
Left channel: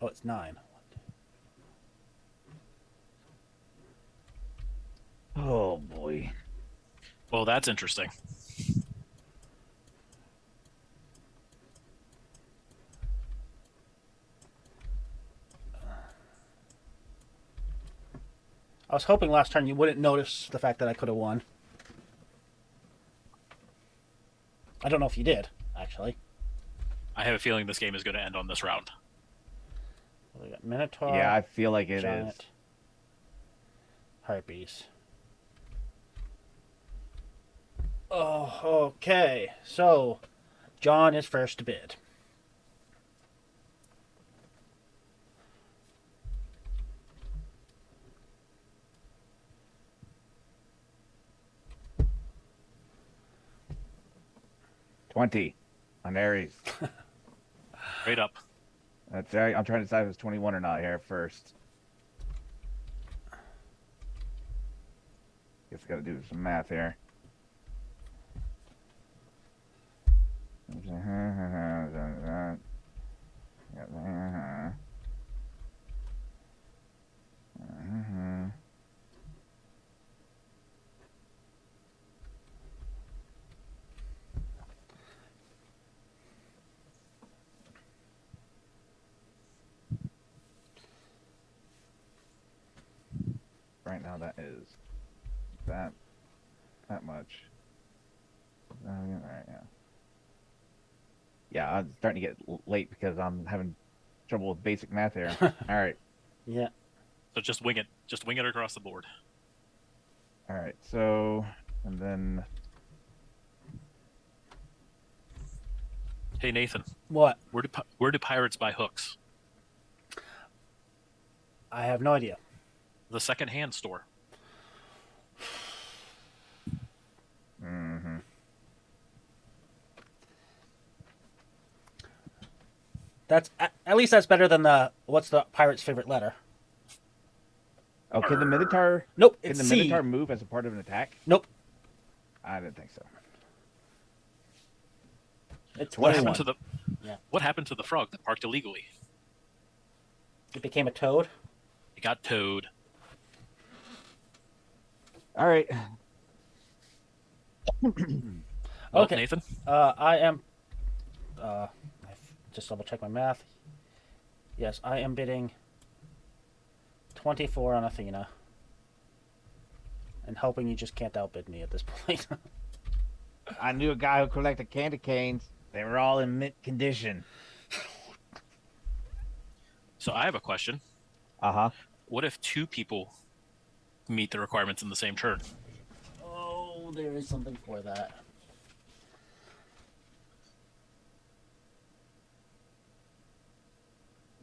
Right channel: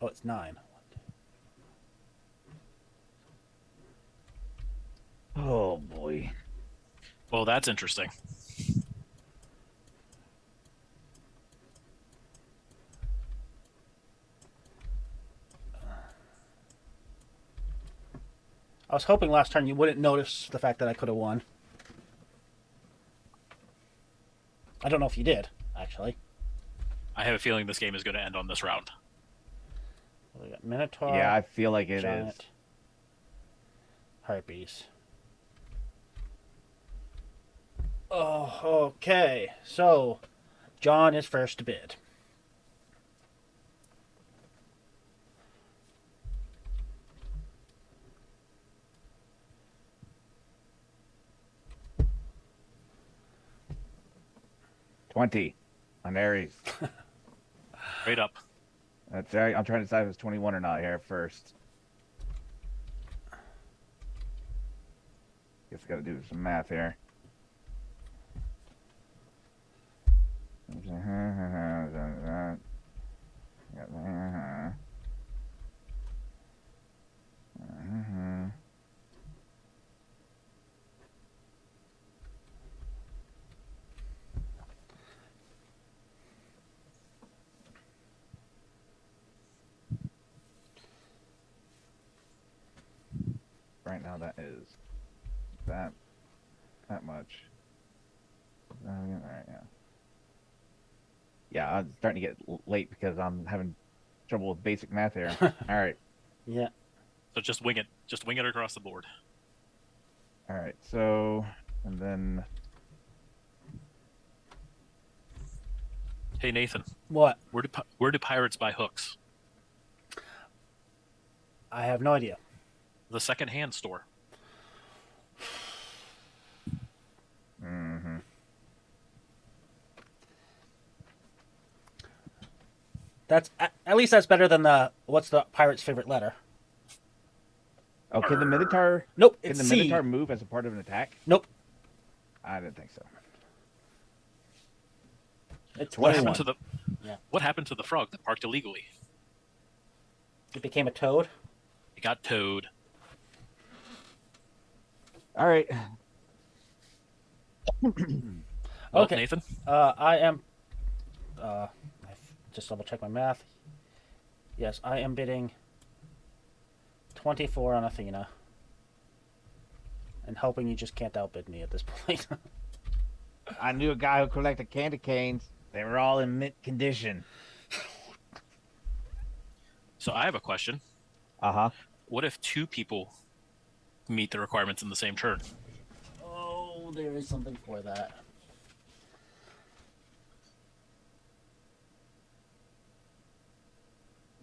9. Oh, it's 9. Oh boy. Well, that's interesting. I was hoping last turn you wouldn't notice the fact that I could have won. I don't know if you did, actually. I have a feeling this game is going to end on this round. We got Minotaur. Yeah, I feel like it Giant, is. Harpies. Oh, okay. So, John is first to bid. $20 on Aries. Straight up. That's right. I'm trying to decide if it's 21 or not here first. Guess got to do some math here. Right now, that is that much. All right, yeah. Yeah, I'm starting to get late because I'm having trouble with basic math here. All right. Yeah. So just wing it. Just wing it across the board. All right. So, and then. Hey, Nathan. What? Where do pirates buy hooks? I have no idea. The second-hand store. Mm-hmm. That's at least that's better than the what's the pirate's favorite letter? Oh, can the Minotaur? Nope, Can it's the C. Minotaur move as a part of an attack? Nope, I didn't think so. it's What 21. happened to the Yeah. What happened to the frog that parked illegally? It became a toad. It got towed. All right. Well, Okay. Nathan. I am. Just double check my math. Yes, I am bidding. You just can't outbid me at this point. I knew a guy who collected candy canes. They were all in mint condition. So I have a question. Uh-huh. What if two people meet the requirements in the same turn? Oh, there is something for that.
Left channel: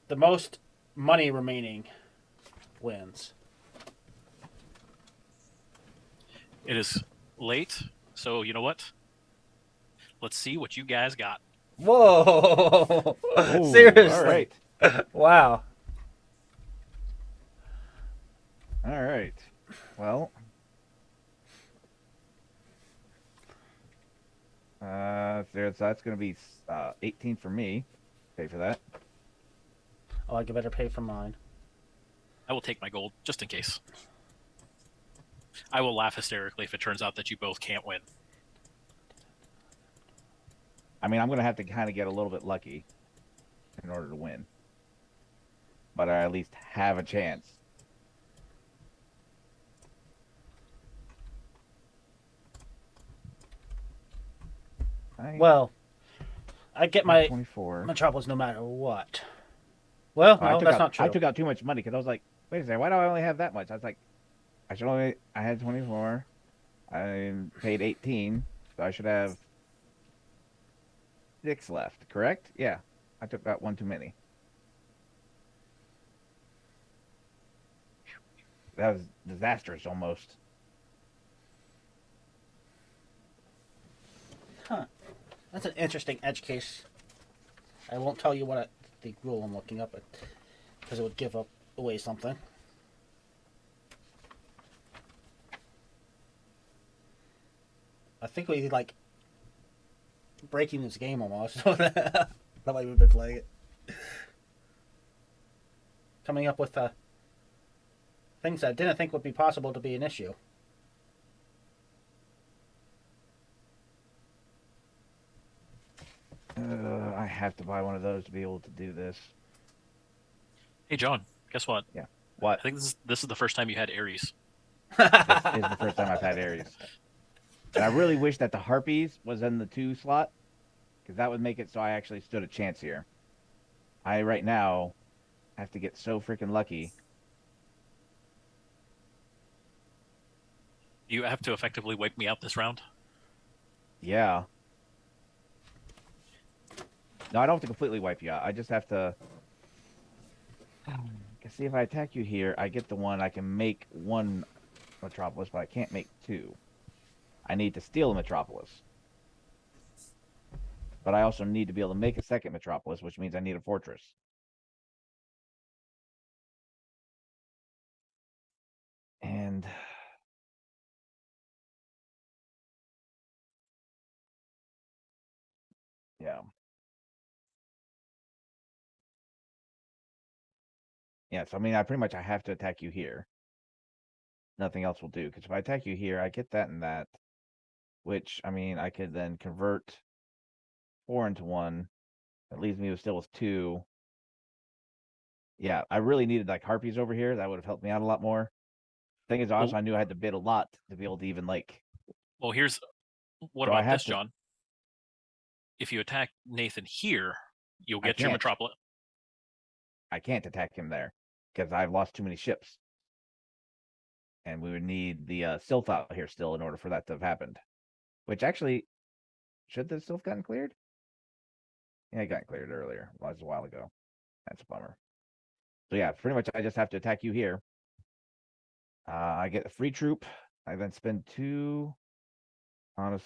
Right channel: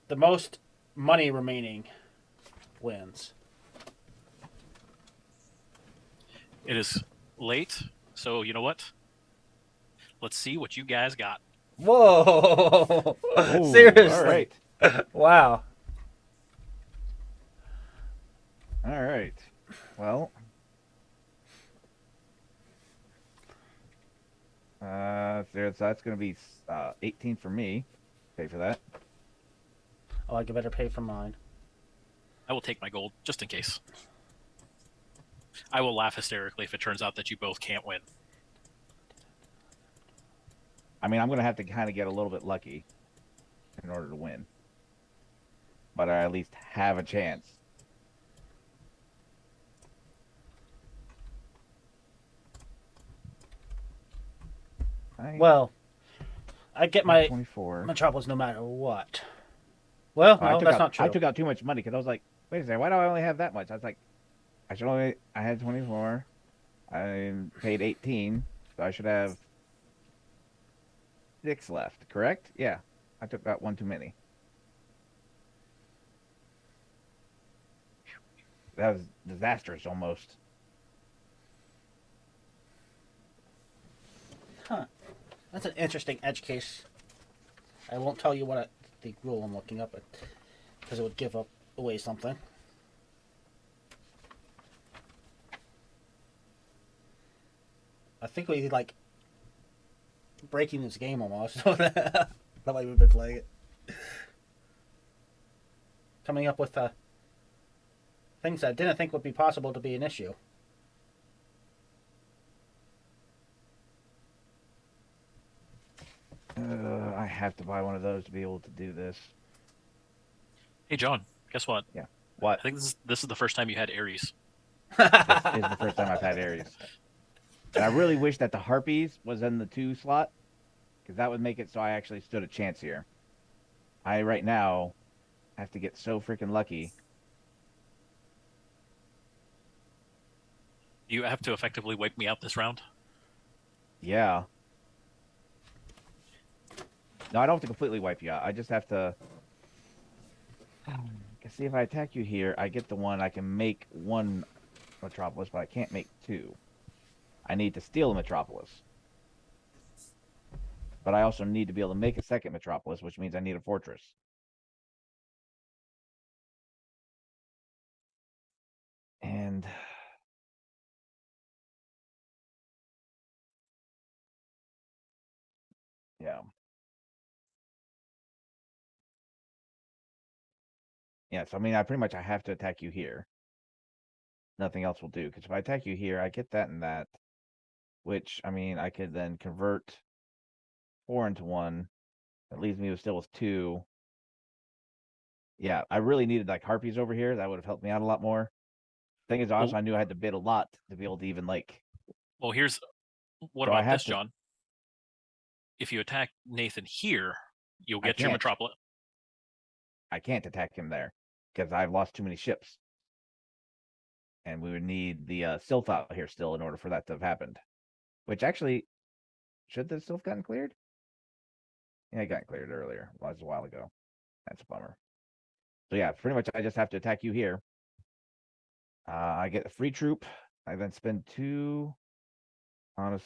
The most money remaining wins. Yes. So you know what? Let's see what you guys got. Whoa! Seriously. All right. Wow. All right. Well. So that's going to be 18 for me. Pay for that. Oh, I better pay for mine. I will take my gold just in case. I will laugh hysterically if it turns out that you both can't win. I mean, I'm going to have to kind of get a little bit lucky in order to win. But I at least have a chance. Well, I get my 24. Metropolis no matter what. Well, no, that's not true. I took out too much money because I was like, six left, correct? Yeah. I took out one too many. That was disastrous almost. Huh. That's an interesting edge case. I won't tell you what the rule I'm looking up because it would give away something. I think we like breaking this game almost. The way we've been playing it. Coming up with things that I didn't think would be possible to be an issue. Oh, I have to buy one of those to be able to do this. Hey, John, guess what? Yeah. What? I think this is the first time you had Aries. This is the first time I've had Aries. And I really wish that the Harpies was in the 2 slot, because that would make it so I actually stood a chance here. I, right now, have to get so freaking lucky. Do you have to effectively wipe me out this round? Yeah. No, I don't have to completely wipe you out. I just have to... See, if I attack you here, I get the one. I can make one Metropolis, but I can't make 2. I need to steal a Metropolis. But I also need to be able to make a second Metropolis, which means I need a fortress. And... yeah. Yeah, so I mean, I have to attack you here. Nothing else will do, because if I attack you here, I get that and that. Which, I mean, I could then convert 4 into 1. That leaves me still with 2. Yeah, I really needed like Harpies over here. That would have helped me out a lot more. Thing is, also, I knew I had to bid a lot to be able to even like. Well, what about this, John? If you attack Nathan here, you'll get your Metropolis. I can't attack him there because I've lost too many ships, and we would need the Sylph out here still in order for that to have happened. Which actually, should the Sylph gotten cleared? Yeah, it got cleared earlier. Well, it was a while ago. That's a bummer. So yeah, pretty much I just have to attack you here. I get a free troop. I then spend 2 on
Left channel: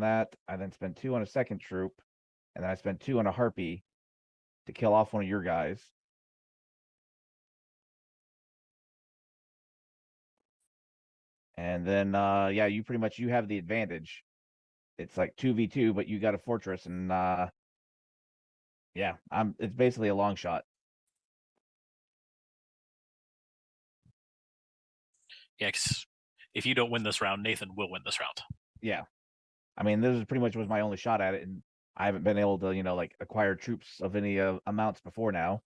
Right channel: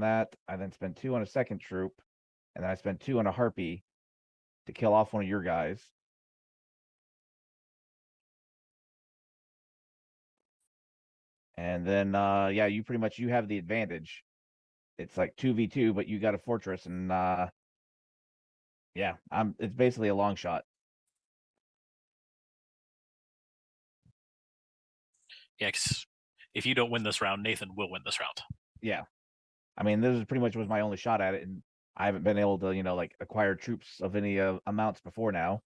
that. I then spend 2 on a second troop, and then I spend 2 on a Harpy, to kill off one of your guys. And then, yeah, you pretty much you have the advantage. It's like 2v2, but you got a fortress, and yeah, it's basically a long shot. Yeah, 'cause if you don't win this round, Nathan will win this round. Yeah, I mean, this is pretty much was my only shot at it, and I haven't been able to, like acquire troops of any amounts before now.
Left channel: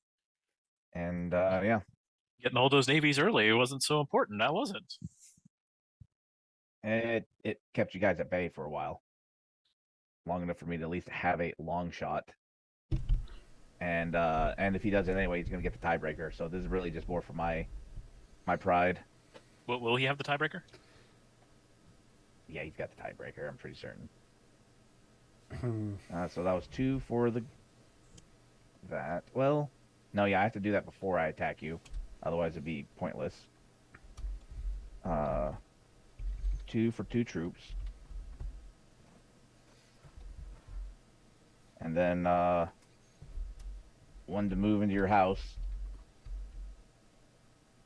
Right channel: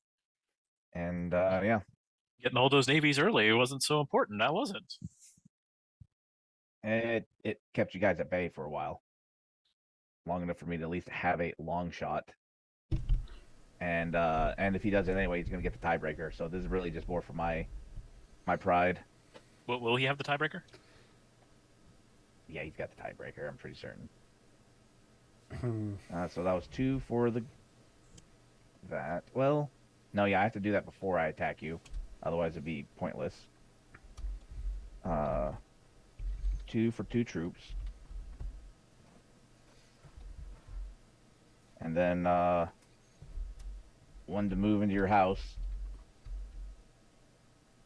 And yeah, Getting all those navies early wasn't so important. That wasn't. it kept you guys at bay for a while, long enough for me to at least have a long shot. And if he does it anyway, he's gonna get the tiebreaker. So this is really just more for my pride. Will he have the tiebreaker? Yeah, he's got the tiebreaker. I'm pretty certain. Let me see. There's 2 for the 12. No, yeah, I have to do that before I attack you. Otherwise, it'd be pointless. 2 for 2 troops. And then 1 to move into your house.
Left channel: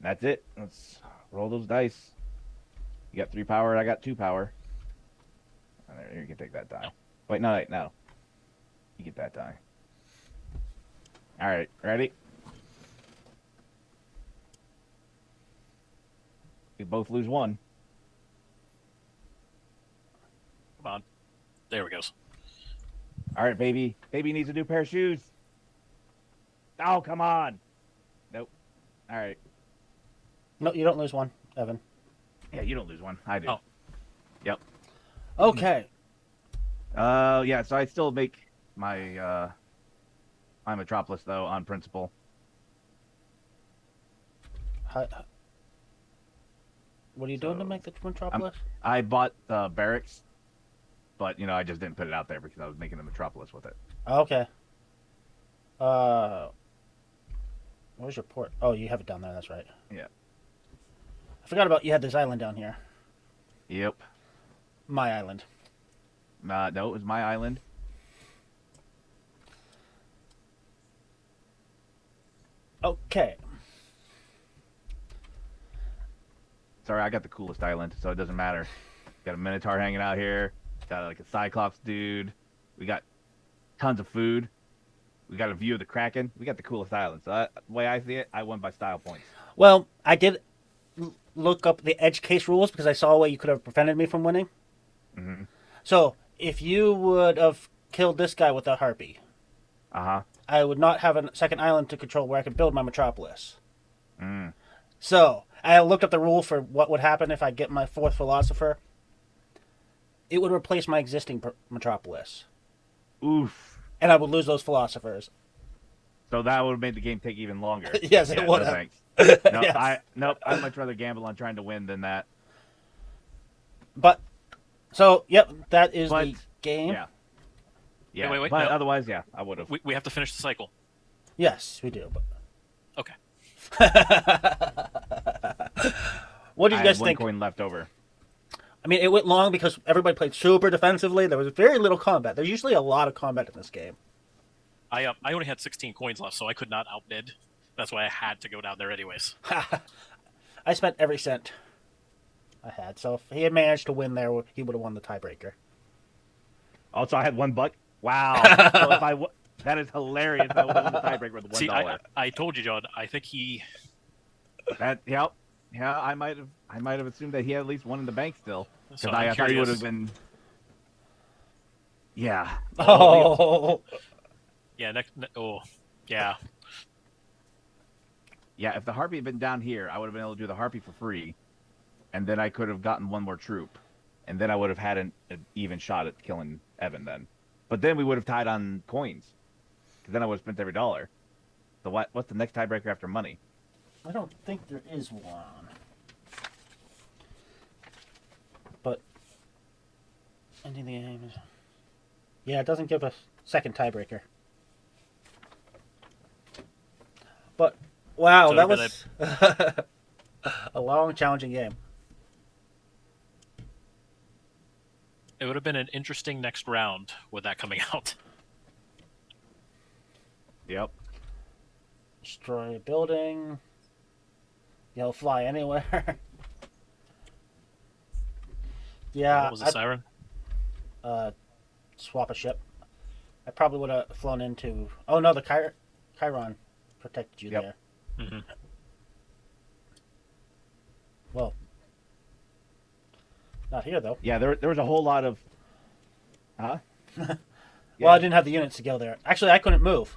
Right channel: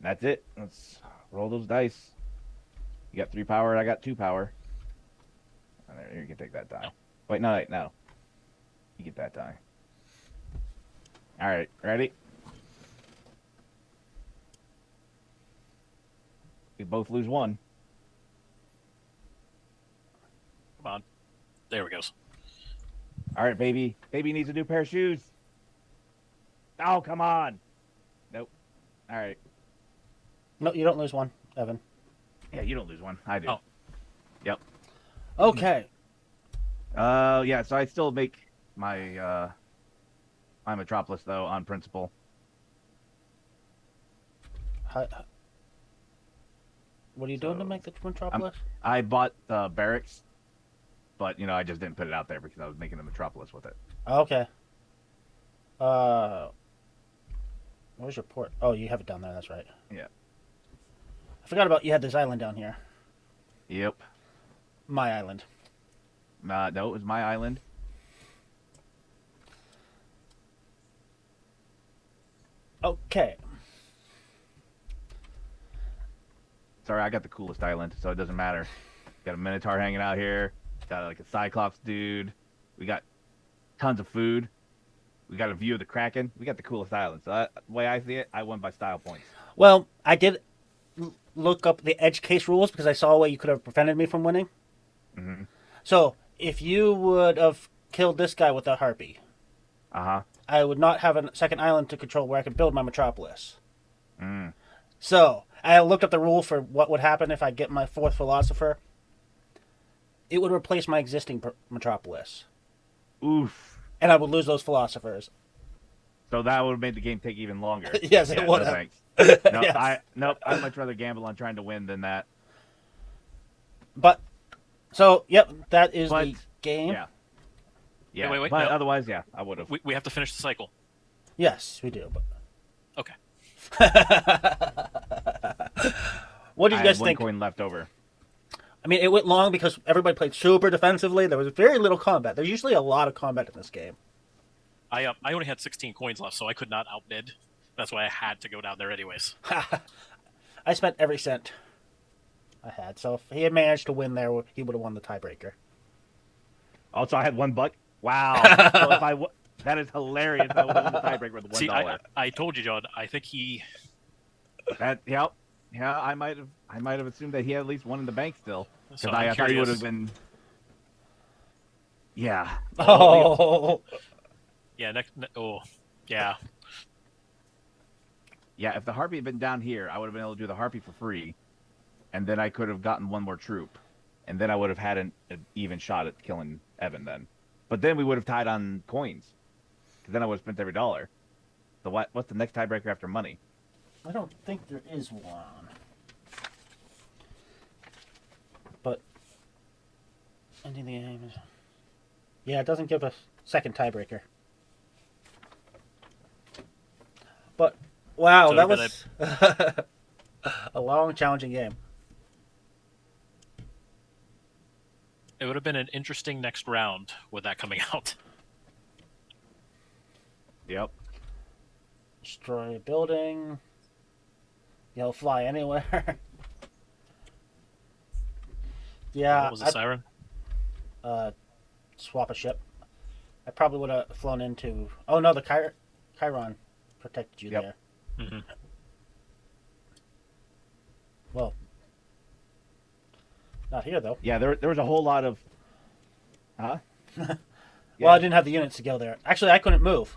That's it. Let's roll those dice. You got 3 power. I got 2 power. All right, you can take that die. Wait, no. You get that die. All right, ready? We both lose 1. Come on. There we go. All right, baby. Baby needs a new pair of shoes. Oh, come on. Nope. All right. No, you don't lose 1, Evan. Yeah, you don't lose 1. I do. Oh. Yep. Okay. Yeah, so I still make my, Metropolis, though, on principle. What are you doing to make the Metropolis? I bought barracks, but, I just didn't put it out there because I was making the Metropolis with it. Okay. Where's your port? Oh, you have it down there. That's right. Yeah. I forgot about you had this island down here. Yep. My island. No, it was my island. Okay. Sorry, I got the coolest island, so it doesn't matter. Got a Minotaur hanging out here. Got like a Cyclops dude. We got tons of food. We got a view of the Kraken. We got the coolest island. So the way I see it, I won by style points. Well, I did look up the edge case rules because I saw a way you could have prevented me from winning. Mm-hmm. So, if you would have killed this guy with a harpy, Uh-huh. I would not have a second island to control where I can build my Metropolis. Mm. So, I looked up the rule for what would happen if I get my 4th philosopher. It would replace my existing Metropolis. Oof. And I would lose those philosophers. So that would have made the game take even longer. Yes, it would no have. thanks. No, Yes. I'd much rather gamble on trying to win than that. But, so, yep, that is the game. Yeah. Yeah. Wait, but no. otherwise, yeah, I would have. We have to finish the cycle. Yes, we do. But... Okay. What do you guys one think? coin left over. I mean, it went long because everybody played super defensively. There was very little combat. There's usually a lot of combat in this game. I only had 16 coins left, so I could not outbid. That's why I had to go down there anyways. I spent every cent I had. So if he had managed to win there, he would have won the tiebreaker. Also, I had $1. Wow. So that is hilarious. I won the tiebreaker with $1. See, I told you, John. I think he. Yep. Yeah, I might have assumed that he had at least 1 in the bank still. Because So I thought he would have been. Yeah. Oh. Yeah. Yeah. Yeah, if the Harpy had been down here, I would have been able to do the Harpy for free, and then I could have gotten 1 more troop, and then I would have had an even shot at killing Evan then. But then we would have tied on coins, because then I would have spent every dollar. So what's the next tiebreaker after money? I don't think there is one. But yeah, it doesn't give us second tiebreaker. But wow, So that was a long, challenging game. It would have been an interesting next round with that coming out. Yep. Destroy a building. Fly anywhere. Yeah, What was the siren? Swap a ship. I probably would have flown into. Oh no, the Chiron protected you there. Mm-hmm. Well, not here though. Yeah, there was a whole lot of. Huh? Well, I didn't have the units to go there. Actually, I couldn't move.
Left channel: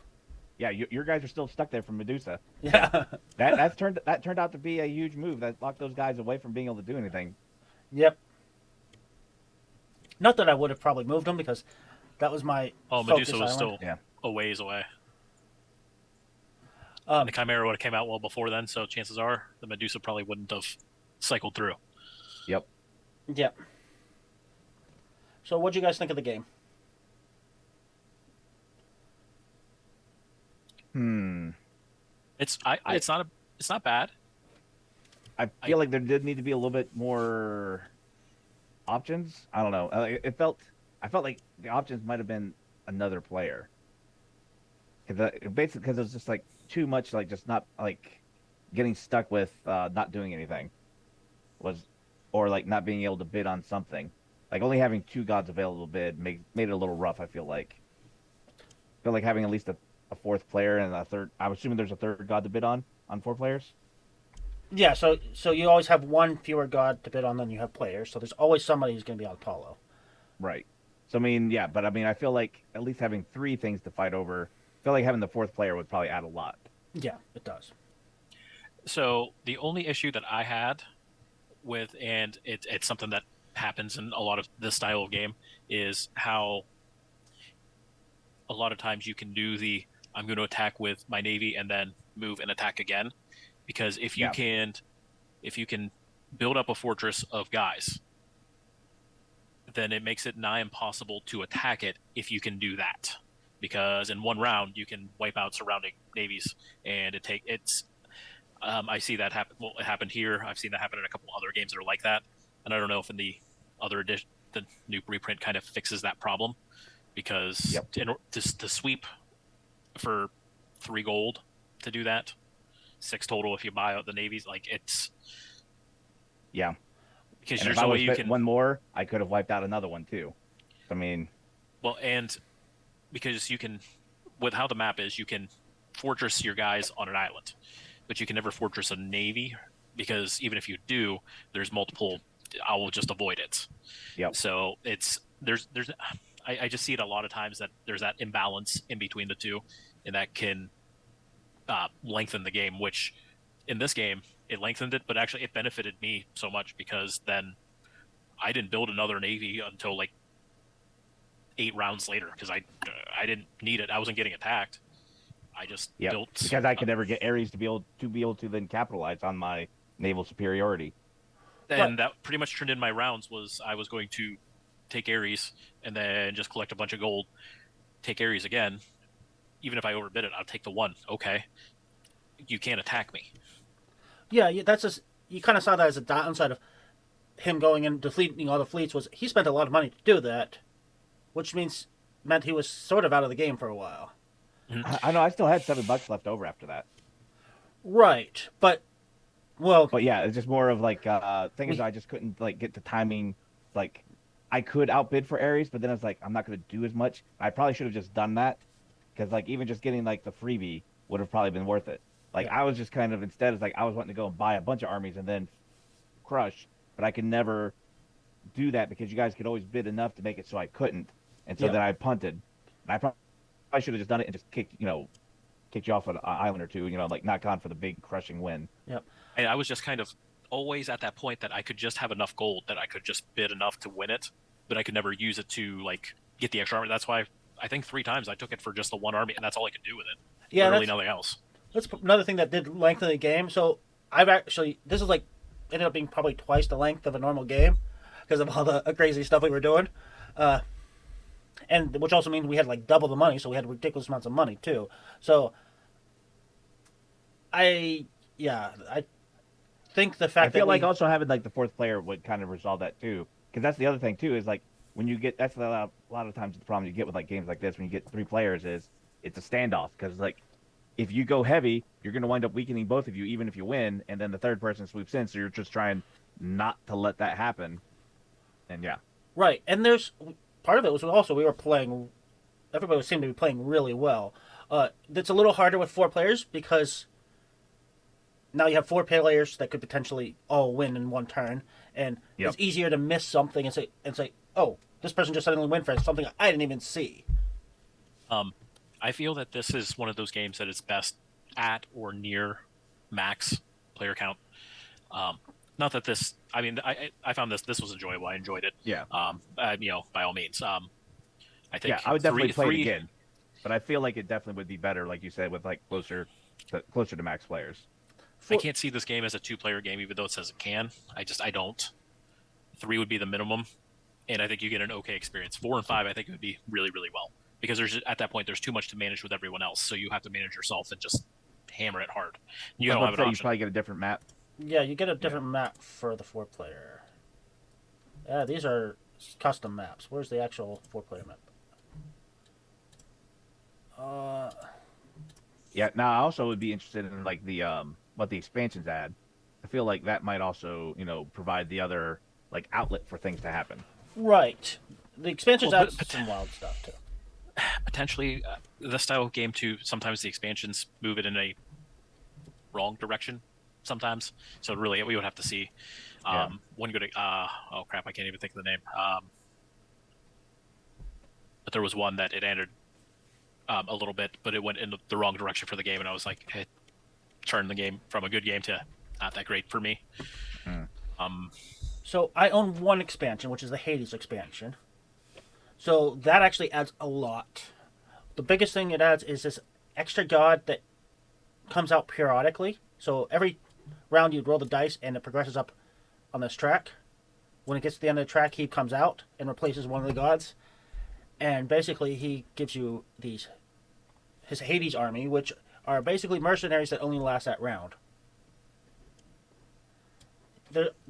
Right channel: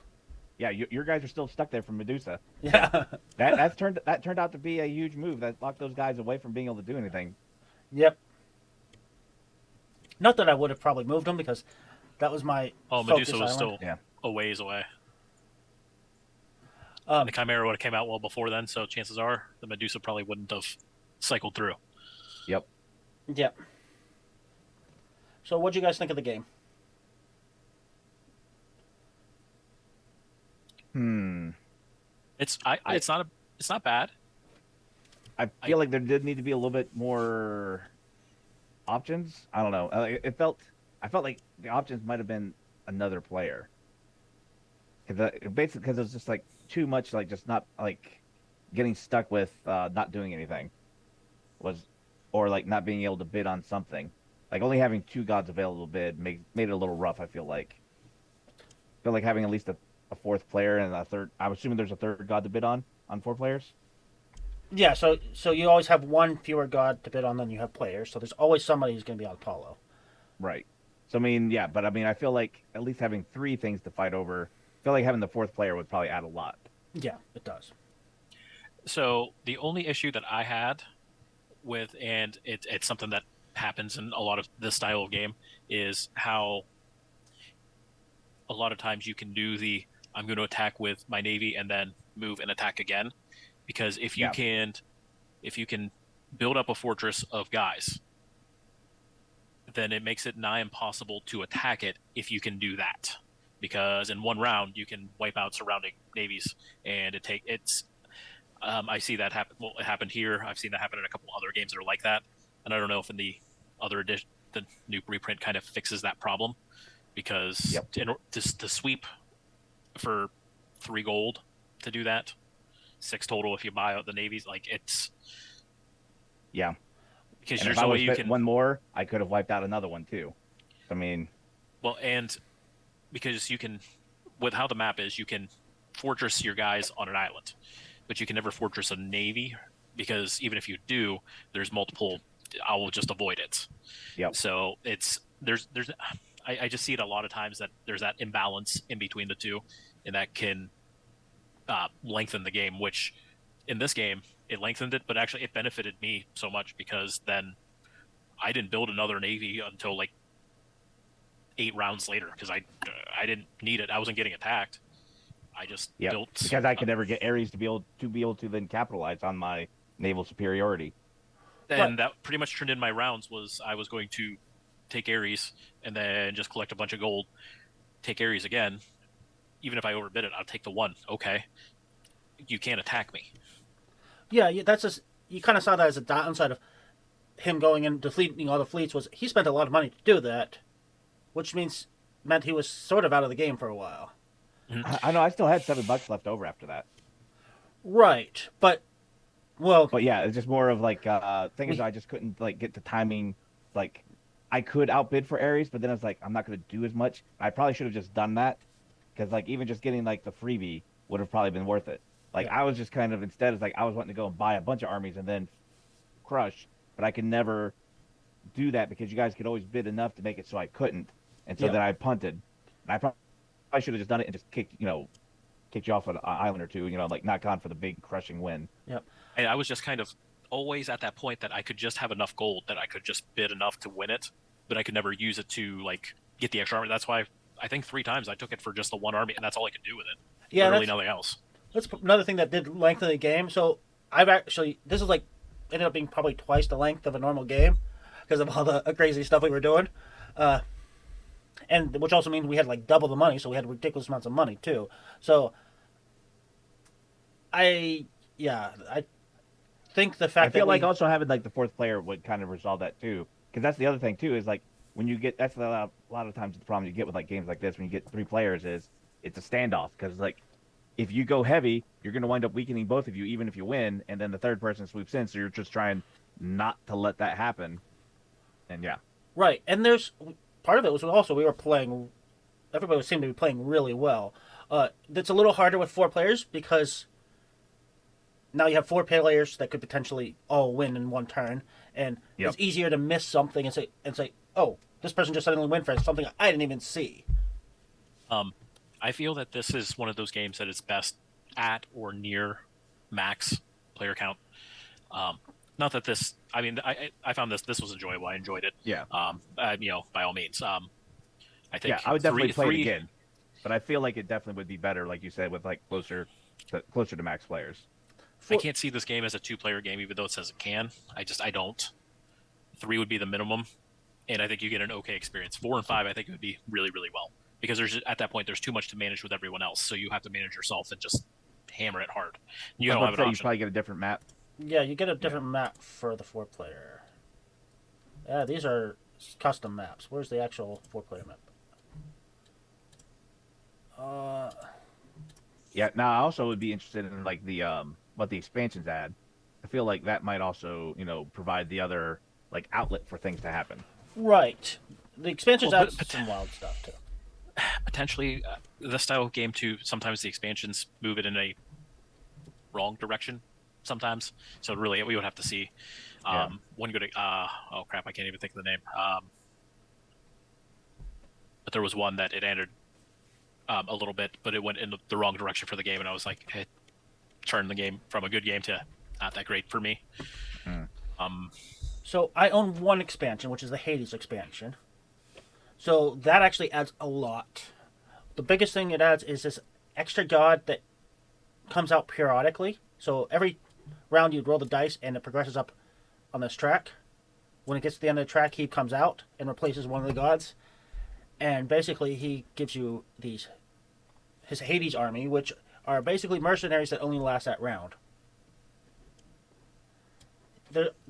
Yeah, your guys are still stuck there from Medusa. Yeah. That turned out to be a huge move that locked those guys away from being able to do anything. Yep. Not that I would have probably moved them because that was my. Medusa was island. still a ways away. Um, The Chimera would have came out well before then, so chances are the Medusa probably wouldn't have cycled through. Yep. Yeah. So, what do you guys think of the game? It's not bad. I feel like there did need to be a little bit more options. I don't know. I felt like the options might have been another player. Basically, because it's just like too much, like just not like getting stuck with not doing anything or like not being able to bid on something. Like only having 2 gods available to bid made it a little rough. I feel like having at least a 4th player and a third. I'm assuming there's a 3rd god to bid on 4 players. Yeah, so you always have one fewer god to bid on than you have players, so there's always somebody who's going to be on Apollo. Right. So I mean, but I mean, I feel like at least having 3 things to fight over. I feel like having the 4th player would probably add a lot. Yeah, it does. So the only issue that I had with, and it's something that happens in a lot of this style of game, is how a lot of times you can do I'm going to attack with my navy and then move and attack again, because if you can build up a fortress of guys, then it makes it nigh impossible to attack it if you can do that. Because in one round you can wipe out surrounding navies, and I see that happen. Well, it happened here. I've seen that happen in a couple other games that are like that, and I don't know if in the other edition, the new reprint kind of fixes that problem, because to sweep for 3 gold to do that, 6 total if you buy out the navies, like it's because And there's if I no way was you can one more, I could have wiped out another one too. I mean, and because you can, with how the map is, you can fortress your guys on an island, but you can never fortress a navy, because even if you do, there's multiple. I will just avoid it. Yep. So there's I just see it a lot of times that there's that imbalance in between the two, and that can lengthen the game. Which in this game it lengthened it, but actually it benefited me so much, because then I didn't build another navy until like 8 rounds later, because I didn't need it. I wasn't getting attacked. I just built, because I could never get Ares to be able to then capitalize on my naval superiority. and that pretty much turned in my rounds. Was I was going to take Ares and then just collect a bunch of gold, take Ares again. Even if I overbid it, I'll take the 1. Okay, you can't attack me. Yeah, that's just you kind of saw that as a downside of him going and defeating all the fleets. Was he spent a lot of money to do that, which means that he was sort of out of the game for a while. I know. I still had $7 left over after that. Right, but yeah, it's just more of like things I just couldn't like get to timing. Like I could outbid for Ares, but then I was like, I'm not going to do as much. I probably should have just done that, because like even just getting like the freebie would have probably been worth it. Like I was just kind of instead, it's like I was wanting to go and buy a bunch of armies and then crush, but I could never do that because you guys could always bid enough to make it so I couldn't, and so then I punted. And I probably should have just done it and just kicked you off an island or two, like not gone for the big crushing win. Yep. And I was just kind of always at that point that I could just have enough gold that I could just bid enough to win it, but I could never use it to like get the extra army. That's why I think 3 times I took it for just the 1 army, and that's all I could do with it. Yeah, literally nothing else. That's another thing that did lengthen the game. So this is like ended up being probably twice the length of a normal game because of all the crazy stuff we were doing, and which also means we had like double the money, so we had ridiculous amounts of money too. So I think the fact I feel like also having like the 4th player would kind of resolve that too, because that's the other thing too is like when you get that's a lot of times the problem you get with like games like this when you get 3 players is it's a standoff, because like if you go heavy, you're going to wind up weakening both of you, even if you win, and then the third person swoops in, so you're just trying not to let that happen. And yeah. Right, and there's part of it was also we were playing. Everybody seemed to be playing really well. It's a little harder with 4 players because now you have 4 players that could potentially all win in one turn, and it's easier to miss something and say, oh, this person just suddenly went for something I didn't even see. I feel that this is one of those games that is best at or near max player count. Not that this, I mean, I found this was enjoyable. I enjoyed it. Yeah. By all means. I think. Yeah, I would definitely play it again, but I feel like it definitely would be better, like you said, with like closer to max players. I can't see this game as a 2-player game, even though it says it can. I don't. 3 would be the minimum, and I think you get an okay experience. 4 and 5, I think it would be really, really well. Because at that point, there's too much to manage with everyone else, so you have to manage yourself and just hammer it hard. You don't have an option. You probably get a different map. Yeah, you get a different map for the 4-player. Yeah, these are custom maps. Where's the actual 4-player map? Yeah. Now I also would be interested in like the what the expansions add. I feel like that might also provide the other like outlet for things to happen. Right. The expansions add some wild stuff too. Potentially, the style of game too. Sometimes the expansions move it in a wrong direction. Sometimes, so really, we would have to see. One good. I can't even think of the name. But there was one that it entered a little bit, but it went in the wrong direction for the game, and I was like, it turned the game from a good game to not that great for me. So I own one expansion, which is the Hades expansion. So that actually adds a lot. The biggest thing it adds is this extra god that comes out periodically. So every round you roll the dice and it progresses up on this track. When it gets to the end of the track, he comes out and replaces one of the gods. And basically he gives you his Hades army, which are basically mercenaries that only last that round.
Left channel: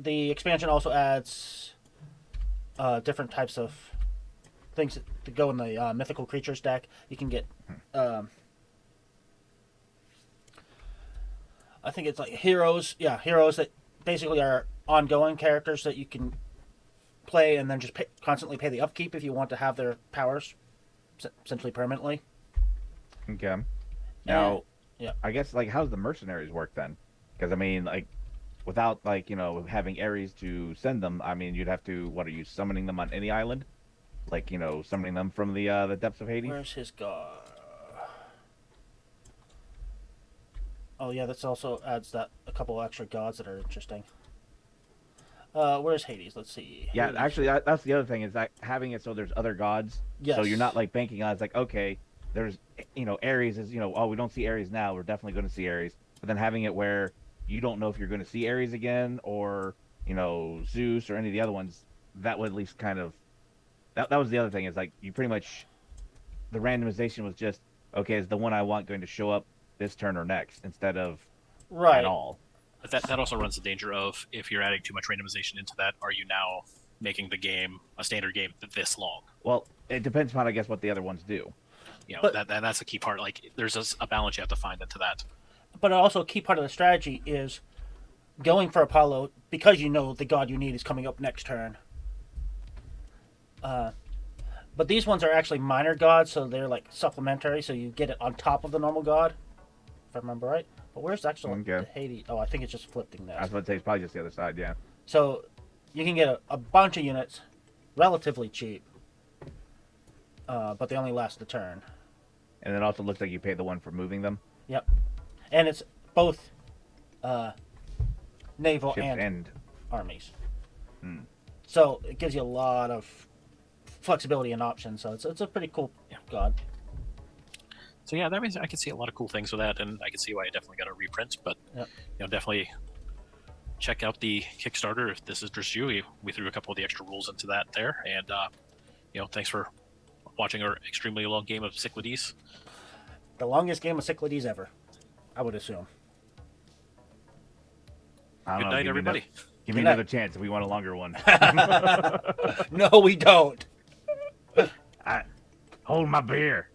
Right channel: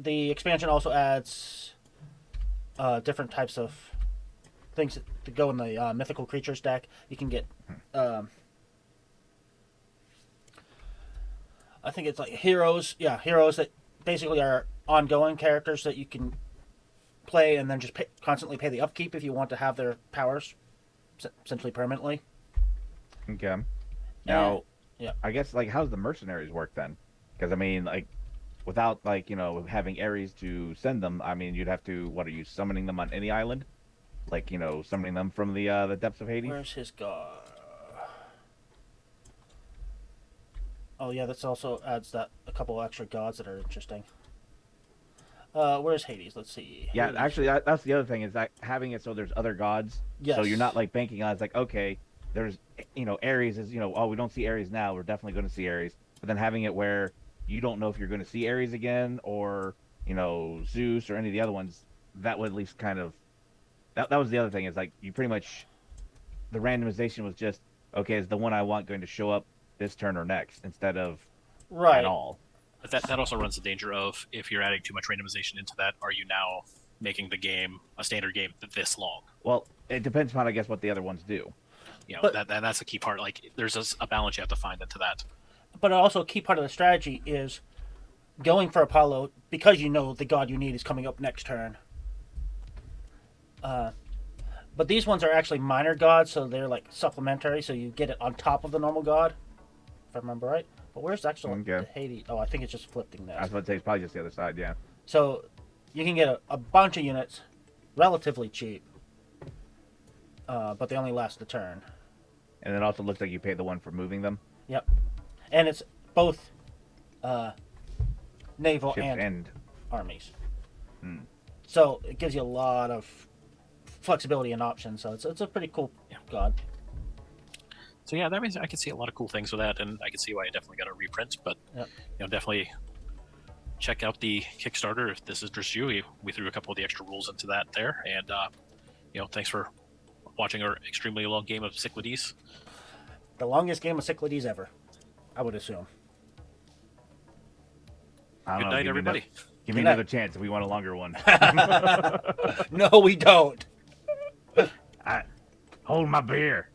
The expansion also adds different types of things to go in the mythical creatures deck. You can get, I think it's like heroes. Yeah, heroes that basically are ongoing characters that you can play and then just constantly pay the upkeep if you want to have their powers essentially permanently. Okay. Now, I guess like how's the mercenaries work then? Because I mean, like, without like having Ares to send them, I mean, you'd have to. What are you summoning them on any island? Like summoning them from the depths of Hades. Where's his god? Oh yeah, this also adds a couple extra gods that are interesting. Where's Hades? Let's see. Yeah, Hades. actually, that's the other thing is that having it so there's other gods. Yes. So you're not like banking on it's like okay, there's Ares is oh we don't see Ares now, we're definitely going to see Ares. But then having it where you don't know if you're going to see Ares again or Zeus or any of the other ones, that would at least kind of that was the other thing is like you pretty much the randomization was just okay, is the one I want going to show up this turn or next instead of at all. But that also runs the danger of if you're adding too much randomization into that, are you now making the game a standard game this long? Well, it depends on I guess what the other ones do. That's the key part. Like there's a balance you have to find into that. But also a key part of the strategy is going for Apollo because the god you need is coming up next turn. But these ones are actually minor gods, so they're like supplementary, so you get it on top of the normal god, if I remember right. But where's actually the Hades? Oh, I think it's just flipping there. I was about to say it's probably just the other side, yeah. So you can get a bunch of units relatively cheap, but they only last a turn. And it also looks like you pay the one for moving them. Yep. And it's both naval and armies. So it gives you a lot of flexibility and options. So it's a pretty cool god. So yeah, that means I can see a lot of cool things with that, and I can see why I definitely got a reprint. But definitely check out the Kickstarter if this is just you. We threw a couple of the extra rules into that there, and thanks for watching our extremely long game of Cyclades. The longest game of Cyclades ever, I would assume. Good night, everybody. Give me another chance if we want a longer one. No, we don't. Hold my beer.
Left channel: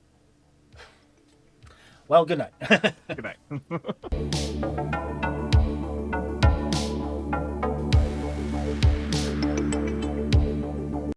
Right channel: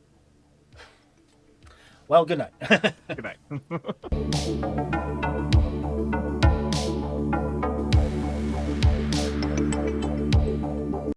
Well, good night. Good night.